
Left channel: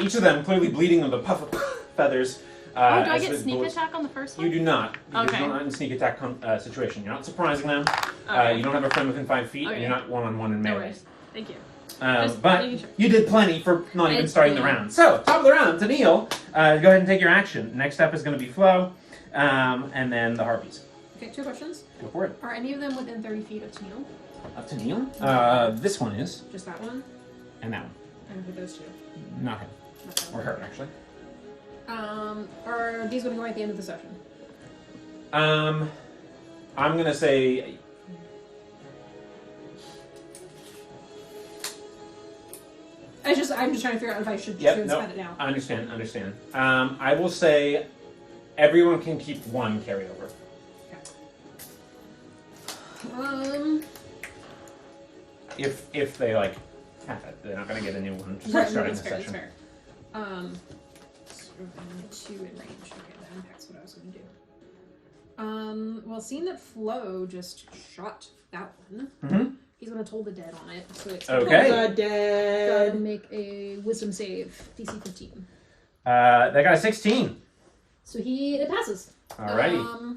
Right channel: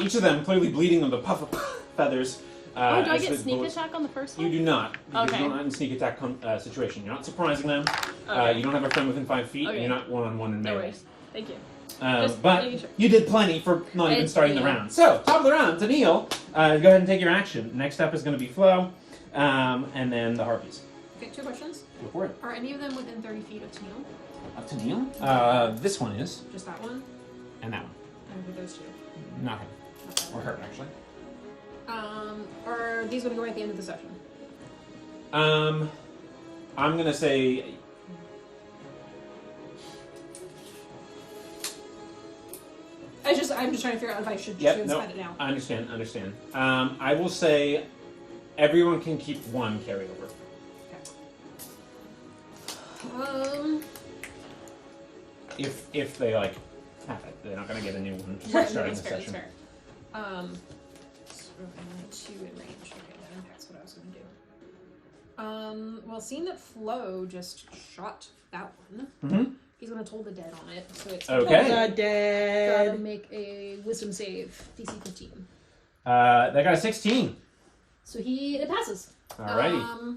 Each of them clearly bleeding of the puff of feathers. Do I as get the sneak bullets- attack on the first one? You do not, because Okay. you're not in a sneak attack situation. You're not surprising them. Okay. You don't have a friend within 5 feet, and Okay. you're not one-on-one in No melee. worries. Thank you. But making sure. you did plenty for not even It's starting the fine. round. So, top of the round, Tennille, go ahead and take your action. Next up is going to be Flo, and then the Harpies. Okay, 2 questions. Go for it. Are any of them within 30 feet of Tennille? Up to Neil. This one is, Just that one? and that one. And with those 2? Not him. Not that Or one. her, actually. Are these going to go at the end of the session? I'm going to say... I'm just trying to figure out if I should Yep, just no, spend it now. I understand. I will say everyone can keep 1 carryover. If they, like, have it. They're not going to get a new one Right, starting that's the fair, session. that's fair. 2 in range. Okay, that impacts what I was going to do. Well, seeing that Flo just shot that one, Mm-hmm. he's going to toll the dead on it. So it's Okay. The gotta dead. make a wisdom save, DC 15. They got a 16. So it passes. Alrighty.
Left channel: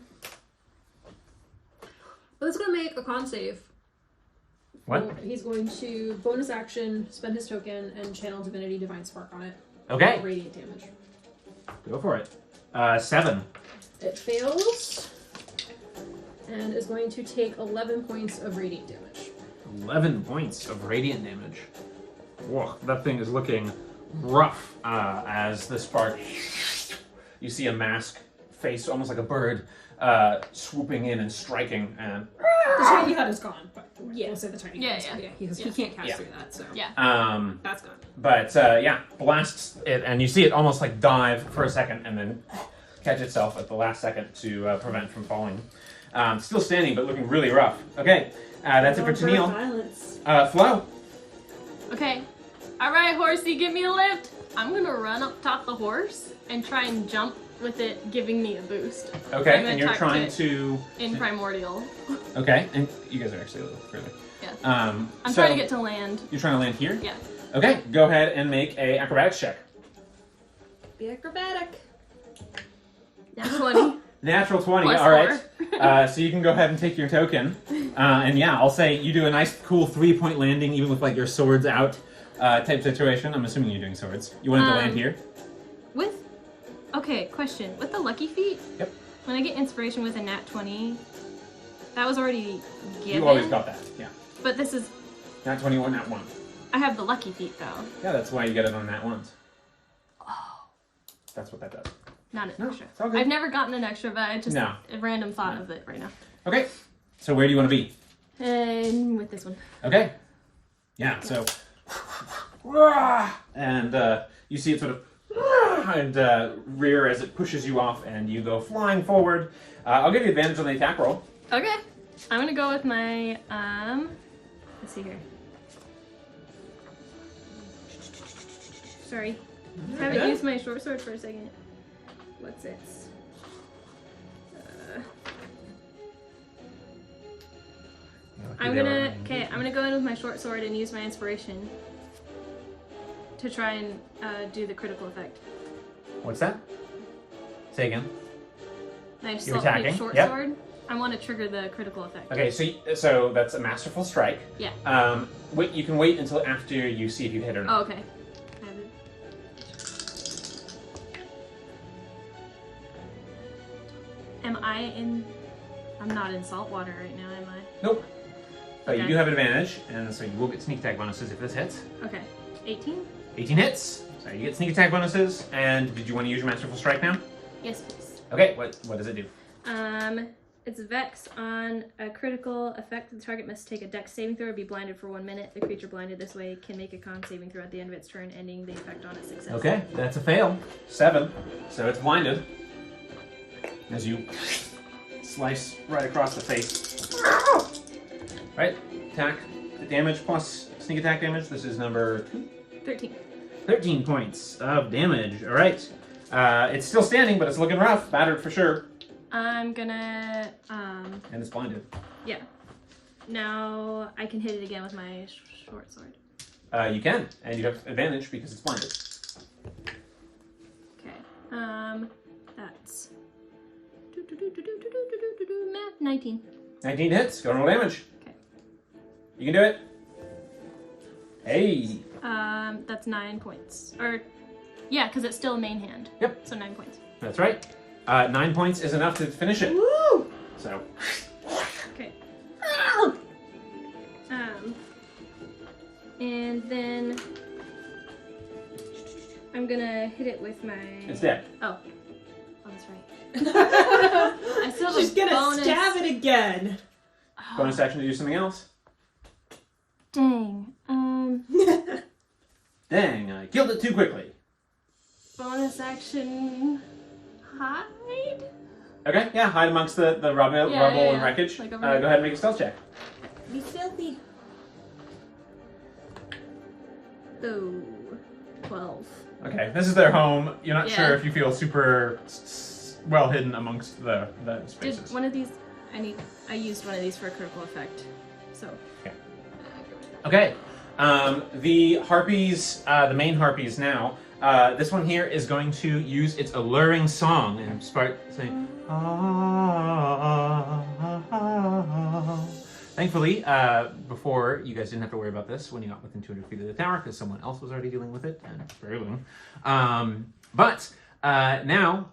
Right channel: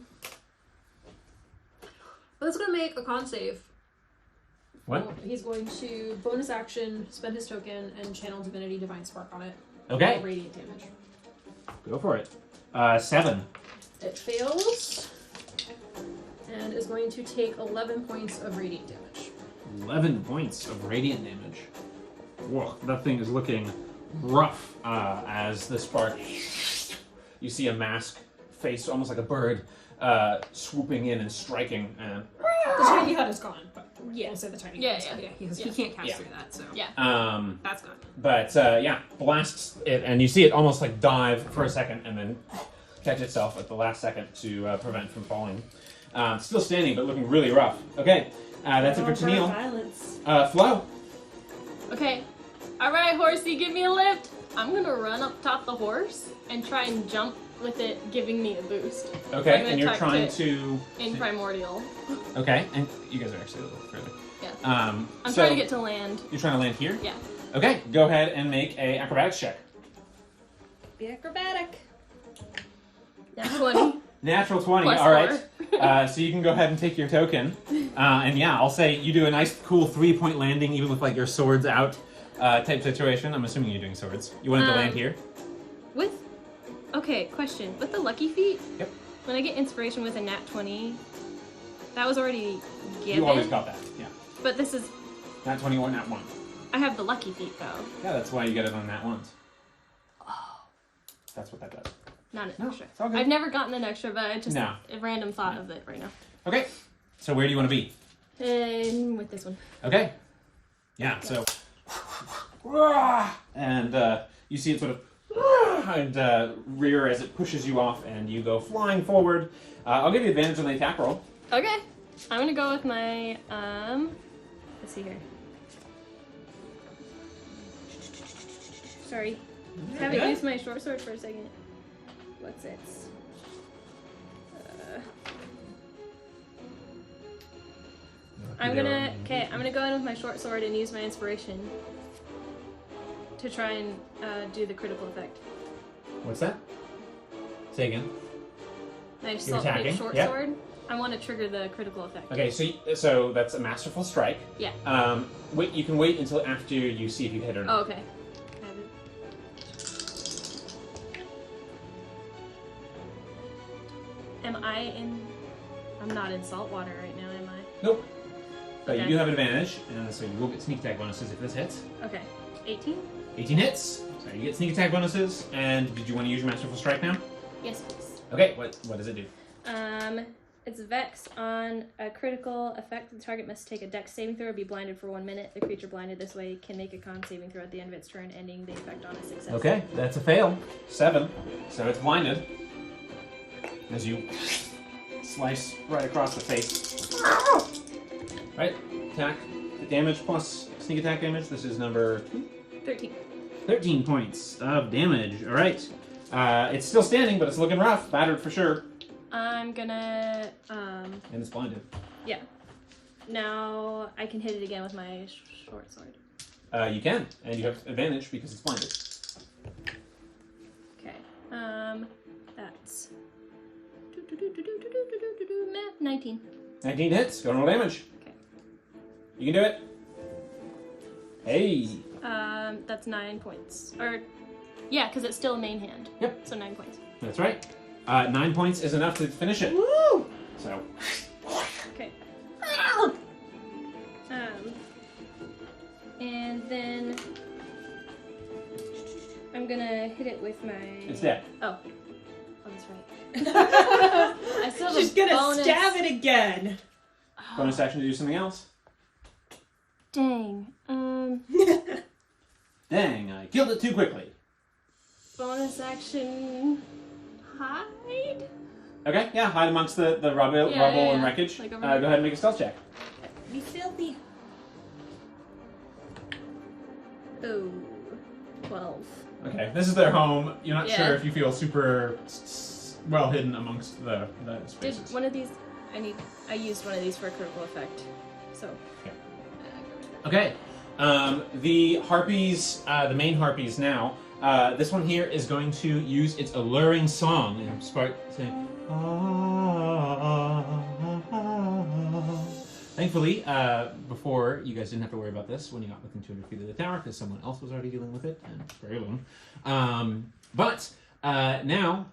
But it's going to make a con save. What? So he's going to bonus action, spend his token, and channel Divinity Divine Spark on it. Okay. Radiant damage. Go for it. 7. It fails. And is going to take 11 points of radiant damage. 11 points of radiant damage. Whoa, that thing is looking rough as the spark. You see a mask face, almost like a bird, swooping in and striking. And The tiny hut is gone, but Yeah. we'll say the tiny Yeah, hut is yeah. gone. He can't cast Yeah. through that, so Yeah. that's gone. but yeah, blasts it, and you see it almost like dive for a second and then catch itself at the last second to prevent from falling. Still standing, but looking really rough. Okay, that's it for Tennille. Violence. Flo. Okay. Alright, horsey, give me a lift. I'm gonna run up top the horse and try and jump with it giving me a boost. Okay, I'm and you're attacked trying it. to. In Primordial. Okay, and you guys are actually a little further. Yeah. I'm I'm trying to get to land. You're trying to land here? Yeah. Okay, go ahead and make a acrobatics check. Be acrobatic. That's 20. Natural 20, Plus alright. So you can go ahead and take your token. And yeah, I'll say you do a nice, cool 3-point landing, even with like your swords out type situation. I'm assuming you're doing swords. You wanted to land here? With. Okay, question. With the lucky feat? Yep. When I get inspiration with a nat 20, that was already given. You always got that, yeah. But this is. Nat 21, nat 1. I have the lucky feat though. Yeah, that's why you get it on nat 1s. That's what that does. Not an No, extra. it's all good. I've never gotten an extra, but I just No. a random thought of it right now. Okay, so where do you want to be? And with this one. Okay. Yeah, so. And you see it sort of. And rear as it pushes you off, and you go flying forward. I'll give you advantage on the attack roll. Okay. I'm gonna go with my let's see here. Sorry. Haven't used my short sword for a second. What's it? I'm gonna go in with my short sword and use my inspiration to try and do the critical effect. What's that? Say again. Nice. You're attacking, Short yep. sword. I want to trigger the critical effect. Okay, so that's a masterful strike. Yeah. Wait, you can wait until after you see if you hit or not. Oh, okay. I have it. I'm not in salt water right now, am I? Nope. But you Okay. do have advantage, and so you will get sneak attack bonuses if this hits. Okay. 18? 18 hits. So you get sneak attack bonuses. And did you want to use your masterful strike now? Yes, please. Okay. What does it do? It's Vex. On a critical effect, the target must take a dex saving throw or be blinded for 1 minute. The creature blinded this way can make a con saving throw at the end of its turn, ending the effect on a success. Okay, that's a fail. 7. So it's blinded. As you slice right across the face. Right, attack, damage plus sneak attack damage. This is number 13. 13 points of damage. All right. It's still standing, but it's looking rough. Battered for sure. I'm gonna, And it's blinded. yeah. Now I can hit it again with my short sword. You can, and you have advantage because it's blinded. Okay. That's 19. 19 hits. Go roll damage. Okay. You can do it. Hey. That's 9 points. Or, yeah, because it's still main hand. Yep. So 9 points. That's right. 9 points is enough to finish it. Woo! So. Okay. And then I'm gonna hit it with my. It's dead. Oh, that's right. I still have She's a gonna bonus. stab it again. Bonus action to do something else. Dang. Dang, I killed it too quickly. Bonus action. Hide. Okay, yeah, hide amongst the rubble and wreckage. Like Go over ahead and make a stealth check. Be filthy. Oh, 12. Okay, this is their home. You're not Yeah. sure if you feel super well hidden amongst the spaces. Did one of these? I used one of these for a critical effect. So. Okay, the harpies, the main harpies now. This one here is going to use its alluring song and start saying. Thankfully, before you guys didn't have to worry about this when you got within 200 feet of the tower because someone else was already dealing with it, and it's very long. But now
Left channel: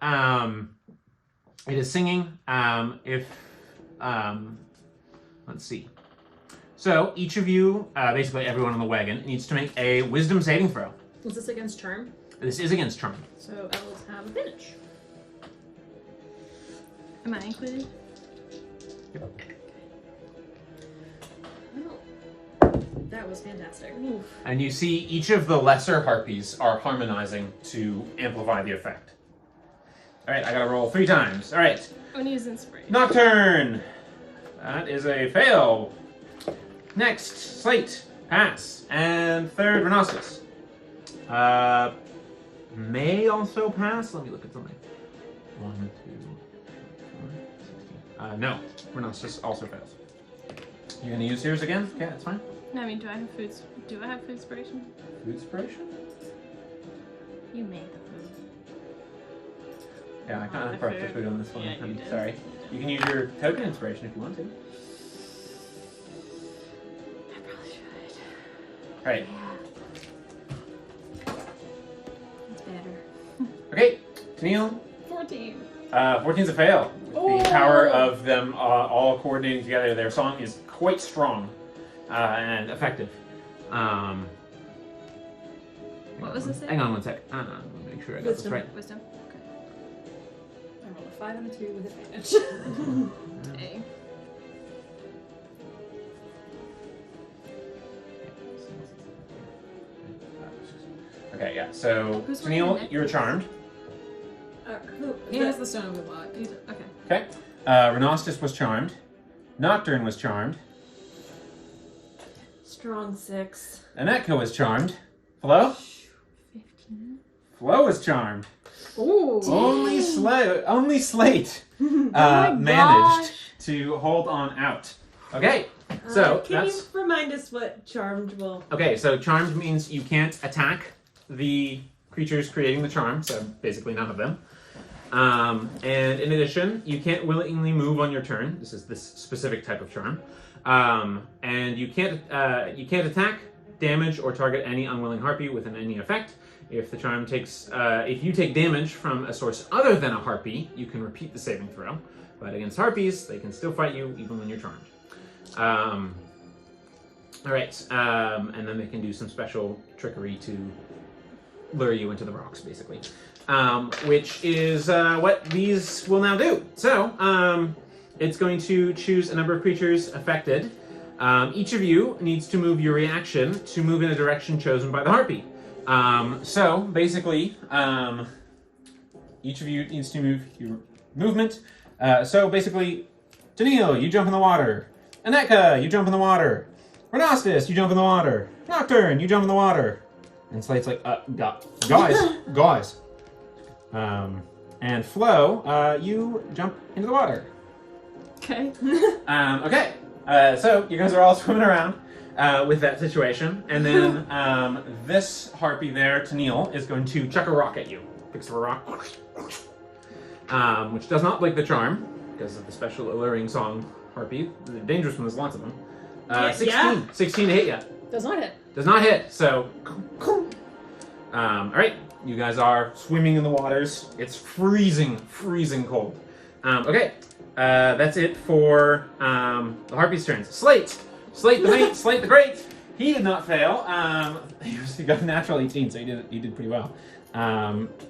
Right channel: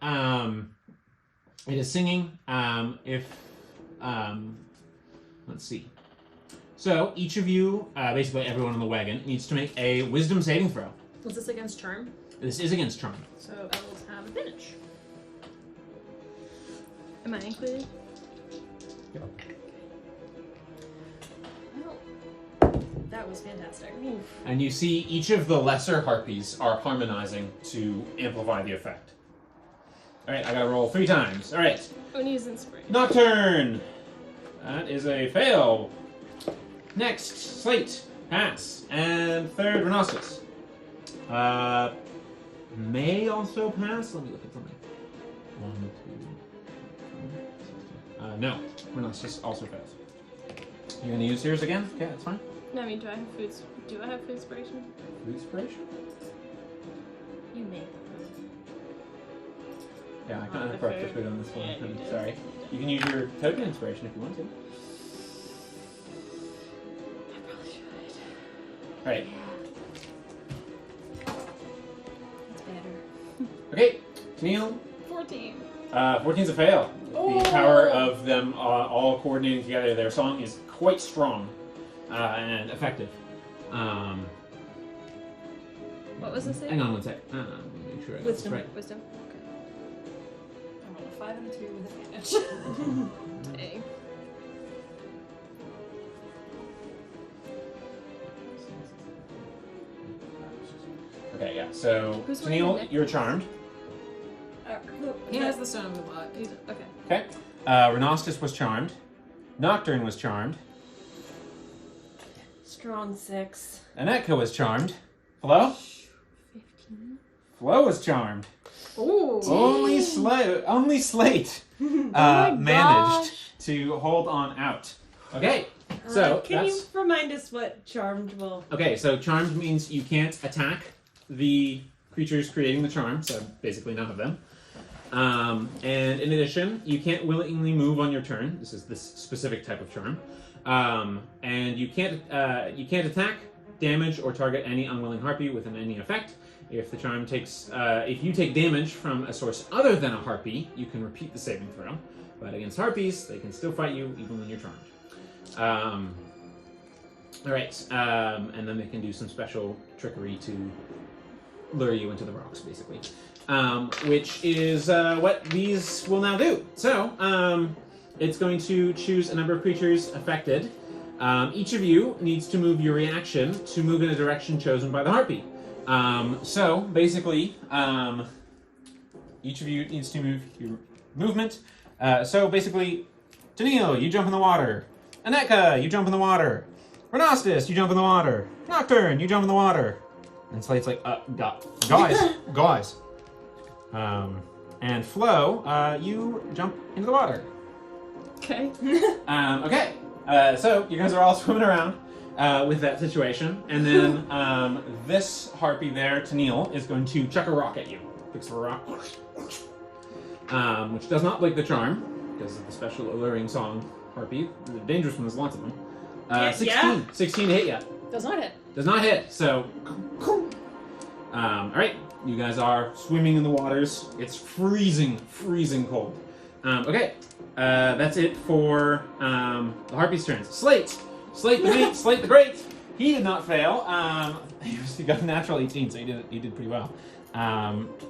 it is singing. Let's see. So each of you, basically everyone on the wagon, needs to make a wisdom saving throw. Was this against charm? This is against charm. So I will have advantage. Am I included? Well, that was fantastic. And you see each of the lesser harpies are harmonizing to amplify the effect. All right, I gotta roll 3 times. All right, I'm gonna use inspiration. Nocturne. That is a fail. Next, Slate, pass, and third, Rhinoceros. May also pass. Let me look at something. 1, 2, 4, 5, 16. No, Rhinoceros also fails. You gonna use yours again? Okay, that's fine. No, I mean, do I have food inspiration? Food inspiration? You may. Yeah, I kind of broke the food on this one. Yeah, you I'm did. sorry. You can use your token inspiration if you want to. I probably should. Right. It's better. Okay, Tennille. 14. 14's a fail. The power of them all coordinating together, their song is quite strong and effective. What was this? Hang on 1 sec. I want to make sure I got this right. Wisdom. I rolled a 5 and a 2 with advantage. Dang. Okay, yeah. So, Who's Tennille, winning? you're charmed. He has the stone of the lot. Okay. Okay. Rhinoceros was charmed. Nocturne was charmed. Strong 6. Aneka was charmed. Flo? 15. Flo was charmed. Ooh. Only Slate managed to hold on out. Okay, So Can you that's remind us what charmed will? okay. So charmed means you can't attack the creatures creating the charm. So basically none of them. And in addition, you can't willingly move on your turn. This is this specific type of charm. And you can't attack, damage, or target any unwilling harpy within any effect. If the charm takes, if you take damage from a source other than a harpy, you can repeat the saving throw. But against harpies, they can still fight you even when you're charmed. All right, and then they can do some special trickery to lure you into the rocks, basically. Which is what these will now do. So, it's going to choose a number of creatures affected. Each of you needs to move your reaction to move in a direction chosen by the harpy. So, basically, each of you needs to move your movement. So, basically, Daniil, you jump in the water. Aneka, you jump in the water. Renastus, you jump in the water. Nocturne, you jump in the water. And Slate's like, guys. And Flo, you jump into the water. Okay. Okay. So you guys are all swimming around with that situation, and then this harpy there, Tennille, is going to chuck a rock at you. Picks up a rock, which does not break the charm because of the special alluring song harpy. The dangerous one, there's lots of them. 16 to hit you. Does not hit. Does not hit. So, all right. You guys are swimming in the waters. It's freezing cold. Okay, that's it for the harpy's turns. Slate the mate, Slate the great. He did not fail. He got a natural 18, so he did pretty well.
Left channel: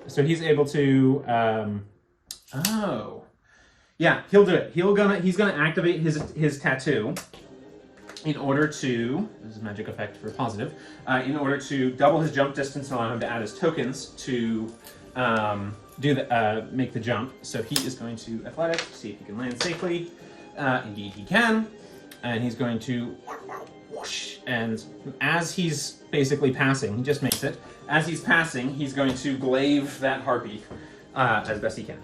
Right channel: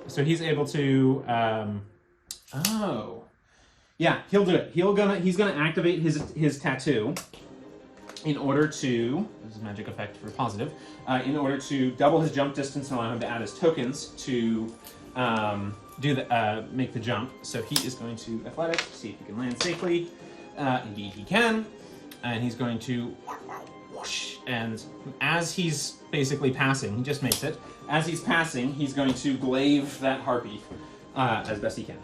So he's able to. Yeah, he'll do it. He's gonna activate his tattoo in order to, this is a magic effect for positive, in order to double his jump distance and allow him to add his tokens to make the jump. So he is going to athletics to see if he can land safely. Indeed he can. And he's going to whoosh. And as he's basically passing, he just makes it. As he's passing, he's going to glaive that harpy as best he can.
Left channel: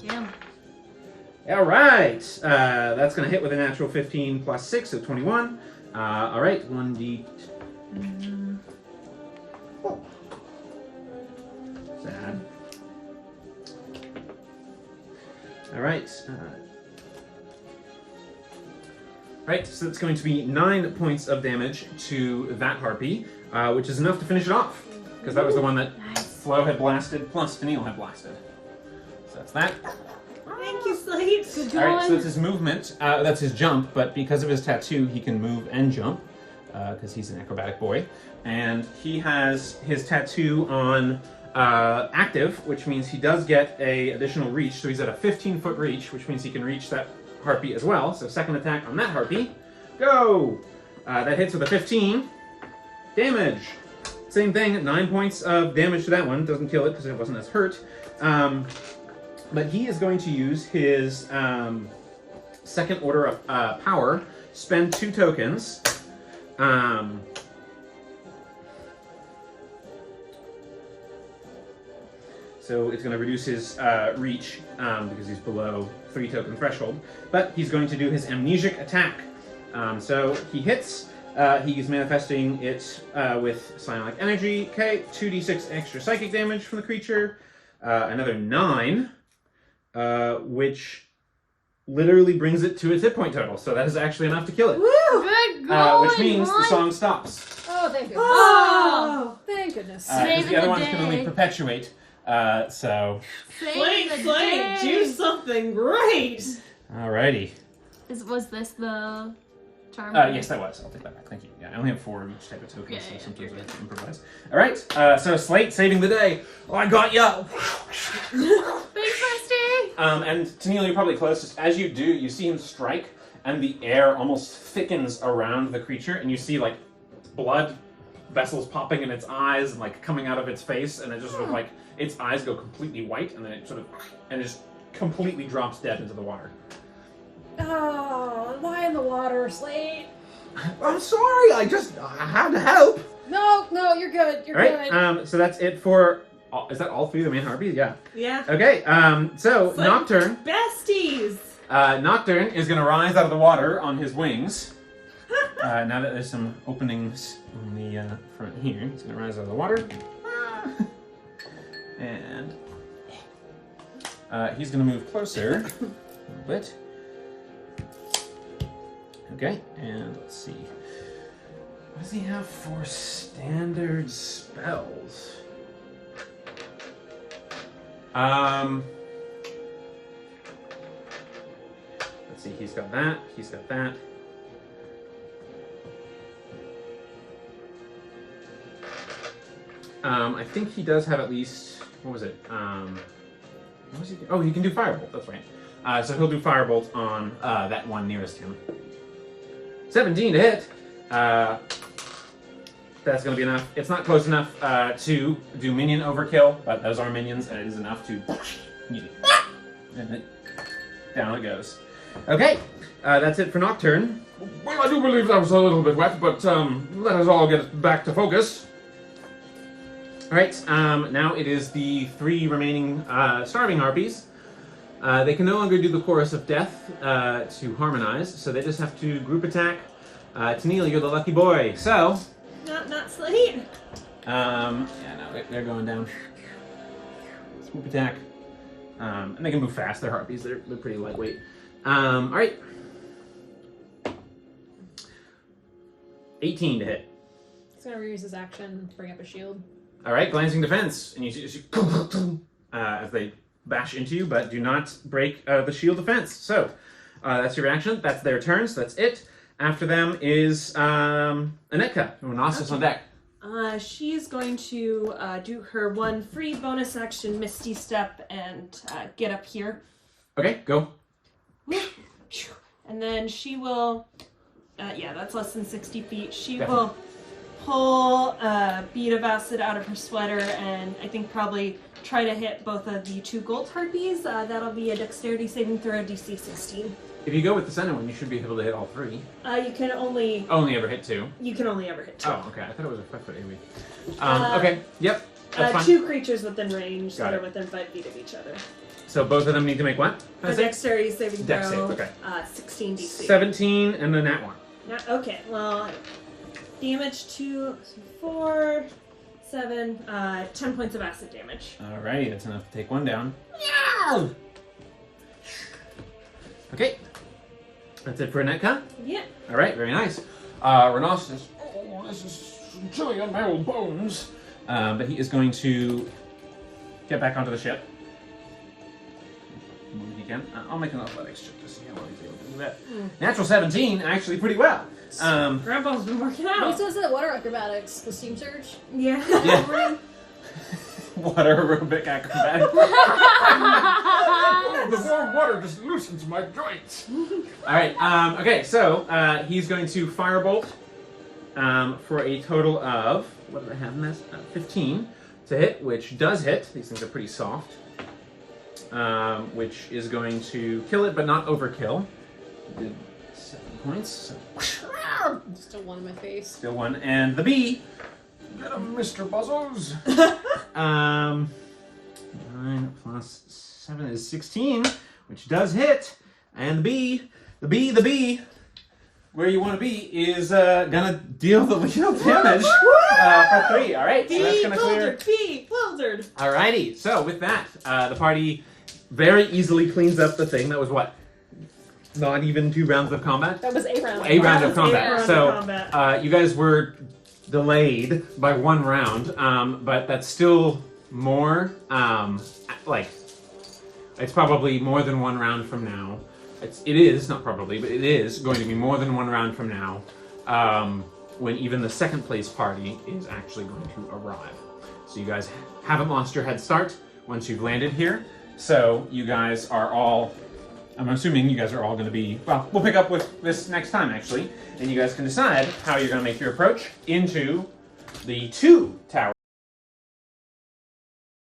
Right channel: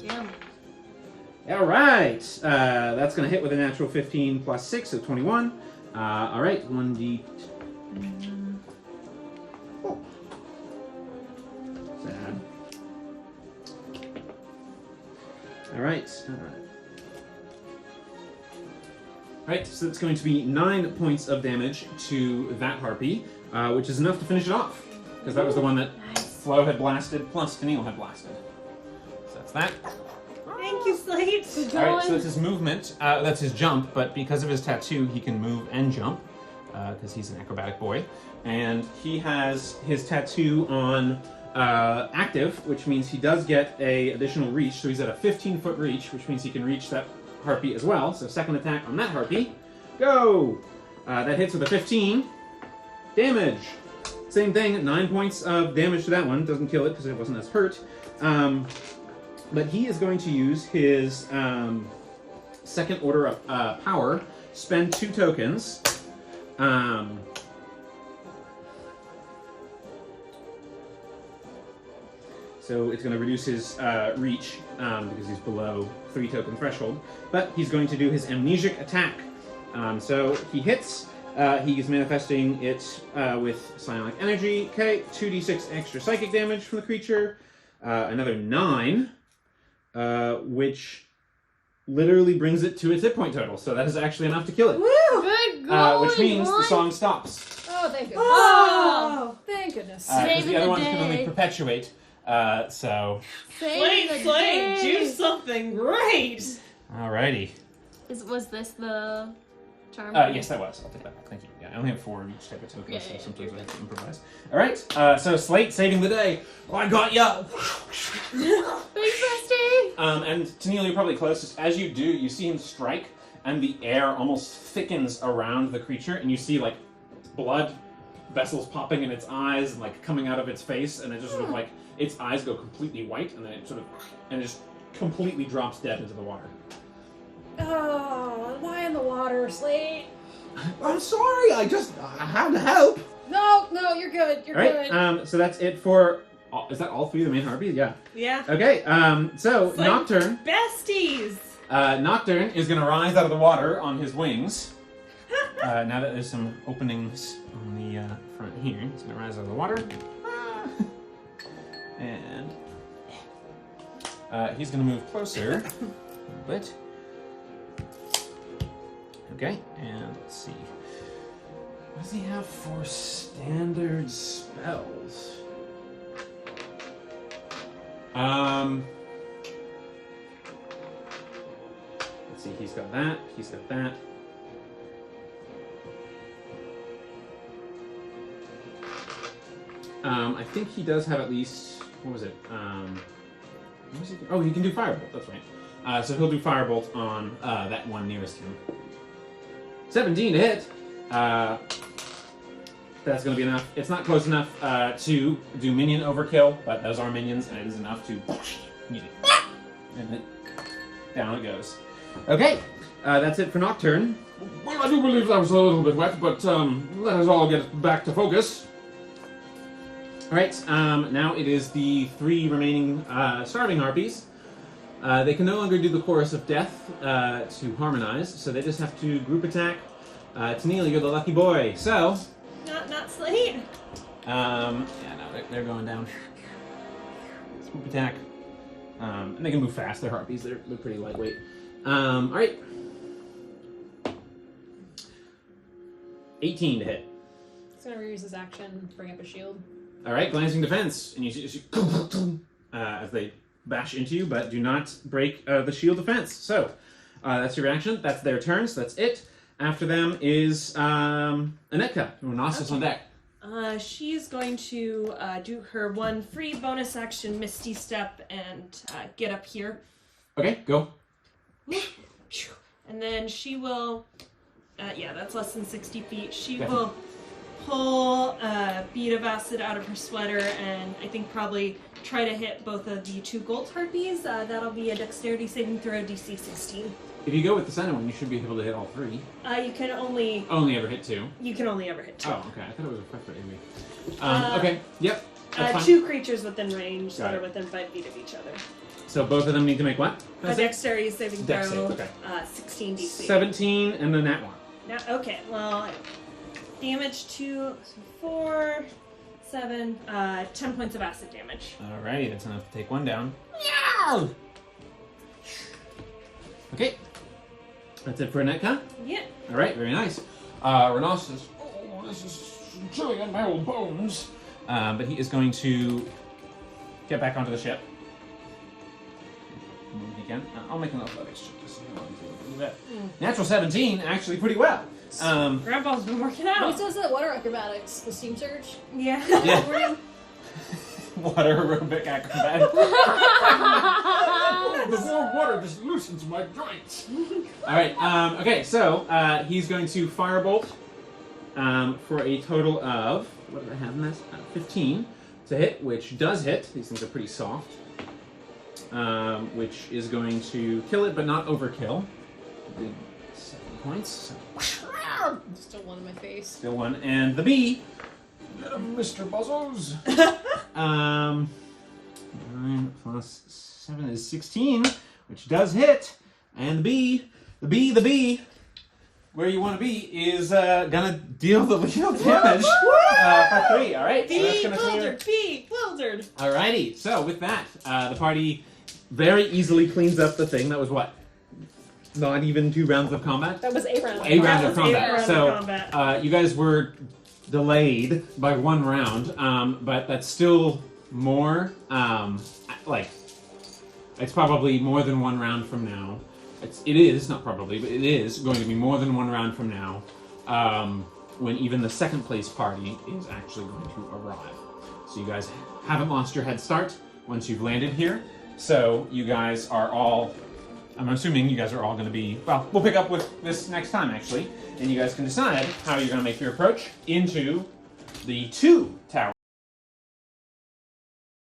Yeah. All right, that's going to hit with a natural 15 plus 6, so 21. All right, 1d. Sad. All right. Right, so it's going to be 9 points of damage to that harpy, which is enough to finish it off, because that was the one that Flo had blasted, plus Tennille had blasted. So that's that. Thank you, Slate. All right, so that's his movement. That's his jump, but because of his tattoo, he can move and jump because he's an acrobatic boy. And he has his tattoo on active, which means he does get a additional reach. So he's at a 15-foot reach, which means he can reach that harpy as well. So second attack on that harpy. Go! That hits with a 15. Damage. Same thing, 9 points of damage to that one. Doesn't kill it because it wasn't as hurt. But he is going to use his second order of power, spend 2 tokens. So it's going to reduce his reach because he's below 3 token threshold. But he's going to do his amnesic attack. So he hits. He's manifesting it with psionic energy. Okay, 2d6 extra psychic damage from the creature. Another 9. Which literally brings it to its hit point total. So that is actually enough to kill it. Woo! Good going, Which means boy. the song stops. Oh, thank goodness. Oh! Thank goodness. Because the other ones can only day. perpetuate. So, Slate, do something great. alrighty. Was this the charm? Yes, that was. I'll take that back. Thank you. Yeah, I only have 4 of each type of token, Yeah, so yeah, sometimes you're I have good. to improvise. Alright, so Slate saving the day. Oh, I got ya! Thanks, Rusty. And Tennille, you're probably closest. As you do, you see him strike, and the air almost thickens around the creature, and you see, like, blood vessels popping in its eyes and, like, coming out of its face, and it just sort of, like, its eyes go completely white, and then it sort of, and it just completely drops dead into the water. Oh, why in the water, Slate? I'm sorry, I had to help. No, you're good. You're good. Alright, so that's it for, is that all 3 of the main harpies? Yeah. Yeah. Okay, so It's like Nocturne. Besties. Nocturne is going to rise out of the water on his wings. Now that there's some openings on the front here, he's going to rise out of the water. And he's going to move closer a little bit. Okay, and let's see. What does he have for standard spells? Let's see, he's got that, he's got that. I think he does have at least, what was it? What was he do? Oh, he can do Firebolt, that's right. So he'll do Firebolt on that one nearest him. 17 to hit. That's going to be enough. It's not close enough to do minion overkill, but those are minions, and it is enough to... And down it goes. Okay, that's it for Nocturne. Well, I do believe that was a little bit wet, but let us all get back to focus. Alright, now it is the 3 remaining starving harpies. They can no longer do the Chorus of Death to harmonize, so they just have to group attack. Tennille, you're the lucky boy, so... Not Slate. Yeah, no, they're going down. Swoop attack. And they can move fast, they're harpies, they're pretty lightweight. Alright. 18 to hit. He's gonna reuse his action, bring up a shield. Alright, glancing defense. And you see as they bash into you, but do not break the shield defense. So, that's your reaction. That's their turn, so that's it. After them is Anetka, who is on deck. She's going to do her one free bonus action, Misty Step, and get up here. Okay, go. And then she will, yeah, that's less than 60 feet. She will pull a bead of acid out of her sweater and I think probably try to hit both of the 2 gold harpies. That'll be a dexterity saving throw, DC 16. If you go with the center one, you should be able to hit all 3. You can only ever hit 2. You can only ever hit 2. Oh, okay. I thought it was a 5-foot AV. Okay. Yep. That's fine. 2 creatures within range Got that it. are within 5 feet of each other. So both of them need to make what? A dexterity saving throw. Dex save, okay. 16 DC. 17 and then that one. Now, okay, well, damage to 4, 7, 10 points of acid damage. Alrighty, that's enough to take one down. Okay. That's it for Anetka? Yeah. Alright, very nice. Renos says, oh, this is chilling on my old bones. But he is going to get back onto the ship. He can. I'll make an athletics check to see how well he's able to do that. Natural 17, actually pretty well. Grandpa's been working out. He says that water acrobatics, the steam surge. Yeah. Yeah. Water aerobic acrobat. The warm water just loosens my joints. Alright, okay, so he's going to firebolt for a total of, what did I have in this? 15 to hit, which does hit. These things are pretty soft. Which is going to kill it, but not overkill. Did 7 points. Still one in my face. Still one. And the bee. Get him, Mr. Buzzos. 9 plus 7 is 16, which does hit. And the bee, where you want to be, is gonna deal the lethal damage for 3. All right, so that's gonna clear. Beewildered. Alrighty, so with that, the party very easily cleans up the thing that was what? Not even 2 rounds of combat? That was a round. A round of combat. round So of combat. you guys were delayed by 1 round, but that's still more, it's probably more than 1 round from now. It is, not probably, but it is going to be more than 1 round from now, when even the second place party is actually going to arrive. So you guys haven't lost your head start once you've landed here. So you guys are all, I'm assuming you guys are all going to be, well, we'll pick up with this next time actually, and you guys can decide how you're going to make your approach into the 2 towers.